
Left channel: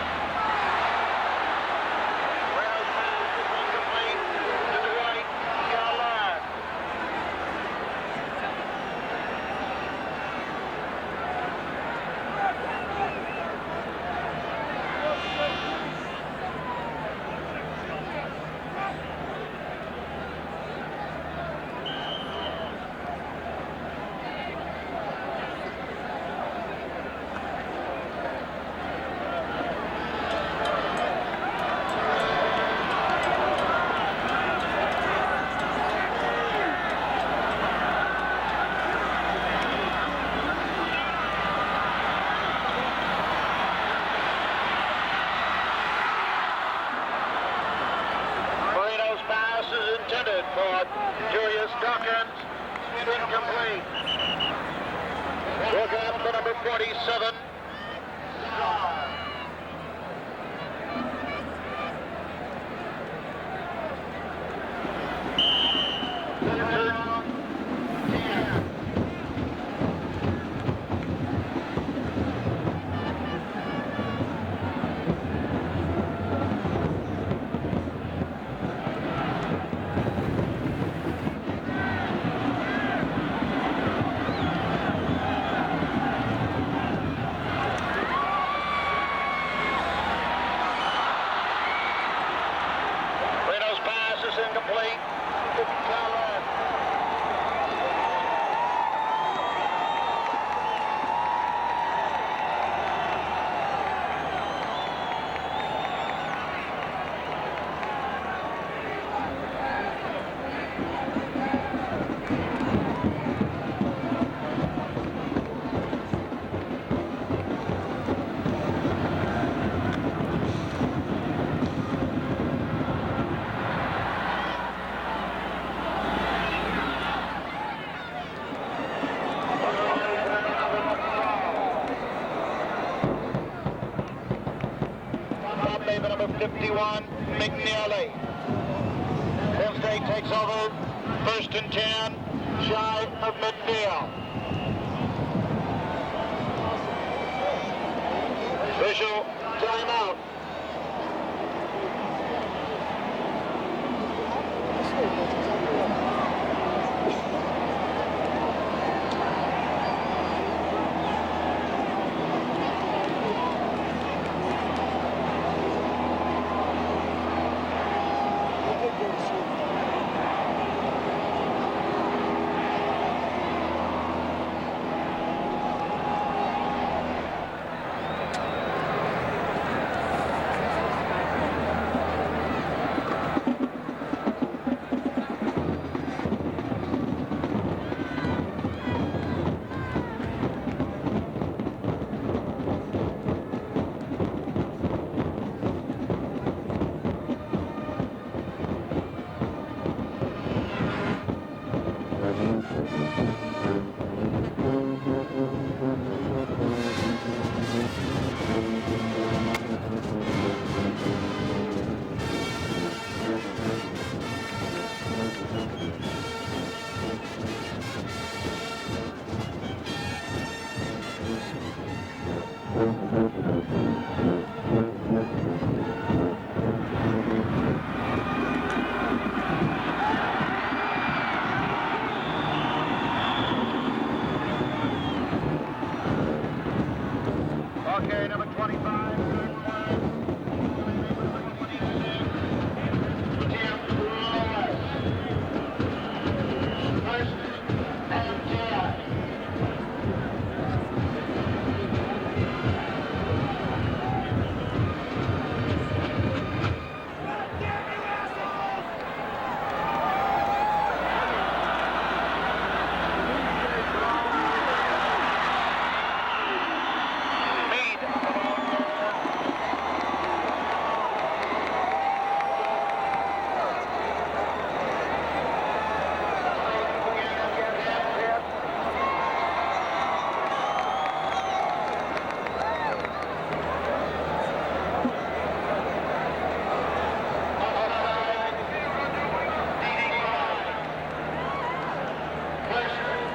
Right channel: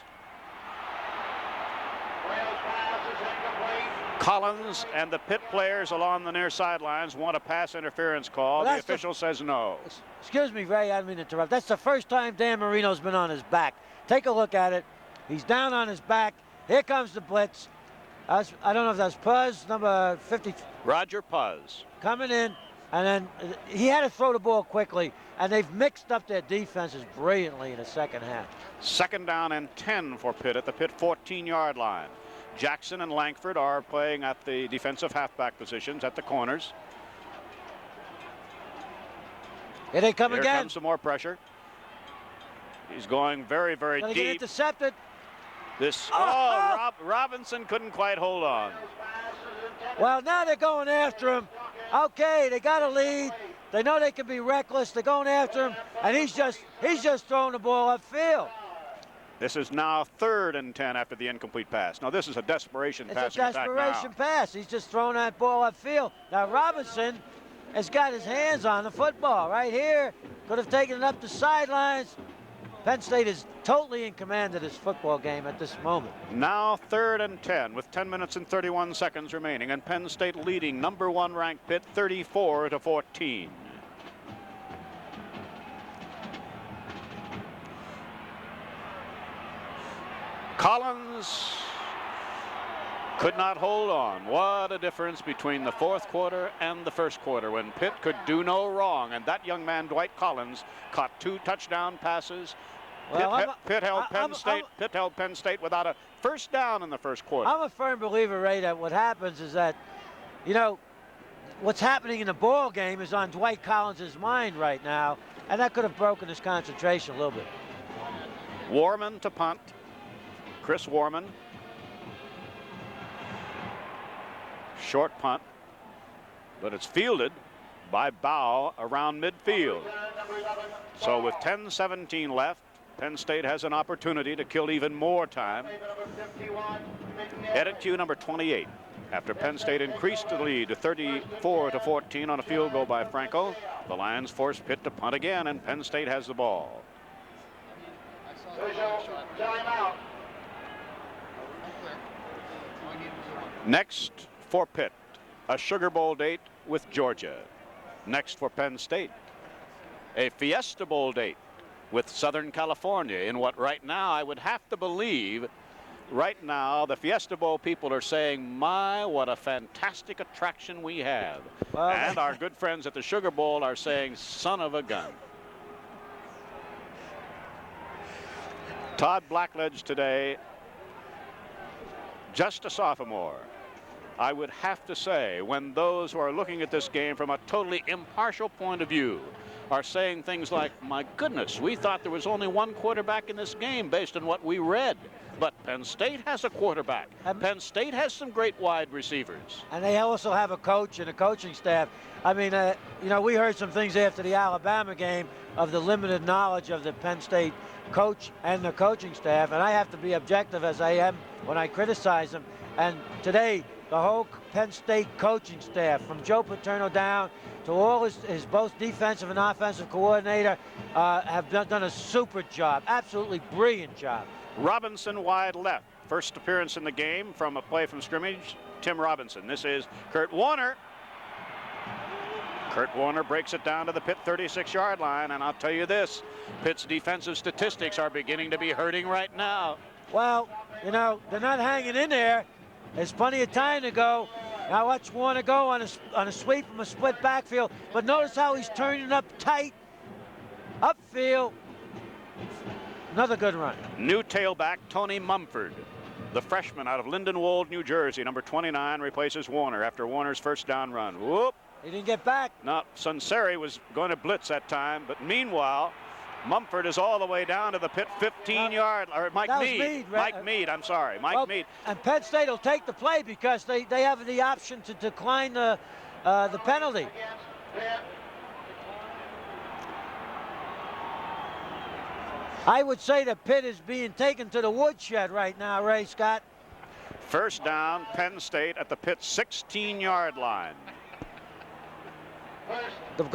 Collins and the Pitt players along the near sidelines want a pass interference call. The official says no. Excuse me, Ray, I didn't interrupt. That's the first time Dan Marino's been on his back. Take a look at it. He's down on his back. Here comes the blitz. I don't know if that's Puz, number 50. Roger Puz. Coming in, and then he had to throw the ball quickly, and they've mixed up their defenses brilliantly in the second half. Second down and 10 for Pitt at the Pitt 14-yard line. Jackson and Langford are playing at the defensive halfback positions at the corners. Here they come again. Some more pressure. It's going very, very They deep. get the second. This Robinson couldn't quite hold on. Marino's pass is Well, now intended they're going for after him. Julius Tucker. Okay, they got a lead. They know they can be reckless. They're going after him, and he's just throwing the ball upfield. This is now 3rd and 10 after the incomplete pass. Now this is a desperation pass. It's a desperation pass. He's just throwing that ball upfield. Now Robinson has got his hands on the football right here. Would have taken it up the sidelines. Penn State is totally in command of this football game at this moment. Now 3rd and 10 with 10 minutes and 31 seconds remaining, and Penn State leading #1 ranked Pitt 34-14. Collins could not hold on. What a difference between the 4th quarter and the 1st quarter when Pitt could do no wrong. And that young man, Dwight Collins, caught 2 touchdown passes. Pitt held Penn State without a first down in the 1st quarter. I'm a firm believer, Ray, that what happens is that, you know, what's happening in the ball game is on Dwight Collins' mind right now, and that could have broken his concentration a little bit. Warman to punt. Chris Warman. Short punt. It is fielded by Bow around midfield. So with 10:17 left, Penn State has an opportunity to kill even more time. Headed to number 28 after Penn State increased the lead to 34-14 on a field goal by Franco. Lions force Pitt to punt again, and Penn State has the ball. Official timeout. Next for Pitt, a Sugar Bowl date with Georgia. Next for Penn State, a Fiesta Bowl date with Southern California in what right now I would have to believe right now the Fiesta Bowl people are saying, my, what a fantastic attraction we had. And our good friends at the Sugar Bowl are saying, son of a gun. Todd Blackledge today, just a sophomore. I would have to say, when those who are looking at this game from a totally impartial point of view are saying things like, my goodness, we thought there was only one quarterback in this game based on what we read. But Penn State has a quarterback. And Penn State has some great wide receivers. And they also have a coach and a coaching staff. I mean, you know, we heard some things after the Alabama game of the limited knowledge of the Penn State coach and the coaching staff. And I have to be objective as I am when I criticize them. And today, the whole Penn State coaching staff, from Joe Paterno down to all his both defensive and offensive coordinator, have done a super job, absolutely brilliant job. Robinson wide left. First appearance in the game from a play from scrimmage. Tim Robinson. This is Kurt Warner. Kurt Warner breaks it down to the Pitt 36-yard line, and I'll tell you this, Pitt's defensive statistics are beginning to be hurting right now. Well, you know, we're not hanging in there. There's plenty of time to go. How much you want to go on a split backfield, but notice how he's turning it up tight. Upfield. Another good run. New tailback, Tony Mumford, the freshman out of Lindenwold, New Jersey, number 29, replaces Warner after Warner's first down run. Whoop. We get back. Now, Sunseri was going to blitz that time. Meanwhile, Mumford is all the way down to the Pitt 15-yard, or Mike Mead. Mike Mead, I'm sorry, Mike Mead. And Penn State will take the play because they have the option to decline the penalty. I would say that Pitt is being taken to the woodshed right now, Ray Scott. First down, Penn State at the Pitt 16-yard line. The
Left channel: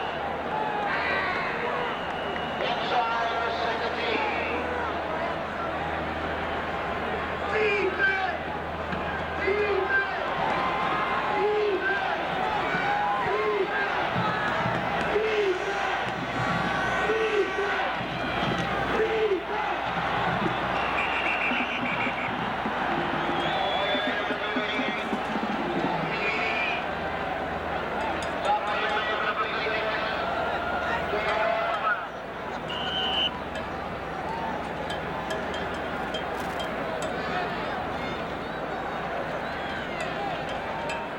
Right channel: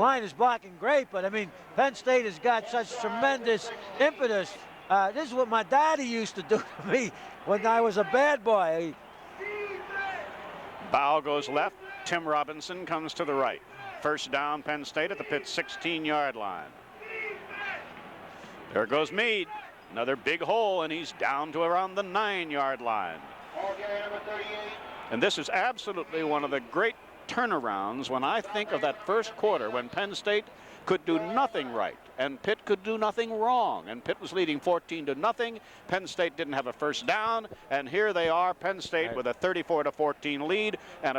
line is blocking great, but I mean, Penn State has got such tremendous impetus. This is what my daddy used to do to me when I was a bad boy. Bow goes left. Tim Robinson comes to the right. First down, Penn State at the Pitt 16-yard line. There goes Meade. Another big hole, and he's down to around the 9-yard line. And this is absolutely one of the great turnarounds when I think of that first quarter when Penn State could do nothing right. And and Pitt could do nothing wrong. And Pitt was leading 14-0. Penn State didn't have a first down, and here they are, Penn State with a 34-14 lead and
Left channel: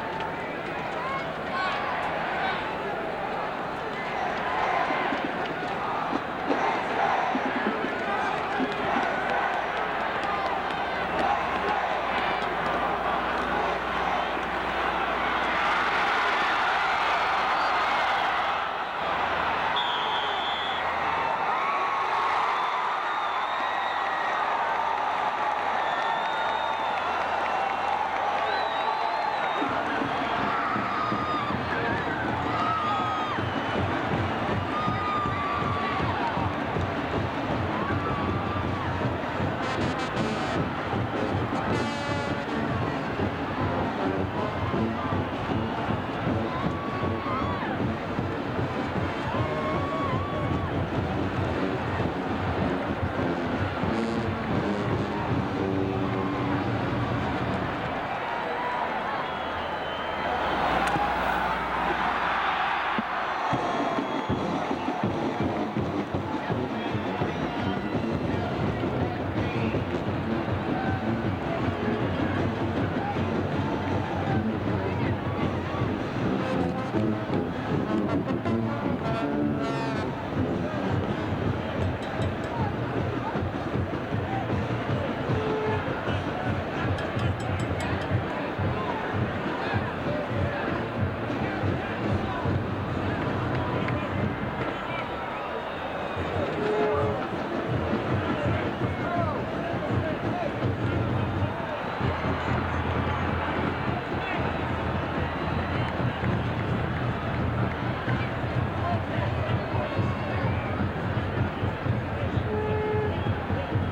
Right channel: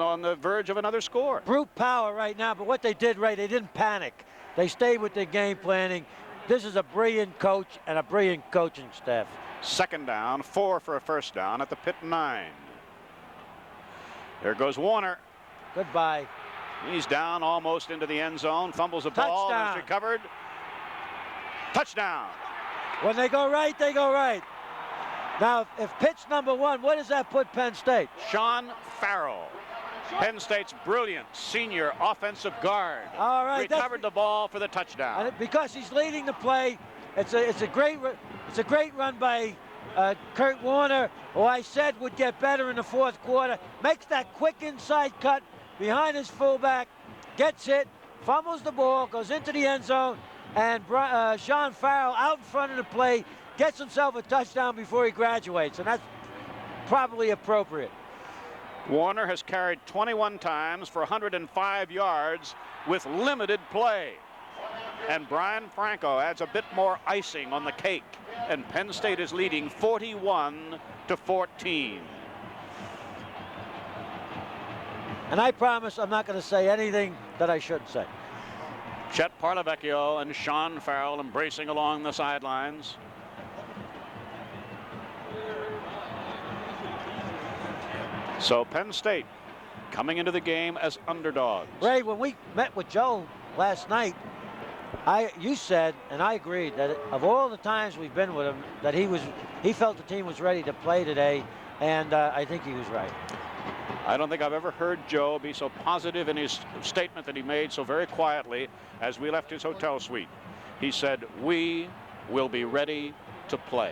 on the verge of another score. Brute power right now, but what they did right, they didn't panic. They stayed with their game planning. This is a brilliant coach and a brilliant coaching staff. Second down, 4 for a first down at the Pitt 9. There goes Warner. Goodbye. He's down almost into the end zone, fumbles the ball, Touchdown. recovered. Touchdown. When they go right, they go right. Now, if Pitt's number 1, what does that put Penn State? Sean Farrell, Penn State's brilliant senior offensive guard. All right, Recovered the ball for the touchdown. because he's leading the play. It's a great run by Kurt Warner, who I said would get better in the fourth quarter. Makes that quick inside cut behind his fullback, gets it, fumbles the ball, goes into the end zone, and Sean Farrell out in front of the play gets himself a touchdown before he graduates, and that's probably appropriate. Warner has carried 21 times for 105 yards with limited play. And Brian Franco has a bit more icing on the cake, and Penn State is leading 41-14. And I promise I'm not going to say anything that I shouldn't say. Chet Parlavecchio and Sean Farrell racing along the sidelines. So Penn State coming into the game as underdogs. Ray, when we met with Joe last night, you said, and I agree, that of all the times we've been with him, that he felt the team was ready to play today, and I think he was right. I don't think I've ever heard Joe be so positive in his statement that he made so very quietly as we left his hotel suite. He said, "We will be ready to play."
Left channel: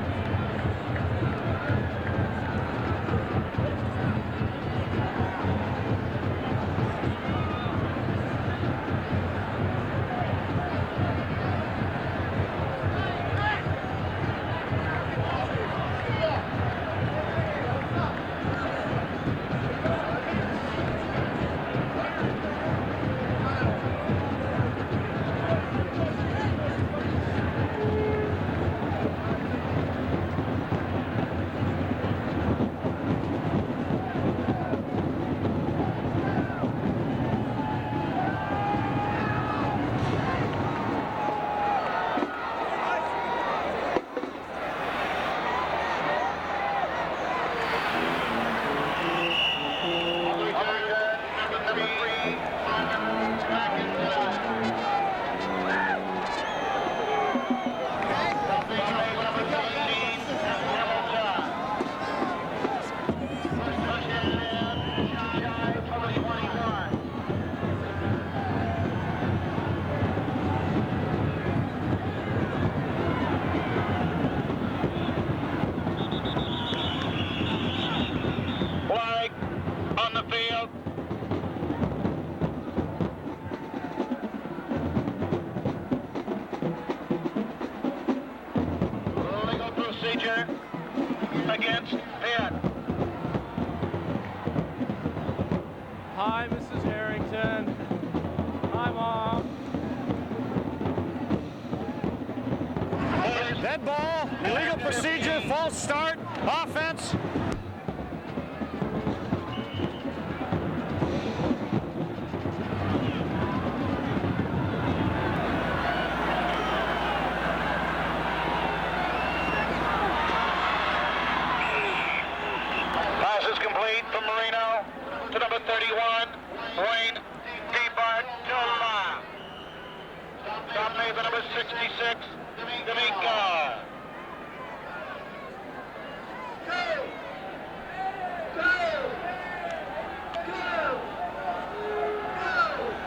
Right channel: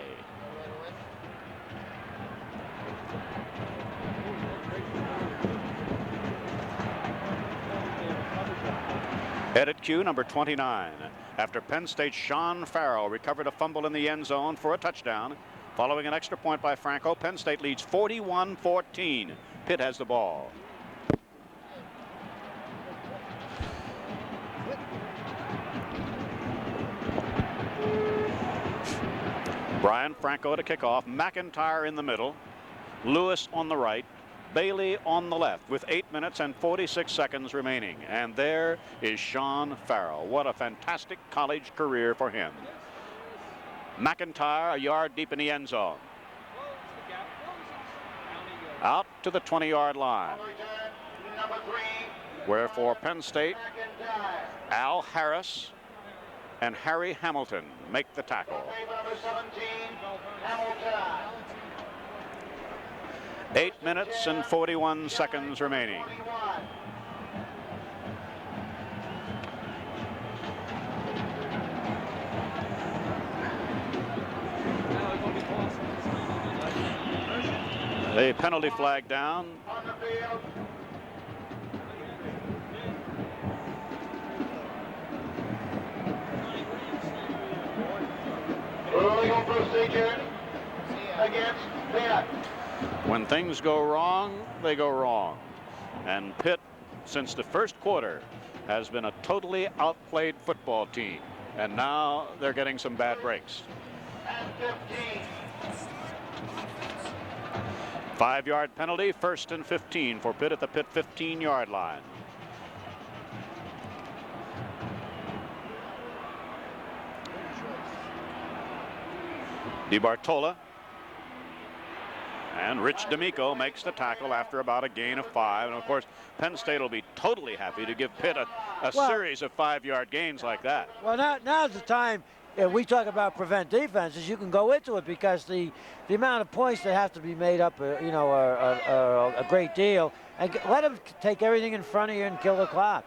Headed cue number 29. After Penn State's Sean Farrell recovered a fumble in the end zone for a touchdown. Following an extra point by Franco, Penn State leads 41-14. Pitt has the ball. Brian Franco to kick off. McIntyre in the middle. Lewis on the right, Bailey on the left with 8 minutes and 46 seconds remaining. And there is Sean Farrell. What a fantastic college career for him. McIntyre a yard deep in the end zone. Out to the 20-yard line. Where for Penn State, Al Harris and Harry Hamilton make the tackle. 8 minutes and 41 seconds remaining. A penalty flag down. On the field. Against Pitt. When things go wrong, they go wrong. And Pitt, since the first quarter, has been a totally outplayed football team. And now they're getting some bad breaks. Dead ball, illegal procedure, false start, offense. 5-yard penalty, 1st and 15 for Pitt at the Pitt 15-yard line. DiBartola. And Rich D'Amico makes the tackle after about a gain of 5. Of course, Penn State will be totally happy to give Pitt a series of 5-yard gains like that. Well, now's the time that we talk about prevent defenses. You can go into it because the amount of points that have to be made up, are a great deal. And let them take everything in front of you and kill the clock.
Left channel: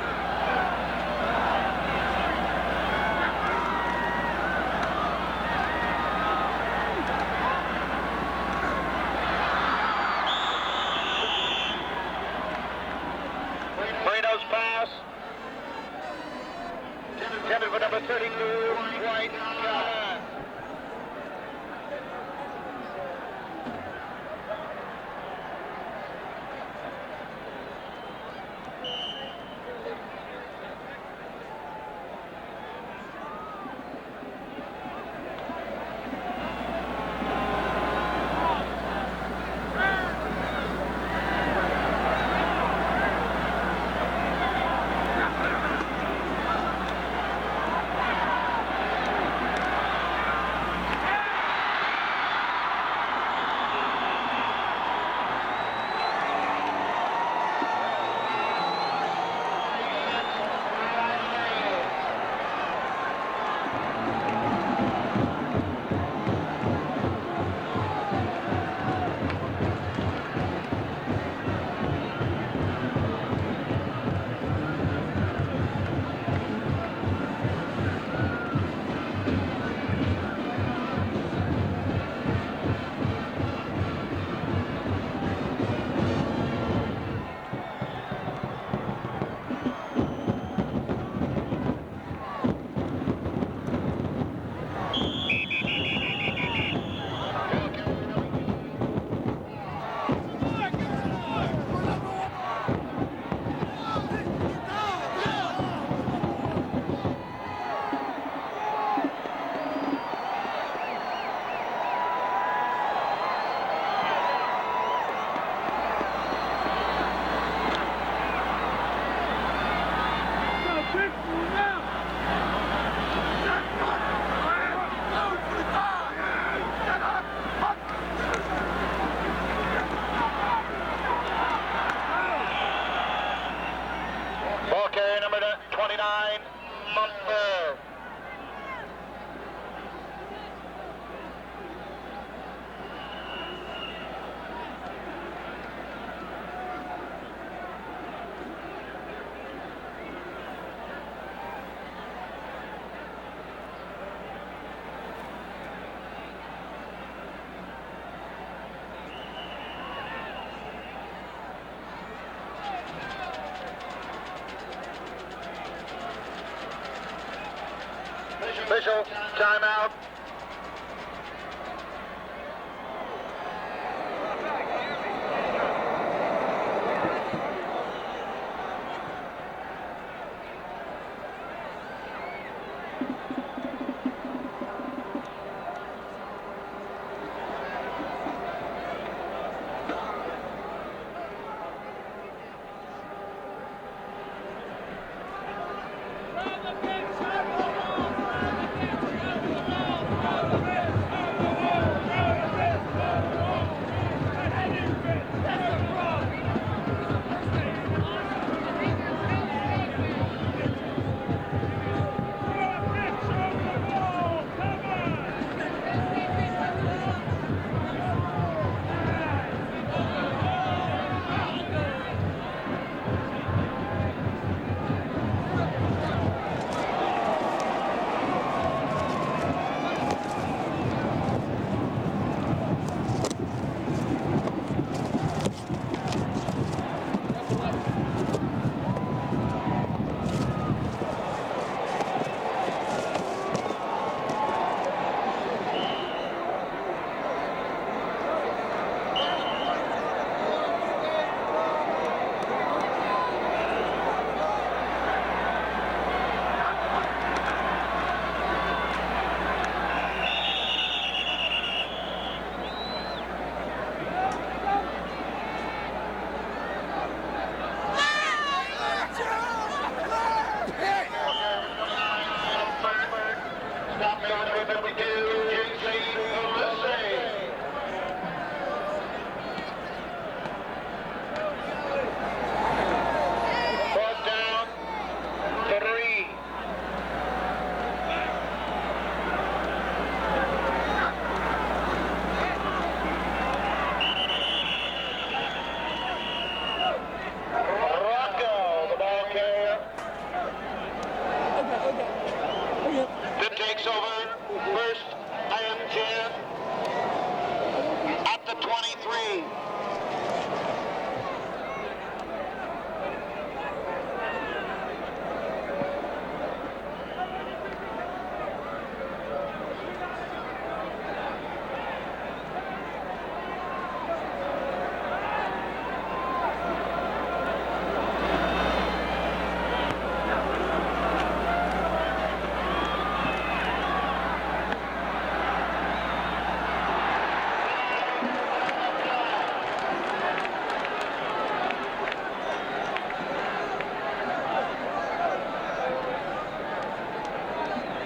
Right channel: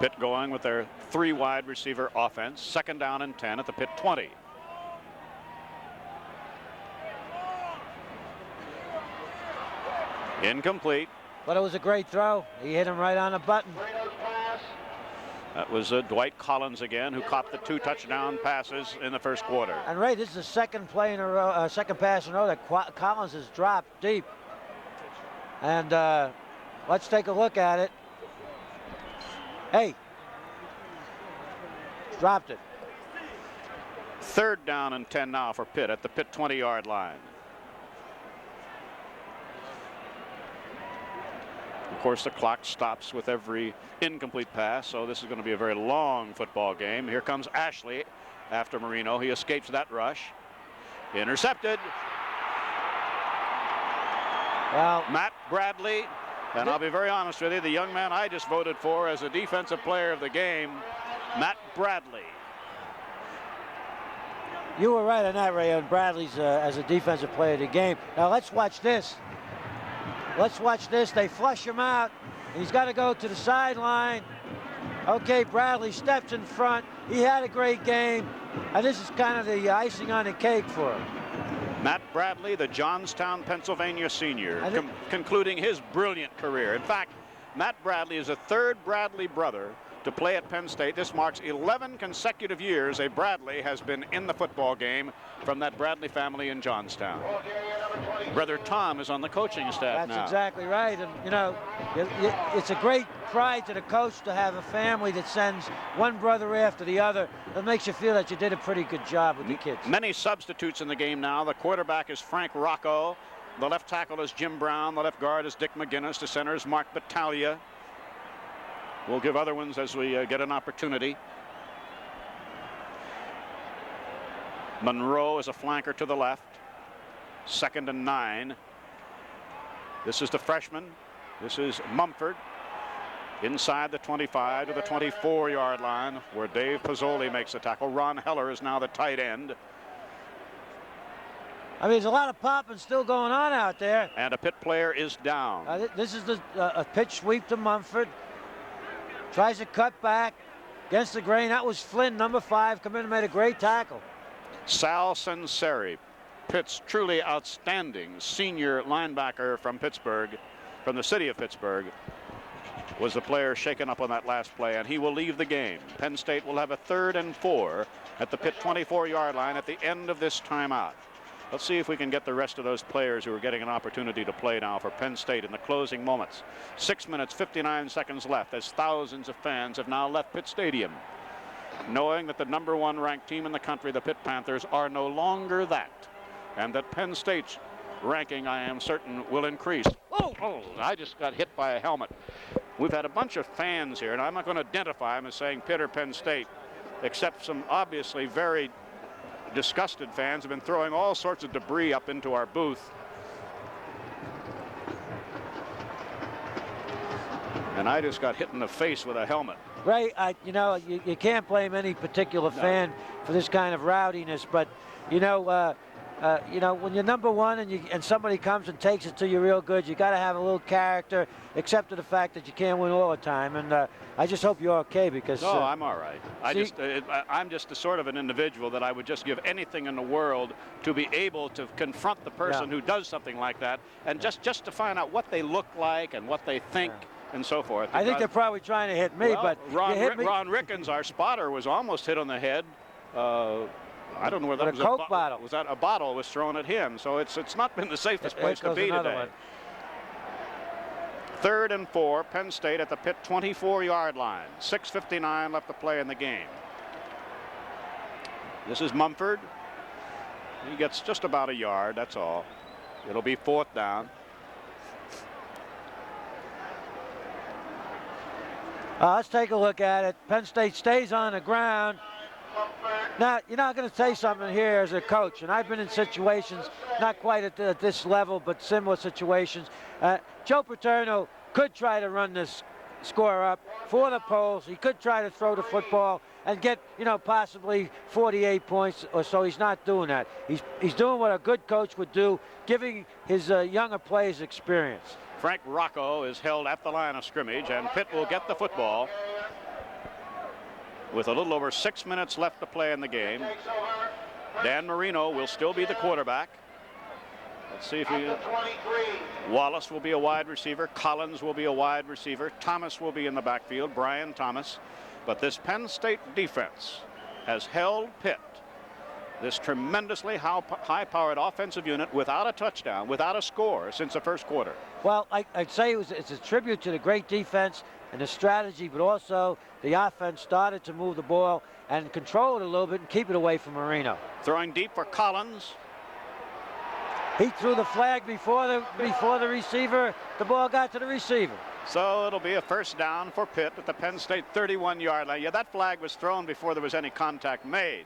Pitt going with their 3 wide receiver offense. 2nd down and 10 to Pitt 20. Incomplete. But it was a great throw. He hit him right on the button. Marino's pass. That was Dwight Collins again, who caught the 2 touchdown passes in the first quarter. And Ray, this is the second play in a row, second pass in a row that Collins has dropped deep. And let's take a look at it. Hey, dropped it. Third down and 10 now for Pitt at the Pitt 20-yard line. Of course, the clock stops with every incomplete pass, so it's going to be a very long football game. Here comes Ashley after Marino. He escapes that rush. Intercepted. Wow. Matt Bradley, and I'll be very honest with you, the young man I just voted for as the defensive player of the game, Matt Bradley. You were right on that, Ray. Bradley's as a defensive player of the game. Now let's watch this. Let's watch this. They flush him out. He's got to go to the sideline. Okay, Bradley steps in front. He had a great game. And this is kind of the icing on the cake for him. Matt Bradley, the Johnstown, Pennsylvania senior, concluding his brilliant career. In fact, Matt Bradley is the third Bradley brother to play at Penn State. This marks 11 consecutive years a Bradley has been in the football game from that Bradley family in Johnstown. Brother Tom is on the coaching staff now. That's exactly right. And, you know, it's a great pride to the coach to have a family that sends one brother after the other. It makes you feel that you did a pretty good job with the kids. Many substitutes in the game now. The quarterback is Frank Rocco. The left tackle is Jim Brown. The left guard is Dick McGinnis. The center is Mark Battaglia. We'll give other ones as we get an opportunity. Monroe is a flanker to the left. 2nd and 9. This is the freshman. This is Mumford. Inside the 25, the 24-yard line, where Dave Pizzoli makes a tackle. Ron Heller is now the tight end. I mean, there's a lot of popping still going on out there. And a Pitt player is down. This is a pitch sweep to Mumford. Tries to cut back against the grain. That was Flynn, number 5, come in and made a great tackle. Sal Senseri, Pitt's truly outstanding senior linebacker from Pittsburgh, from the city of Pittsburgh, was the player shaken up on that last play, and he will leave the game. Penn State will have a 3rd and 4 at the Pitt 24-yard line at the end of this timeout. Let's see if we can get the rest of those players who are getting an opportunity to play now for Penn State in the closing moments. 6 minutes, 59 seconds left as thousands of fans have now left Pitt Stadium, knowing that the #1 ranked team in the country, the Pitt Panthers, are no longer that, and that Penn State's ranking, I am certain, will increase. I just got hit by a helmet. We've had a bunch of fans here, and I'm not going to identify them as saying Pitt or Penn State, except some obviously very disgusted fans who are throwing all sorts of debris up into our booth. And I just got hit in the face with a helmet. Ray, you know, you can't blame any particular fan for this kind of rowdiness, but you know, when you're #1 and somebody comes and takes it to you real good, you got to have a little character, except for the fact that you can't win all the time. And I just hope you're okay because. Oh, I'm all right. I'm just sort of an individual that I would just give anything in the world to be able to confront the person who does something like that, and just to find out what they look like and what they think and so forth. I think they're probably trying to hit me, but Ron Rickens, our spotter, was almost hit on the head. I don't know whether a Coke a bottle was thrown at him, so it's not been the safest place to be today. 3rd and 4, Penn State at the Pitt 24-yard line. 6:59 left to play in the game. This is Mumford. He gets just about a yard, that's all. It'll be 4th down. Let's take a look at it. Penn State stays on the ground. Now, you're not going to say something here as a coach. And I've been in situations, not quite at this level, but similar situations. Joe Paterno could try to run this score up for the Poles. He could try to throw the football and get, possibly 48 points or so. He's not doing that. He's doing what a good coach would do, giving his younger players experience. Frank Rocco is held at the line of scrimmage, and Pitt will get the football with a little over 6 minutes left to play in the game. Dan Marino will still be the quarterback. Let's see who. Wallace will be a wide receiver. Collins will be a wide receiver. Thomas will be in the backfield. Brian Thomas. But this Penn State defense has held Pitt, this tremendously high-powered offensive unit, without a touchdown, without a score since the first quarter. Well, I'd say it's a tribute to the great defense, the strategy, but also the offense starting to move the ball and control it a little bit and keep it away from Marino. Throwing deep for Collins. He threw the flag before the receiver. The ball got to the receiver. So it'll be a first down for Pitt at the Penn State 31-yard line. Yeah, that flag was thrown before there was any contact made.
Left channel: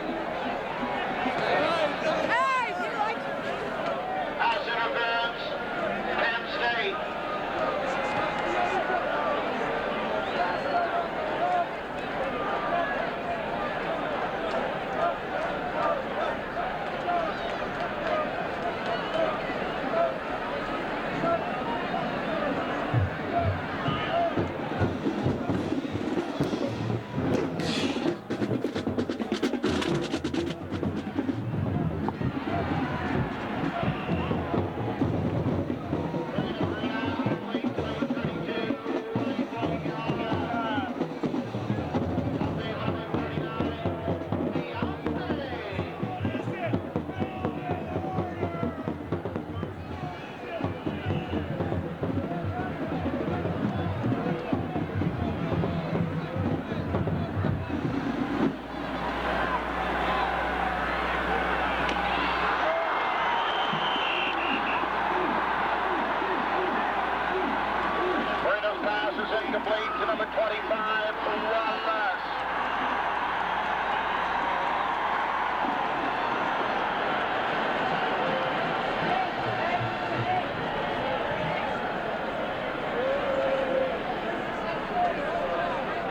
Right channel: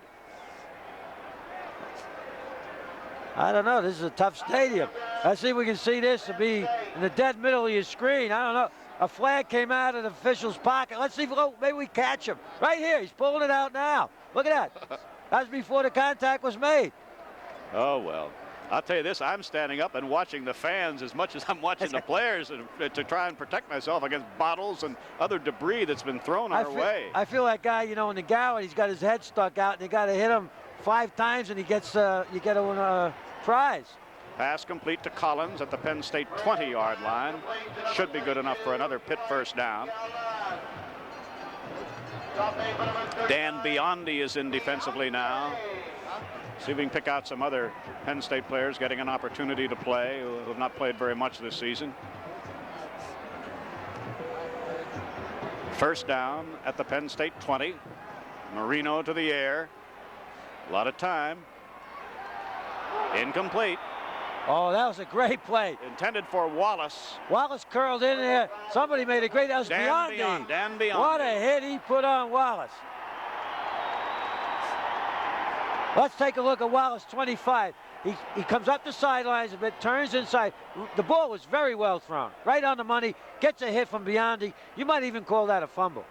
I don't know. This is a tough stadium. Let's see if we can see this and be in the dead middle of your screen. I don't know. A flag came out of the official's pocket. Let's see if maybe we catch him. Right here. He's pulling it out now. Look at that. That's before the contact was made. Oh, well. I'll tell you this, I'm standing up and watching the fans as much as I'm watching the players to try and protect myself against bottles and other debris that's been thrown our way. I feel like guy, you know, in the gallery, he's got his head stuck out, and you got to hit him 5 times, and he gets a prize. Pass complete to Collins at the Penn State 20-yard line. It should be good enough for another Pitt first down. Dan Biondi is in defensively now. See if we can pick out some other Penn State players getting an opportunity to play who have not played very much this season. First down at the Penn State 20. Marino to the air. A lot of time. Incomplete. Oh, that was a great play. Intended for Wallace. Wallace curled in there. Somebody made a great Dan Biondi. What a hit he put on Wallace. Let's take a look at Wallace, 25. He comes up the sidelines and turns inside. The ball was very well thrown. Right on the money. Gets a hit from Biondi. You might even call that a fumble.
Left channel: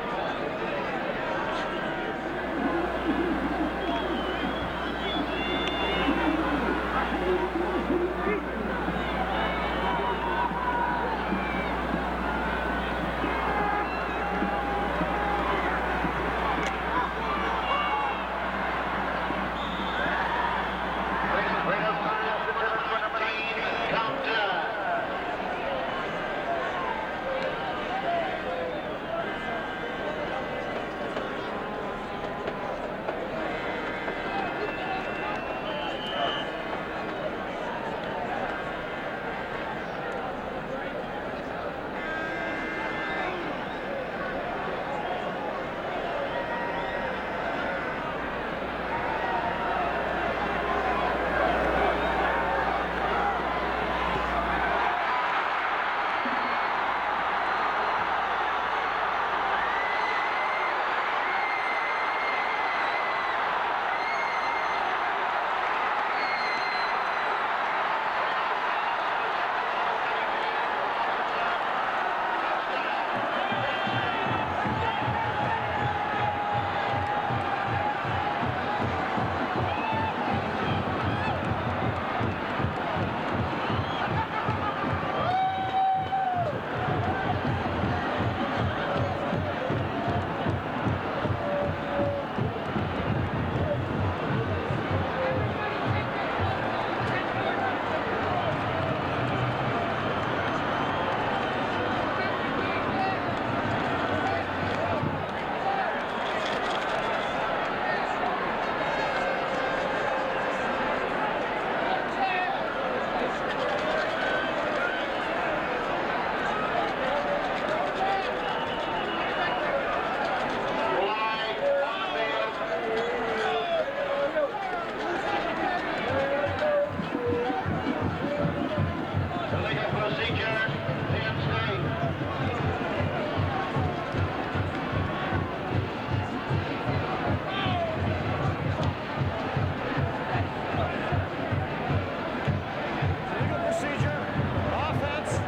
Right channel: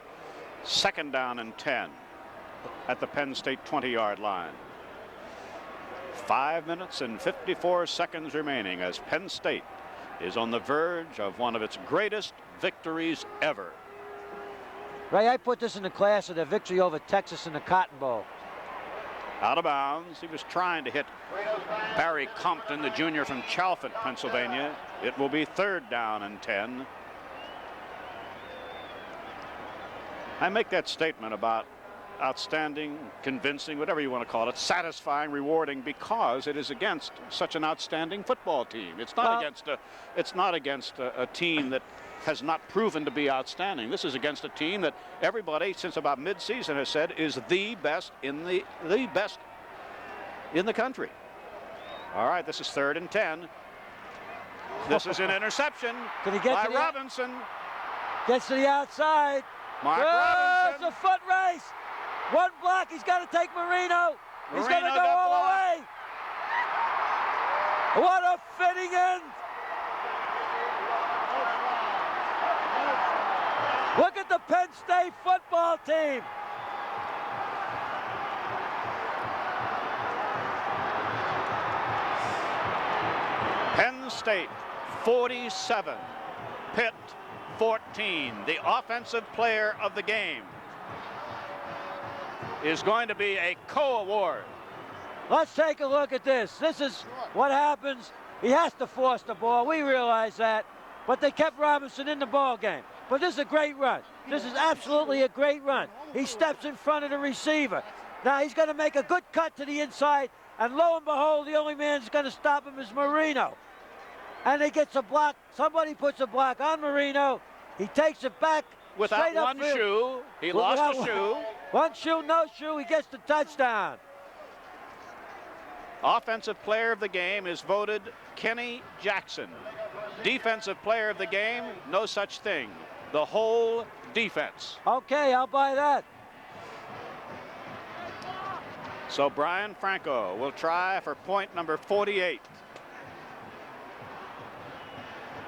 Second down and 10 at the Penn State 20-yard line. 5 minutes and 54 seconds remaining as Penn State is on the verge of one of its greatest victories ever. Ray, I put this in the class of the victory over Texas in the Cotton Bowl. Out of bounds. He's trying to hit Barry Compton, the junior from Chalfont, Pennsylvania. It will be third down and 10. I make that statement about outstanding, convincing, whatever you want to call it, satisfying, rewarding, because it is against such an outstanding football team. It's not against a team that has not proven to be outstanding. This is against a team that everybody since about mid-season has said is the best in the country. All right, this is third and 10. This is an interception. Did he get by to that? Robinson. Gets to the outside. Oh, the foot race. One block. He's got to take Marino. He's got to go all the way. What a fitting in. Look at the Penn State football team. Penn State 47, Pitt 14. The offensive player of the game is going to be a co-award. Let's take a look at this. This is what happens. He has to force the ball. We realize that. But they kept Robinson in the ball game. But this is a great run. This is absolutely a great run. He steps in front of the receiver. Now he's going to make a good cut to the inside. And lo and behold, the only man that's going to stop him is Marino. And he gets a block. Somebody puts a block on Marino. He takes it back. Without one shoe. He lost a shoe. One shoe, no shoe. He gets the touchdown. Offensive player of the game is voted Kenny Jackson. Defensive player of the game, no such thing. The whole defense. Okay, I'll buy that. So Brian Franco will try for point number 48. Legal procedure. Offense.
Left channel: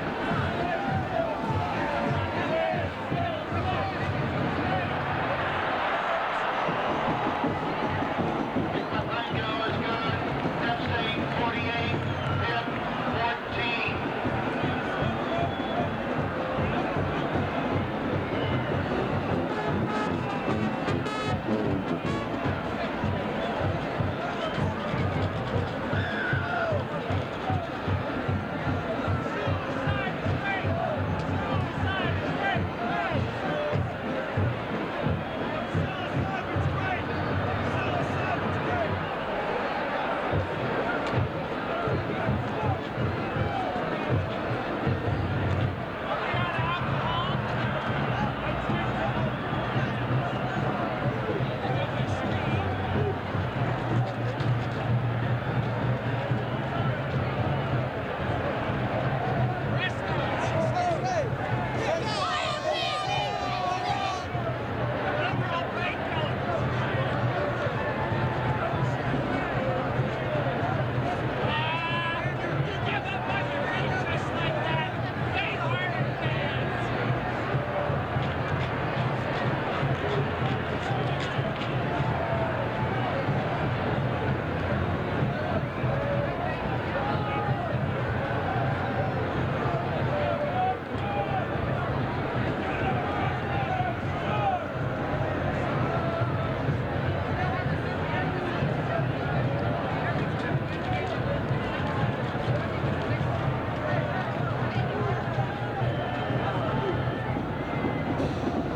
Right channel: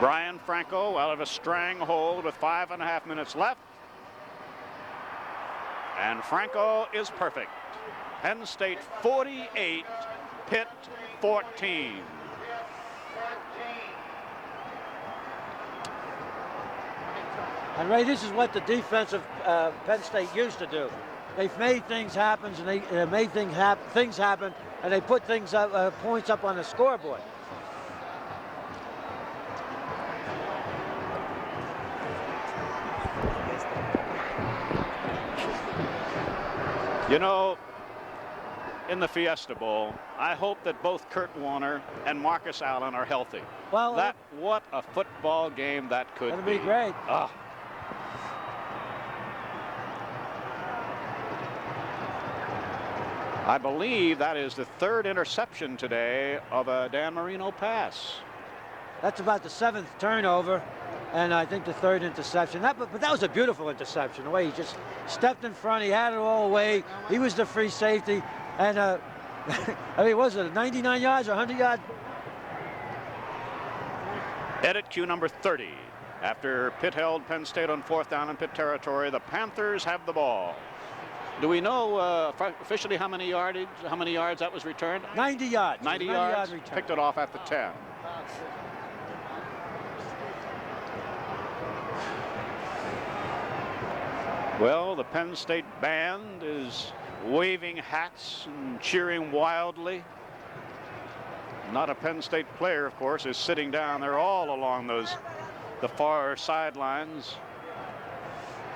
Brian Franco out of a stranglehold with 5.5 minutes left. And Franco is perfect. Penn State 48, Pitt 14. And Ray, this is what the defensive Penn State used to do. They've made things happen. They made things happen, and they put things up, points up on the scoreboard. You know, in the Fiesta Bowl, I hope that both Kurt Warner and Marcus Allen are healthy. Well, What a football game that could it'll be great. I believe that is the third interception today of a Dan Marino pass. That's about the 7th turnover, and I think the 3rd interception. That was a beautiful interception. The way he just stepped in front, he had it all away. He was the free safety, and I mean, was it 99 yards, 100 yards? Edit cue number 30. After Pitt held Penn State on 4th down in Pitt territory, the Panthers have the ball. Do we know officially how many yards that was returned? 90 yards. 90 yards. Picked it off after 10. Well, the Penn State band is waving hats, cheering wildly. Not a Penn State player, of course, is sitting down there all along the far sidelines.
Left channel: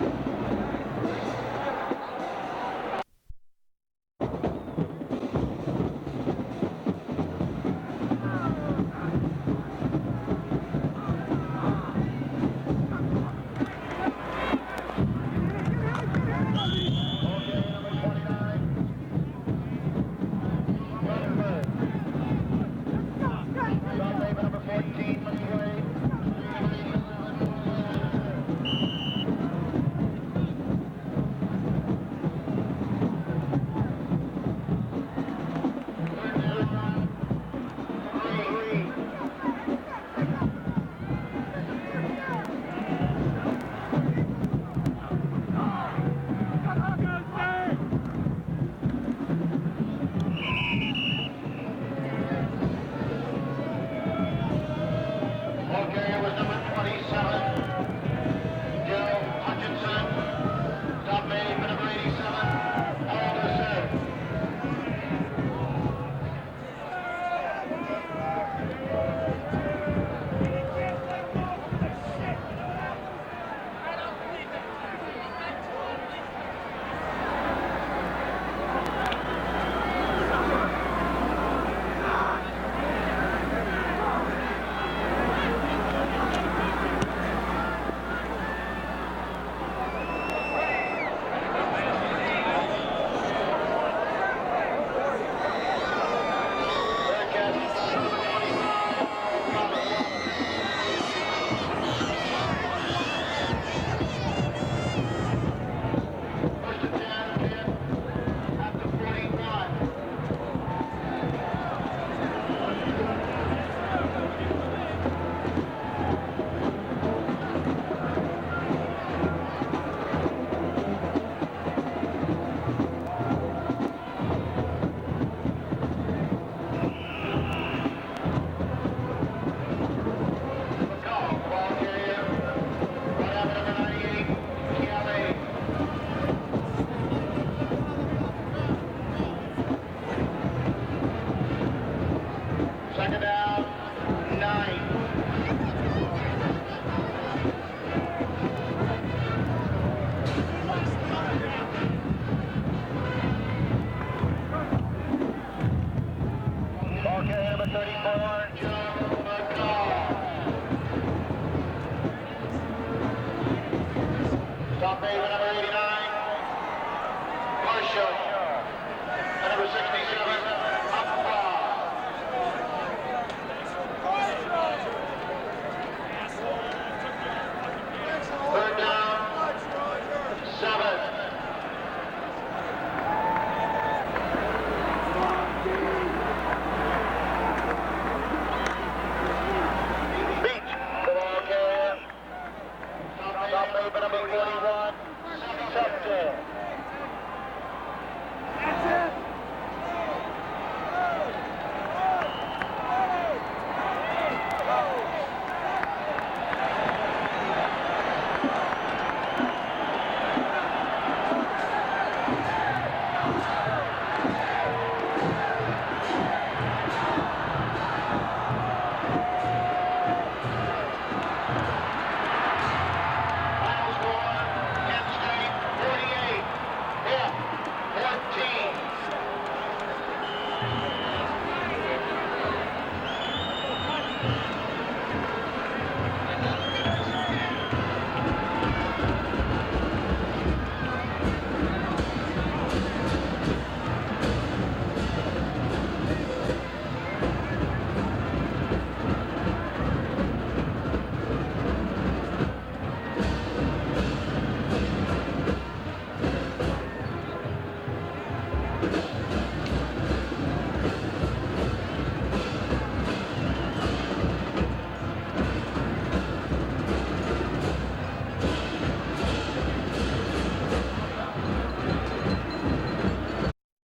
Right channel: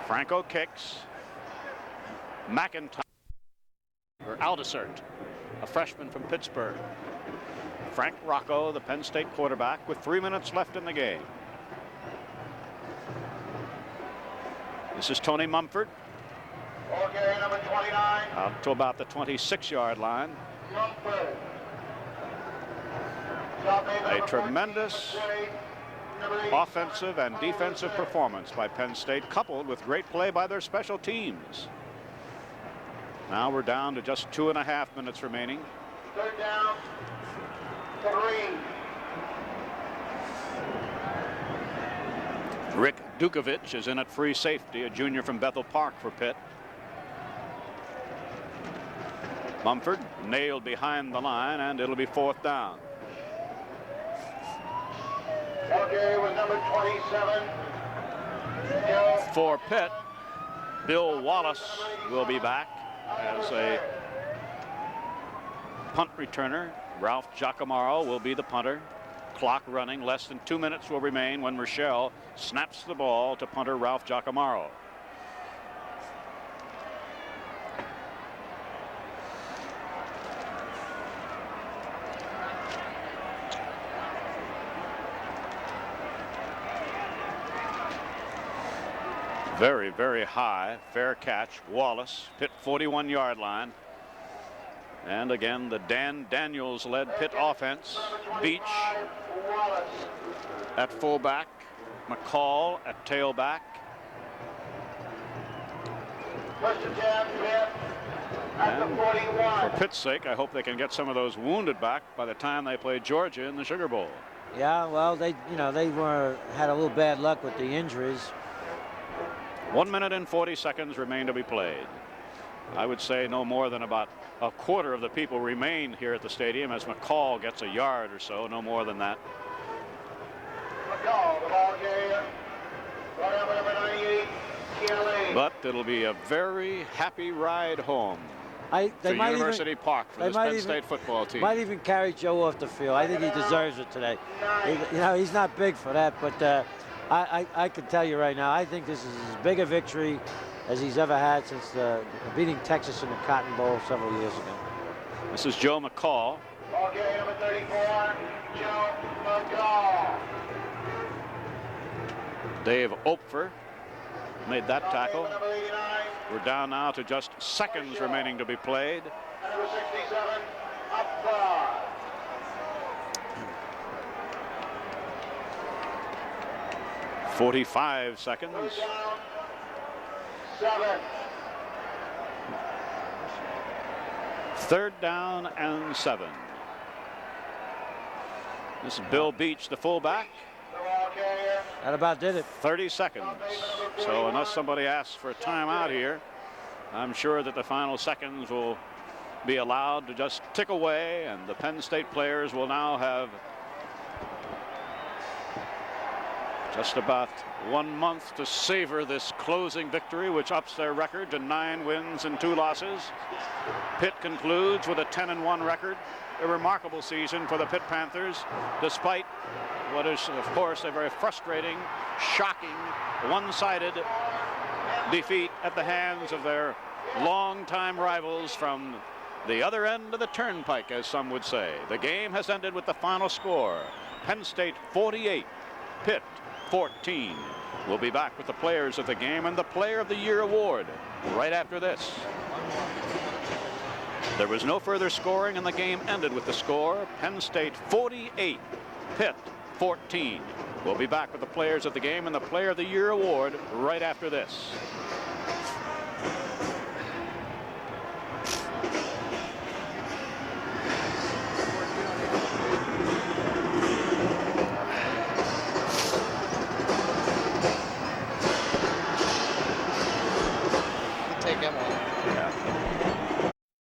Franco kicks. McIntyre, Aldisert, a freshman from Pittsburgh. Frank Rocco, the Penn State quarterback, with 3 minutes left in the game. This is Tony Mumford. Out to about the 26-yard line. A tremendous offensive and defensive performance by Penn State, coupled with great play by their special teams. Now we're down to just 2.5 minutes remaining. Third down, 3. Rick Dukovich is in at free safety, a junior from Bethel Park for Pitt. Mumford nailed behind the line, and it'll be 4th down. Ball carrier was number 27. For Pitt, Bill Wallace will be back as a punt returner. Ralph Giacomarro will be the punter. Clock running, less than 2 minutes will remain when Rochelle snaps the ball to punter Ralph Giacomarro. Very, very high, fair catch. Wallace hit the 41-yard line. And again, the Dan Daniels-led Pitt offense. Beach at fullback, McCall at tailback. First and 10, Pitt at the 41. For Pitt's sake, I hope they can get some of those wounded back by the time they play Georgia in the Sugar Bowl. Yeah, well, they had a little bad luck with the injuries. 1 minute and 40 seconds remain to be played. I would say no more than about a quarter of the people remain here at the stadium as McCall gets a yard, so no more than that. McCall, ball carrier. Brought out by number 98, TLA. But it'll be a very happy ride home They to might University Park for this Penn State football team. Might even carry Joe off the field. I think he deserves it today. He's not big for that, but I can tell you right now, I think this is as big a victory as he's ever had since beating Texas in the Cotton Bowl several years ago. This is Joe McCall. Ball carrier number 34, Joe McCall. Dave Opfer made that Ball tackle. carrier number 89. We're down now to just seconds remaining to be played. Number 67, Upwa. 45 seconds. Third down, 7. Third down and 7. This is Bill Beach, the fullback. That about did it. 30 seconds. So unless somebody asks for a timeout here, I'm sure that the final seconds will be allowed to just tick away. The Penn State players will now have just about 1 month to savor this closing victory, which ups their record to 9 wins and 2 losses. Pitt concludes with a 10-1 record. A remarkable season for the Pitt Panthers, despite what is, of course, a very frustrating, shock, one-sided defeat at the hands of their longtime rivals from The other end of the turnpike, as some would say. The game has ended with the final score. Penn State 48, Pitt 14. We'll be back with the players of the game and the Player of the Year award right after this. There was no further scoring, and the game ended with the score: Penn State 48, Pitt 14. We'll be back with the players of the game and the Player of the Year award right after this.